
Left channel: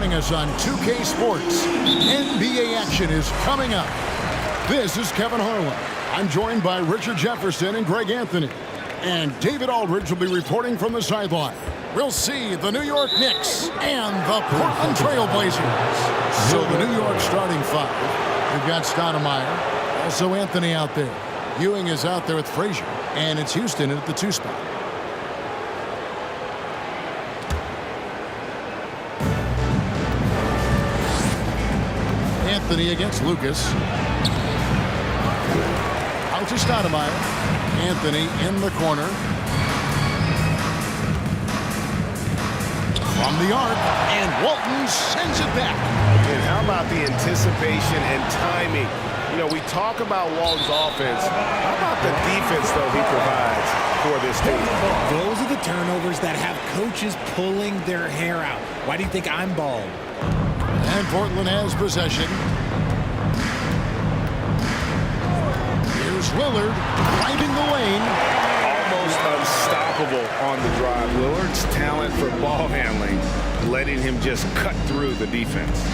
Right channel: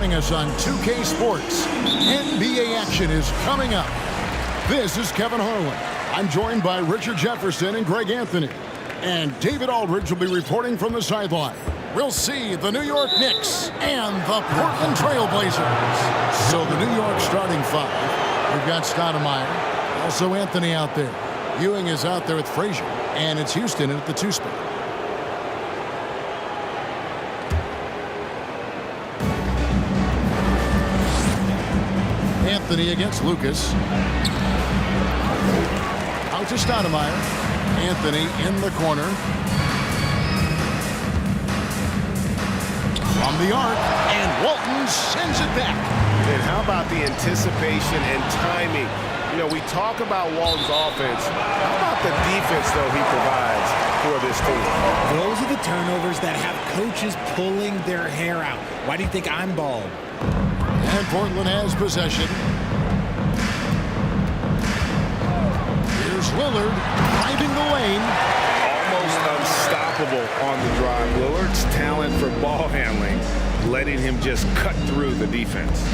Joining us on 2K Sports, NBA action is coming up. This is Kevin Harlan. I'm joined by Richard Jefferson and Greg Anthony. And David Aldridge will be reporting from the sideline. we'll see the New York Knicks and the Portland Trail Blazers. So the New York starting five. We've got Stoudemire, also Anthony out there. Ewing is out there with Frazier, and it's Houston at the 2 spot. Anthony against Lucas. Out to Stoudemire. Anthony in the corner. From the arc, and Walton sends it back. And how about the anticipation and timing? You know, we talk about Walton's offense. How about the defense, though, he provides for this team? Those are the turnovers that have coaches pulling their hair out. Why do you think I'm bald? And Portland has possession. Here's Lillard driving the lane. Almost unstoppable on the drive. Lillard's talent for ball handling, letting him just cut through the defense.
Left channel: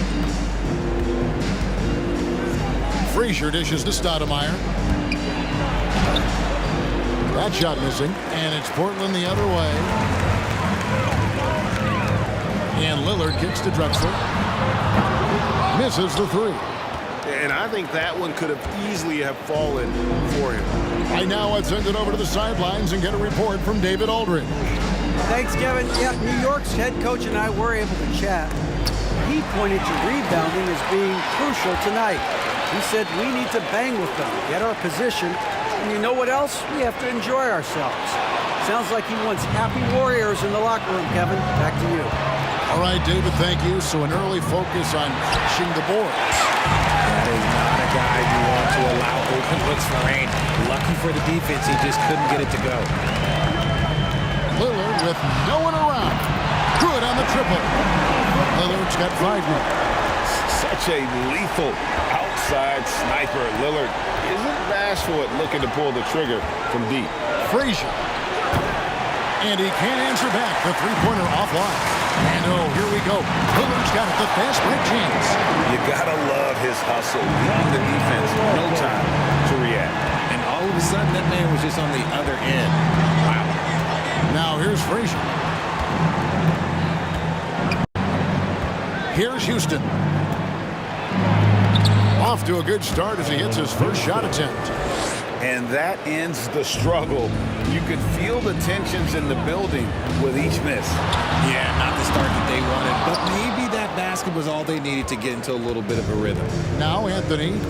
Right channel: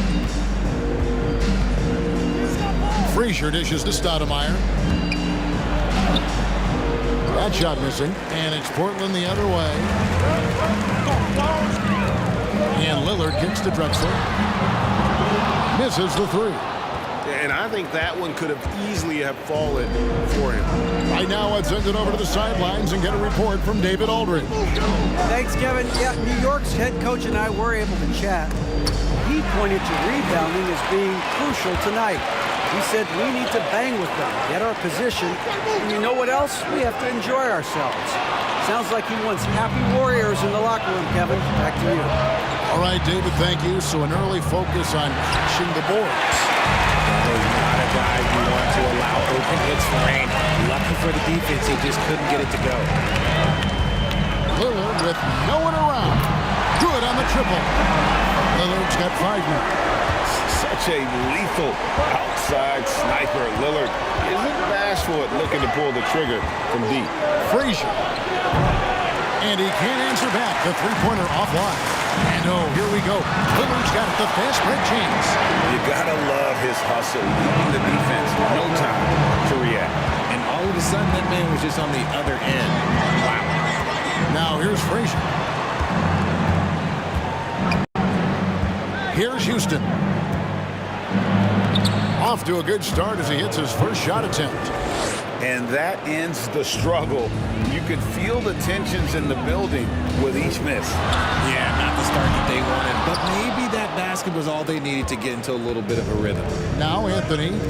Frazier dishes to Stoudemire. That shot missing, and it's Portland the other way. And Lillard kicks to Drexler. Misses the 3. And I think that one could have easily have fallen for him. Right now, let's send it over to the sidelines and get a report from David Aldridge. Thanks, Kevin. Yeah, New York's head coach and I were able to chat. He pointed to rebounding as being crucial tonight. He said we need to bang with them, get our position, and you know what else? We have to enjoy ourselves. Sounds like he wants happy warriors in the locker room, Kevin. Back to you. All right, David, thank you. So an early focus on crashing the boards. That is not a guy you want to allow open looks for range. Lucky for the defense, he just couldn't get it to go. Lillard with no one around. Good on the triple. Lillard's got 5 now. Such a lethal outside sniper. Lillard isn't bashful at looking to pull the trigger from deep. Frazier. And he can't answer back. The three-pointer offline. And oh, here we go. Lillard's got it, the fast break chance. You gotta love his hustle, leaving the defense no time to react. And all of a sudden, that man was just on the other end. Wow. Now here's Frazier. Here's Houston. Off to a good start as he hits his first shot attempt. And that ends the struggle. You could feel the tensions in the building with each miss. Yeah, not the start that they wanted, but maybe that basket was all they needed to get into a little bit of a rhythm. Now Anthony,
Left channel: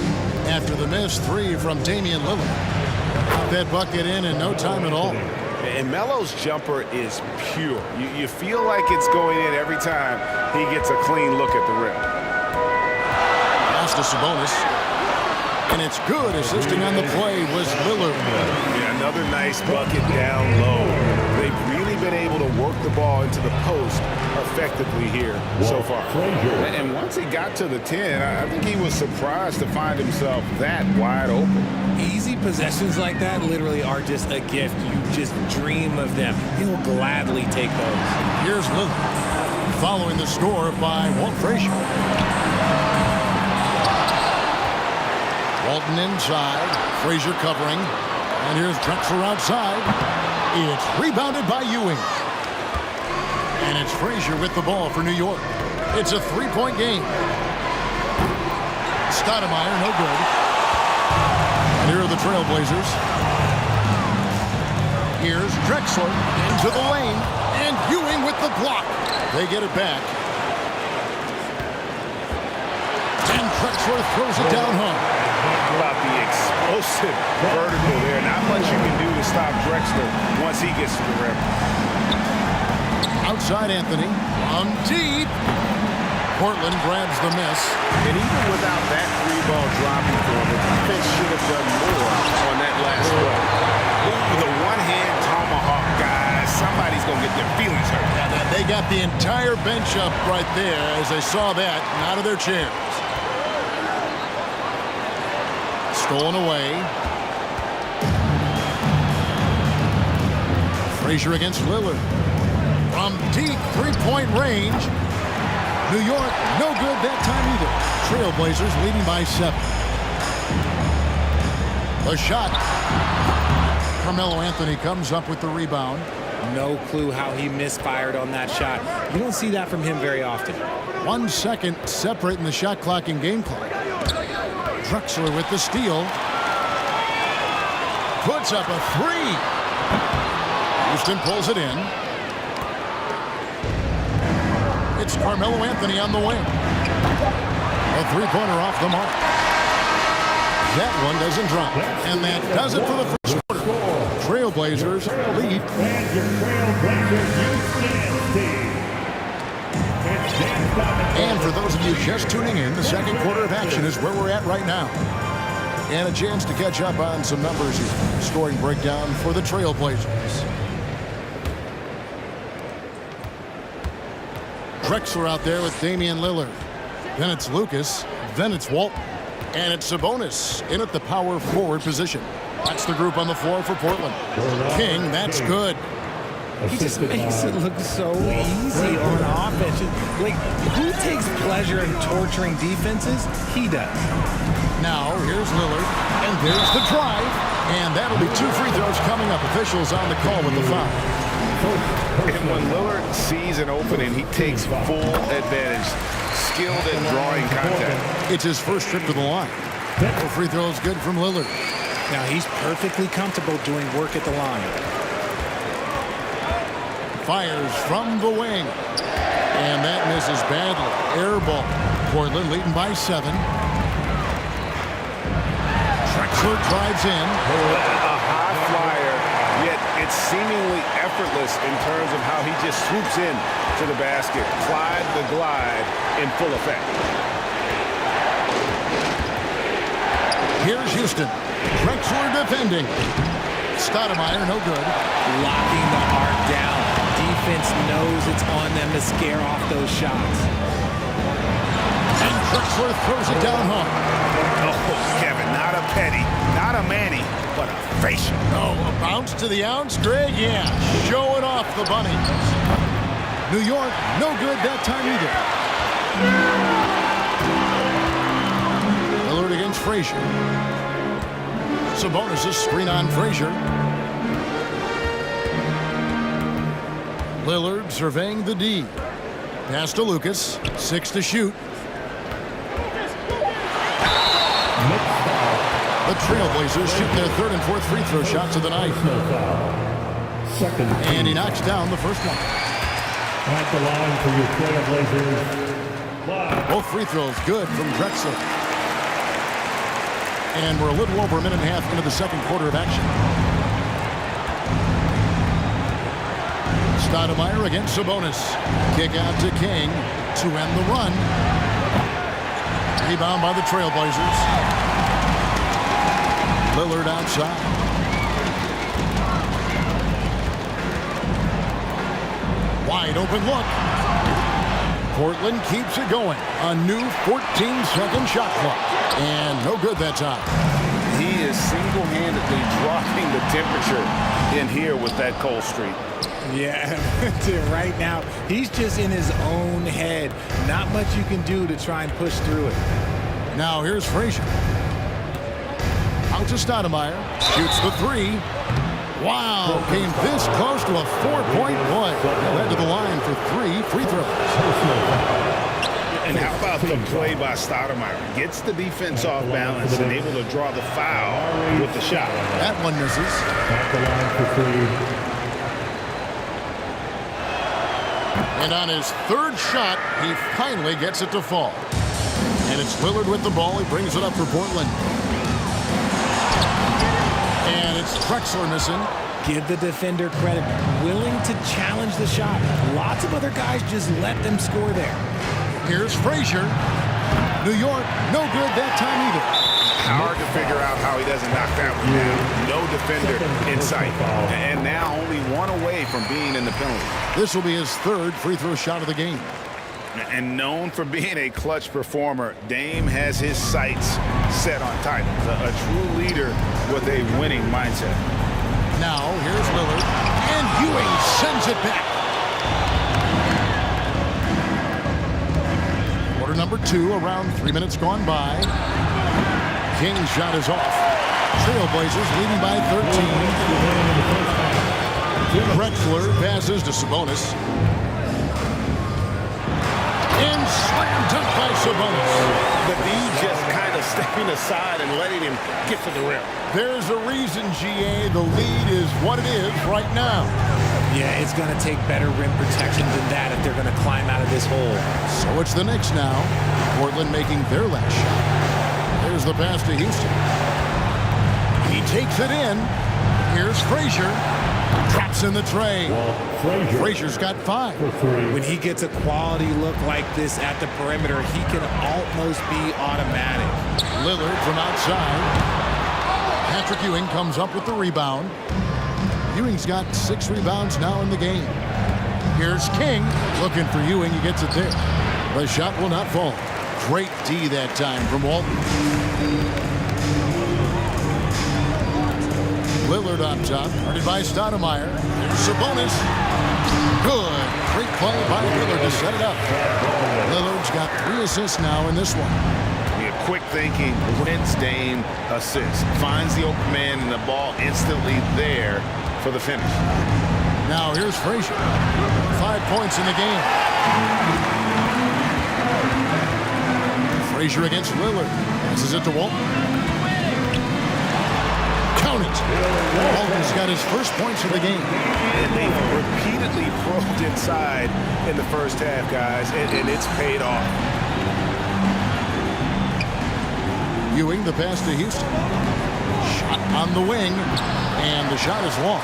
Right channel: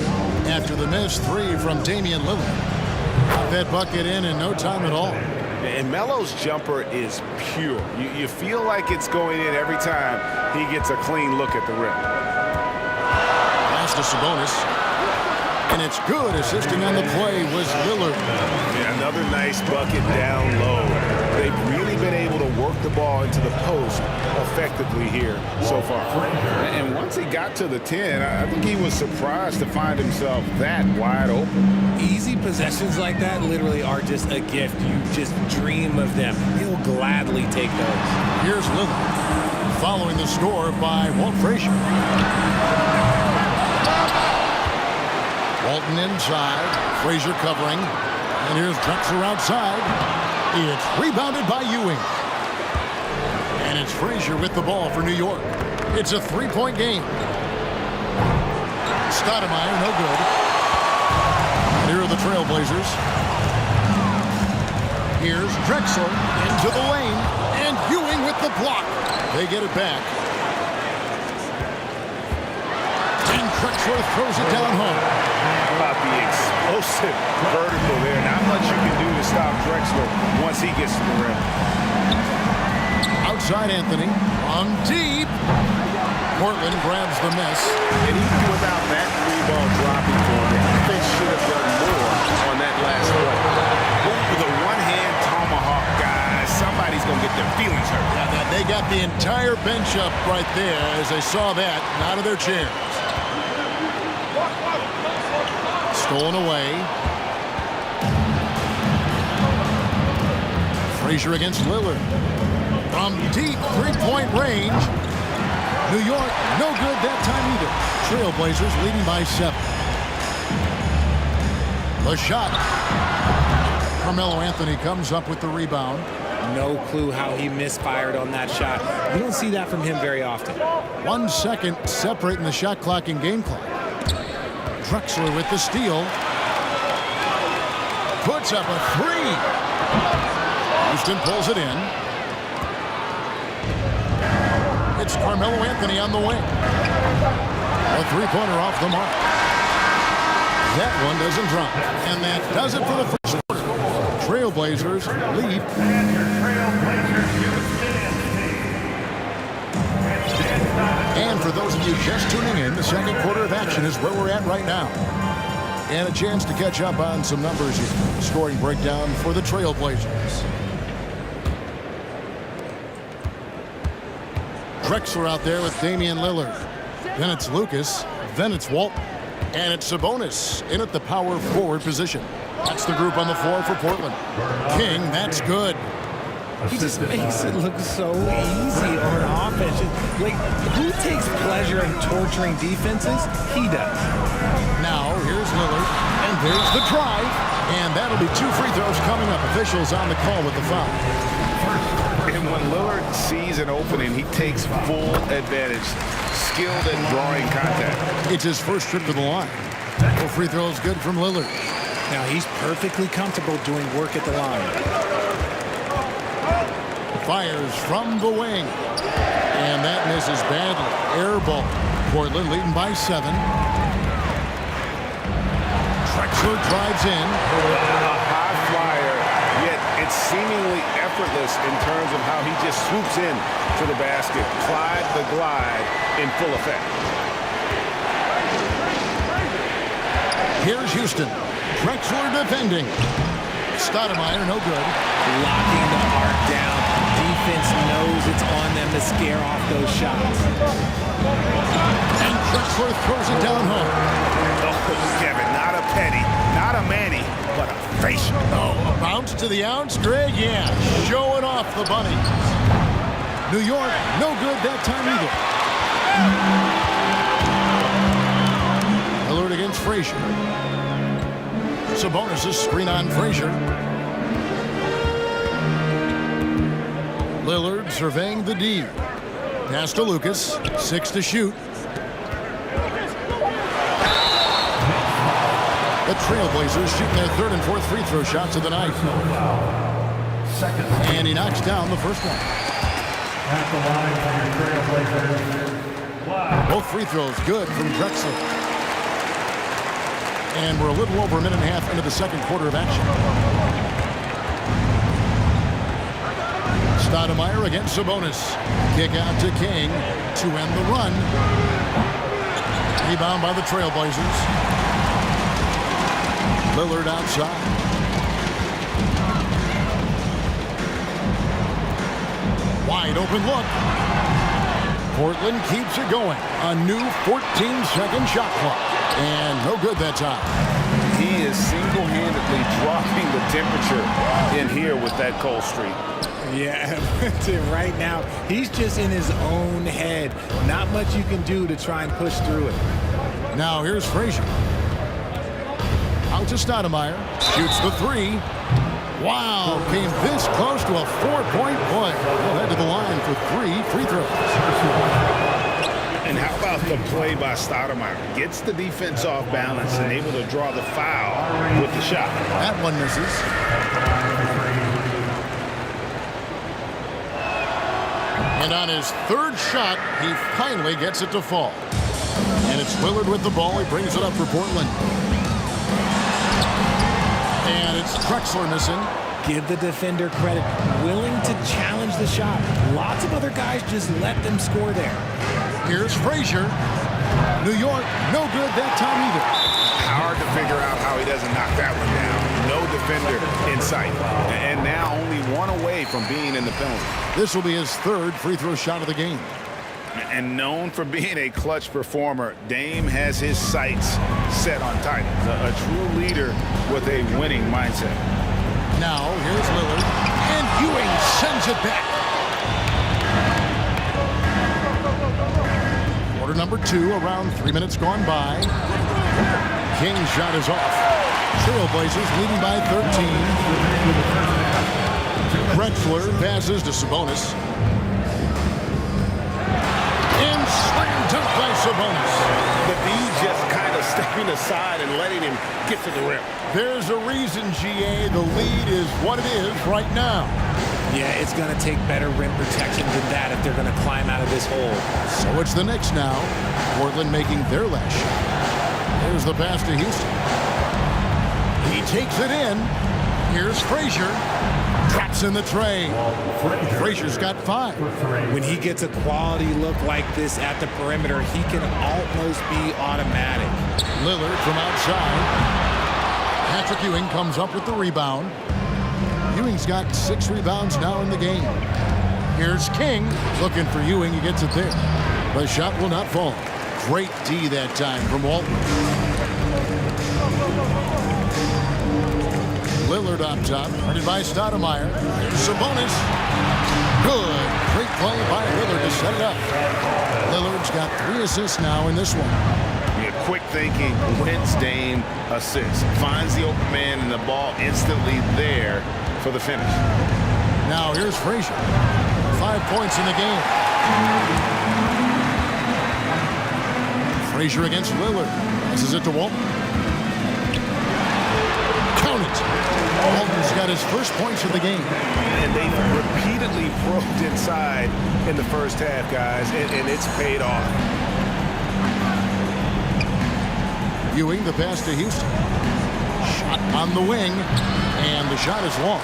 after the missed 3 from Damian Lillard. Got that bucket in no time at all. And Melo's jumper is pure. You feel like it's going in every time he gets a clean look at the rim. Pass to Sabonis. And it's good. Assisting on the play was Lillard. Yeah, another nice bucket down low. They've really been able to work the ball into the post effectively here so far. And once he got to the 10, I think he was surprised to find himself that wide open. Easy possessions like that literally are just a gift. You just dream of them. He'll gladly take those. Here's Lillard, following the score by Walt Frazier. Walton inside, Frazier covering, and here's Drexler outside. It's rebounded by Ewing. And it's Frazier with the ball for New York. It's a 3-point game. Stoudemire, no good. And here are the Trailblazers. Here's Drexler into the lane, and Ewing with the block. They get it back. And Drexler throws it down hard. How about the explosive vertical there? Not much you can do to stop Drexler once he gets to the rim. Outside Anthony, from deep. Portland grabs the miss. And even without that 3-ball dropping for him, the defense should have done more on that last play. Ooh, the one-hand tomahawk, guys. Somebody's going to get their feelings hurt. Yeah, they got the entire bench up right there as they saw that and out of their chairs. Stolen away. Frazier against Lillard. From deep 3-point range. New York, no good that time either. Trailblazers leading by 7. The shot. Carmelo Anthony comes up with the rebound. No clue how he misfired on that shot. You don't see that from him very often. 1 second separating the shot clock and game clock. Drexler with the steal. Puts up a three. Houston pulls it in. It's Carmelo Anthony on the wing. A three-pointer off the mark. That one doesn't drop. And that does it for the first quarter. Trailblazers lead. And for those of you just tuning in, the second quarter of action is where we're at right now. And a chance to catch up on some numbers here. Scoring breakdown for the Trailblazers. Drexler out there with Damian Lillard. Then it's Lucas. Then it's Walton. And it's Sabonis in at the power forward position. That's the group on the floor for Portland. King, that's good. He just makes it look so easy on offense. Like, who takes pleasure in torturing defenses? He does. Now, here's Lillard, and there's the drive. And that'll be 2 free throws coming up. Officials on the call with the foul. And when Lillard sees an opening, he takes full advantage. Skilled at drawing contact. It's his first trip to the line. 4 free throws good from Lillard. Now, he's perfectly comfortable doing work at the line. Fires from the wing. And that misses badly. Air ball. Portland leading by 7. Drexler drives in. A high flyer, yet it's seemingly effortless in terms of how he just swoops in to the basket. Clyde the glide in full effect. Here's Houston. Drexler defending. Stoudemire, no good. Locking the arc down. Defense knows it's on them to scare off those shots. And Drexler throws it down hard. Oh, Kevin, not a petty, not a Manny, but a facial. Oh, a bounce to the ounce, Greg? Yeah, showing off the bunnies. New York, no good that time either. Lillard against Frazier. Sabonis' screen on Frazier. Lillard surveying the D. Pass to Lucas. 6 to shoot. The Trailblazers shooting their 3rd and 4th free throw shots of the night. And he knocks down the first one. At the line for your Trailblazers. Both free throws good from Drexler. And we're a little over a minute and a half into the second quarter of action. Stoudemire against Sabonis. Kick out to King to end the run. Rebound by the Trailblazers. Lillard outside. Wide open look. Portland keeps it going. A new 14-second shot clock. And no good that time. He is single-handedly dropping the temperature in here with that cold streak. Yeah, right now, he's just in his own head. Not much you can do to try and push through it. Now here's Frazier. Out to Stoudemire. Shoots the 3. Wow, came this close to a 4-point play. Led to the line for 3 free throws. And how about the play by Stoudemire? Gets the defense off balance and able to draw the foul with the shot. That one misses. And on his 3rd shot, he finally gets it to fall. And it's Lillard with the ball. He brings it up for Portland. And it's Drexler missing. Give the defender credit. Willing to challenge the shot. Lots of other guys just let them score there. Here's Frazier. New York, no good that time either. Hard to figure out how he doesn't knock that one down. No defender in sight. And now only 1 away from being in the penalty. This will be his 3rd free throw shot of the game. And known for being a clutch performer, Dame has his sights set on titles. A true leader with a winning mindset. Now, here's Lillard. And Ewing sends it back. Quarter number 2, around 3 minutes gone by. King's shot is off. Trailblazers leading by 13. Drexler passes to Sabonis. And slam dunk by Sabonis. The D just kind of stepping aside and letting him get to the rim. There's a reason, GA, the lead is what it is right now. Yeah, it's going to take better rim protection than that if they're going to climb out of this hole. So it's the Knicks now. Portland making their last shot. There's the pass to Houston. He takes it in. Here's Frazier. Drops in the tray. Frazier's got 5. When he gets a quality look like this at the perimeter, he can almost be automatic. Lillard from outside. Patrick Ewing comes up with the rebound. Ewing's got 6 rebounds now in the game. Here's King looking for Ewing. He gets it there. The shot will not fall. Great D that time from Walton. Lillard on top, guarded by Stoudemire. There's Sabonis. Good. Great play by Lillard to set it up. Lillard's got 3 assists now in this one. Yeah, quick thinking, wins Dame assist. Finds the open man and the ball instantly there for the finish. Now here's Frazier. 5 points in the game. Frazier against Lillard. Passes it to Walton. Count it. Walton's got his first points of the game. And they've repeatedly probed inside in the first half, guys, and it's paid off. Ewing, the pass to Houston. Shot on the wing, and the shot is long.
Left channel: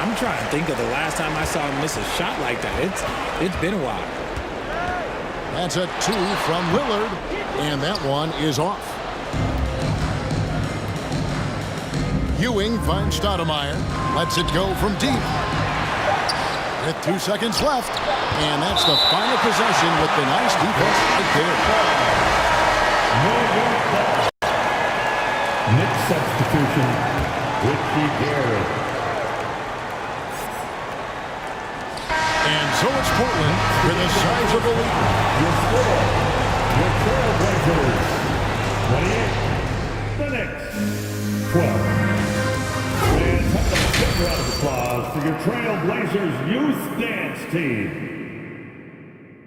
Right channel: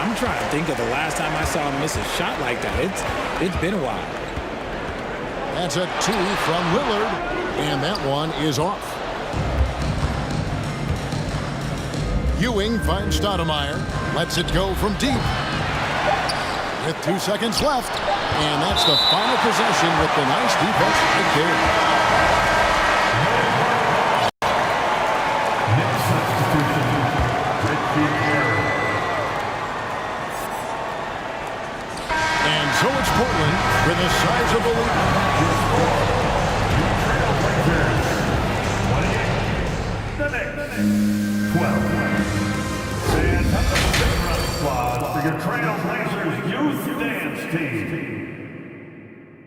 I'm trying to think of the last time I saw him miss a shot like that. It's been a while. That's a 2 from Lillard, and that one is off. Ewing finds Stoudemire, lets it go from deep. With 2 seconds left, and that's the final possession with the nice defense right there. Next substitution, Ricky Garrett. And so it's Portland with a sizable lead. Your Trailblazers, 28. The Knicks, 12. And have a big round of applause for your Trailblazers youth dance team.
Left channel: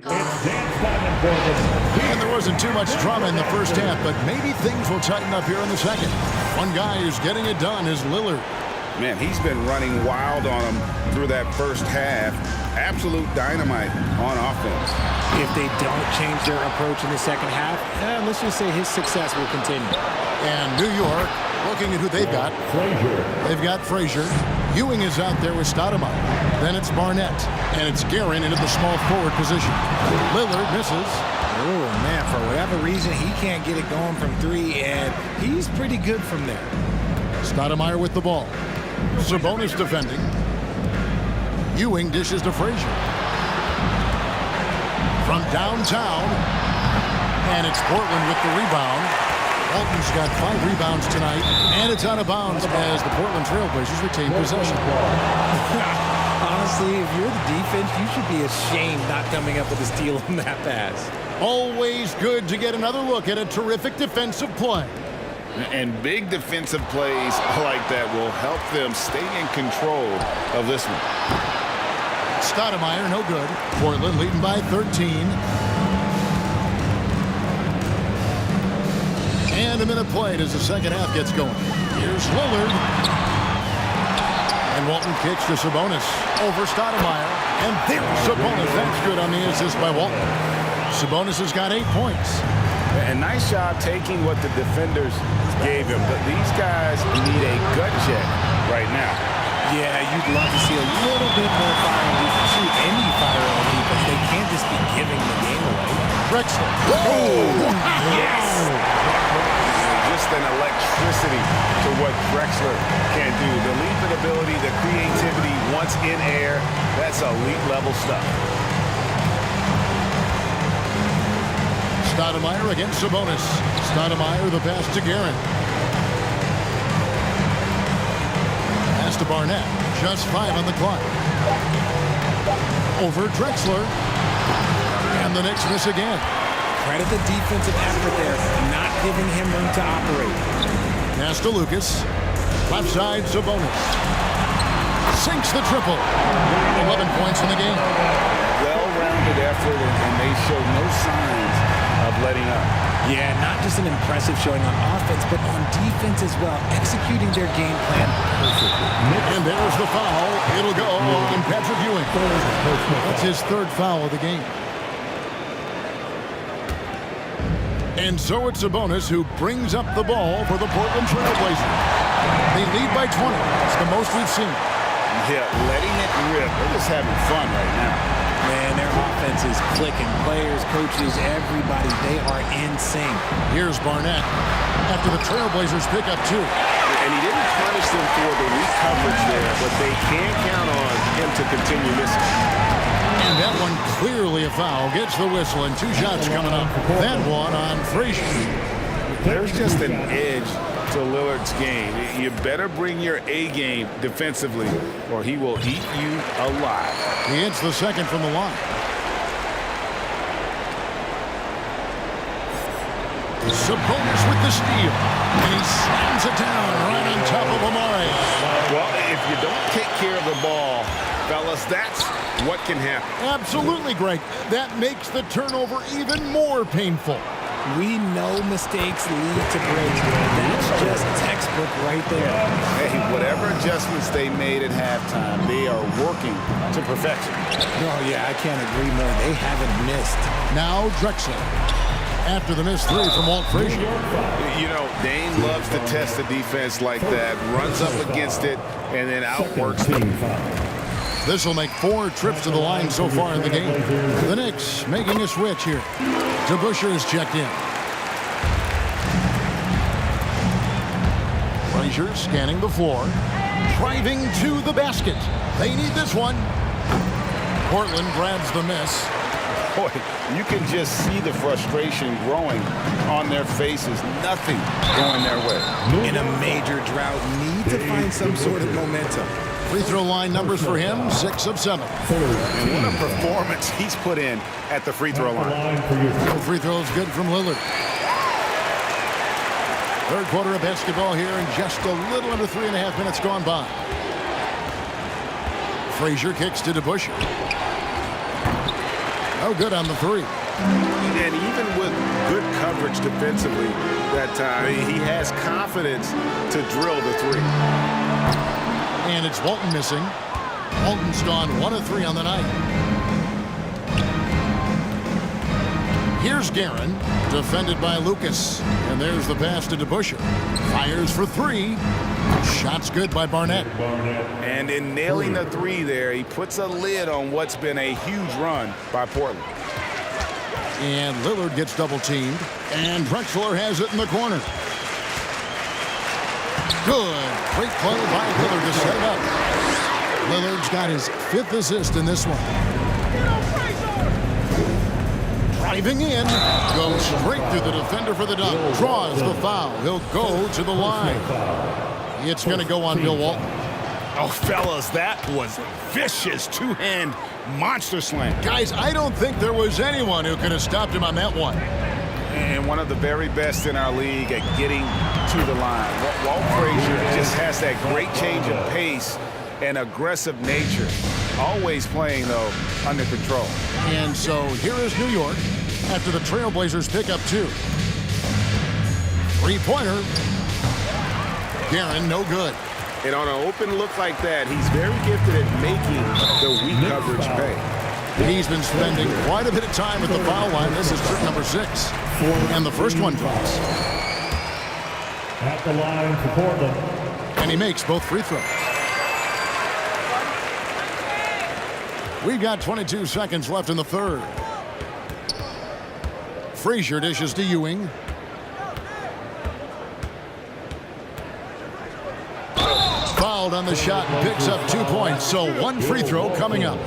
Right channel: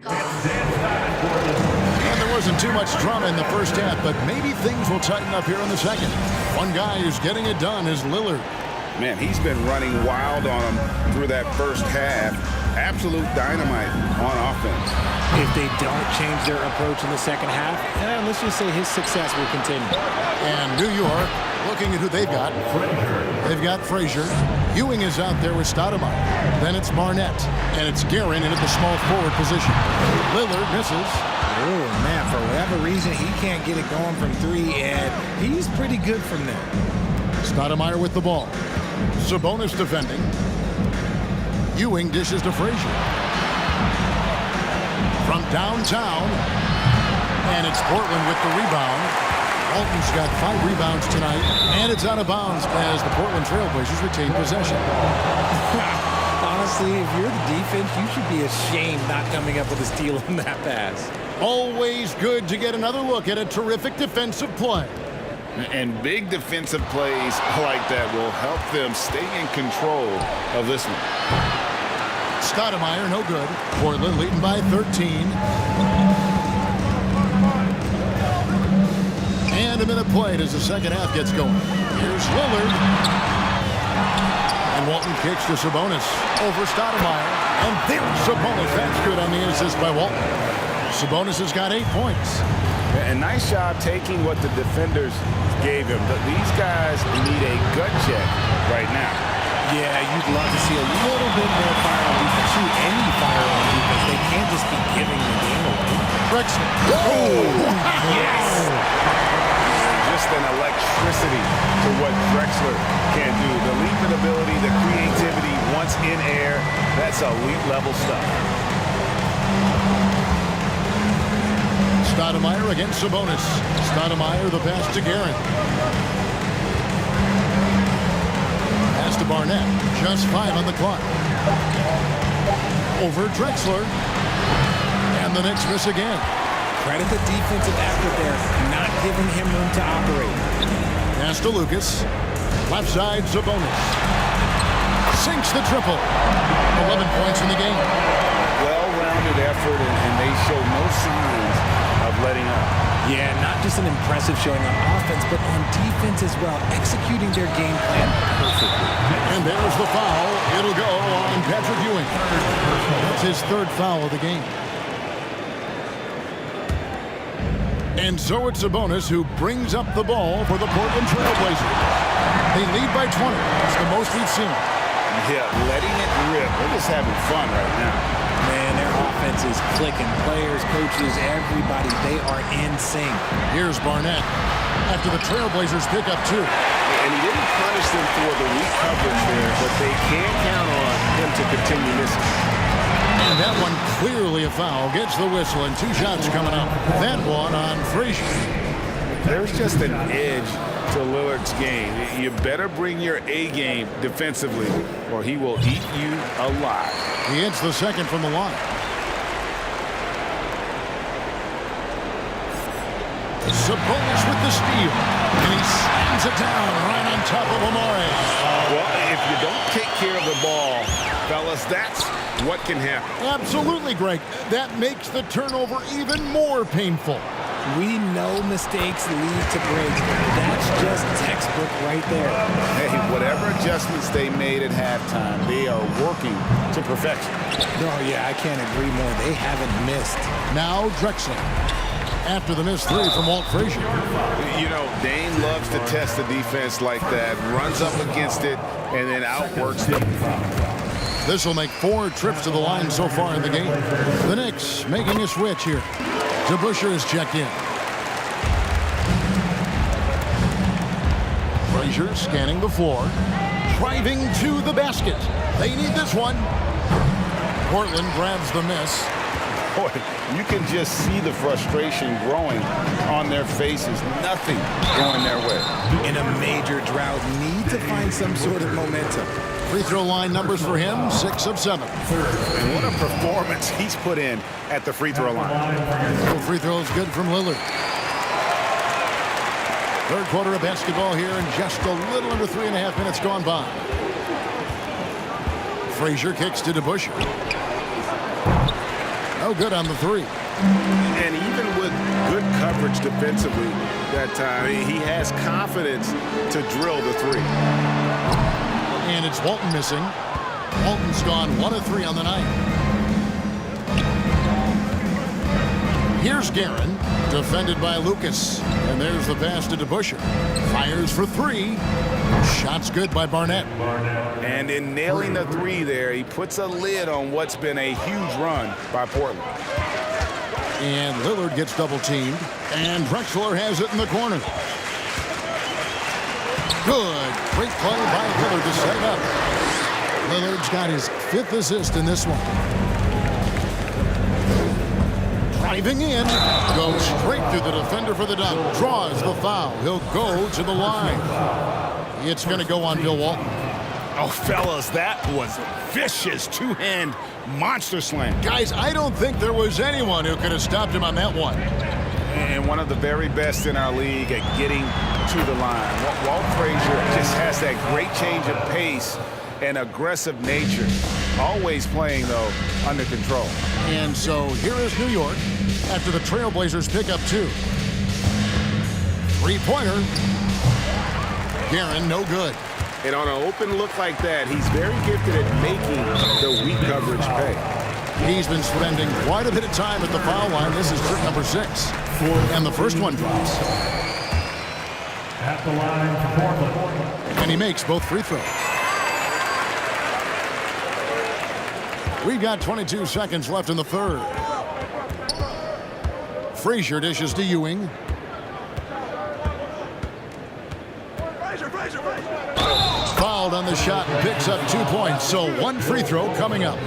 It's dance time in Portland. And there wasn't too much drama in the first half, but maybe things will tighten up here in the second. One guy who's getting it done is Lillard. Man, he's been running wild on them through that first half. Absolute dynamite on offense. If they don't change their approach in the second half, let's just say his success will continue. And New York, looking at who they've got. Frazier. They've got Frazier. Ewing is out there with Stoudemire. Then it's Barnett. And it's Guerin in at the small forward position. Lillard misses. Oh, man, for whatever reason, he can't get it going from 3, and he's pretty good from there. Stoudemire with the ball. Sabonis defending. Ewing dishes to Frazier. From downtown. And it's Portland with the rebound. Walton's got 5 rebounds tonight. And it's out of bounds as the Portland Trailblazers retain possession. Honestly, if you're the defense, you should be ashamed not coming up with a steal on that pass. Always good to get another look at a terrific defensive play. And big defensive plays like that will help them stay in control of this one. Stoudemire, no good. Portland leading by 13. And a minute played as the second half gets going. Here's Lillard. And Walton kicks to Sabonis over Stoudemire. And there's Sabonis. That's good on the assist by Walton. Sabonis has got 8 points. And nice job taking what the defenders gave him. But these guys need a gut check right now. Yeah, you'd love to see a little bit more fire on defense. Shoot, any fire on defense. They can't just be giving the game away. Drexler. Oh, yes! Just an electricity to what Drexler can do. The leaping ability, the creativity once in air, that's elite level stuff. Stoudemire against Sabonis. Stoudemire, the pass to Guerin. Pass to Barnett. Just 5 on the clock. Over Drexler. And the Knicks miss again. Credit the defensive effort there, not giving him room to operate. Pass to Lucas. Left side, Sabonis. Sinks the triple. 11 points in the game. Well-rounded effort, and they show no signs of letting up. Yeah, not just an impressive showing on offense, but on defense as well, executing their game plan perfectly. And there's the foul. It'll go on Patrick Ewing. That's his third foul of the game. And so it's Sabonis who brings up the ball for the Portland Trail Blazers. They lead by 20. That's the most we've seen. Yeah, letting it rip. They're just having fun right now. Man, their offense is clicking. Players, coaches, everybody, they are in sync. Here's Barnett after the Trailblazers pick up 2. And he didn't punish them for the weak coverage there, but they can't count on him to continue missing. And that one clearly a foul. Gets the whistle, and 2 shots coming up. That one on Frazier. There's just an edge to Lillard's game. You better bring your A game defensively, or he will eat you alive. He hits the second from the line. Sabonis with the steal. And he slams it down right on top of Amare. Well, if you don't take care of the ball, fellas, that's what can happen. Absolutely, Greg. That makes the turnover even more painful. We know mistakes lead to breaks. That's just textbook right there. Hey, whatever adjustments they made at halftime, they are working to perfection. Oh, yeah, I can't agree more. They haven't missed. Now Drexler. After the missed 3 from Walt Frazier. You know, Dane loves to test the defense like that, runs up against it, and then outworks them. This will make 4 trips to the line so far in the game. The Knicks making a switch here. DeBusschere is checked in. Frazier scanning the floor. Driving to the basket. They need this one. Portland grabs the miss. Boy, you can just see the frustration growing on their faces. Nothing going their way. In a major drought, need to find some sort of momentum. Free throw line numbers for him, 6 of 7. And what a performance he's put in at the free throw line. No free throws good from Lillard. Third quarter of basketball here, and just a little under 3.5 minutes gone by. Frazier kicks to DeBusschere. No good on the 3. And even with good coverage defensively that time, he has confidence to drill the 3. And it's Walton missing. Walton's gone 1 of 3 on the night. Here's Guerin, defended by Lucas. And there's the pass to DeBusschere. Fires for 3. Shot's good by Barnett. And in nailing the 3 there, he puts a lid on what's been a huge run by Portland. And Lillard gets double teamed. And Drexler has it in the corner. Good. Great play by Lillard to set it up. Lillard's got his 5th assist in this one. Driving in. Goes straight through the defender for the dunk. Draws the foul. He'll go to the line. It's going to go on Bill Walton. Oh, fellas, that was vicious 2-hand monster slam. Guys, I don't think there was anyone who could have stopped him on that one. And one of the very best in our league at getting to the line. Walt Frazier just has that great change of pace and aggressive nature. Always playing, though, under control. And so here is New York after the Trailblazers pick up 2. 3-pointer. Guerin, no good. And on an open look like that, he's very gifted at making the weak coverage pay. He's been spending quite a bit of time at the foul line. This is trip number 6. And the first one drops. At the line for Portland. And he makes both free throws. We've got 22 seconds left in the third. Frazier dishes to Ewing. Fouled on the shot and picks up 2 points. So 1 free throw coming up.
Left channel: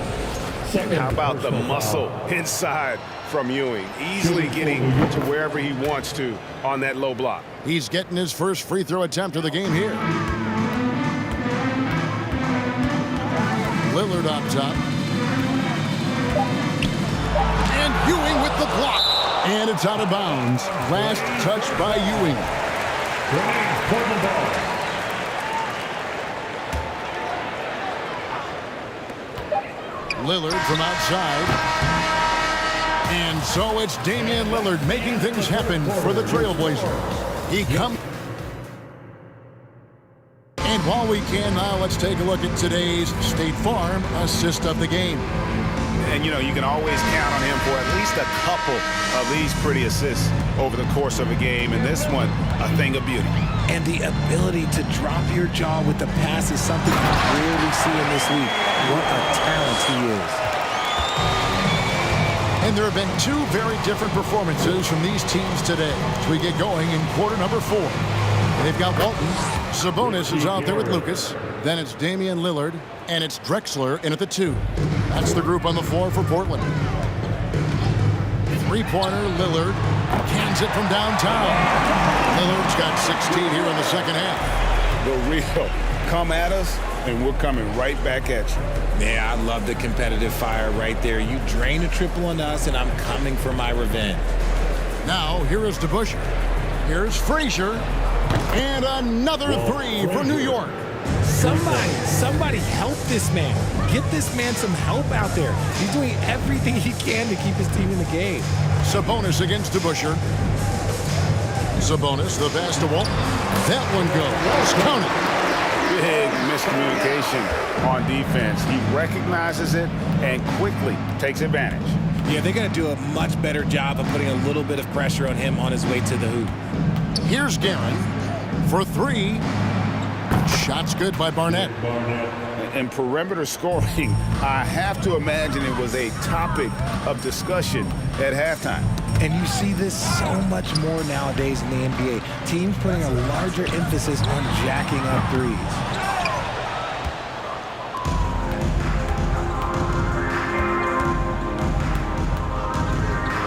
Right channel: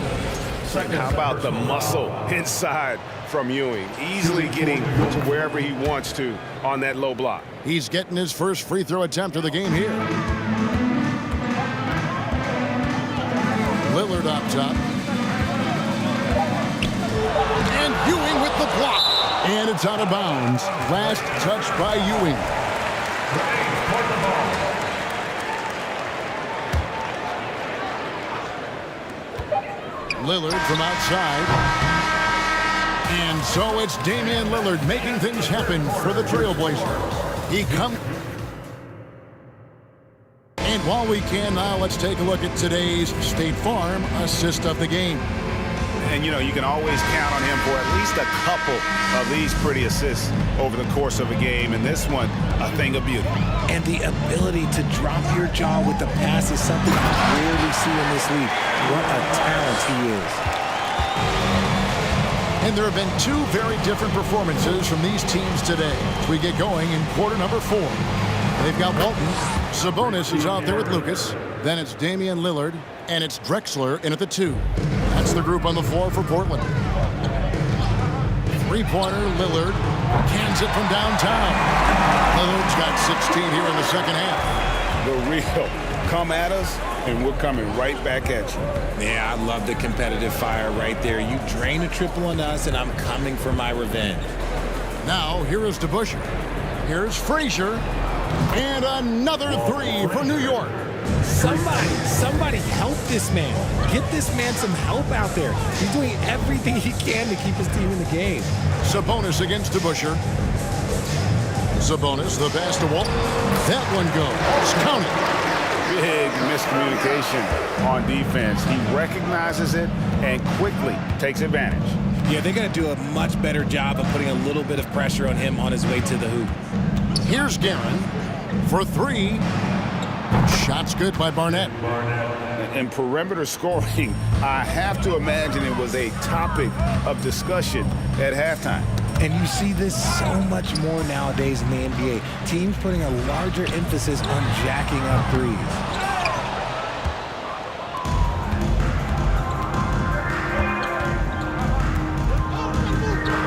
How about the muscle inside from Ewing? Easily getting to wherever he wants to on that low block. He's getting his first free throw attempt of the game here. Lillard up top. And Ewing with the block. And it's out of bounds. Last touch by Ewing. Lillard from outside. And so it's Damian Lillard making things happen for the Trailblazers. He comes. And while we can now, let's take a look at today's State Farm assist of the game. And, you know, you can always count on him for at least a couple of these pretty assists over the course of a game. And this one, a thing of beauty. And the ability to drop your jaw with the pass is something you rarely see in this league. What a talent he is. And there have been two very different performances from these teams today as we get going in quarter number 4. They've got Walton. Sabonis is out there with Lucas. Then it's Damian Lillard, and it's Drexler in at the 2. That's the group on the floor for Portland. Three-pointer, Lillard cans it from downtown. Lillard's got 16 here in the second half. The real come at us, and we're coming right back at you. Yeah, I love the competitive fire right there. You drain a triple on us, and I'm coming for my revenge. Now, here is DeBusschere. Here's Frazier. And another 3 for New York. Somebody help this man. Get this man some help out there. He's doing everything he can to keep his team in the game. Sabonis against DeBusschere. Sabonis, the pass to Walton. That one goes. Count it. Big miscommunication on defense. He recognizes it and quickly takes advantage. Yeah, they got to do a much better job of putting a little bit of pressure on him on his way to the hoop. Here's Guerin for 3. Shots good by Barnett. And perimeter scoring, I have to imagine it was a topic of discussion at halftime. And you see this so much more nowadays in the NBA. Teams putting a larger emphasis on jacking up threes.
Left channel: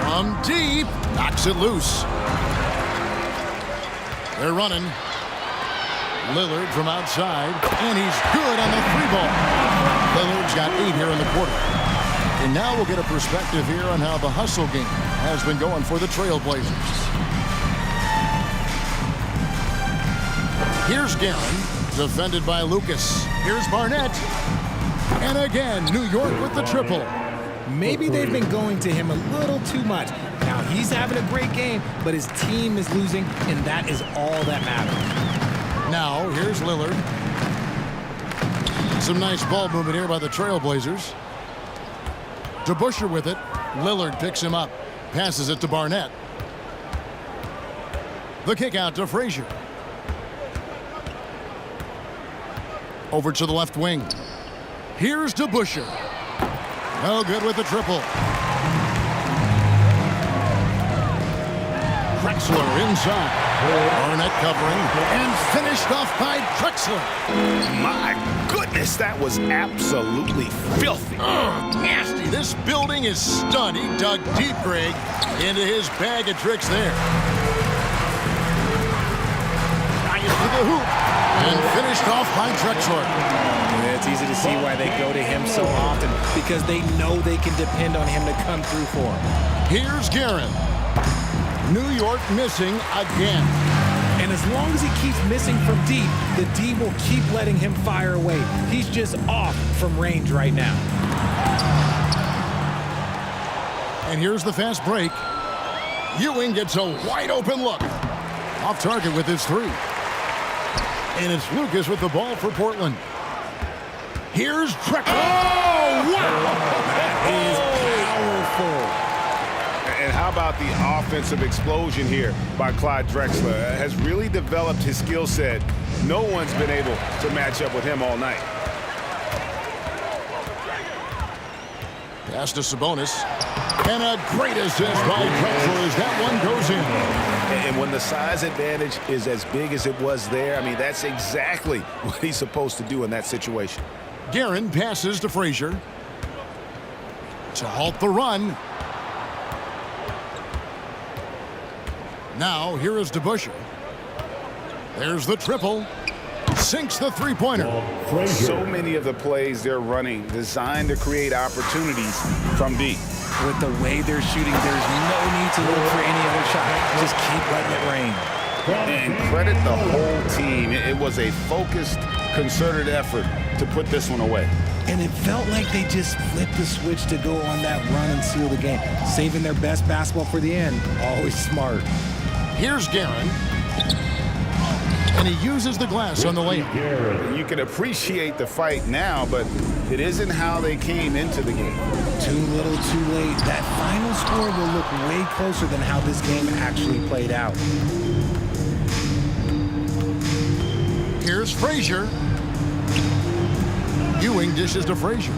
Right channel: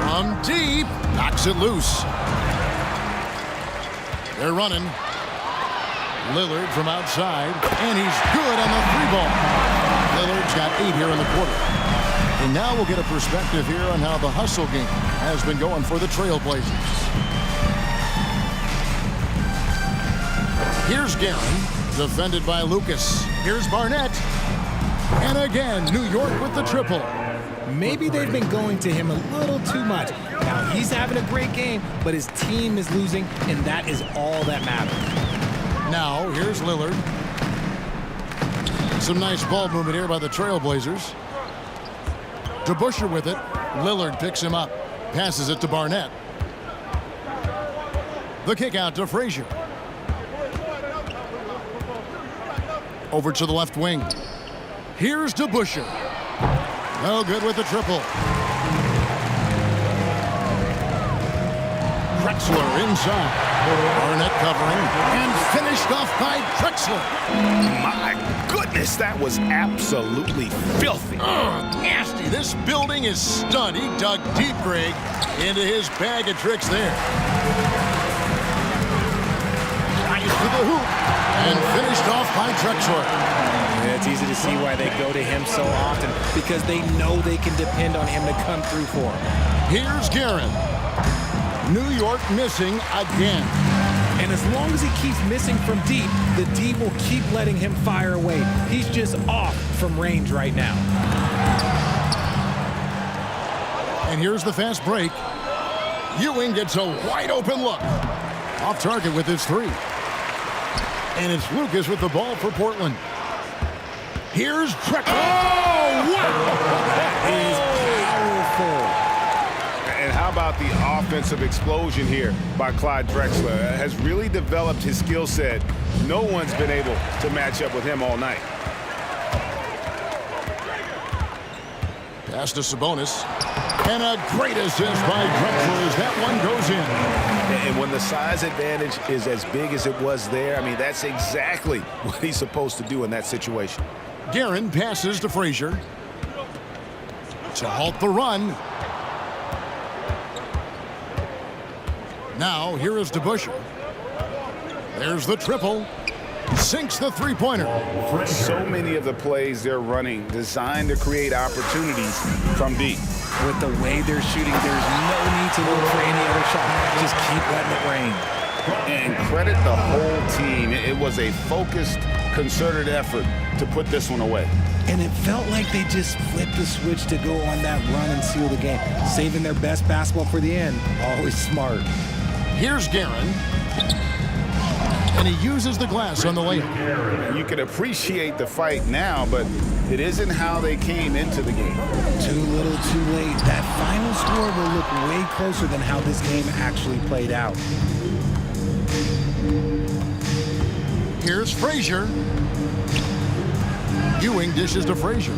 From deep, knocks it loose. They're running. Lillard from outside, and he's good on the 3-ball. Lillard's got 8 here in the quarter. And now we'll get a perspective here on how the hustle game has been going for the Trailblazers. Here's Guerin, defended by Lucas. Here's Barnett. And again, New York with the triple. Maybe they've been going to him a little too much. Now, he's having a great game, but his team is losing, and that is all that matters. Now, here's Lillard. Some nice ball movement here by the Trailblazers. DeBusschere with it. Lillard picks him up. Passes it to Barnett. The kick out to Frazier. Over to the left wing. Here's DeBusschere. No good with the triple. Drexler inside. Barnett covering and finished off by Drexler. My goodness, that was absolutely filthy. Nasty. This building is stunned. He dug deep, Greg, into his bag of tricks there. Giants to the hoop and finished off by Drexler. Yeah, it's easy to see why they go to him so often, because they know they can depend on him to come through for them. Here's Guerin. New York missing again. And as long as he keeps missing from deep, the D will keep letting him fire away. He's just off from range right now. And here's the fast break. Ewing gets a wide open look. Off target with his 3. And it's Lucas with the ball for Portland. Here's Drexler. Oh, wow! That is powerful. And how about the offensive explosion here by Clyde Drexler? Has really developed his skill set. No one's been able to match up with him all night. Pass to Sabonis. And a great assist by Drexler as that one goes in. And when the size advantage is as big as it was there, I mean, that's exactly what he's supposed to do in that situation. Guerin passes to Frazier to halt the run. Now, here is DeBusschere. There's the triple. Sinks the 3-pointer. So many of the plays they're running designed to create opportunities from deep. With the way they're shooting, there's no need to look for any other shot. Just keep letting it rain. And credit the whole team. It was a focused, concerted effort to put this one away. And it felt like they just flipped the switch to go on that run and seal the game. Saving their best basketball for the end. Always smart. Here's Guerin. And he uses the glass on the layup. You can appreciate the fight now, but it isn't how they came into the game. Too little, too late. That final score will look way closer than how this game actually played out. Here's Frazier. Ewing dishes to Frazier.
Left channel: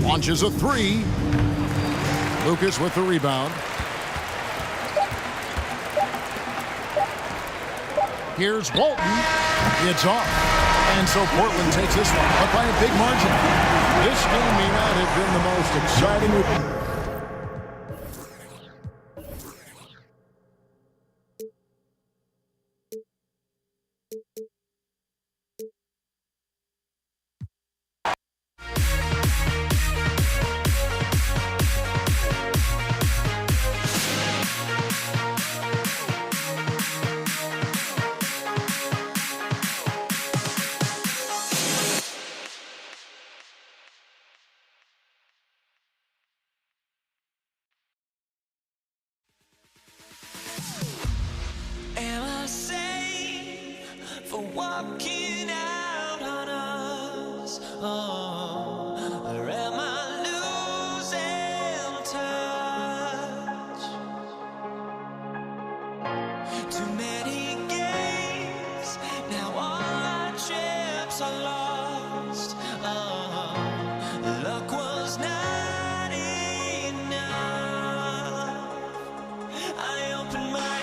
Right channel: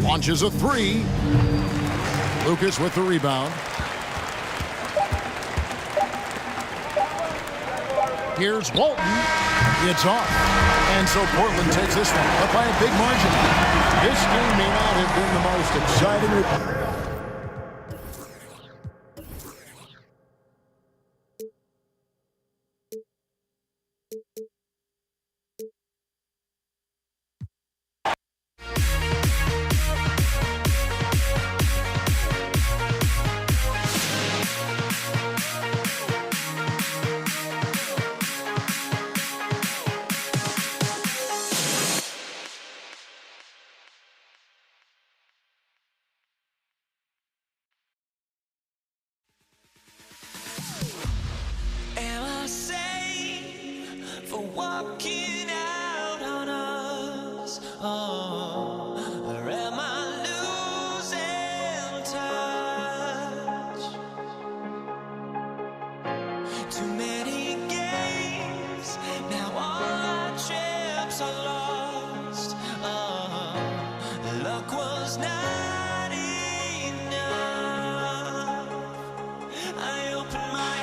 Launches a three. Lucas with the rebound. Here's Walton. It's off. And so Portland takes this one, but by a big margin. This game may not have been the most exciting. Am I safe for walking out on us? Oh, or am I losing touch? Too many games, now all our chips are lost. Oh, luck was not enough. I opened my eyes.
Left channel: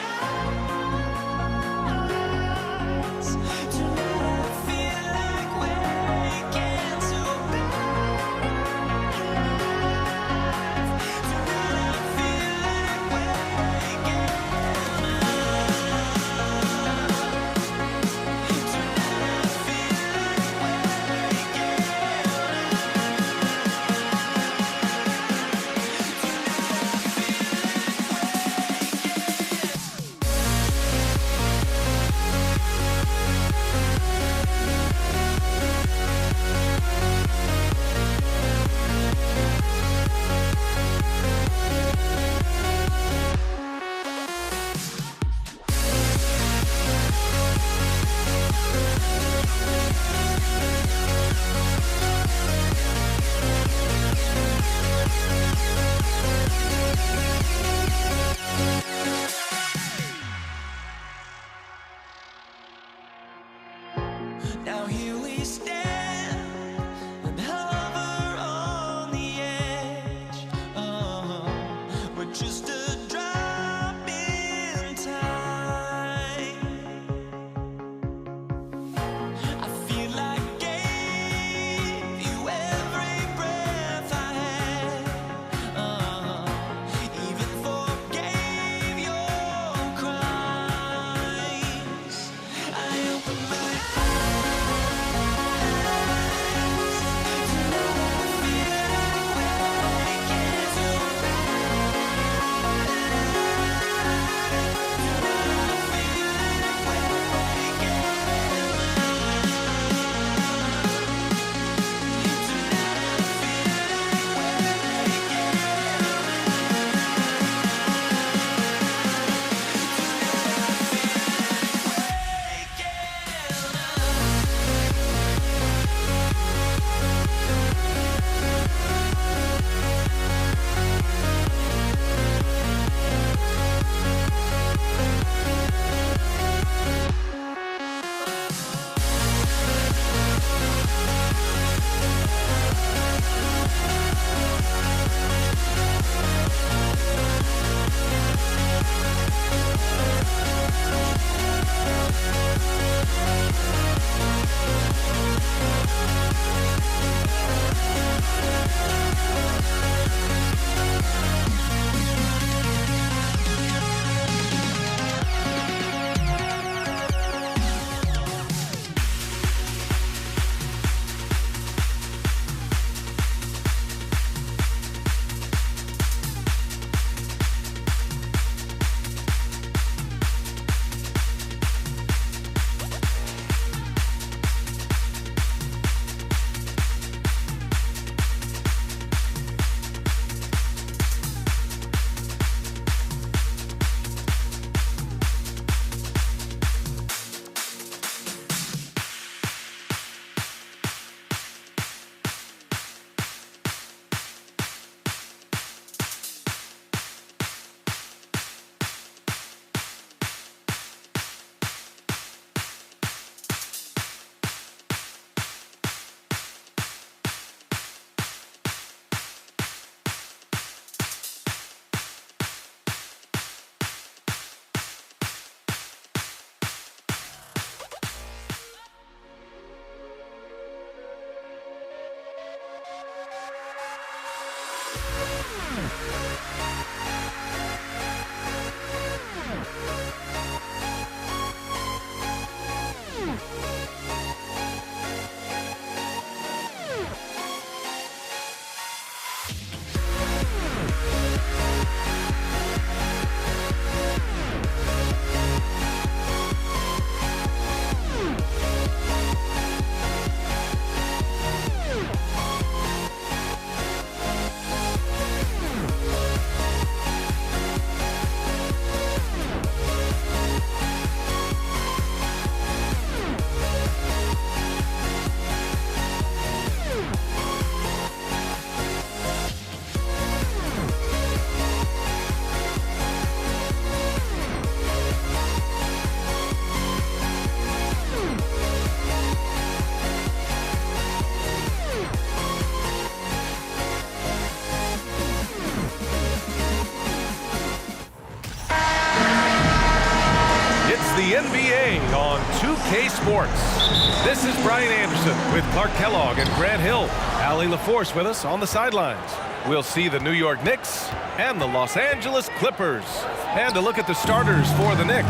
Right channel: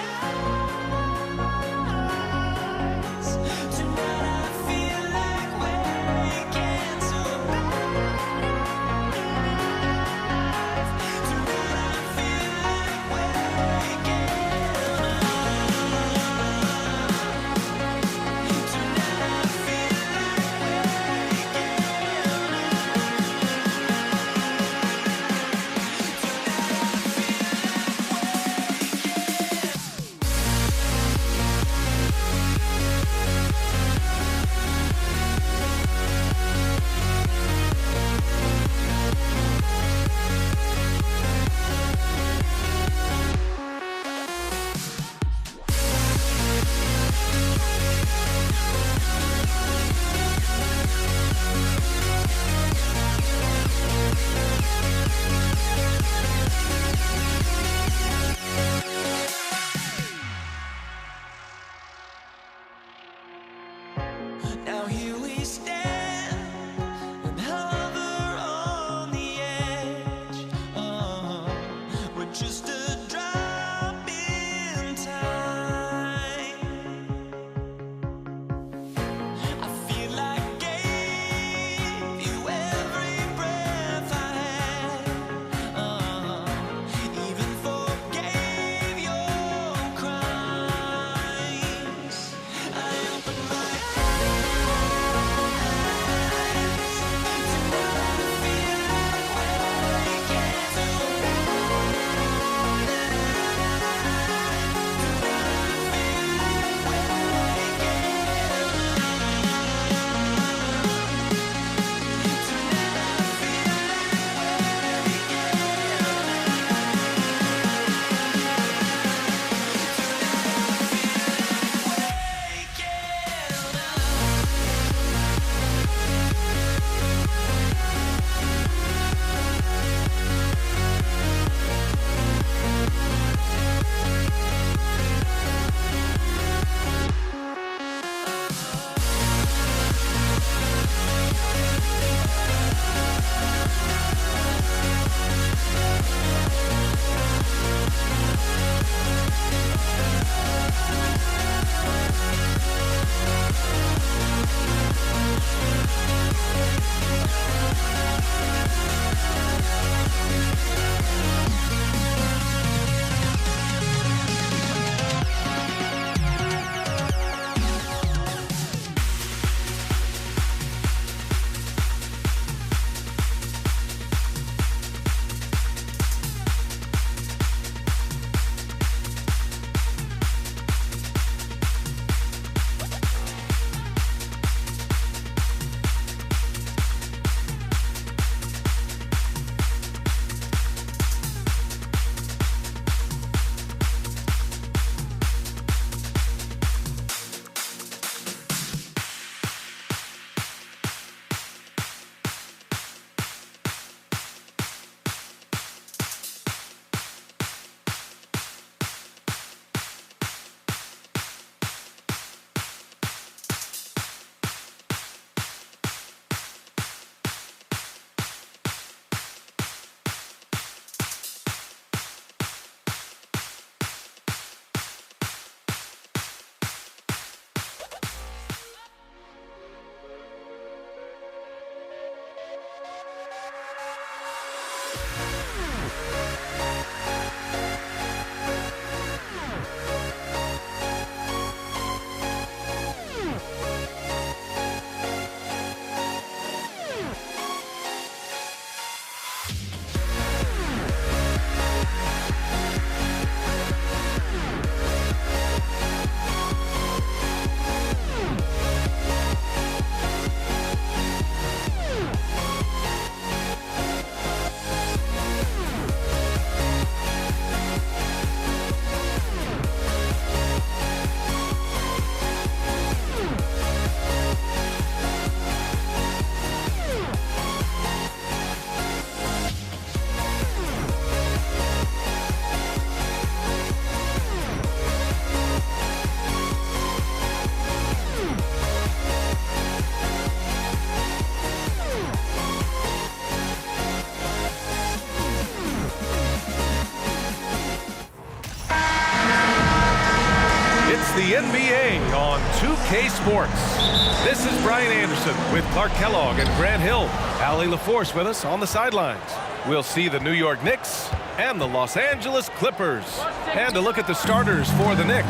It's the NBA on 2K Sports. This is Brian Anderson with Clark Kellogg and Grant Hill. Allie LaForce with us on the sidelines. We'll see the New York Knicks and the Los Angeles Clippers. And a look at the starters for the Knicks.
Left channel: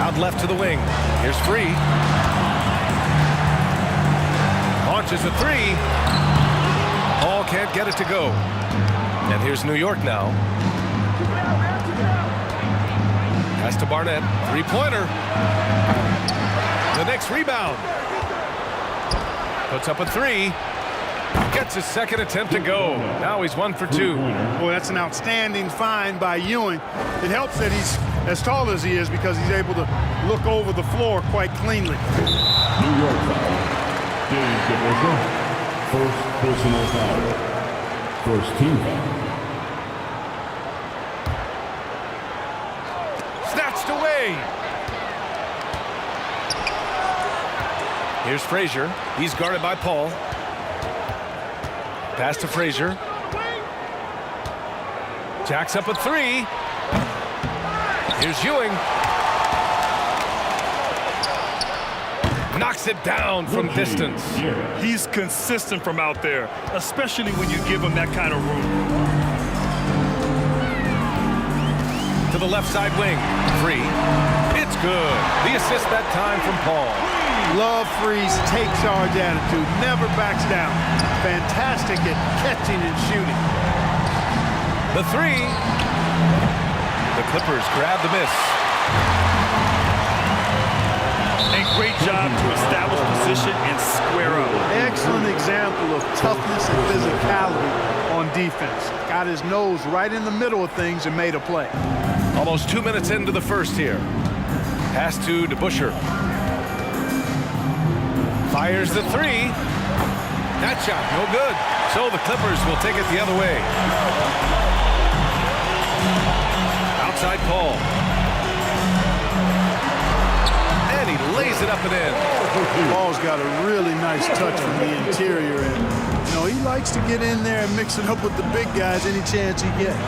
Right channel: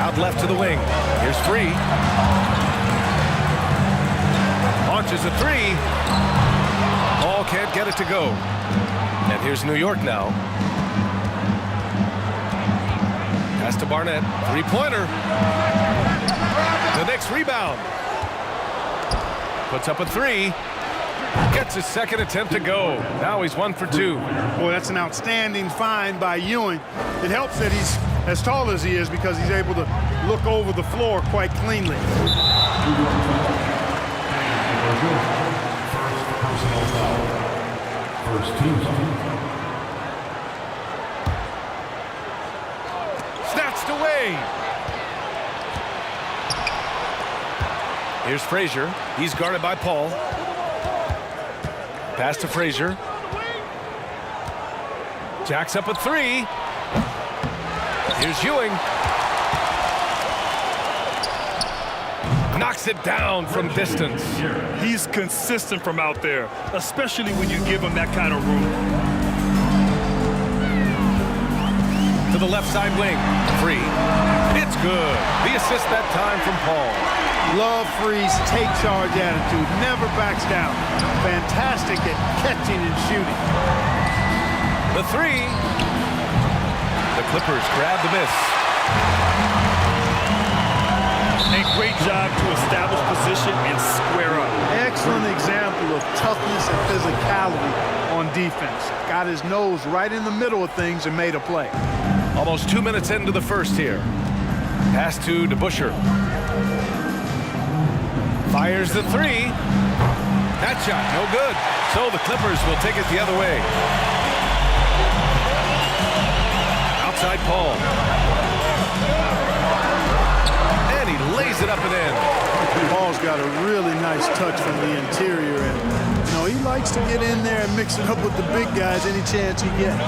Out left to the wing. Here's Free. Launches a three. Ball can't get it to go. And here's New York now. Pass to Barnett. Three-pointer. The Knicks rebound. Puts up a three. Gets his second attempt to go. Now he's 1 for 2. Boy, that's an outstanding find by Ewing. It helps that he's as tall as he is because he's able to look over the floor quite cleanly. New York foul. Dave DeBusschere. First personal foul. First team foul. Snatched away. Here's Frazier. He's guarded by Paul. Pass to Frazier. Jacks up a three. Here's Ewing. Knocks it down from distance. He's consistent from out there, especially when you give him that kind of room. To the left side wing. Free. It's good. The assist that time from Paul. Love Free's take charge attitude. Never backs down. Fantastic at catching and shooting. The three. The Clippers grab the miss. And great job to establish position and square up. Excellent example of toughness and physicality on defense. Got his nose right in the middle of things and made a play. Almost 2 minutes into the first here. Pass to DeBusschere. Fires the three. That shot, no good. So the Clippers will take it the other way. Outside Paul. And he lays it up and in. Paul's got a really nice touch from the interior, and you know he likes to get in there and mix it up with the big guys any chance he gets.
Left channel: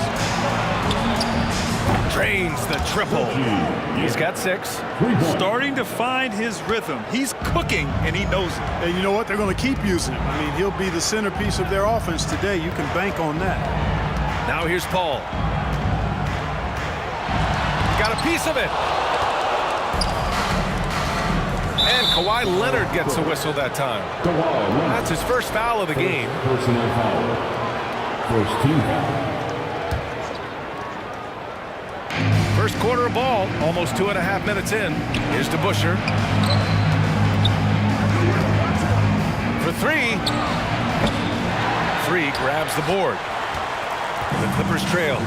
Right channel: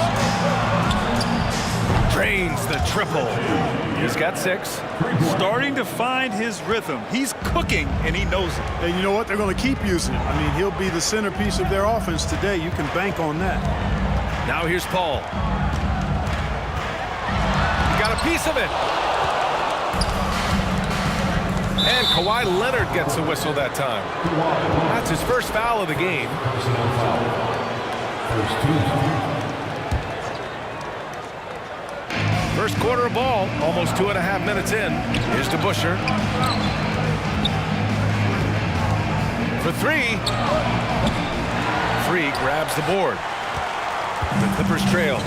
Drains the triple. He's got 6. Starting to find his rhythm. He's cooking, and he knows it. And you know what? They're going to keep using him. I mean, he'll be the centerpiece of their offense today. You can bank on that. Now here's Paul. He got a piece of it. And Kawhi Leonard gets a whistle that time. That's his first foul of the game. Personal foul. First team foul. First quarter of ball, almost 2.5 minutes in. Here's DeBusschere. For three. Free grabs the board. The Clippers trail.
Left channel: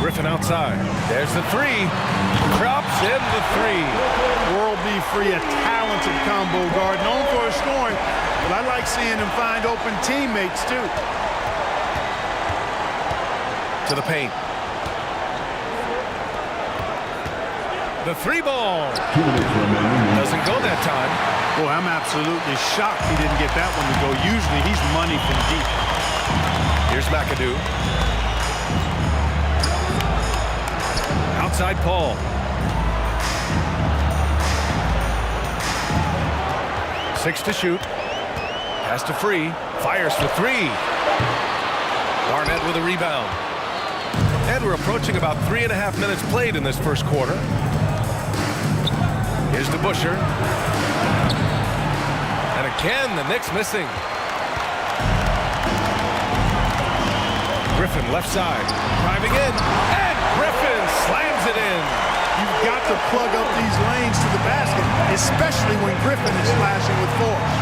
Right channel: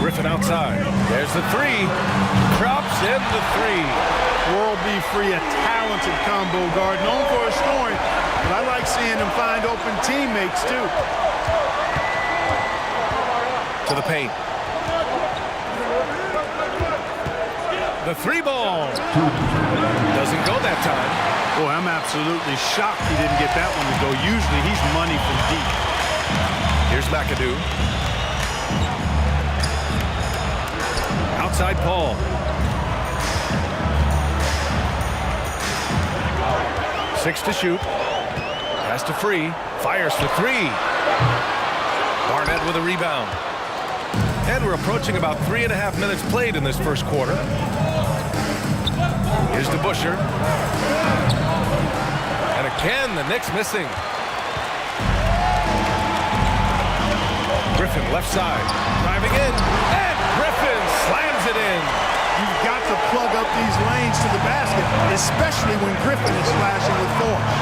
Griffin outside. There's the three. Drops in the three. World B. Free, a talented combo guard, known for his scoring, but I like seeing him find open teammates too. To the paint. The three ball. Doesn't go that time. Boy, I'm absolutely shocked he didn't get that one to go. Usually he's money from deep. Here's McAdoo. Outside Paul. Six to shoot. Pass to Free. Fires for three. Barnett with a rebound. And we're approaching about 3.5 minutes played in this first quarter. Here's DeBusschere. And again, the Knicks missing. Griffin left side. Driving in. And Griffin slams it in. You've got to plug up these lanes to the basket, especially when Griffin is slashing with force.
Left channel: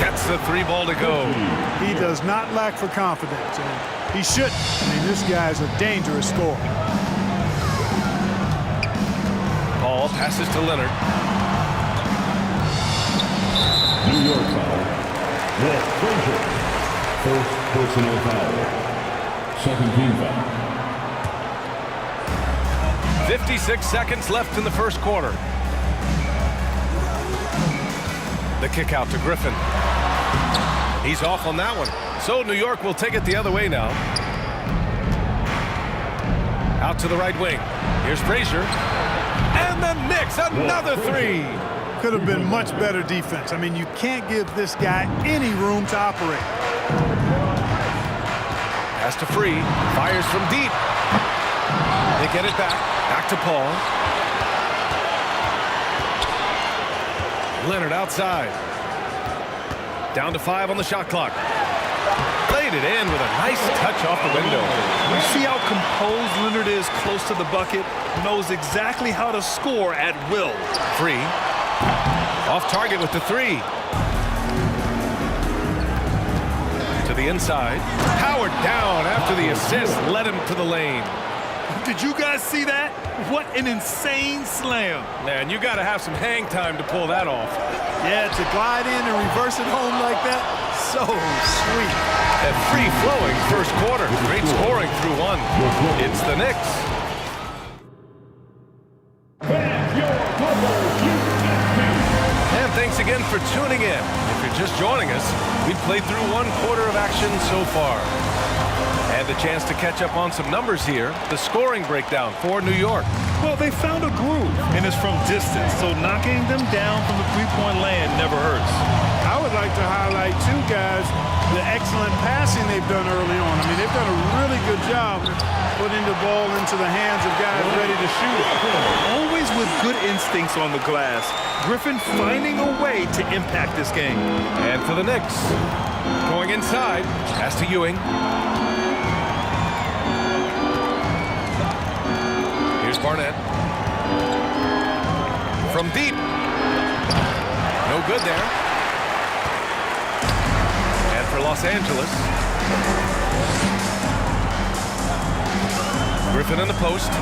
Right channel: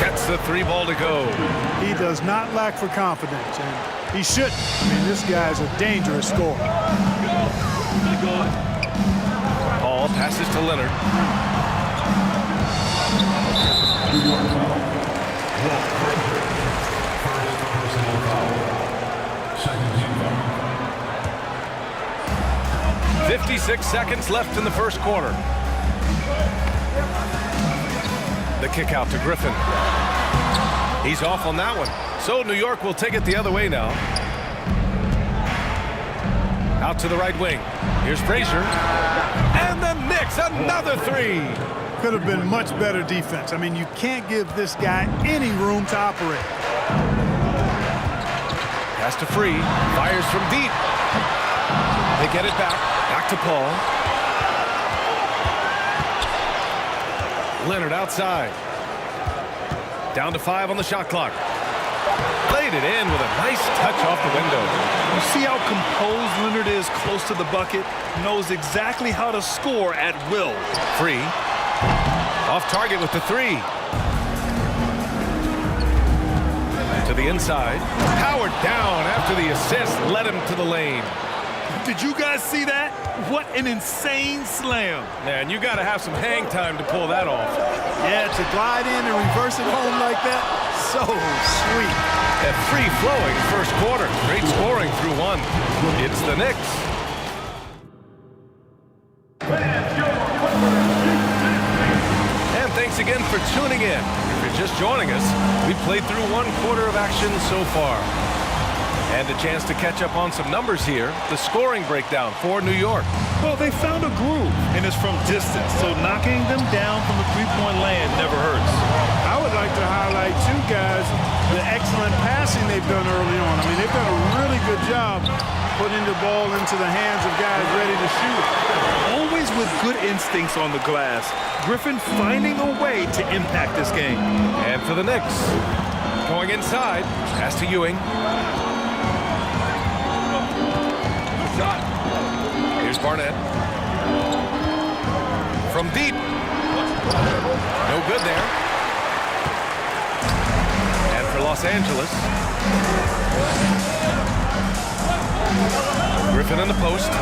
Gets the three ball to go. He does not lack for confidence, and he shouldn't. I mean, this guy's a dangerous scorer. Paul passes to Leonard. New York foul. Walt Frazier. First personal foul. Second team foul. 56 seconds left in the first quarter. The kick out to Griffin. He's off on that one. So New York will take it the other way now. Out to the right wing. Here's Frazier. And the Knicks, another three. Could have been much better defense. I mean, you can't give this guy any room to operate. Pass to Free. Fires from deep. They get it back. Back to Paul. Leonard outside. Down to 5 on the shot clock. Played it in with a nice touch off the window. You see how composed Leonard is close to the bucket? Knows exactly how to score at will. Free. Off target with the 3. To the inside. Howard down after the assist. Led him to the lane. Did you guys see that? What an insane slam. Man, you got to have some hang time to pull that off. Yeah, to glide in and reverse it home like that, so sweet. A free-flowing first quarter. Great scoring through 1. It's the Knicks. And thanks again for tuning in. If you're just joining us, we've played through 1 quarter of action so far. And a chance to catch up on some numbers here. The scoring breakdown for New York. Well, they found a groove, and it's from distance, so knocking them down from the three-point land never hurts. I would like to highlight, too, guys, the excellent passing they've done early on. I mean, they've done a really good job putting the ball into the hands of guys ready to shoot it. Always with good instincts on the glass. Griffin finding a way to impact this game. And for the Knicks, going inside, pass to Ewing. Here's Barnett. From deep. No good there. And for Los Angeles. Griffin in the post.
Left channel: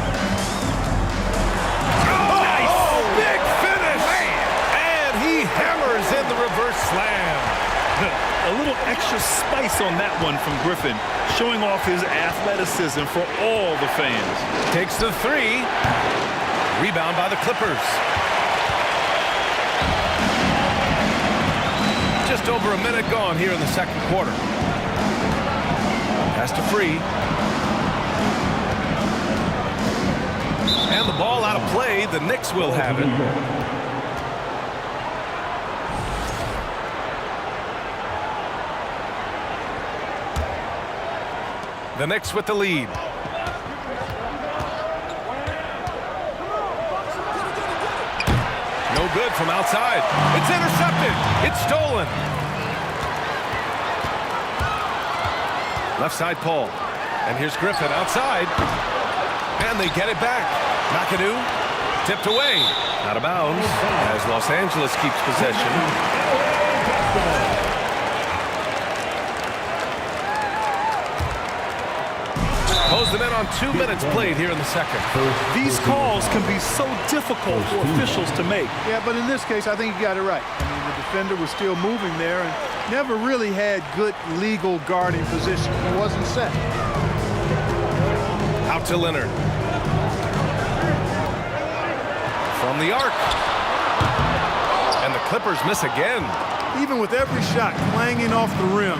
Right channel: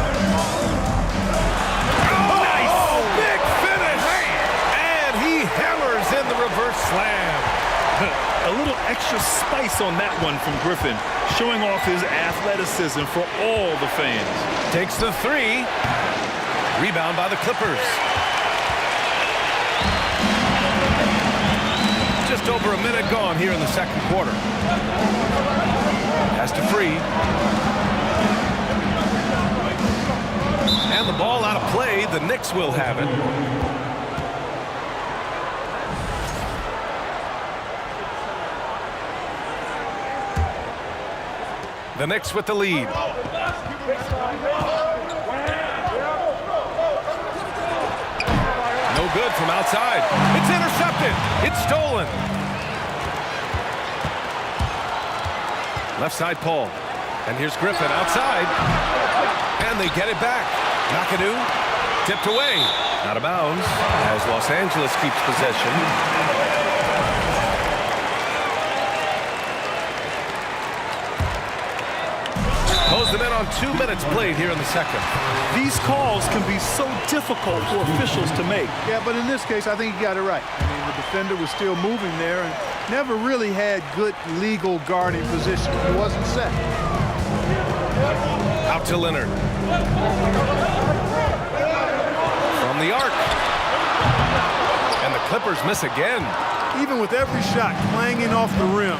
Oh, nice! Oh, big finish! Man. And he hammers in the reverse slam. A little extra spice on that one from Griffin, showing off his athleticism for all the fans. Takes the 3. Rebound by the Clippers. Just over a minute gone here in the second quarter. Pass to Free. And the ball out of play. The Knicks will have it. The Knicks with the lead. No good from outside. It's intercepted. It's stolen. Left side, Paul. And here's Griffin outside. And they get it back. McAdoo tipped away. Out of bounds as Los Angeles keeps possession. Close them in on 2 minutes played here in the second. These calls can be so difficult for officials to make. Yeah, but in this case, I think you got it right. I mean, the defender was still moving there and never really had good legal guarding position. He wasn't set. Out to Leonard. From the arc. And the Clippers miss again. Even with every shot clanging off the rim,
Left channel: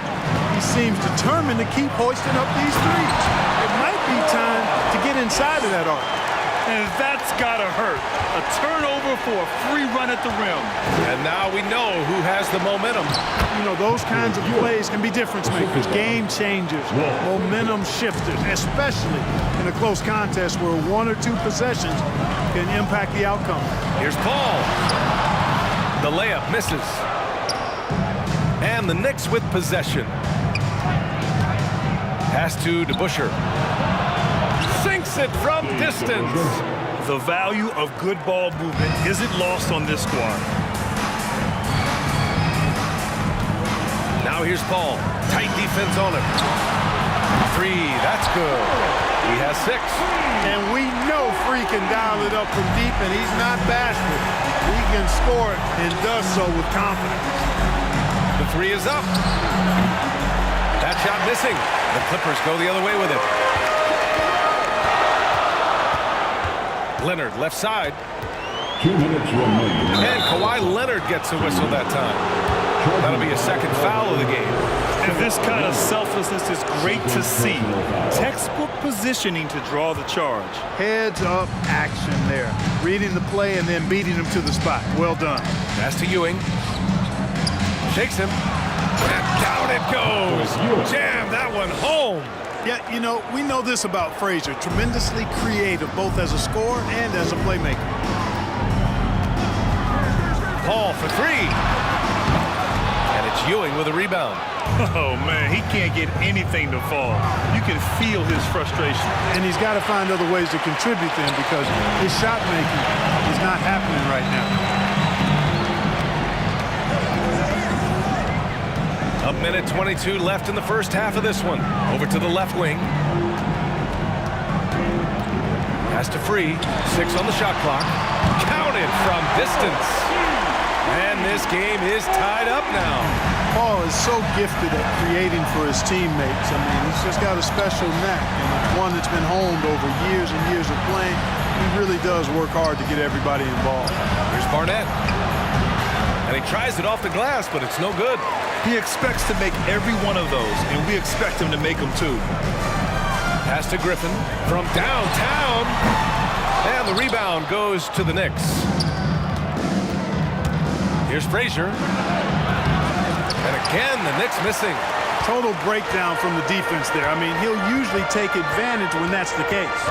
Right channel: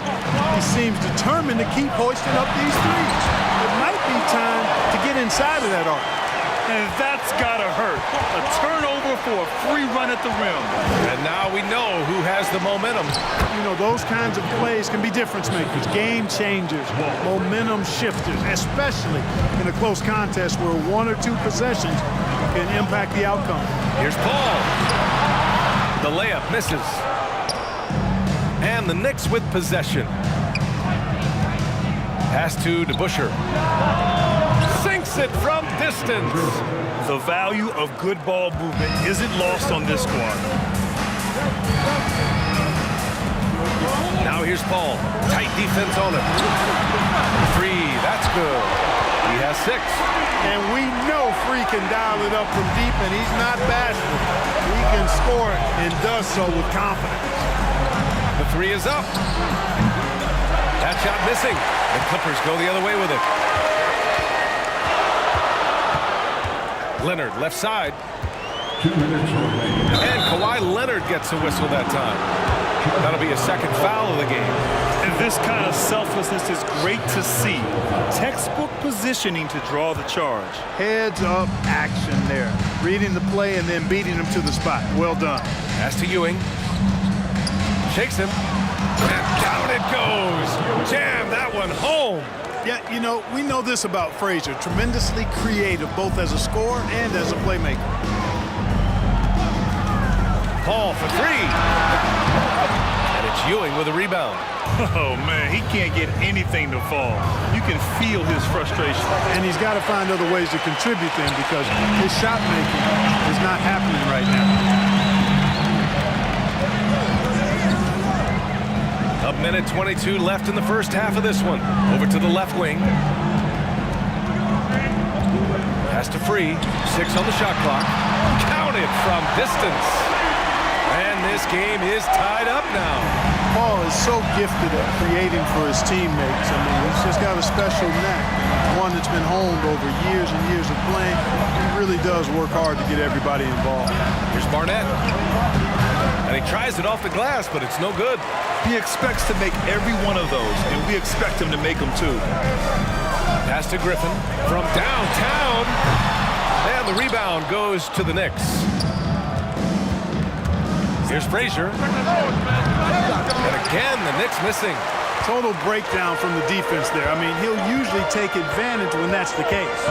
he seems determined to keep hoisting up these threes. It might be time to get inside of that arc. And that's gotta hurt. A turnover for a free run at the rim. And now we know who has the momentum. You know, those kinds of plays can be difference makers, game changers, momentum shifters, especially in a close contest where 1 or 2 possessions can impact the outcome. Here's Paul. The layup misses. And the Knicks with possession. Pass to DeBusschere. Sinks it from distance. The value of good ball movement isn't lost on this squad. Now here's Paul. Tight defense on him. 3, that's good. He has 6. And we know Free can dial it up from deep, and he's not bashful. He can score it and does so with confidence. The 3 is up. That shot missing. The Clippers go the other way with it. Leonard left side. 2 minutes remaining. And Kawhi Leonard gets a whistle that time. That'll be a second foul of the game. And this kind of selflessness is great to see. Textbook positioning to draw the charge. Heads up action there. Reading the play and then beating him to the spot. Well done. Pass to Ewing. Shakes him. And down it goes. Jam that one home. Yeah, you know, we know this about Frazier. Tremendously creative, both as a scorer and as a playmaker. Paul for three. And it's Ewing with a rebound. Oh, man, he can't get anything to fall. You can feel his frustration. And he's got to find other ways to contribute then because his shot making is not happening right now. A minute 22 left in the first half of this one. Over to the left wing. Pass to Free. 6 on the shot clock. Counted from distance. And this game is tied up now. Paul is so gifted at creating for his teammates. I mean, he's just got a special knack, and it's one that's been honed over years and years of playing. He really does work hard to get everybody involved. Here's Barnett. And he tries it off the glass, but it's no good. He expects to make every one of those, and we expect him to make them too. Pass to Griffin from downtown. And the rebound goes to the Knicks. Here's Frazier. And again, the Knicks missing. Total breakdown from the defense there. I mean, he'll usually take advantage when that's the case.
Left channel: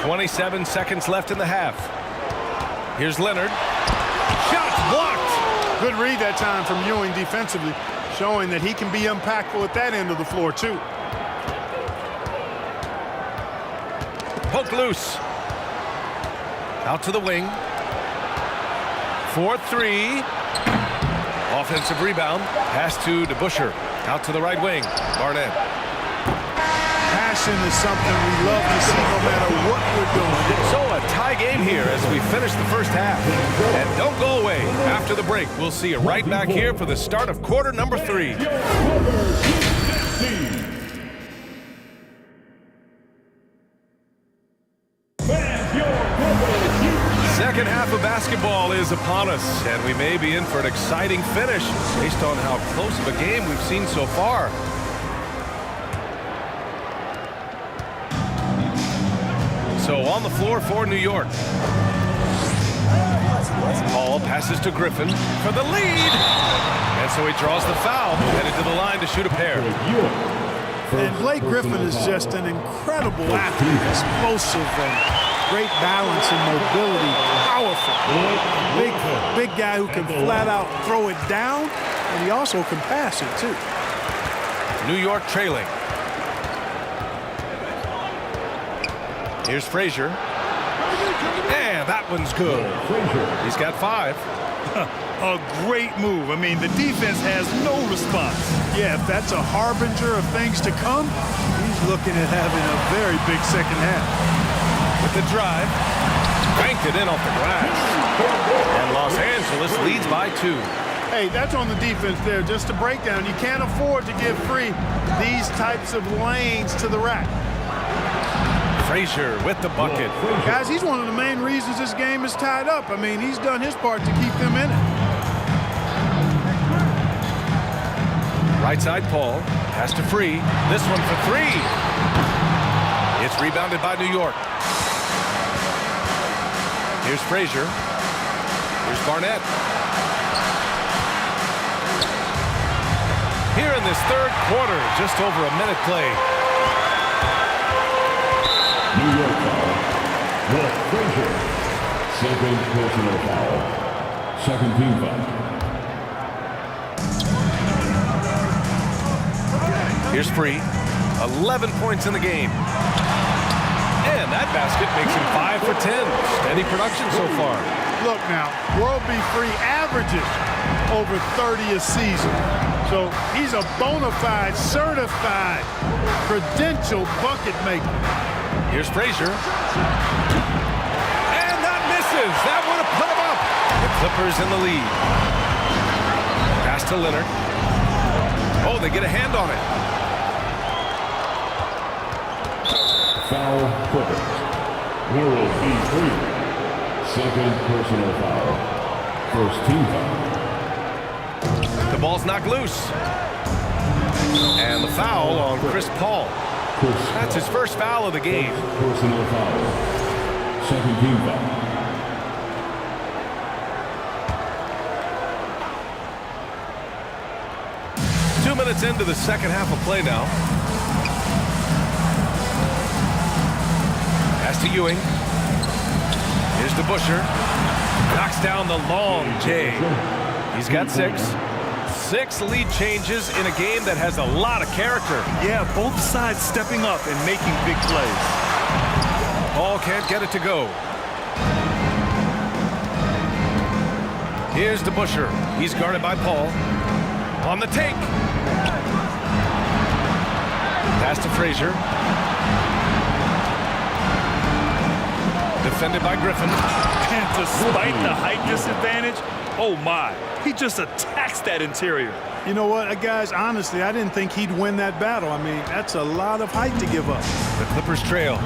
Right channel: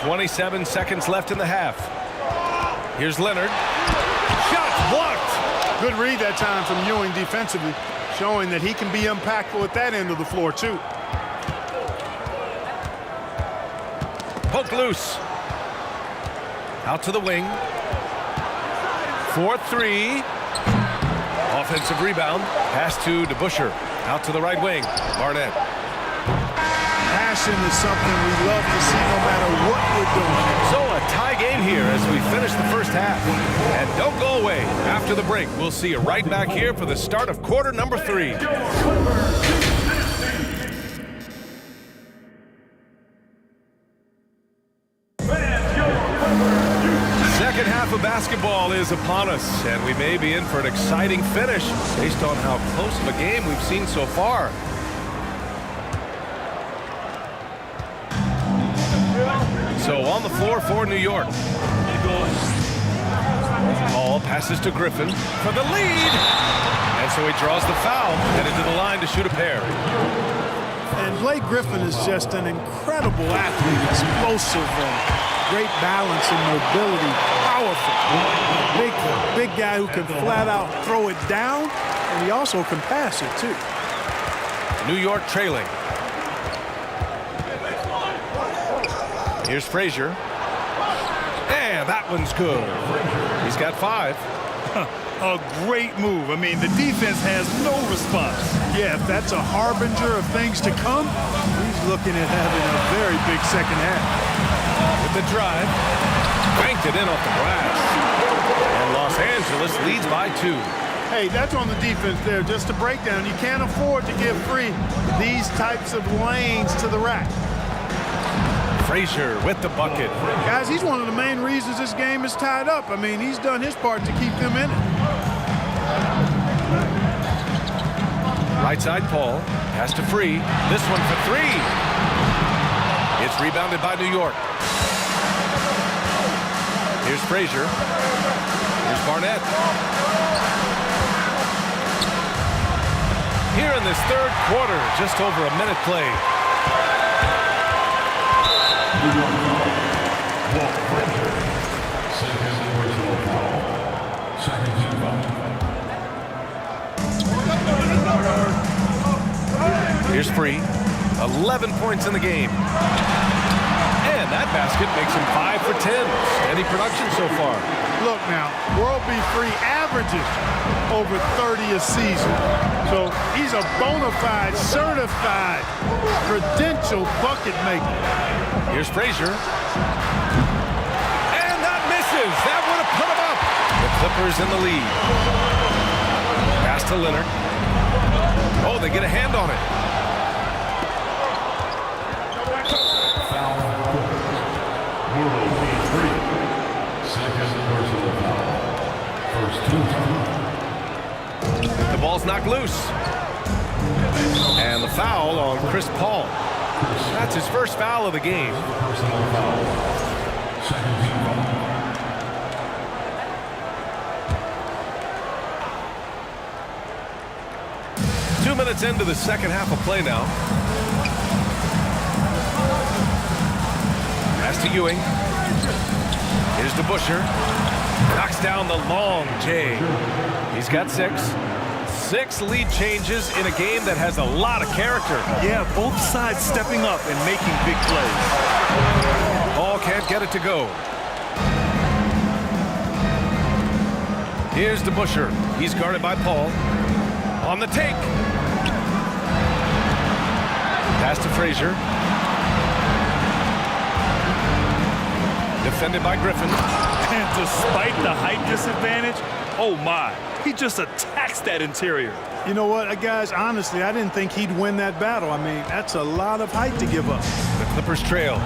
27 seconds left in the half. Here's Leonard. Shots blocked. Good read that time from Ewing defensively, showing that he can be impactful at that end of the floor, too. Poke loose. Out to the wing. 4-3. Offensive rebound. Pass to DeBusschere. Out to the right wing. Barnett. Passion is something we love to see no matter what we're doing. So a tie game here as we finish the first half. And don't go away. After the break, we'll see you right back here for the start of quarter number 3. Second half of basketball is upon us, and we may be in for an exciting finish based on how close of a game we've seen so far. So on the floor for New York. Paul passes to Griffin for the lead. And so he draws the foul, headed to the line to shoot a pair. And Blake Griffin is just an incredible athlete, explosive and great balance and mobility, powerful. A big guy who can flat out throw it down, and he also can pass it too. New York trailing. Here's Frazier. And that one's good. He's got 5. A great move. I mean, the defense has no response. Yeah, if that's a harbinger of things to come, he's looking at having a very big second half. With the drive, banked it in off the glass. And Los Angeles leads by 2. Hey, that's on the defense there. Just a breakdown. You can't afford to give Free these types of lanes to the rack. Frazier with the bucket. Guys, he's one of the main reasons this game is tied up. I mean, he's done his part to keep them in it. Right side, Paul. Pass to Free. This one for 3. It's rebounded by New York. Here's Frazier. Here's Barnett. Here in this third quarter, just over a minute play. New York foul. Walt Frazier. Second personal foul. Second team foul. Here's Free. 11 points in the game. And that basket makes him 5 for 10. Steady production so far. Look now, World B. Free averages over 30 a season. So he's a bona fide, certified, credentialed bucket maker. Here's Frazier. And that misses. That would have put him up. The Clippers in the lead. Pass to Leonard. Oh, they get a hand on it. Foul Clippers. World B. Free. Second personal foul. First team foul. ball's knocked loose. And the foul on Chris Paul. That's his first foul of the game. Personal foul. Second team foul. Two minutes into the second half of play now. Pass to Ewing. Here's DeBusschere. Knocks down the long J. He's got 6. 6 lead changes in a game that has a lot of character. Yeah, both sides stepping up and making big plays. Paul can't get it to go. Here's DeBusschere. He's guarded by Paul. On the take. Pass to Frazier. Defended by Griffin. And despite the height disadvantage, oh my, he just attacks that interior. You know what, guys, honestly, I didn't think he'd win that battle. I mean, that's a lot of height to give up. The Clippers trail.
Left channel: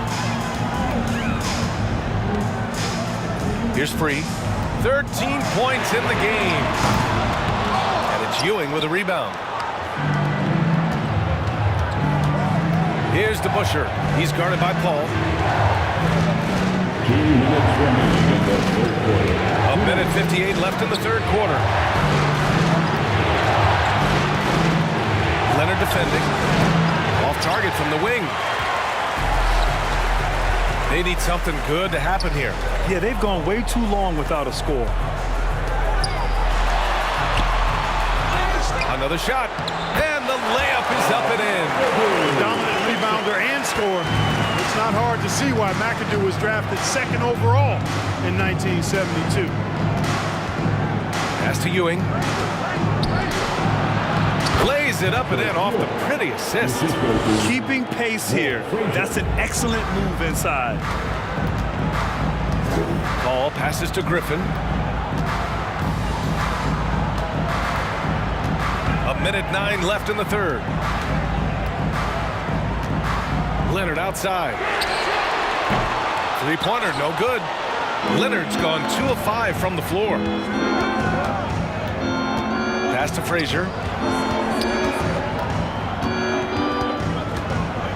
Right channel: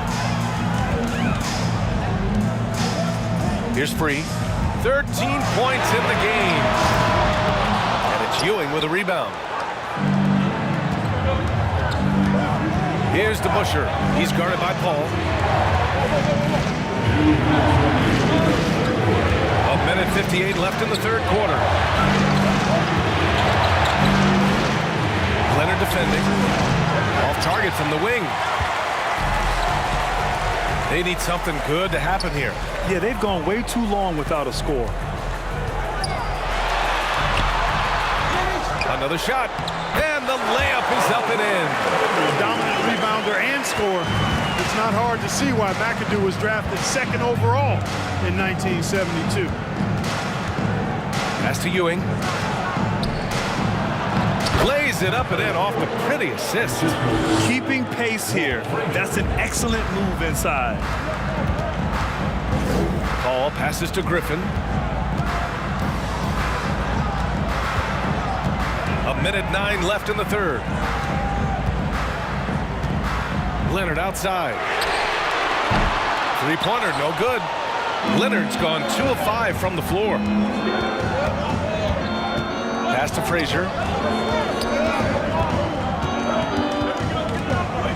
Here's Free. 13 points in the game. And it's Ewing with a rebound. Here's DeBusschere. He's guarded by Paul. A minute 58 left in the third quarter. Leonard defending. Off target from the wing. They need something good to happen here. Yeah, they've gone way too long without a score. Another shot. And the layup is up and in. Dominant rebounder and scorer. It's not hard to see why McAdoo was drafted 2nd overall in 1972. Pass to Ewing. Plays it up and in off the pretty assist. Keeping pace here. That's an excellent move inside. Paul passes to Griffin. A minute 9 left in the third. Leonard outside. Three-pointer, no good. Leonard's gone 2 of 5 from the floor. Pass to Frazier.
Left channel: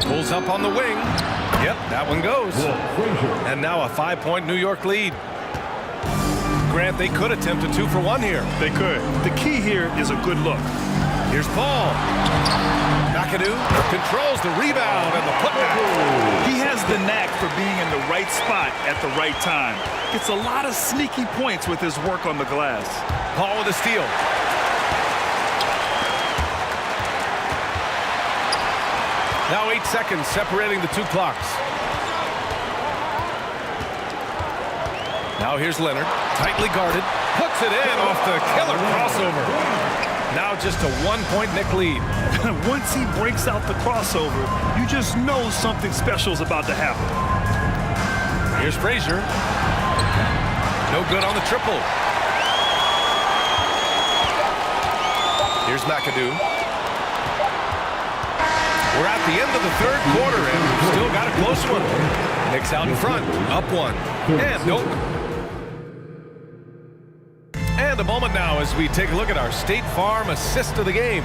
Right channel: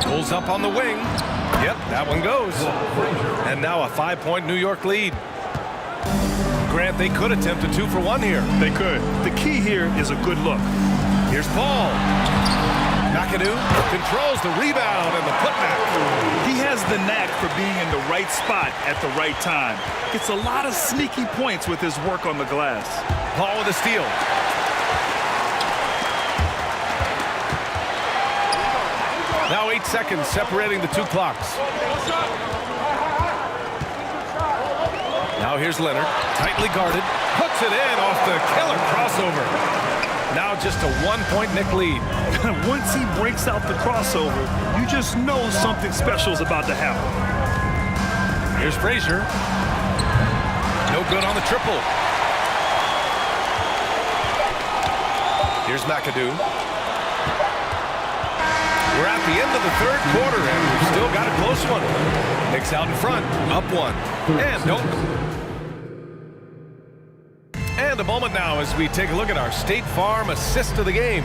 Pulls up on the wing. Yep, that one goes. And now a 5-point New York lead. Grant, they could attempt a 2-for-1 here. They could. The key here is a good look. Here's Paul. McAdoo controls the rebound and the putback. He has the knack for being in the right spot at the right time. Gets a lot of sneaky points with his work on the glass. Paul with a steal. Now 8 seconds separating the two clocks. Now here's Leonard, tightly guarded, puts it in off the killer crossover. Now just a 1-point Knick lead. Once he breaks out the crossover, you just know something special is about to happen. Here's Frazier. No good on the triple. Here's McAdoo. We're at the end of the third quarter, and we've still got a close one. Knicks out in front, up 1. And don't. And a moment now as we take a look at our State Farm assist of the game.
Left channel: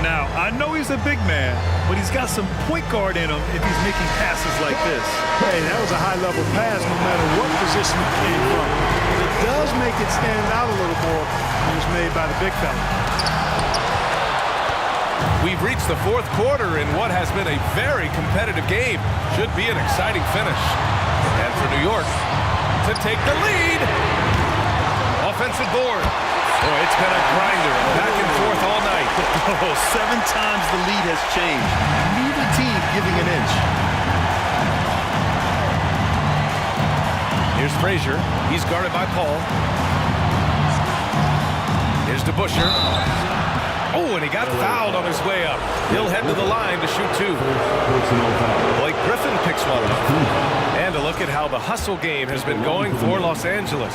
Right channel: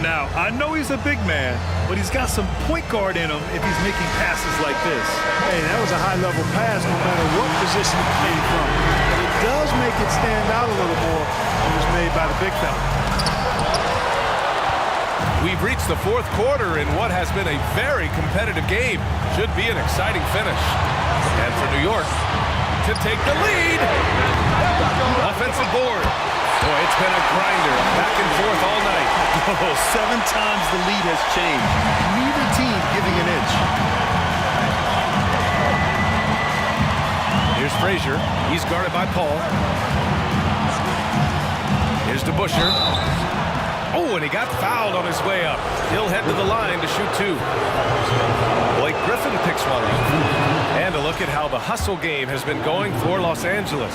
Now, I know he's a big man, but he's got some point guard in him if he's making passes like this. Hey, that was a high-level pass no matter what position it came from. But it does make it stand out a little more when it's made by the big fella. We've reached the fourth quarter in what has been a very competitive game. Should be an exciting finish. And for New York to take the lead. Offensive board. Boy, it's been a grinder, back and forth all night. Oh, 7 times the lead has changed. Neither team giving an inch. Here's Frazier. He's guarded by Paul. Here's DeBusschere. Oh, and he got fouled on his way up. He'll head to the line to shoot 2. Blake Griffin picks one up. And a look at how the hustle game has been going for Los Angeles.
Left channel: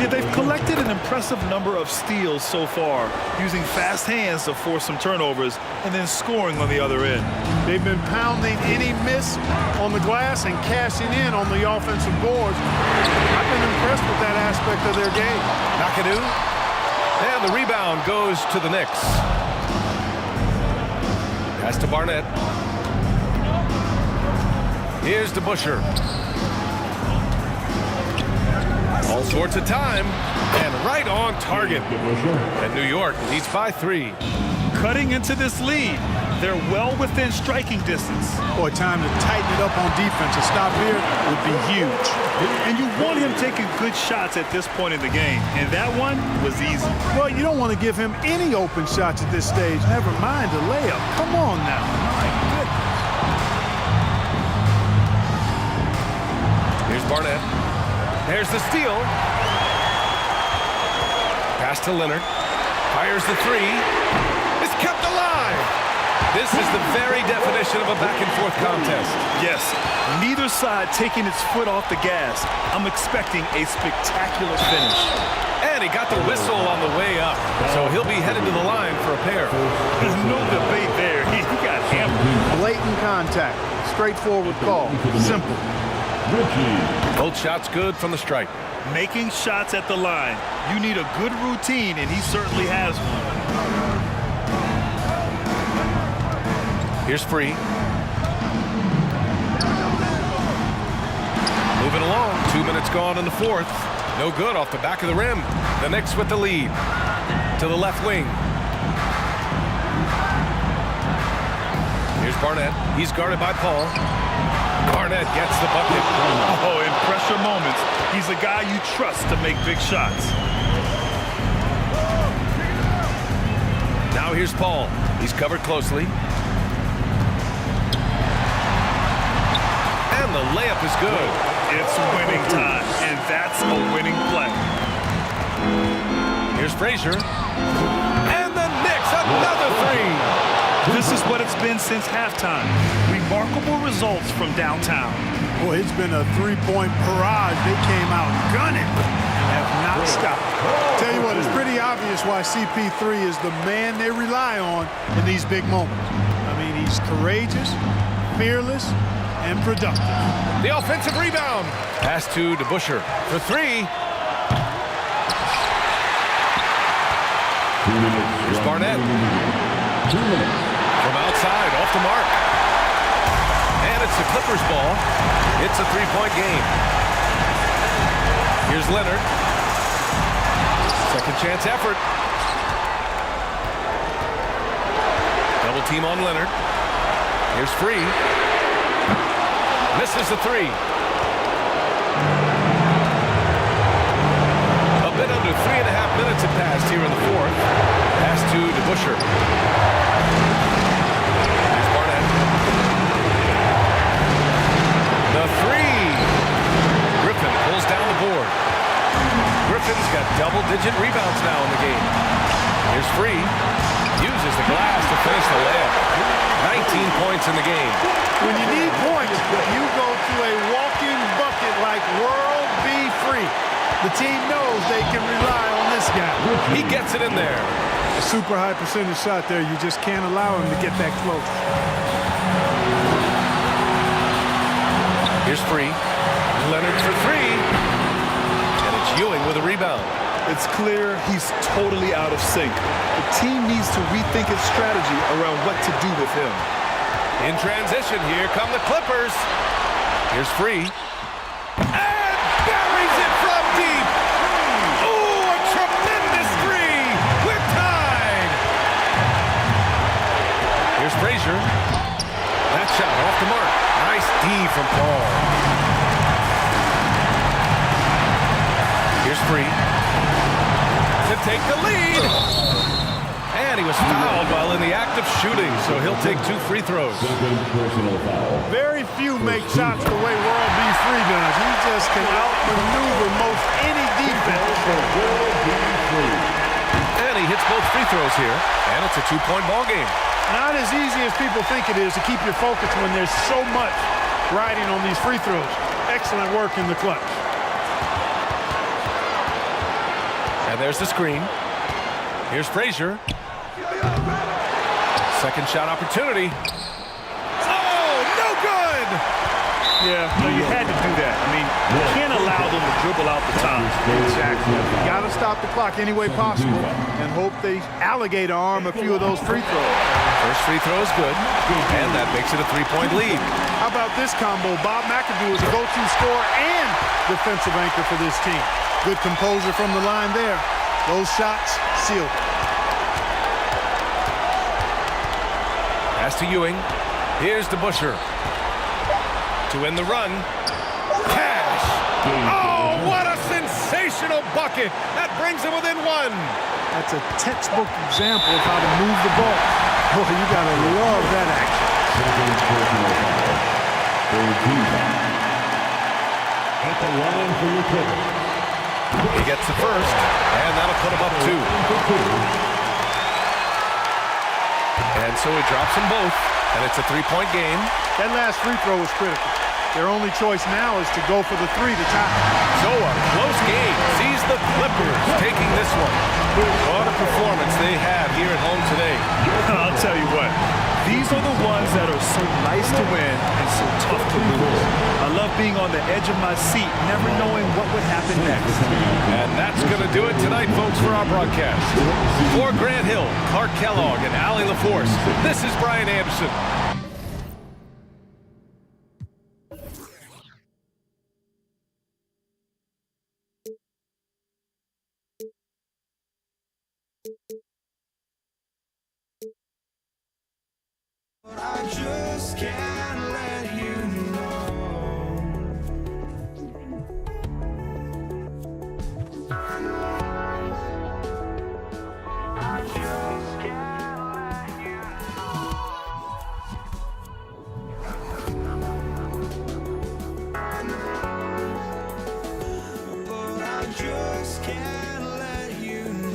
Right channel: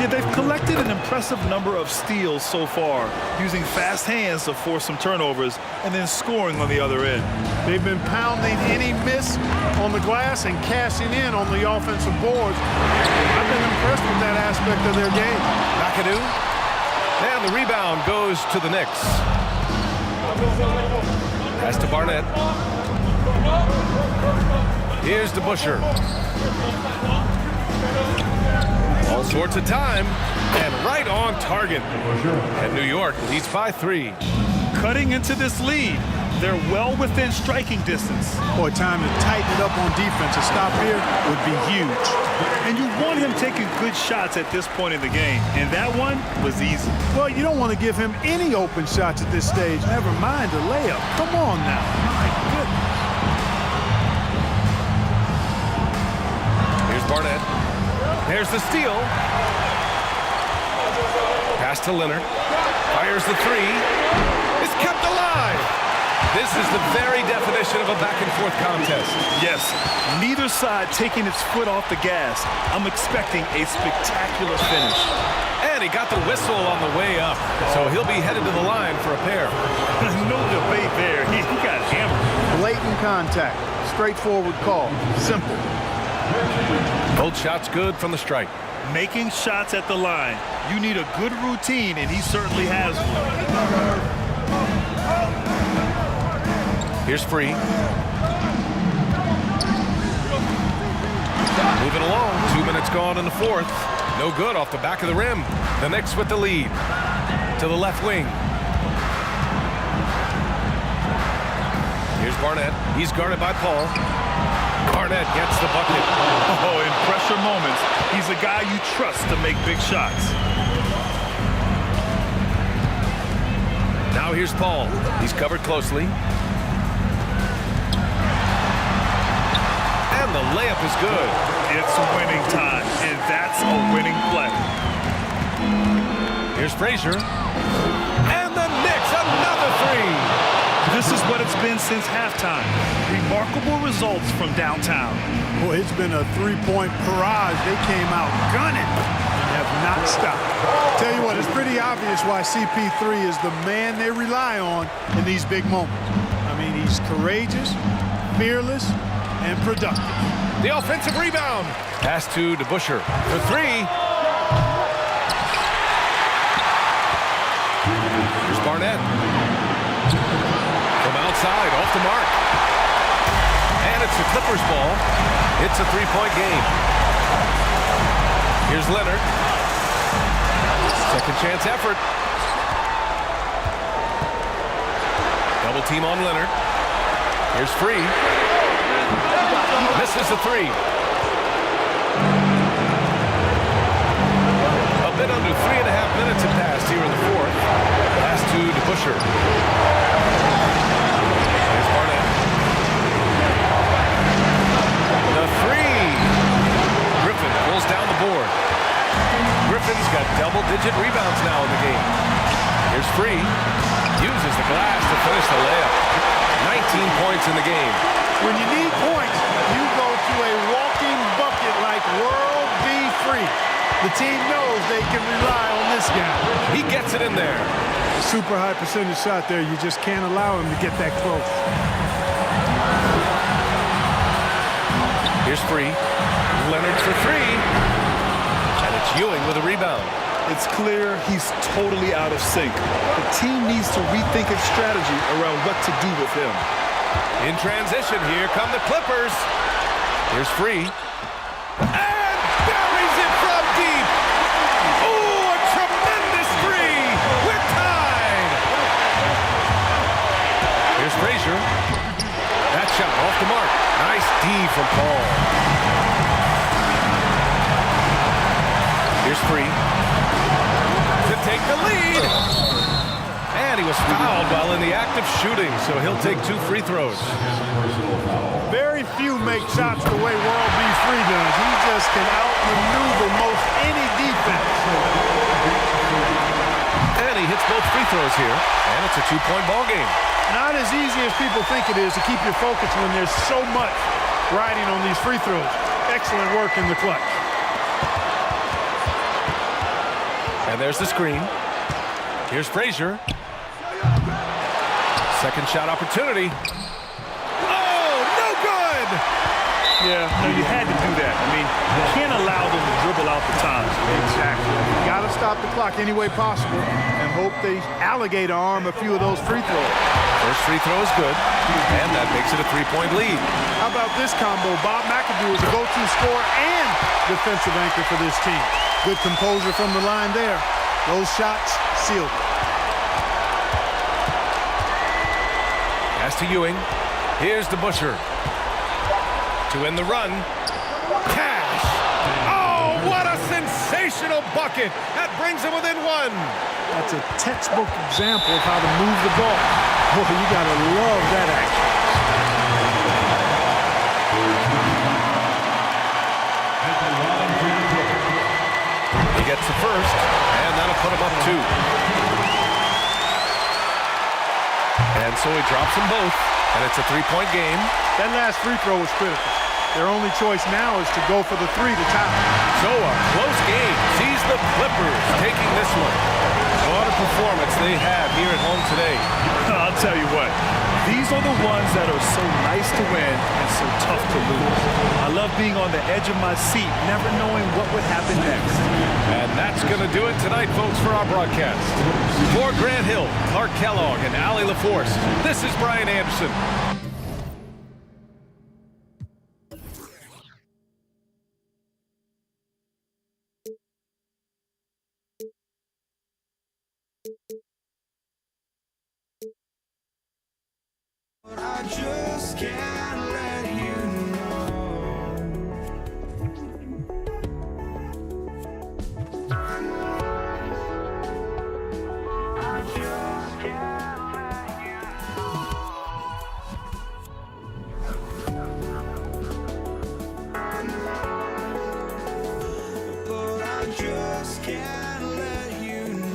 Yeah, they've collected an impressive number of steals so far, using fast hands to force some turnovers and then scoring on the other end. They've been pounding any miss on the glass and cashing in on the offensive boards. I've been impressed with that aspect of their game. McAdoo And the rebound goes to the Knicks. Pass to Barnett. Here's DeBusschere. All sorts of time. And right on target. And New York leads by 3. Cutting into this lead. They're well within striking distance. Boy, time to tighten it up on defense. A stop here would be huge. And you want him taking good shots at this point in the game. And that one was easy. Well, you don't want to give him any open shots at this stage. Never mind a layup. Come on now. My goodness. Here's Barnett. There's the steal. Pass to Leonard. Fires the 3. It's kept alive. This is the very definition of a back-and-forth contest. Yes, neither side taking its foot off the gas. I'm expecting a spectacular finish. And he got the whistle on the way up, so he'll be headed to the line for a pair. No debate there. He got hammered. Blatant contact. Straightforward call. Simple. Both shots good from the stripe. Making shots at the line. You need a good routine, and he certainly has one. Here's Free. Moving along. 2 minutes gone in the fourth. No good off the back of the rim. The Knicks with the lead. To the left wing. Here's Barnett. He's guarded by Paul. Barnett gets the bucket. Oh, in pressure moments, he's a guy you trust to make big shots. Now here's Paul. He's covered closely. And the layup is good. It's winning time, and that's a winning play. Here's Frazier. And the Knicks, another 3. This is what it's been since halftime. Remarkable results from downtown. Boy, it's been a three-point barrage. They came out gunning and have not stopped. Tell you what, it's pretty obvious why CP3 is the man they rely on in these big moments. I mean, he's courageous, fearless, and productive. The offensive rebound. Pass to DeBusschere for 3. Here's Barnett. From outside, off the mark. And it's the Clippers ball. It's a 3-point game. Here's Leonard. Second chance effort. Double team on Leonard. Here's Free. Misses the 3. A bit under 3.5 minutes have passed here in the fourth. Pass to DeBusschere. There's Barnett. The 3. Griffin pulls down the board. Griffin's got double-digit rebounds now in the game. Here's Free. Uses the glass to finish the layup. 19 points in the game. When you need points, you go to a walking bucket like World B. Free. The team knows they can rely on this guy. He gets it in there. A super high percentage shot there. You just can't allow him to get that close. Here's Free. Leonard for 3. And it's Ewing with a rebound. It's clear he's totally out of sync. The team needs to rethink its strategy around what to do with him. In transition, here come the Clippers. Here's Free. And buries it from deep. Oh, a tremendous 3. We're tied. Here's Frazier. That shot off the mark. Nice D from Paul. Here's Free. To take the lead. And he was fouled while in the act of shooting, so he'll take 2 free throws. Very few make shots the way World B. Free does. He just can outmaneuver most any defense. And he hits both free throws here, and it's a 2-point ball game. Not as easy as people think it is to keep your focus when there's so much riding on these free throws. Excellent work in the clutch. And there's the screen. Here's Frazier. Second shot opportunity. Oh, no good! Yeah, no, you had to do that. I mean, you can't allow them to dribble out the time. Exactly. You got to stop the clock any way possible and hope they alligator arm a few of those free throws. First free throw is good, and that makes it a 3-point lead. How about this combo? Bob McAdoo is a go-to scorer and defensive anchor for this team. Good composure from the line there. Those shots sealed it. Pass to Ewing. Here's to Busher. To end the run. Cash! Oh, what a sensational bucket! That brings him within one. That's a textbook example of how to move the ball. Boy, you got to love that action. At the line for your total. He gets the first, and that'll put him up 2. And so he drops them both, and it's a 3-point game. That last free throw was critical. Their only choice now is to go for the 3 to tie. So a close game sees the Clippers taking this one. What a performance they had here at home today. I'll tell you what, these are the ones that are so nice to win and so tough to lose. I love being on the edge of my seat, never knowing what would happen next. And that's going to do it tonight, folks, for our broadcast. For Grant Hill, Clark Kellogg, and Allie LaForce, this is Brian Anderson. I just can't let you know. I just can't let you know. But I just can't let you know.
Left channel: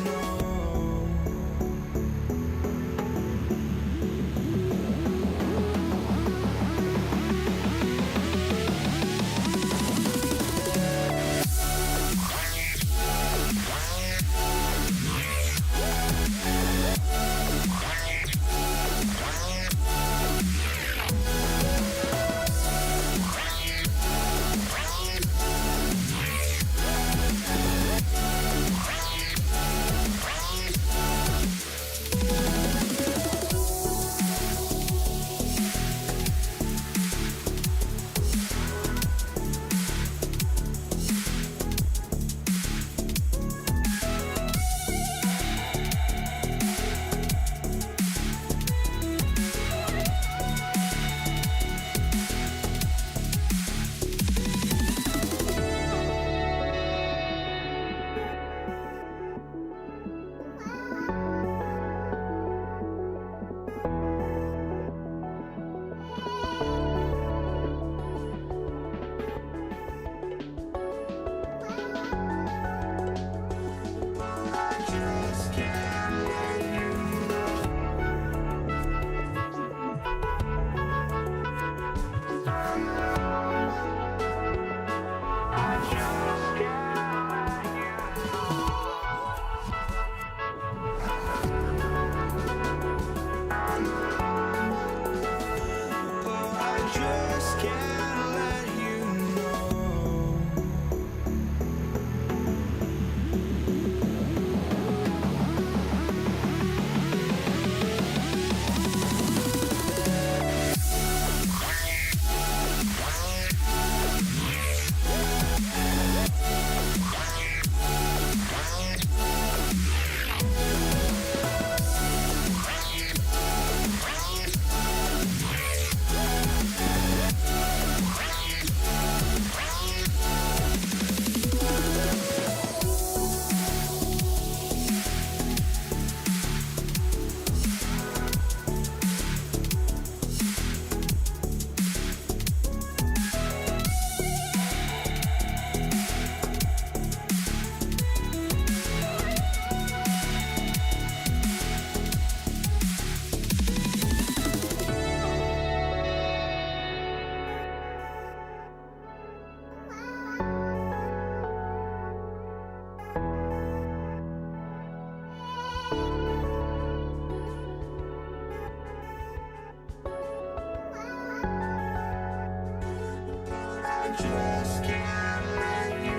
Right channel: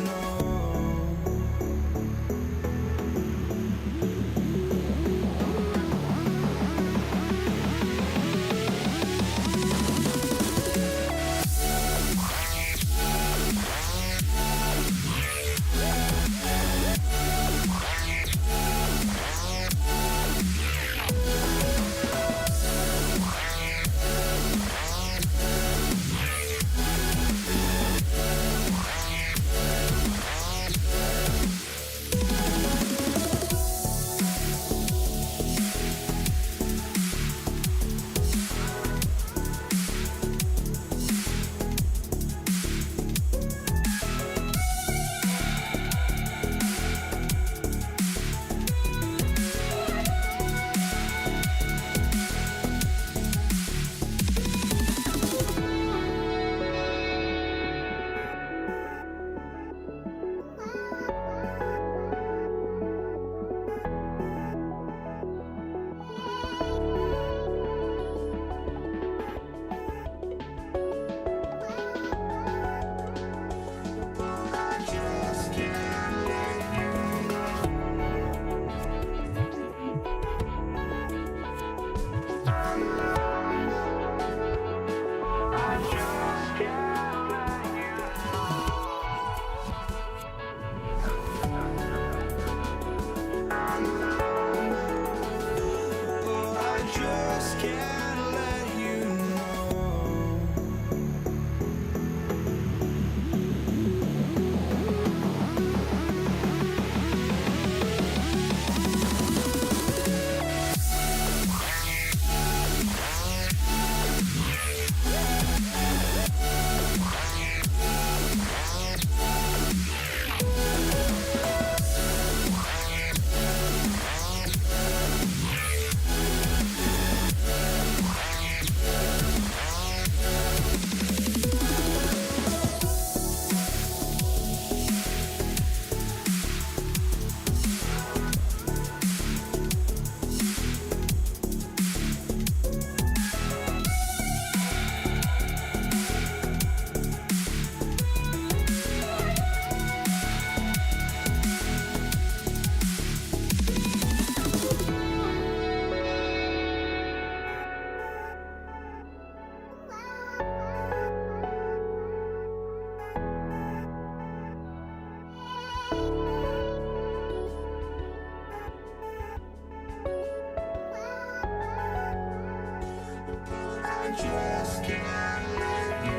just can't let you.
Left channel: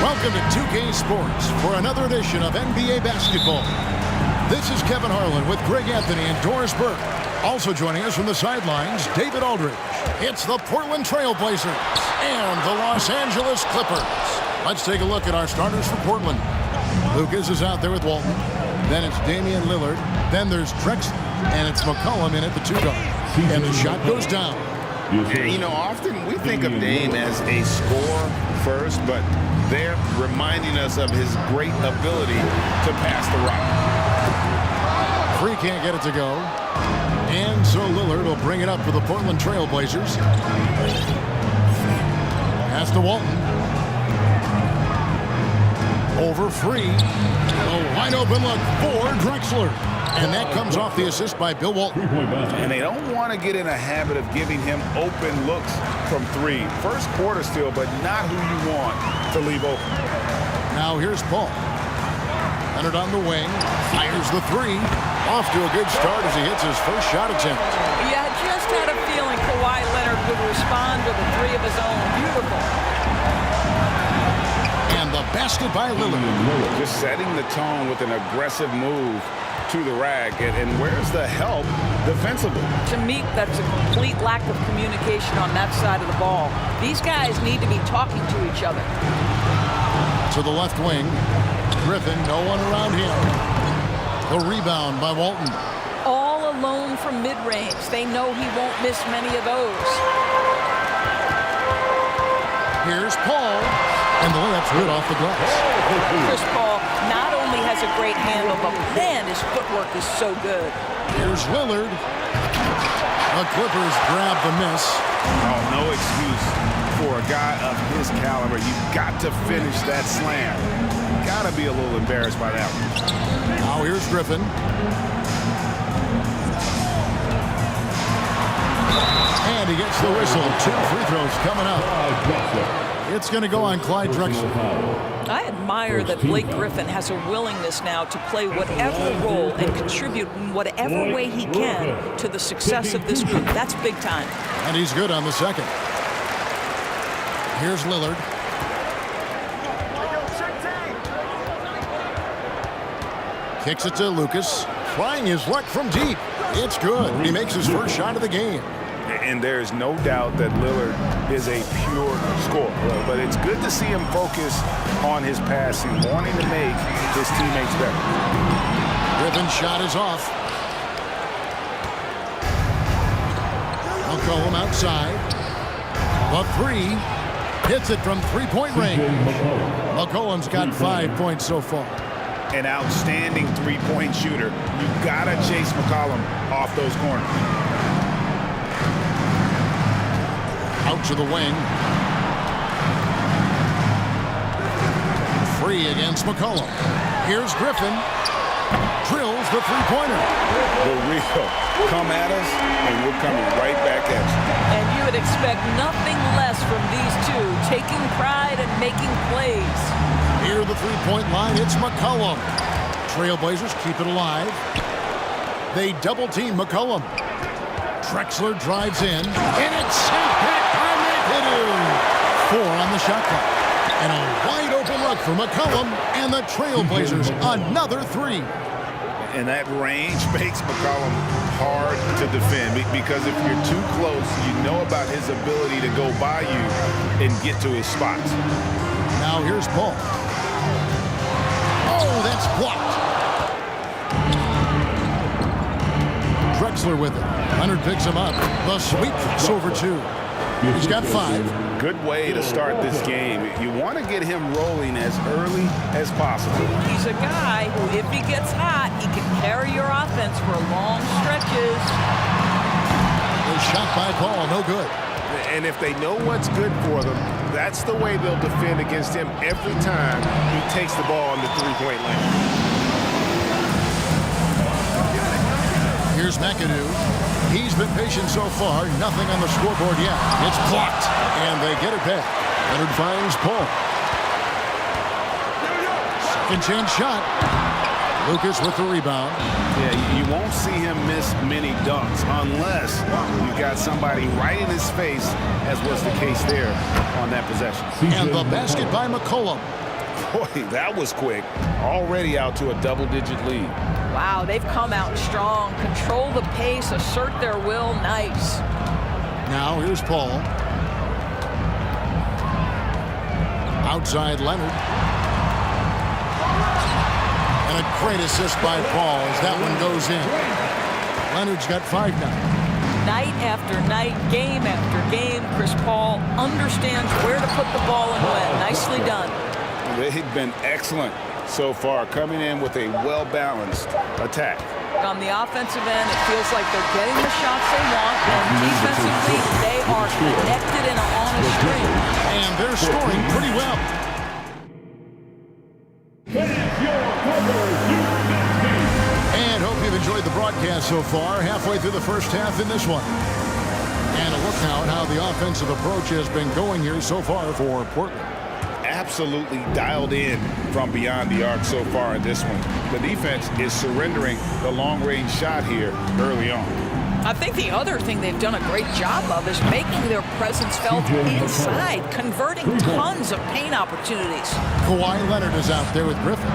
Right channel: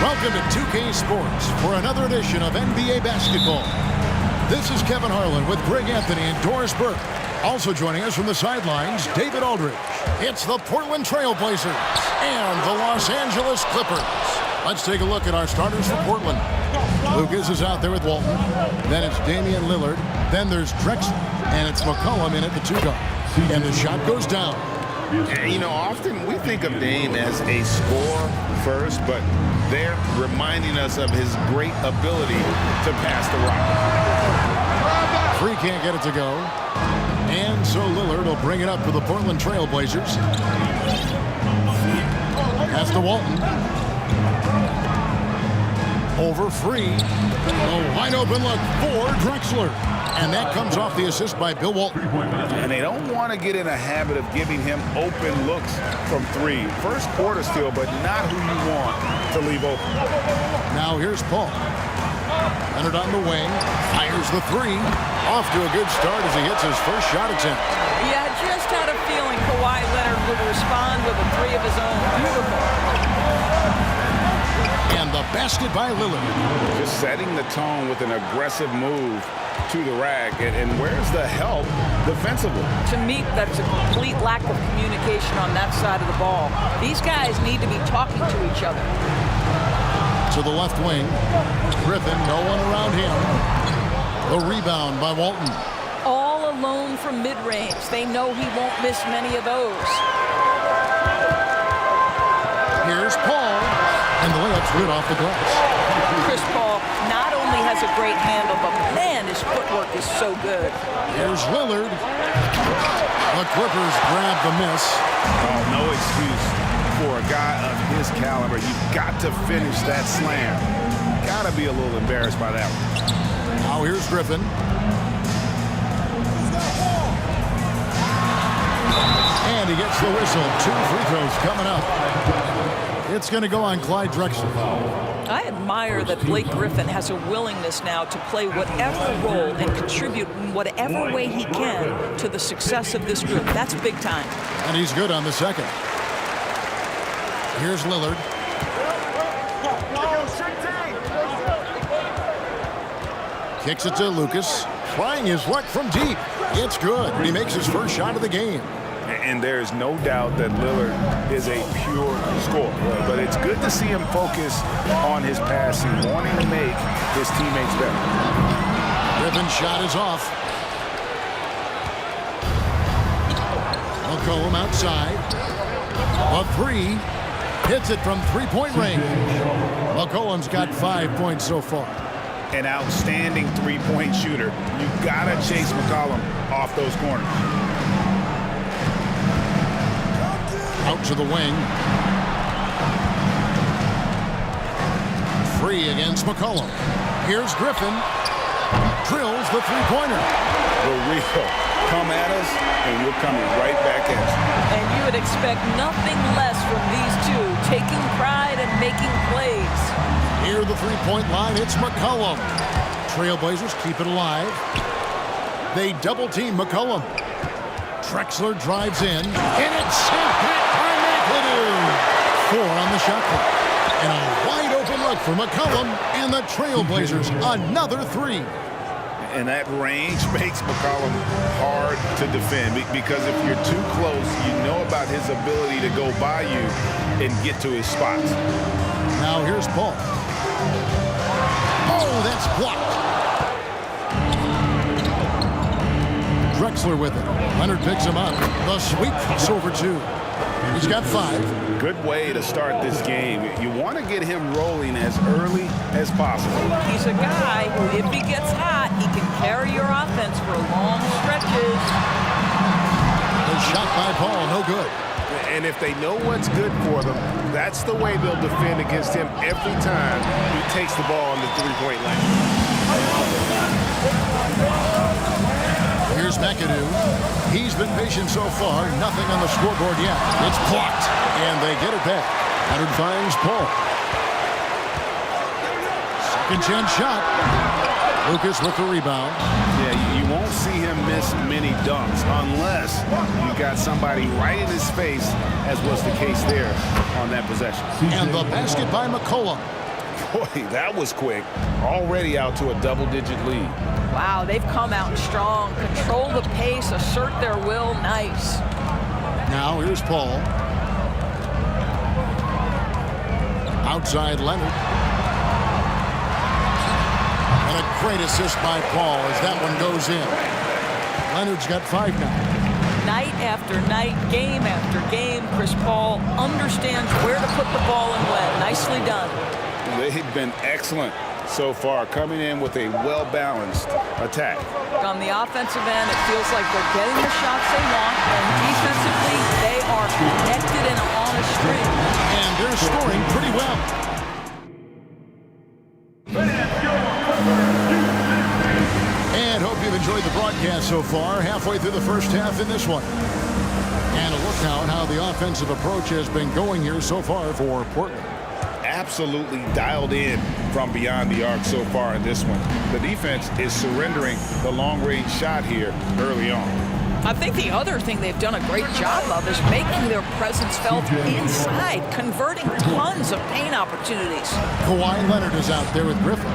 Welcome to 2K Sports for another edition of NBA basketball. This is Kevin Harlan with Greg Anthony and Doris Burke. Also joining us from the sidelines, David Aldridge. It's the Portland Trail Blazers and the Los Angeles Clippers. Let's take a look at our starters for Portland. Lucas is out there with Walton. Then it's Damian Lillard. Then there's Drexler. And it's McCollum in at the 2 guard. And the shot goes down. You know, often we think of Dame as a scorer first, but they're reminding us of his great ability to pass the rock. Free can't get it to go. And so Lillard will bring it up for the Portland Trail Blazers. Pass to Walton. Over Free. A wide open look for Drexler. And that comes off the assist by Bill Walton. And they don't want to get in a habit of giving him open looks from 3. First quarter still, but not who you want to leave open. Now here's Paul. Leonard on the wing. Fires the 3. Off to a good start as he hits his first shot attempt. Yeah, I just had a feeling Kawhi Leonard would respond with a 3 of his own. Beautiful. And the basket by Lillard. Just setting the tone with an aggressive move to the rack. And where's the help defensively? To me, that's a complete lack of communication on that side of the ball. These guys need to be talking to each other. To the left wing. Griffin, no one around him. The rebound by Walton. All alone from mid-range. They know he won't miss many of those. Here's Paul. And the layup's good off the glass. Chris Paul not only has a great handle, but man, his footwork is so good. Here's Lillard. The Clippers grab the miss. Oh, no excuse for a guy of his caliber. You've got to finish that slam. Got to be a little embarrassed by that one. Now here's Griffin. And he gets the whistle. 2 free throws coming up. It's going to go on Clyde Drexler. I admire that Blake Griffin has a willingness now to play whatever role and contribute in whatever way he can to the success of this group. That's big time. And he's good on the second. Here's Lillard. Kicks it to Lucas. Trying his luck from deep. It's good. He makes his first shot of the game. And there's no doubt that Lillard is a pure scorer. But it's good to see him focus on his passing, wanting to make his teammates better. Griffin's shot is off. McCollum outside. The three. Hits it from three-point range. McCollum's got 5 points so far. An outstanding three-point shooter. You gotta chase McCollum off those corners. Out to the wing. Free against McCollum. Here's Griffin. Drills the three-pointer. The real. Come at us, and we're coming right back at you. And you would expect nothing less from these two, taking pride and making plays. Near the three-point line, it's McCollum. Trailblazers keep it alive. They double-team McCollum. Drexler drives in, and it's sent back by McAdoo. 4 on the shot clock. And a wide-open look for McCollum, and the Trailblazers another 3. And that range makes McCollum hard to defend because if you're too close, you know about his ability to go by you and get to his spots. Now here's Paul. Oh, that's blocked. Drexler with it. Leonard picks him up. The sweep crossover 2. He's got 5. Good way to start this game. You want to get him rolling as early as possible. He's a guy who, if he gets hot, he can carry your offense for long stretches. The shot by Paul, no good. And if they know what's good for them, that's the way they'll defend against him every time he takes the ball in the three-point lane. Here's McAdoo. He's been patient so far. Nothing on the scoreboard yet. It's blocked, and they get it back. Leonard finds Paul. Second chance shot. Lucas with the rebound. Yeah, you won't see him miss many dunks unless you got somebody right in his face, as was the case there on that possession. And the basket by McCollum. Boy, that was quick. Already out to a double-digit lead. Wow, they've come out strong. Control the pace, assert their will. Nice. Now here's Paul. Outside Leonard. And a great assist by Paul as that one goes in. Leonard's got 5 now. Night after night, game after game, Chris Paul understands where to put the ball and when. Nicely done. They've been excellent so far, coming in with a well-balanced attack. On the offensive end, it feels like they're getting the shots they want, and defensively, they are connected and on a string. And they're scoring pretty well. And hope you've enjoyed the broadcast so far. Halfway through the first half in this one. And a look now at how the offensive approach has been going here so far for Portland. Absolutely dialed in from beyond the arc so far in this one. The defense is surrendering the long-range shot here early on. I think the other thing they've done a great job of is making their presence felt inside, converting tons of paint opportunities. Kawhi Leonard is out there with Griffin.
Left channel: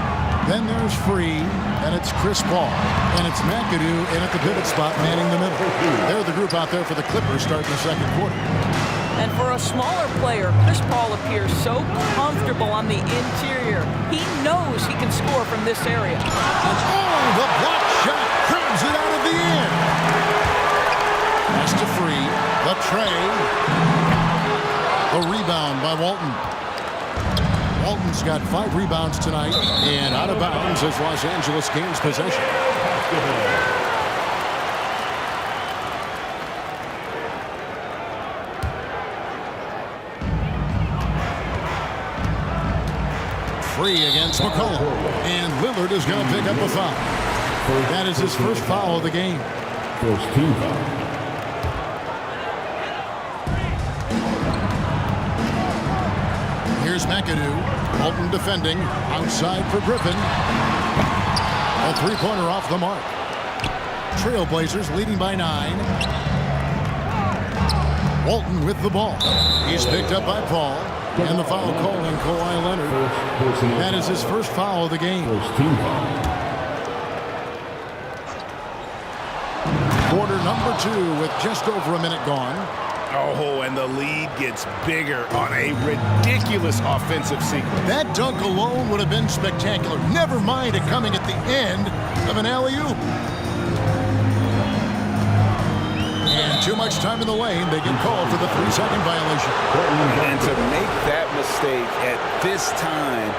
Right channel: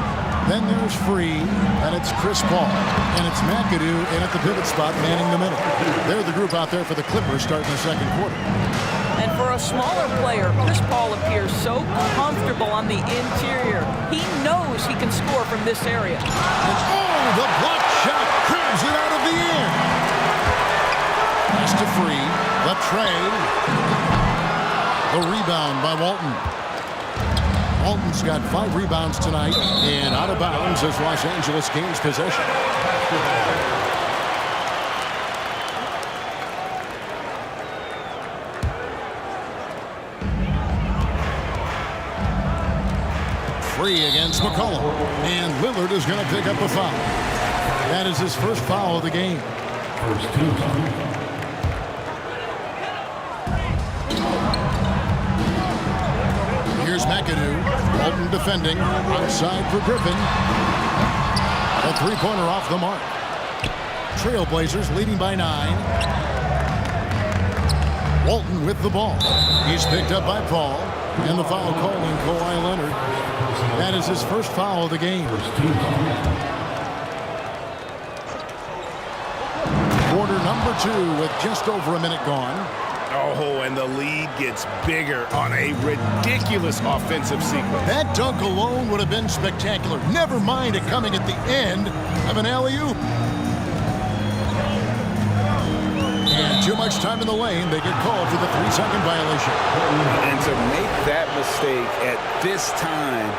Then there's Free, and it's Chris Paul, and it's McAdoo in at the pivot spot manning the middle. They're the group out there for the Clippers starting the second quarter. And for a smaller player, Chris Paul appears so comfortable on the interior. He knows he can score from this area. And oh, the block shot cribs it out of the air. Pass to Free, the tray. The rebound by Walton. Walton's got 5 rebounds tonight, and out of bounds as Los Angeles gains possession. Free against McCollum, and Lillard is going to pick up a foul. That is his first foul of the game. First team foul. Here's McAdoo. Walton defending. Outside for Griffin. A three-pointer off the mark. Trailblazers leading by 9. Walton with the ball. He's picked up by Paul. And the foul calling Kawhi Leonard. That is his first foul of the game. Quarter number 2 with just over a minute gone. Oh, and the lead gets bigger on a ridiculous offensive sequence. That dunk alone would have been spectacular. Never mind it coming at the end of an alley-oop. And too much time in the lane. They get called for the 3-second violation. And to make that mistake at this time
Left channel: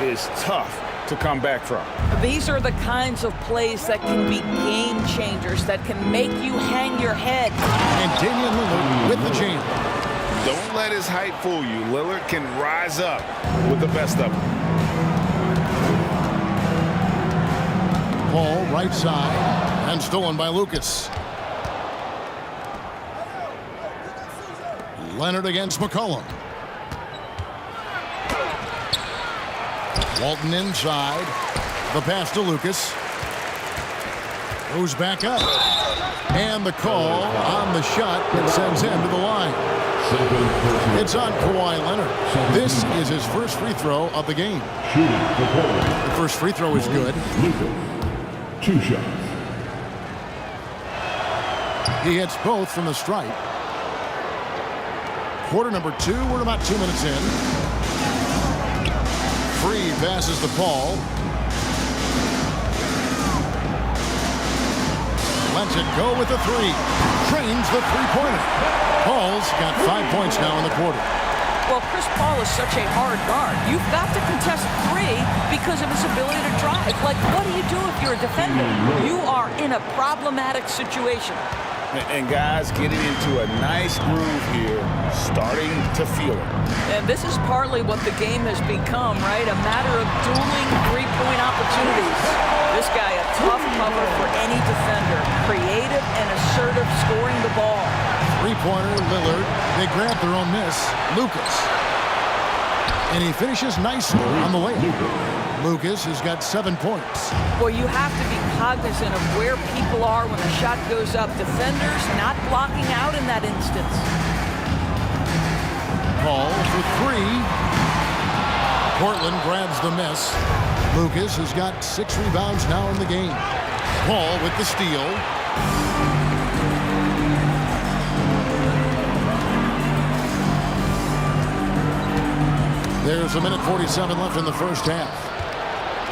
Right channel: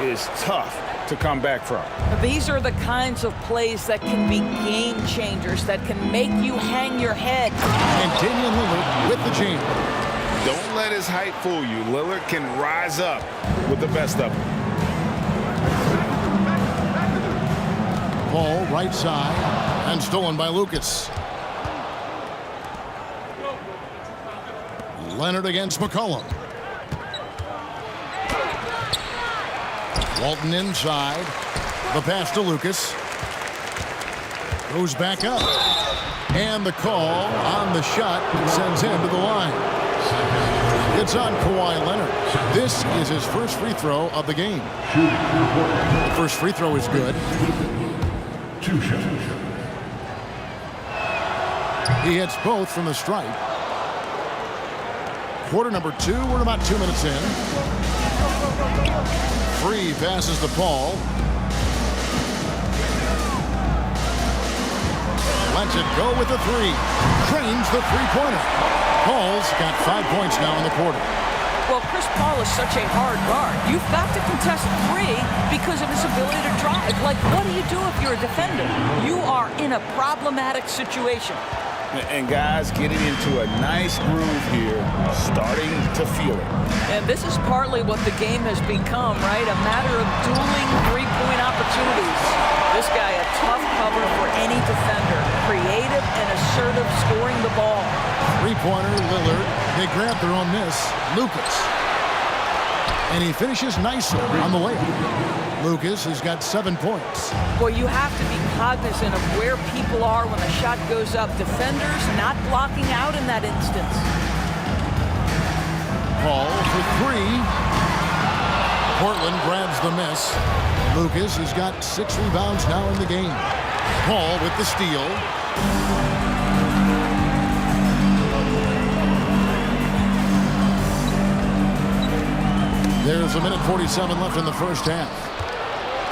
is tough to come back from. These are the kinds of plays that can be game changers, that can make you hang your head. And Damian Lillard with the jam. Don't let his height fool you. Lillard can rise up with the best of them. Ball right side and stolen by Lucas. Leonard against McCollum. Walton inside. The pass to Lucas. Goes back up. And the call on the shot that sends him to the line. It's on Kawhi Leonard. This is his first free throw of the game. The first free throw is good. 2 shots. He hits both from the stripe. Quarter number 2. We're about 2 minutes in. Free passes to Paul. Lets it go with the 3. Trains the three-pointer. Paul's got 5 points now in the quarter. Well, Chris Paul is such a hard guard. You've got to contest 3 because of his ability to drive. Like, what do you do if you're a defender? You are in a problematic situation. And guys getting into a nice groove here, starting to feel it. And this is partly what the game has become, right? A matter of dueling three-point opportunities. This guy, a tough cover for any defender. Creative and assertive scoring the ball. Three-pointer, Lillard. They grab their own miss. Lucas. And he finishes nicely on the layup. Lucas has got 7 points. Boy, you have to be cognizant of where people are when the shot goes up. Defenders not blocking out in that instance. Paul for 3. Portland grabs the miss. Lucas has got 6 rebounds now in the game. Paul with the steal. There's 1:47 left in the first half.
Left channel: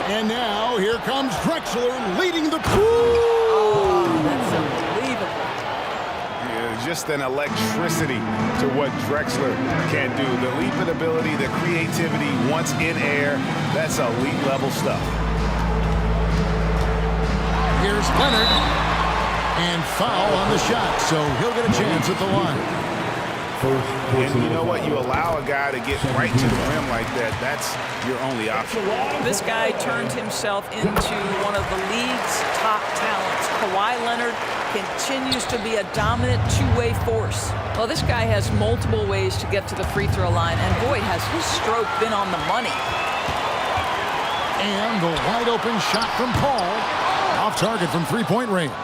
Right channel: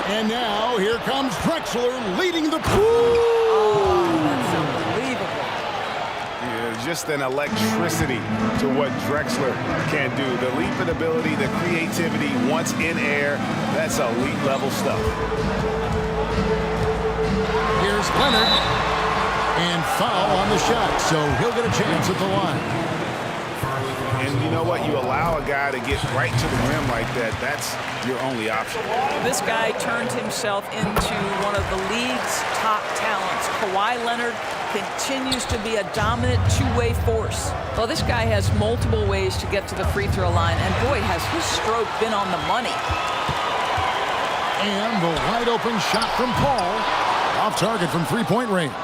And now here comes Drexler leading the crew. Oh, that's unbelievable. Yeah, just an electricity to what Drexler can do. The leaping ability, the creativity once in air, that's elite level stuff. Here's Leonard. And foul on the shot, so he'll get a chance at the line. And you know what? You allow a guy to get right to the rim like that, that's your only option. This guy turned himself into one of the league's top talents. Kawhi Leonard continues to be a dominant two-way force. Well, this guy has multiple ways to get to the free throw line, and boy, has his stroke been on the money. And the wide open shot from Paul. Off target from three-point range.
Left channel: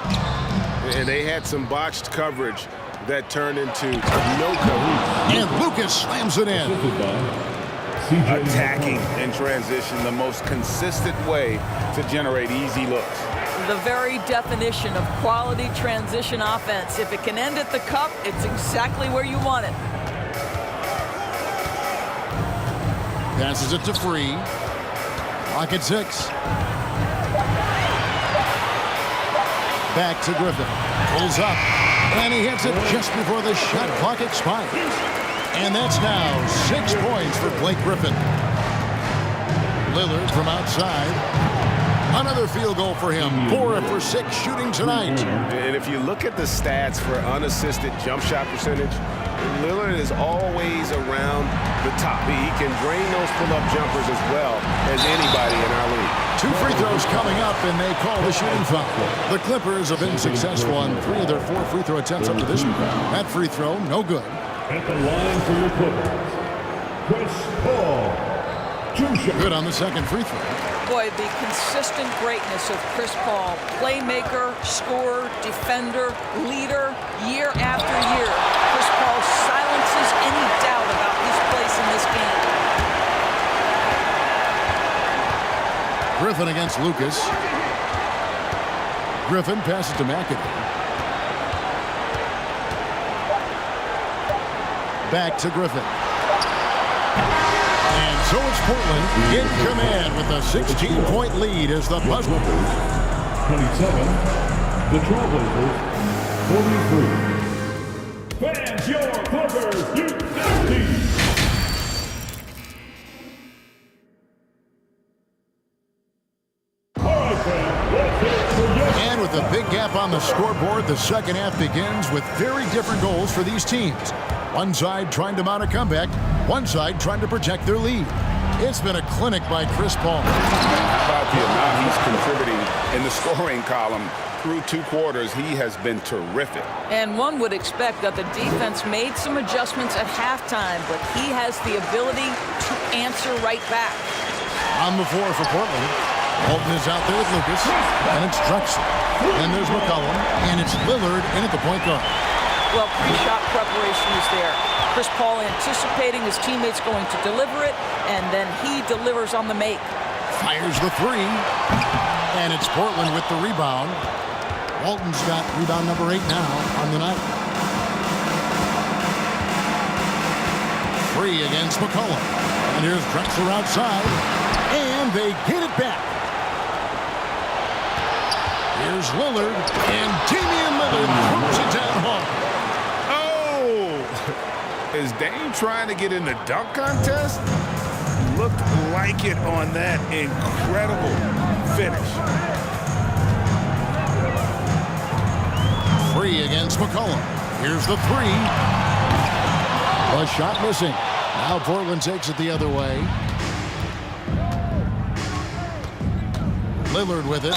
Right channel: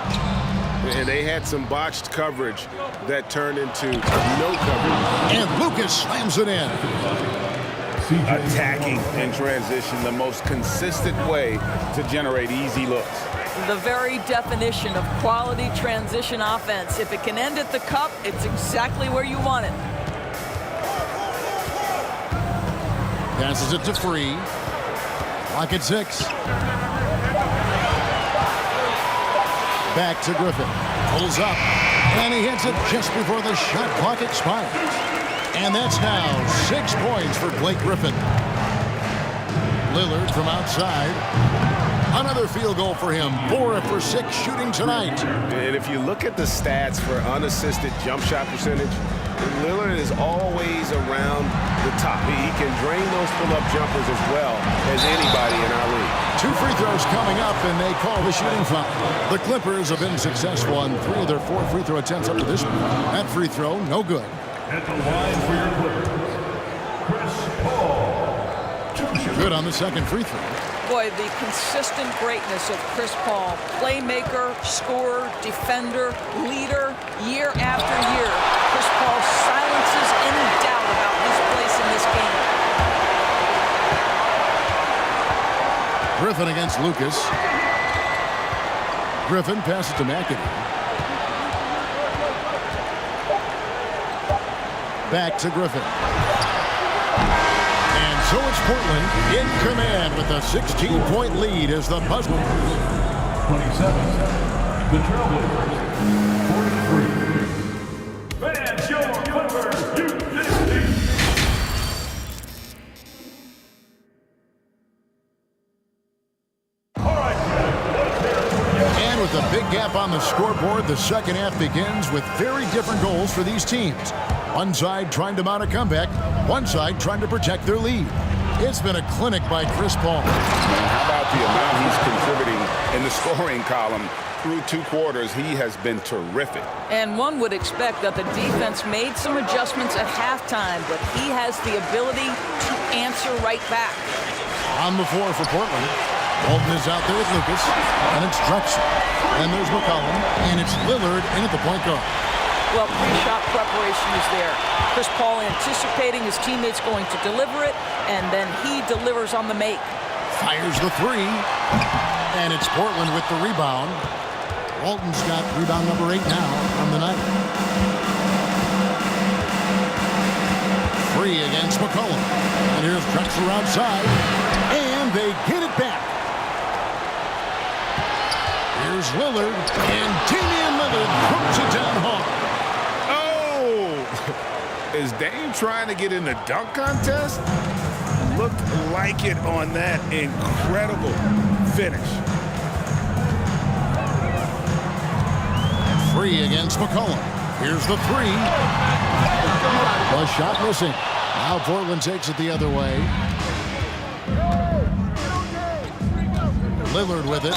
And they had some botched coverage that turned into no coverage. And Lucas slams it in. Attacking in transition, the most consistent way to generate easy looks. The very definition of quality transition offense. If it can end at the cup, it's exactly where you want it. Passes it to Free. Clock at 6. Back to Griffin. Pulls up. And he hits it just before the shot clock expires. And that's now 6 points for Blake Griffin. Lillard from outside. Another field goal for him. 4 for 6 shooting tonight. And if you look at the stats for unassisted jump shot percentage, Lillard is always around the top. He can drain those pull-up jumpers as well as anybody in our league. 2 free throws coming up, and they call the shooting foul. The Clippers have been successful on 3 of their 4 free throw attempts up to this point. That free throw, no good. At the line for your Clippers, Chris Paul. 2 shots. Good on the second free throw. Boy, the consistent greatness of Chris Paul, playmaker, scorer, defender, leader, year after year. Chris Paul silences any doubt about his place in this game. Griffin against Lucas. Griffin passes to McAdoo. Back to Griffin. And so it's Portland in command with a 16-point lead as the Buzzers. 27, the Trailblazers, 43. Youth Dance Team. And with a big gap on the scoreboard, the second half begins with very different goals for these teams. One side trying to mount a comeback, one side trying to protect their lead. It's been a clinic by Chris Paul. And how about the amount he's contributing in the scoring column? Through 2 quarters, he has been terrific. And one would expect that the defense made some adjustments at halftime, but he has the ability to answer right back. On the floor for Portland. Walton is out there with Lucas, and it's Drexler. Then there's McCollum, and it's Lillard in at the point guard. Well, pre-shot preparation is there. Chris Paul anticipating his teammates going to deliver it, and then he delivers on the make. Fires the 3, and it's Portland with the rebound. Walton's got rebound number 8 now on the night. Free against McCollum. And here's Drexler outside, and they get it back. Here's Lillard, and Damian Lillard throws it down hard. Oh! Is Dame trying to get in the dunk contest? Looked like it on that incredible finish. Free against McCollum. Here's the 3. The shot missing. Now Portland takes it the other way. Lillard with it.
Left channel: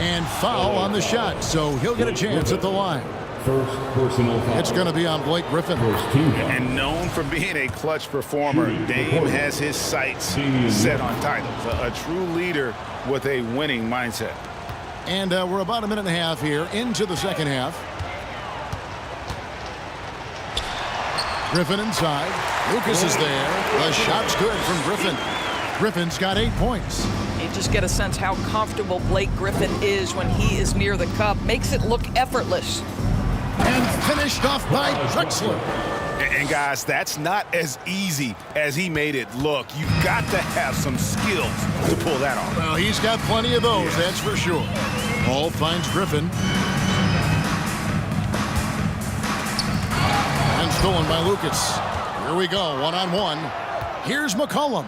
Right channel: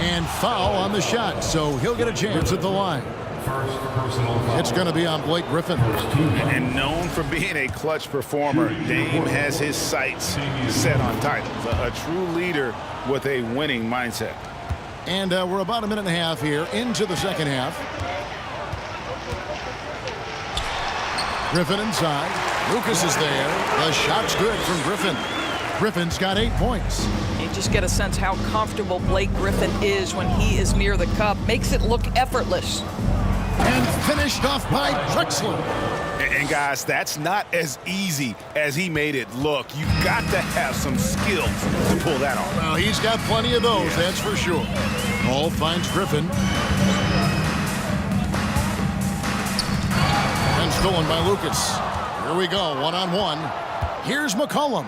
And foul on the shot, so he'll get a chance at the line. First personal foul. It's going to be on Blake Griffin. And known for being a clutch performer, Dame has his sights set on titles. A true leader with a winning mindset. And we're about a minute and a half here into the second half. Griffin inside. Lucas is there. The shot's good from Griffin. Griffin's got 8 points. You just get a sense how comfortable Blake Griffin is when he is near the cup. Makes it look effortless. And finished off by Drexler. And guys, that's not as easy as he made it look. You've got to have some skills to pull that off. Well, he's got plenty of those, that's for sure. Paul finds Griffin. And stolen by Lucas. Here we go, one-on-one. Here's McCollum.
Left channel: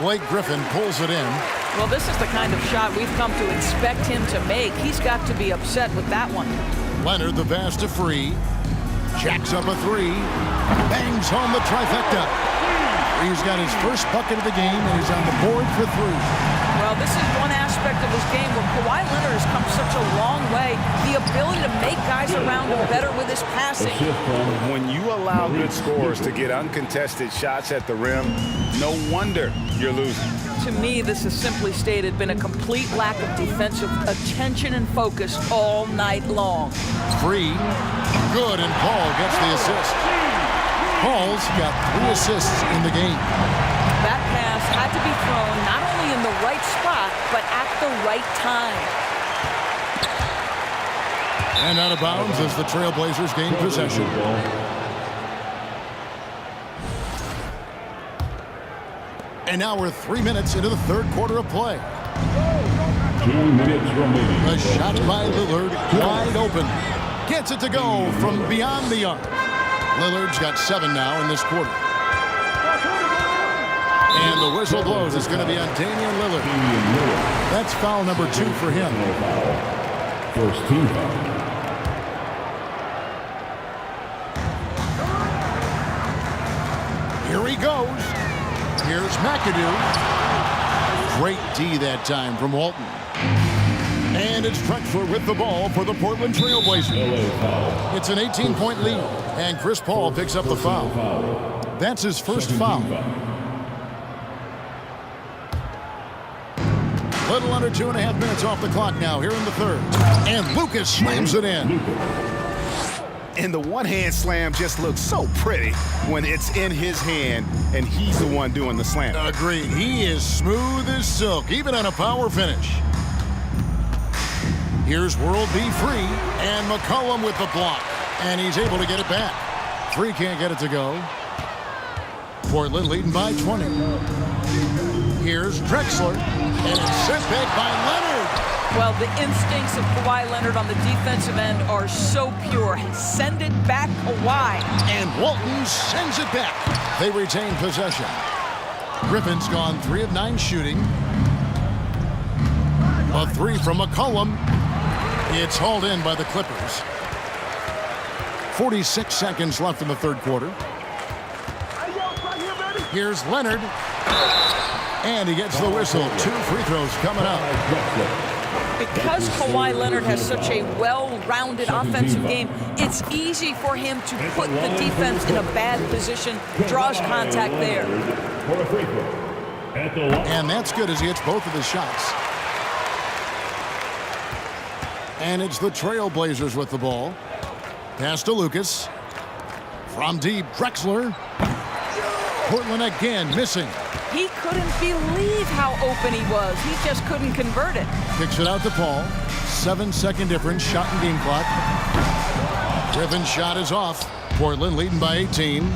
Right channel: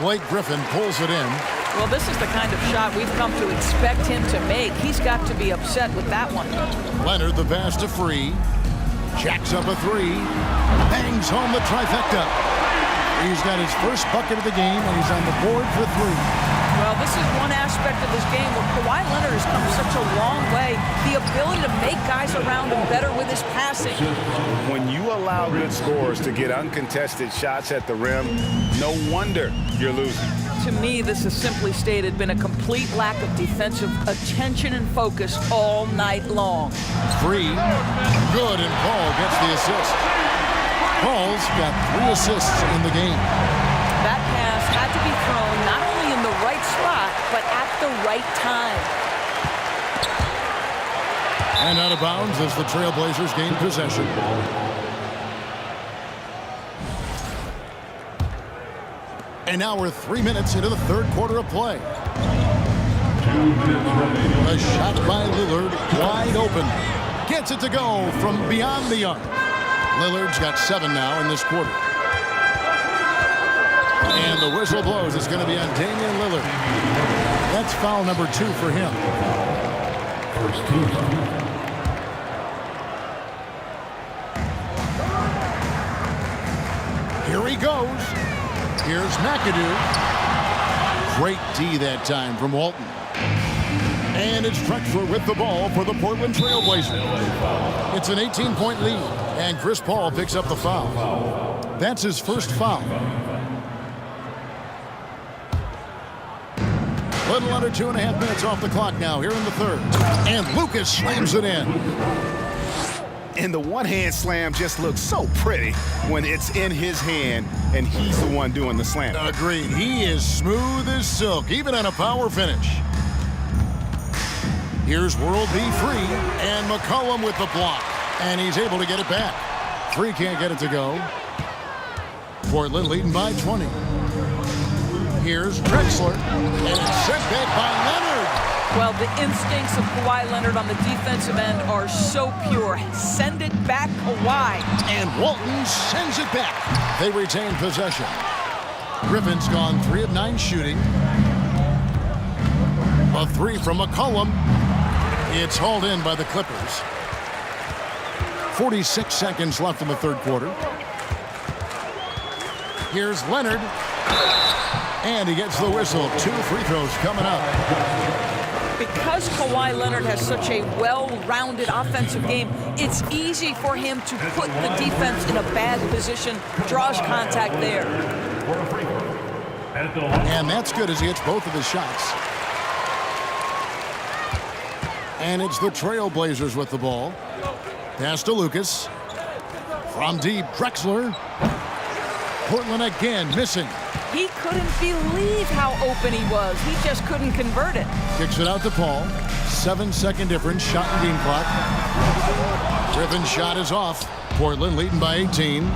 Blake Griffin pulls it in. Well, this is the kind of shot we've come to expect him to make. He's got to be upset with that one. Leonard, the pass to Free. Jacks up a 3. Bangs home the trifecta. Free's got his first bucket of the game, and he's on the board for 3. Well, this is one aspect of his game where Kawhi Leonard has come such a long way. The ability to make guys around him better with his passing. When you allow good scorers to get uncontested shots at the rim, no wonder you're losing. To me, this has simply stated been a complete lack of defensive attention and focus all night long. Free. Good, and Paul gets the assist. Paul's got 3 assists in the game. That pass had to be thrown not only in the right spot, but at the right time. And out of bounds as the Trailblazers gain possession. And now we're 3 minutes into the third quarter of play. 2 minutes remaining. A shot by Lillard, wide open. Gets it to go from beyond the arc. Lillard's got 7 now in this quarter. And the whistle blows. It's going to be on Damian Lillard. That's foul number 2 for him. First team foul. Here he goes. Here's McAdoo. Great D that time from Walton. And it's Drexler with the ball for the Portland Trailblazers. It's an 18-point lead, and Chris Paul picks up the foul. That's his first foul. Little under 2.5 minutes off the clock now here in the third. And Lucas slams it in. And the one-hand slam just looks so pretty when it's in his hand and he's the one doing the slam. Agreed. He is smooth as silk, even on a power finish. Here's World B Free, and McCollum with the block. And he's able to get it back. Free can't get it to go. Portland leading by 20. Here's Drexler, and it's sent back by Leonard. Well, the instincts of Kawhi Leonard on the defensive end are so pure. Send it back, Kawhi. And Walton sends it back. They retain possession. Griffin's gone 3 of 9 shooting. A 3 from McCollum. It's hauled in by the Clippers. 46 seconds left in the third quarter. Here's Leonard. And he gets the whistle. 2 free throws coming up. Because Kawhi Leonard has such a well-rounded offensive game, it's easy for him to put the defense in a bad position, draws contact there. And that's good as he hits both of his shots. And it's the Trailblazers with the ball. Pass to Lucas. From deep, Drexler. Portland again missing. He couldn't believe how open he was. He just couldn't convert it. Kicks it out to Paul. 7-second difference, shot and game clock. Griffin's shot is off. Portland leading by 18.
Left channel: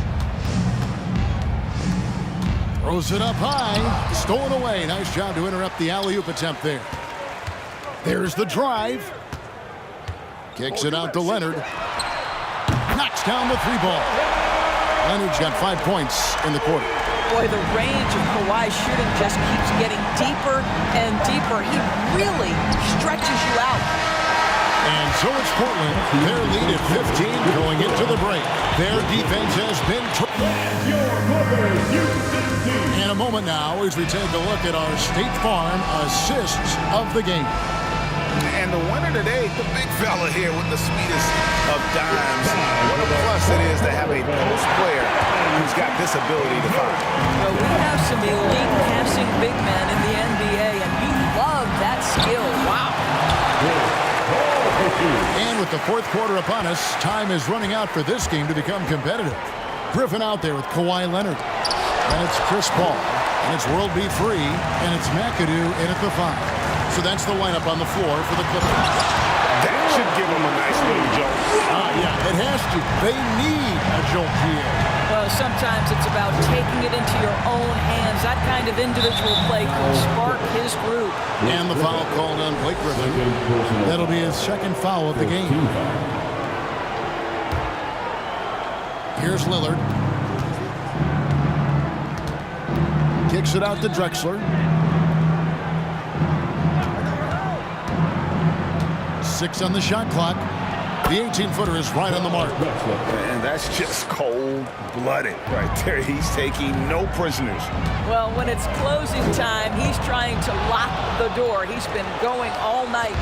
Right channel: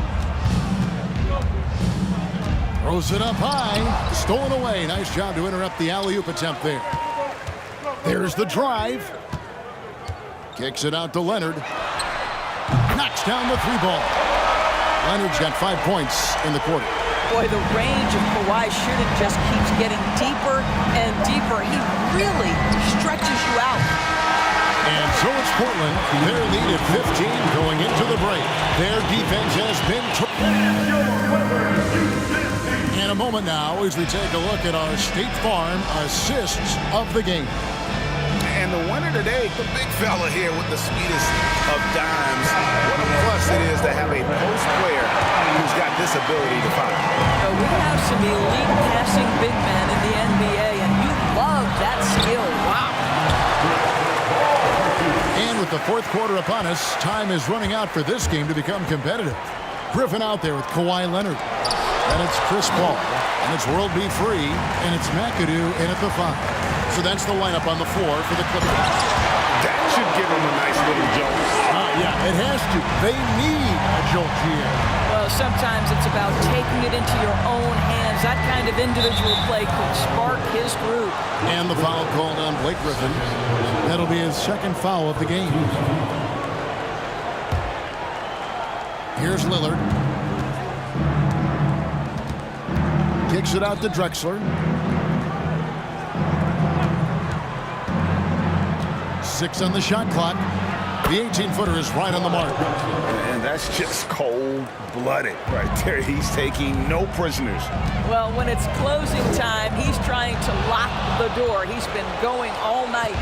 Throws it up high. Stolen away. Nice job to interrupt the alley-oop attempt there. There's the drive. Kicks it out to Leonard. Knocks down the 3-ball. Leonard's got 5 points in the quarter. Boy, the range of Kawhi shooting just keeps getting deeper and deeper. He really stretches you out. And so it's Portland. Their lead at 15 going into the break. Their defense has been... In a moment now as we take a look at our State Farm assists of the game. And the winner today, the big fella here with the sweetest of dimes. What a plus it is to have a post player who's got this ability to fire. You know, we have some elite passing big men in the NBA, and you love that skill. Wow. And with the fourth quarter upon us, time is running out for this game to become competitive. Griffin out there with Kawhi Leonard. Then it's Chris Paul, and it's World B. Free, and it's McAdoo in at the 5. So that's the lineup on the floor for the Clippers. That should give them a nice little jolt. Yeah, it has to. They need a jolt, GA. Well, sometimes it's about taking it into your own hands. That kind of individual play could spark his group. And the foul called on Blake Griffin. That'll be his second foul of the game. Here's Lillard. Kicks it out to Drexler. 6 on the shot clock. The 18-footer is right on the mark. And that's just cold-blooded right there. He's taking no prisoners. Well, when it's closing time, he's trying to lock the door. He's been going all night.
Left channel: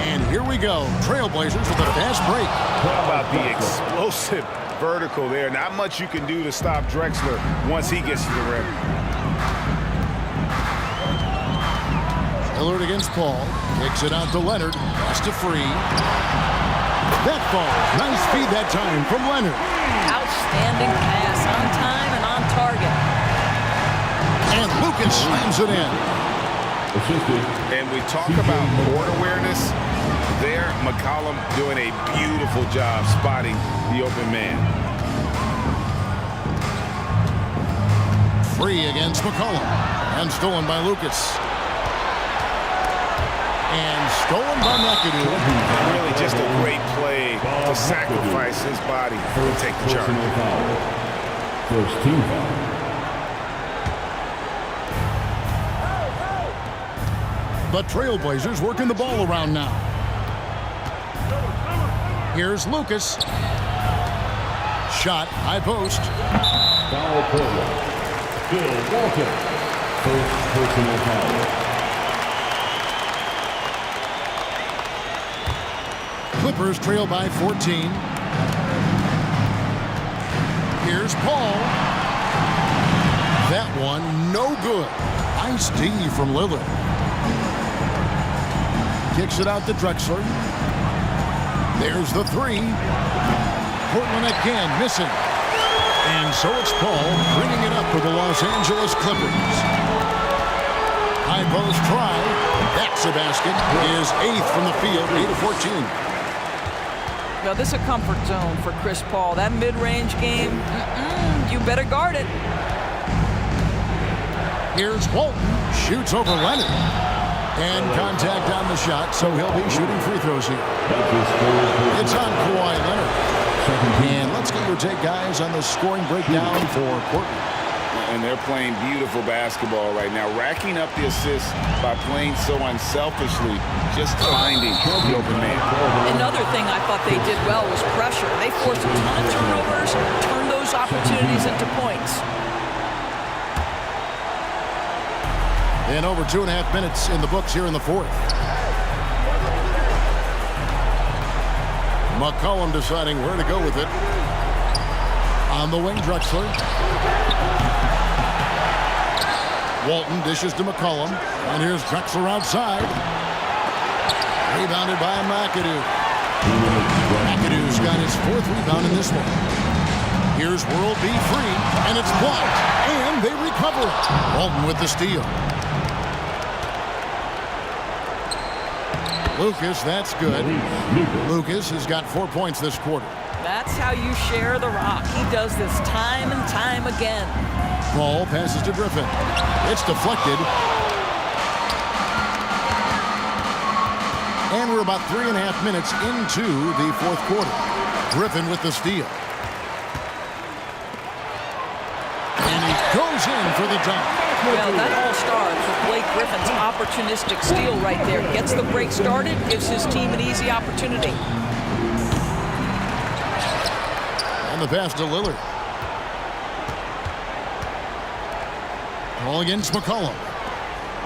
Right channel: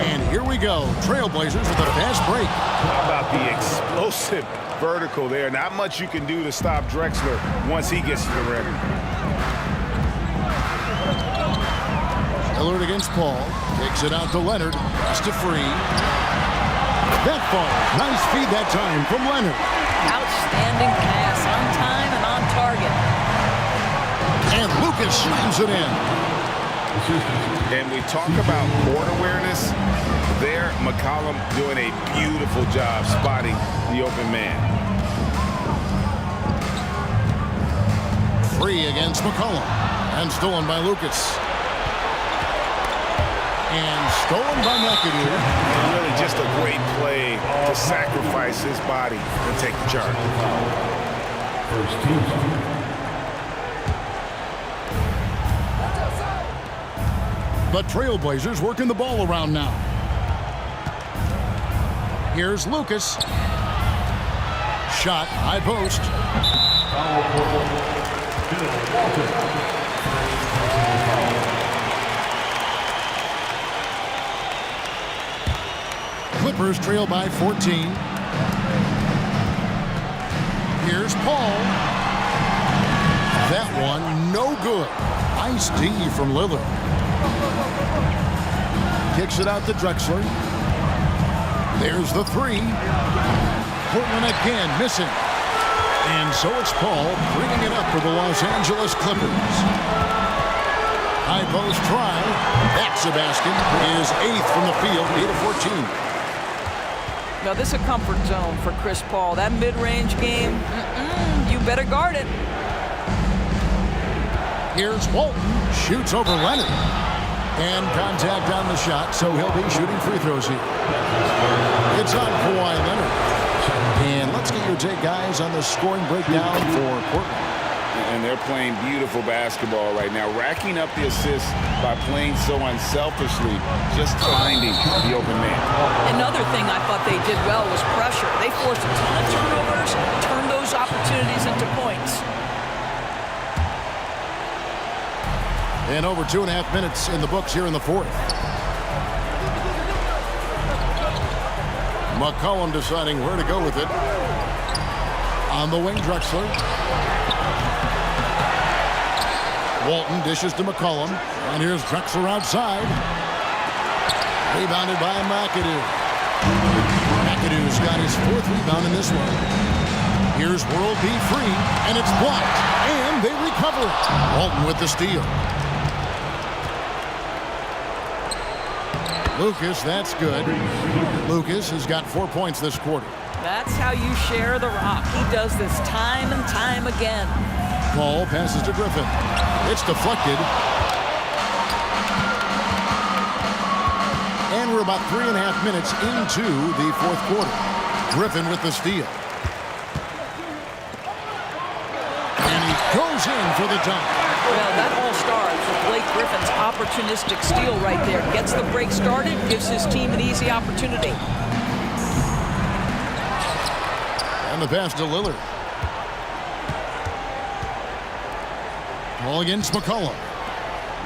And here we go. Trailblazers with a fast break. How about the explosive vertical there? Not much you can do to stop Drexler once he gets to the rim. Lillard against Paul. Kicks it out to Leonard. Pass to Free. That falls. Nice feed that time from Leonard. Outstanding pass on time and on target. And Lucas slams it in. And we talk about court awareness. There, McCollum doing a beautiful job spotting the open man. Free against McCollum. And stolen by Lucas. And stolen by McAdoo. And really just a great play to sacrifice his body and take the charge. First team. The Trailblazers working the ball around now. Here's Lucas. Shot, high post. Foul Portland. Bill Walton. First personal foul. Clippers trail by 14. Here's Paul. That one, no good. Nice D from Lillard. Kicks it out to Drexler. There's the 3. Portland again missing. And so it's Paul bringing it up for the Los Angeles Clippers. High post try. That's a basket. His 8th from the field, 8 of 14. Now, this is a comfort zone for Chris Paul. That mid-range game, you better guard it. Here's Walton. Shoots over Leonard. And contact on the shot, so he'll be shooting free throws here. It's on Kawhi Leonard. And let's get your take, guys, on the scoring breakdown for Portland. And they're playing beautiful basketball right now, racking up the assists by playing so unselfishly, just finding the open man. Another thing I thought they did well was pressure. They forced a ton of turnovers, turned those opportunities into points. And over 2.5 minutes in the books here in the fourth. McCollum deciding where to go with it. On the wing, Drexler. Walton dishes to McCollum. And here's Drexler outside. Rebounded by McAdoo. McAdoo's got his 4th rebound in this one. Here's World B free, and it's blocked. And they recover it. Walton with the steal. Lucas, that's good. Lucas has got 4 points this quarter. That's how you share the rock. He does this time and time again. Paul passes to Griffin. It's deflected. And we're about 3.5 minutes into the fourth quarter. Griffin with the steal. And he goes in for the dunk. Well, that all starts with Blake Griffin's opportunistic steal right there. Gets the break started, gives his team an easy opportunity. And the pass to Lillard. Ball against McCollum.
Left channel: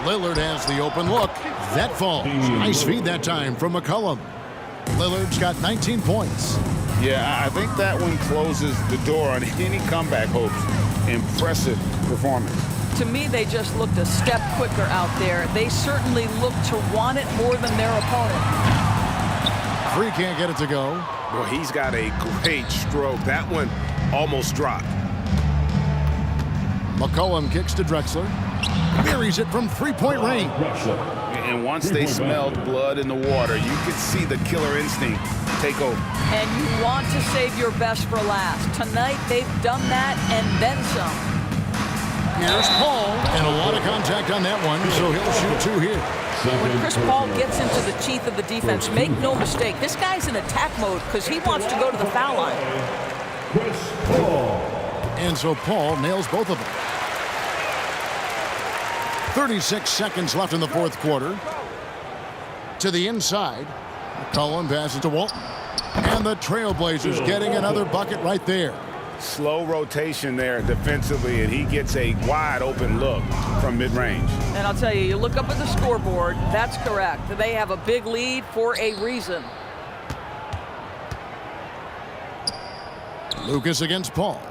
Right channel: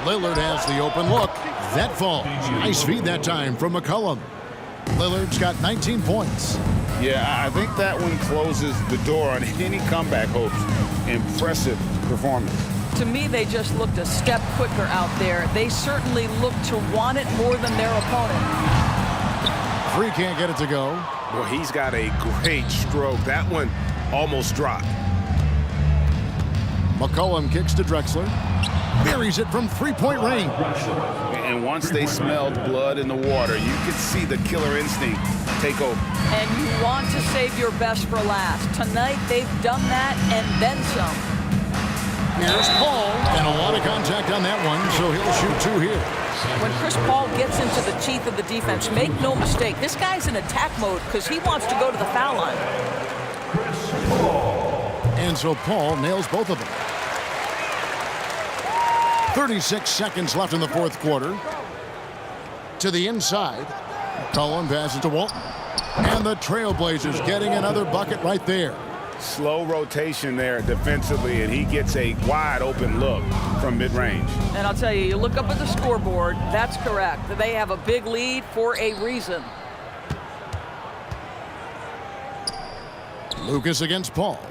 Lillard has the open look. That falls. Nice feed that time from McCollum. Lillard's got 19 points. Yeah, I think that one closes the door on any comeback hopes. Impressive performance. To me, they just looked a step quicker out there. They certainly looked to want it more than their opponent. Free can't get it to go. Well, he's got a great stroke. That one almost dropped. McCollum kicks to Drexler. Buries it from three-point range. And once they smelled blood in the water, you could see the killer instinct take over. And you want to save your best for last. Tonight, they've done that and then some. Here's Paul, and a lot of contact on that one, so he'll shoot 2 here. When Chris Paul gets into the teeth of the defense, make no mistake, this guy's in attack mode because he wants to go to the foul line. Chris Paul. And so Paul nails both of them. 36 seconds left in the fourth quarter. To the inside. McCollum passes to Walton. And the Trailblazers getting another bucket right there. Slow rotation there defensively, and he gets a wide open look from mid-range. And I'll tell you, you look up at the scoreboard, that's correct. They have a big lead for a reason. Lucas against Paul.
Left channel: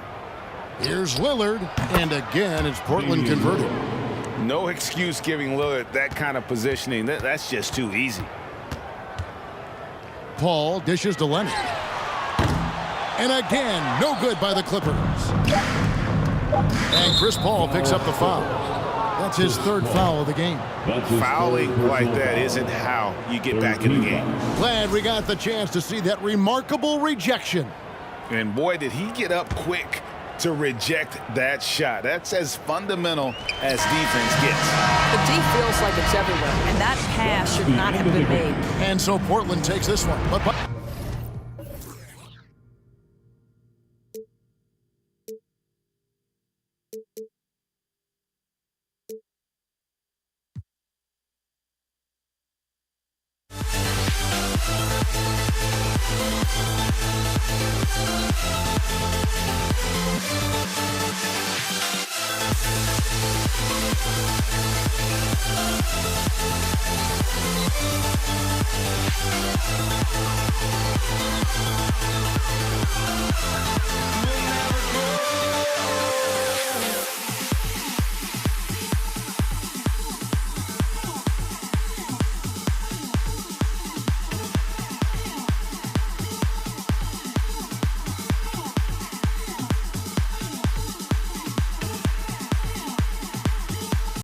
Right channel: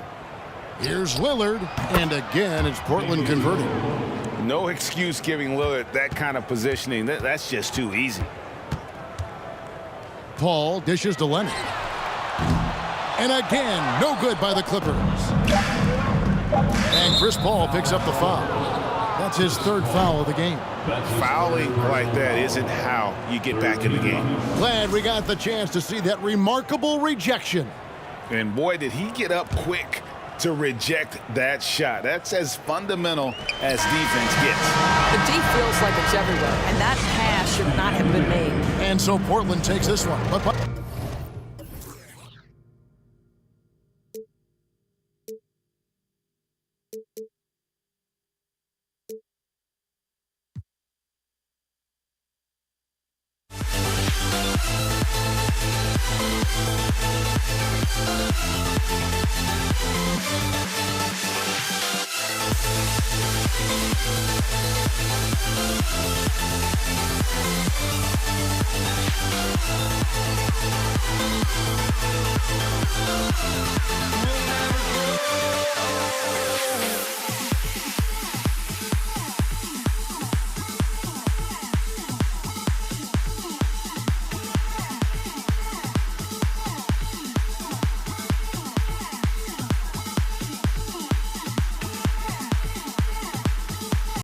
Here's Lillard, and again it's Portland converting. No excuse giving Lillard that kind of positioning. That's just too easy. Paul dishes to Leonard. And again, no good by the Clippers. And Chris Paul picks up the foul. That's his 3rd foul of the game. Fouling like that isn't how you get back in the game. Glad we got the chance to see that remarkable rejection. And boy, did he get up quick to reject that shot. That's as fundamental as defense gets. The D feels like it's everywhere, and that pass should not have been made. And so Portland takes this one. But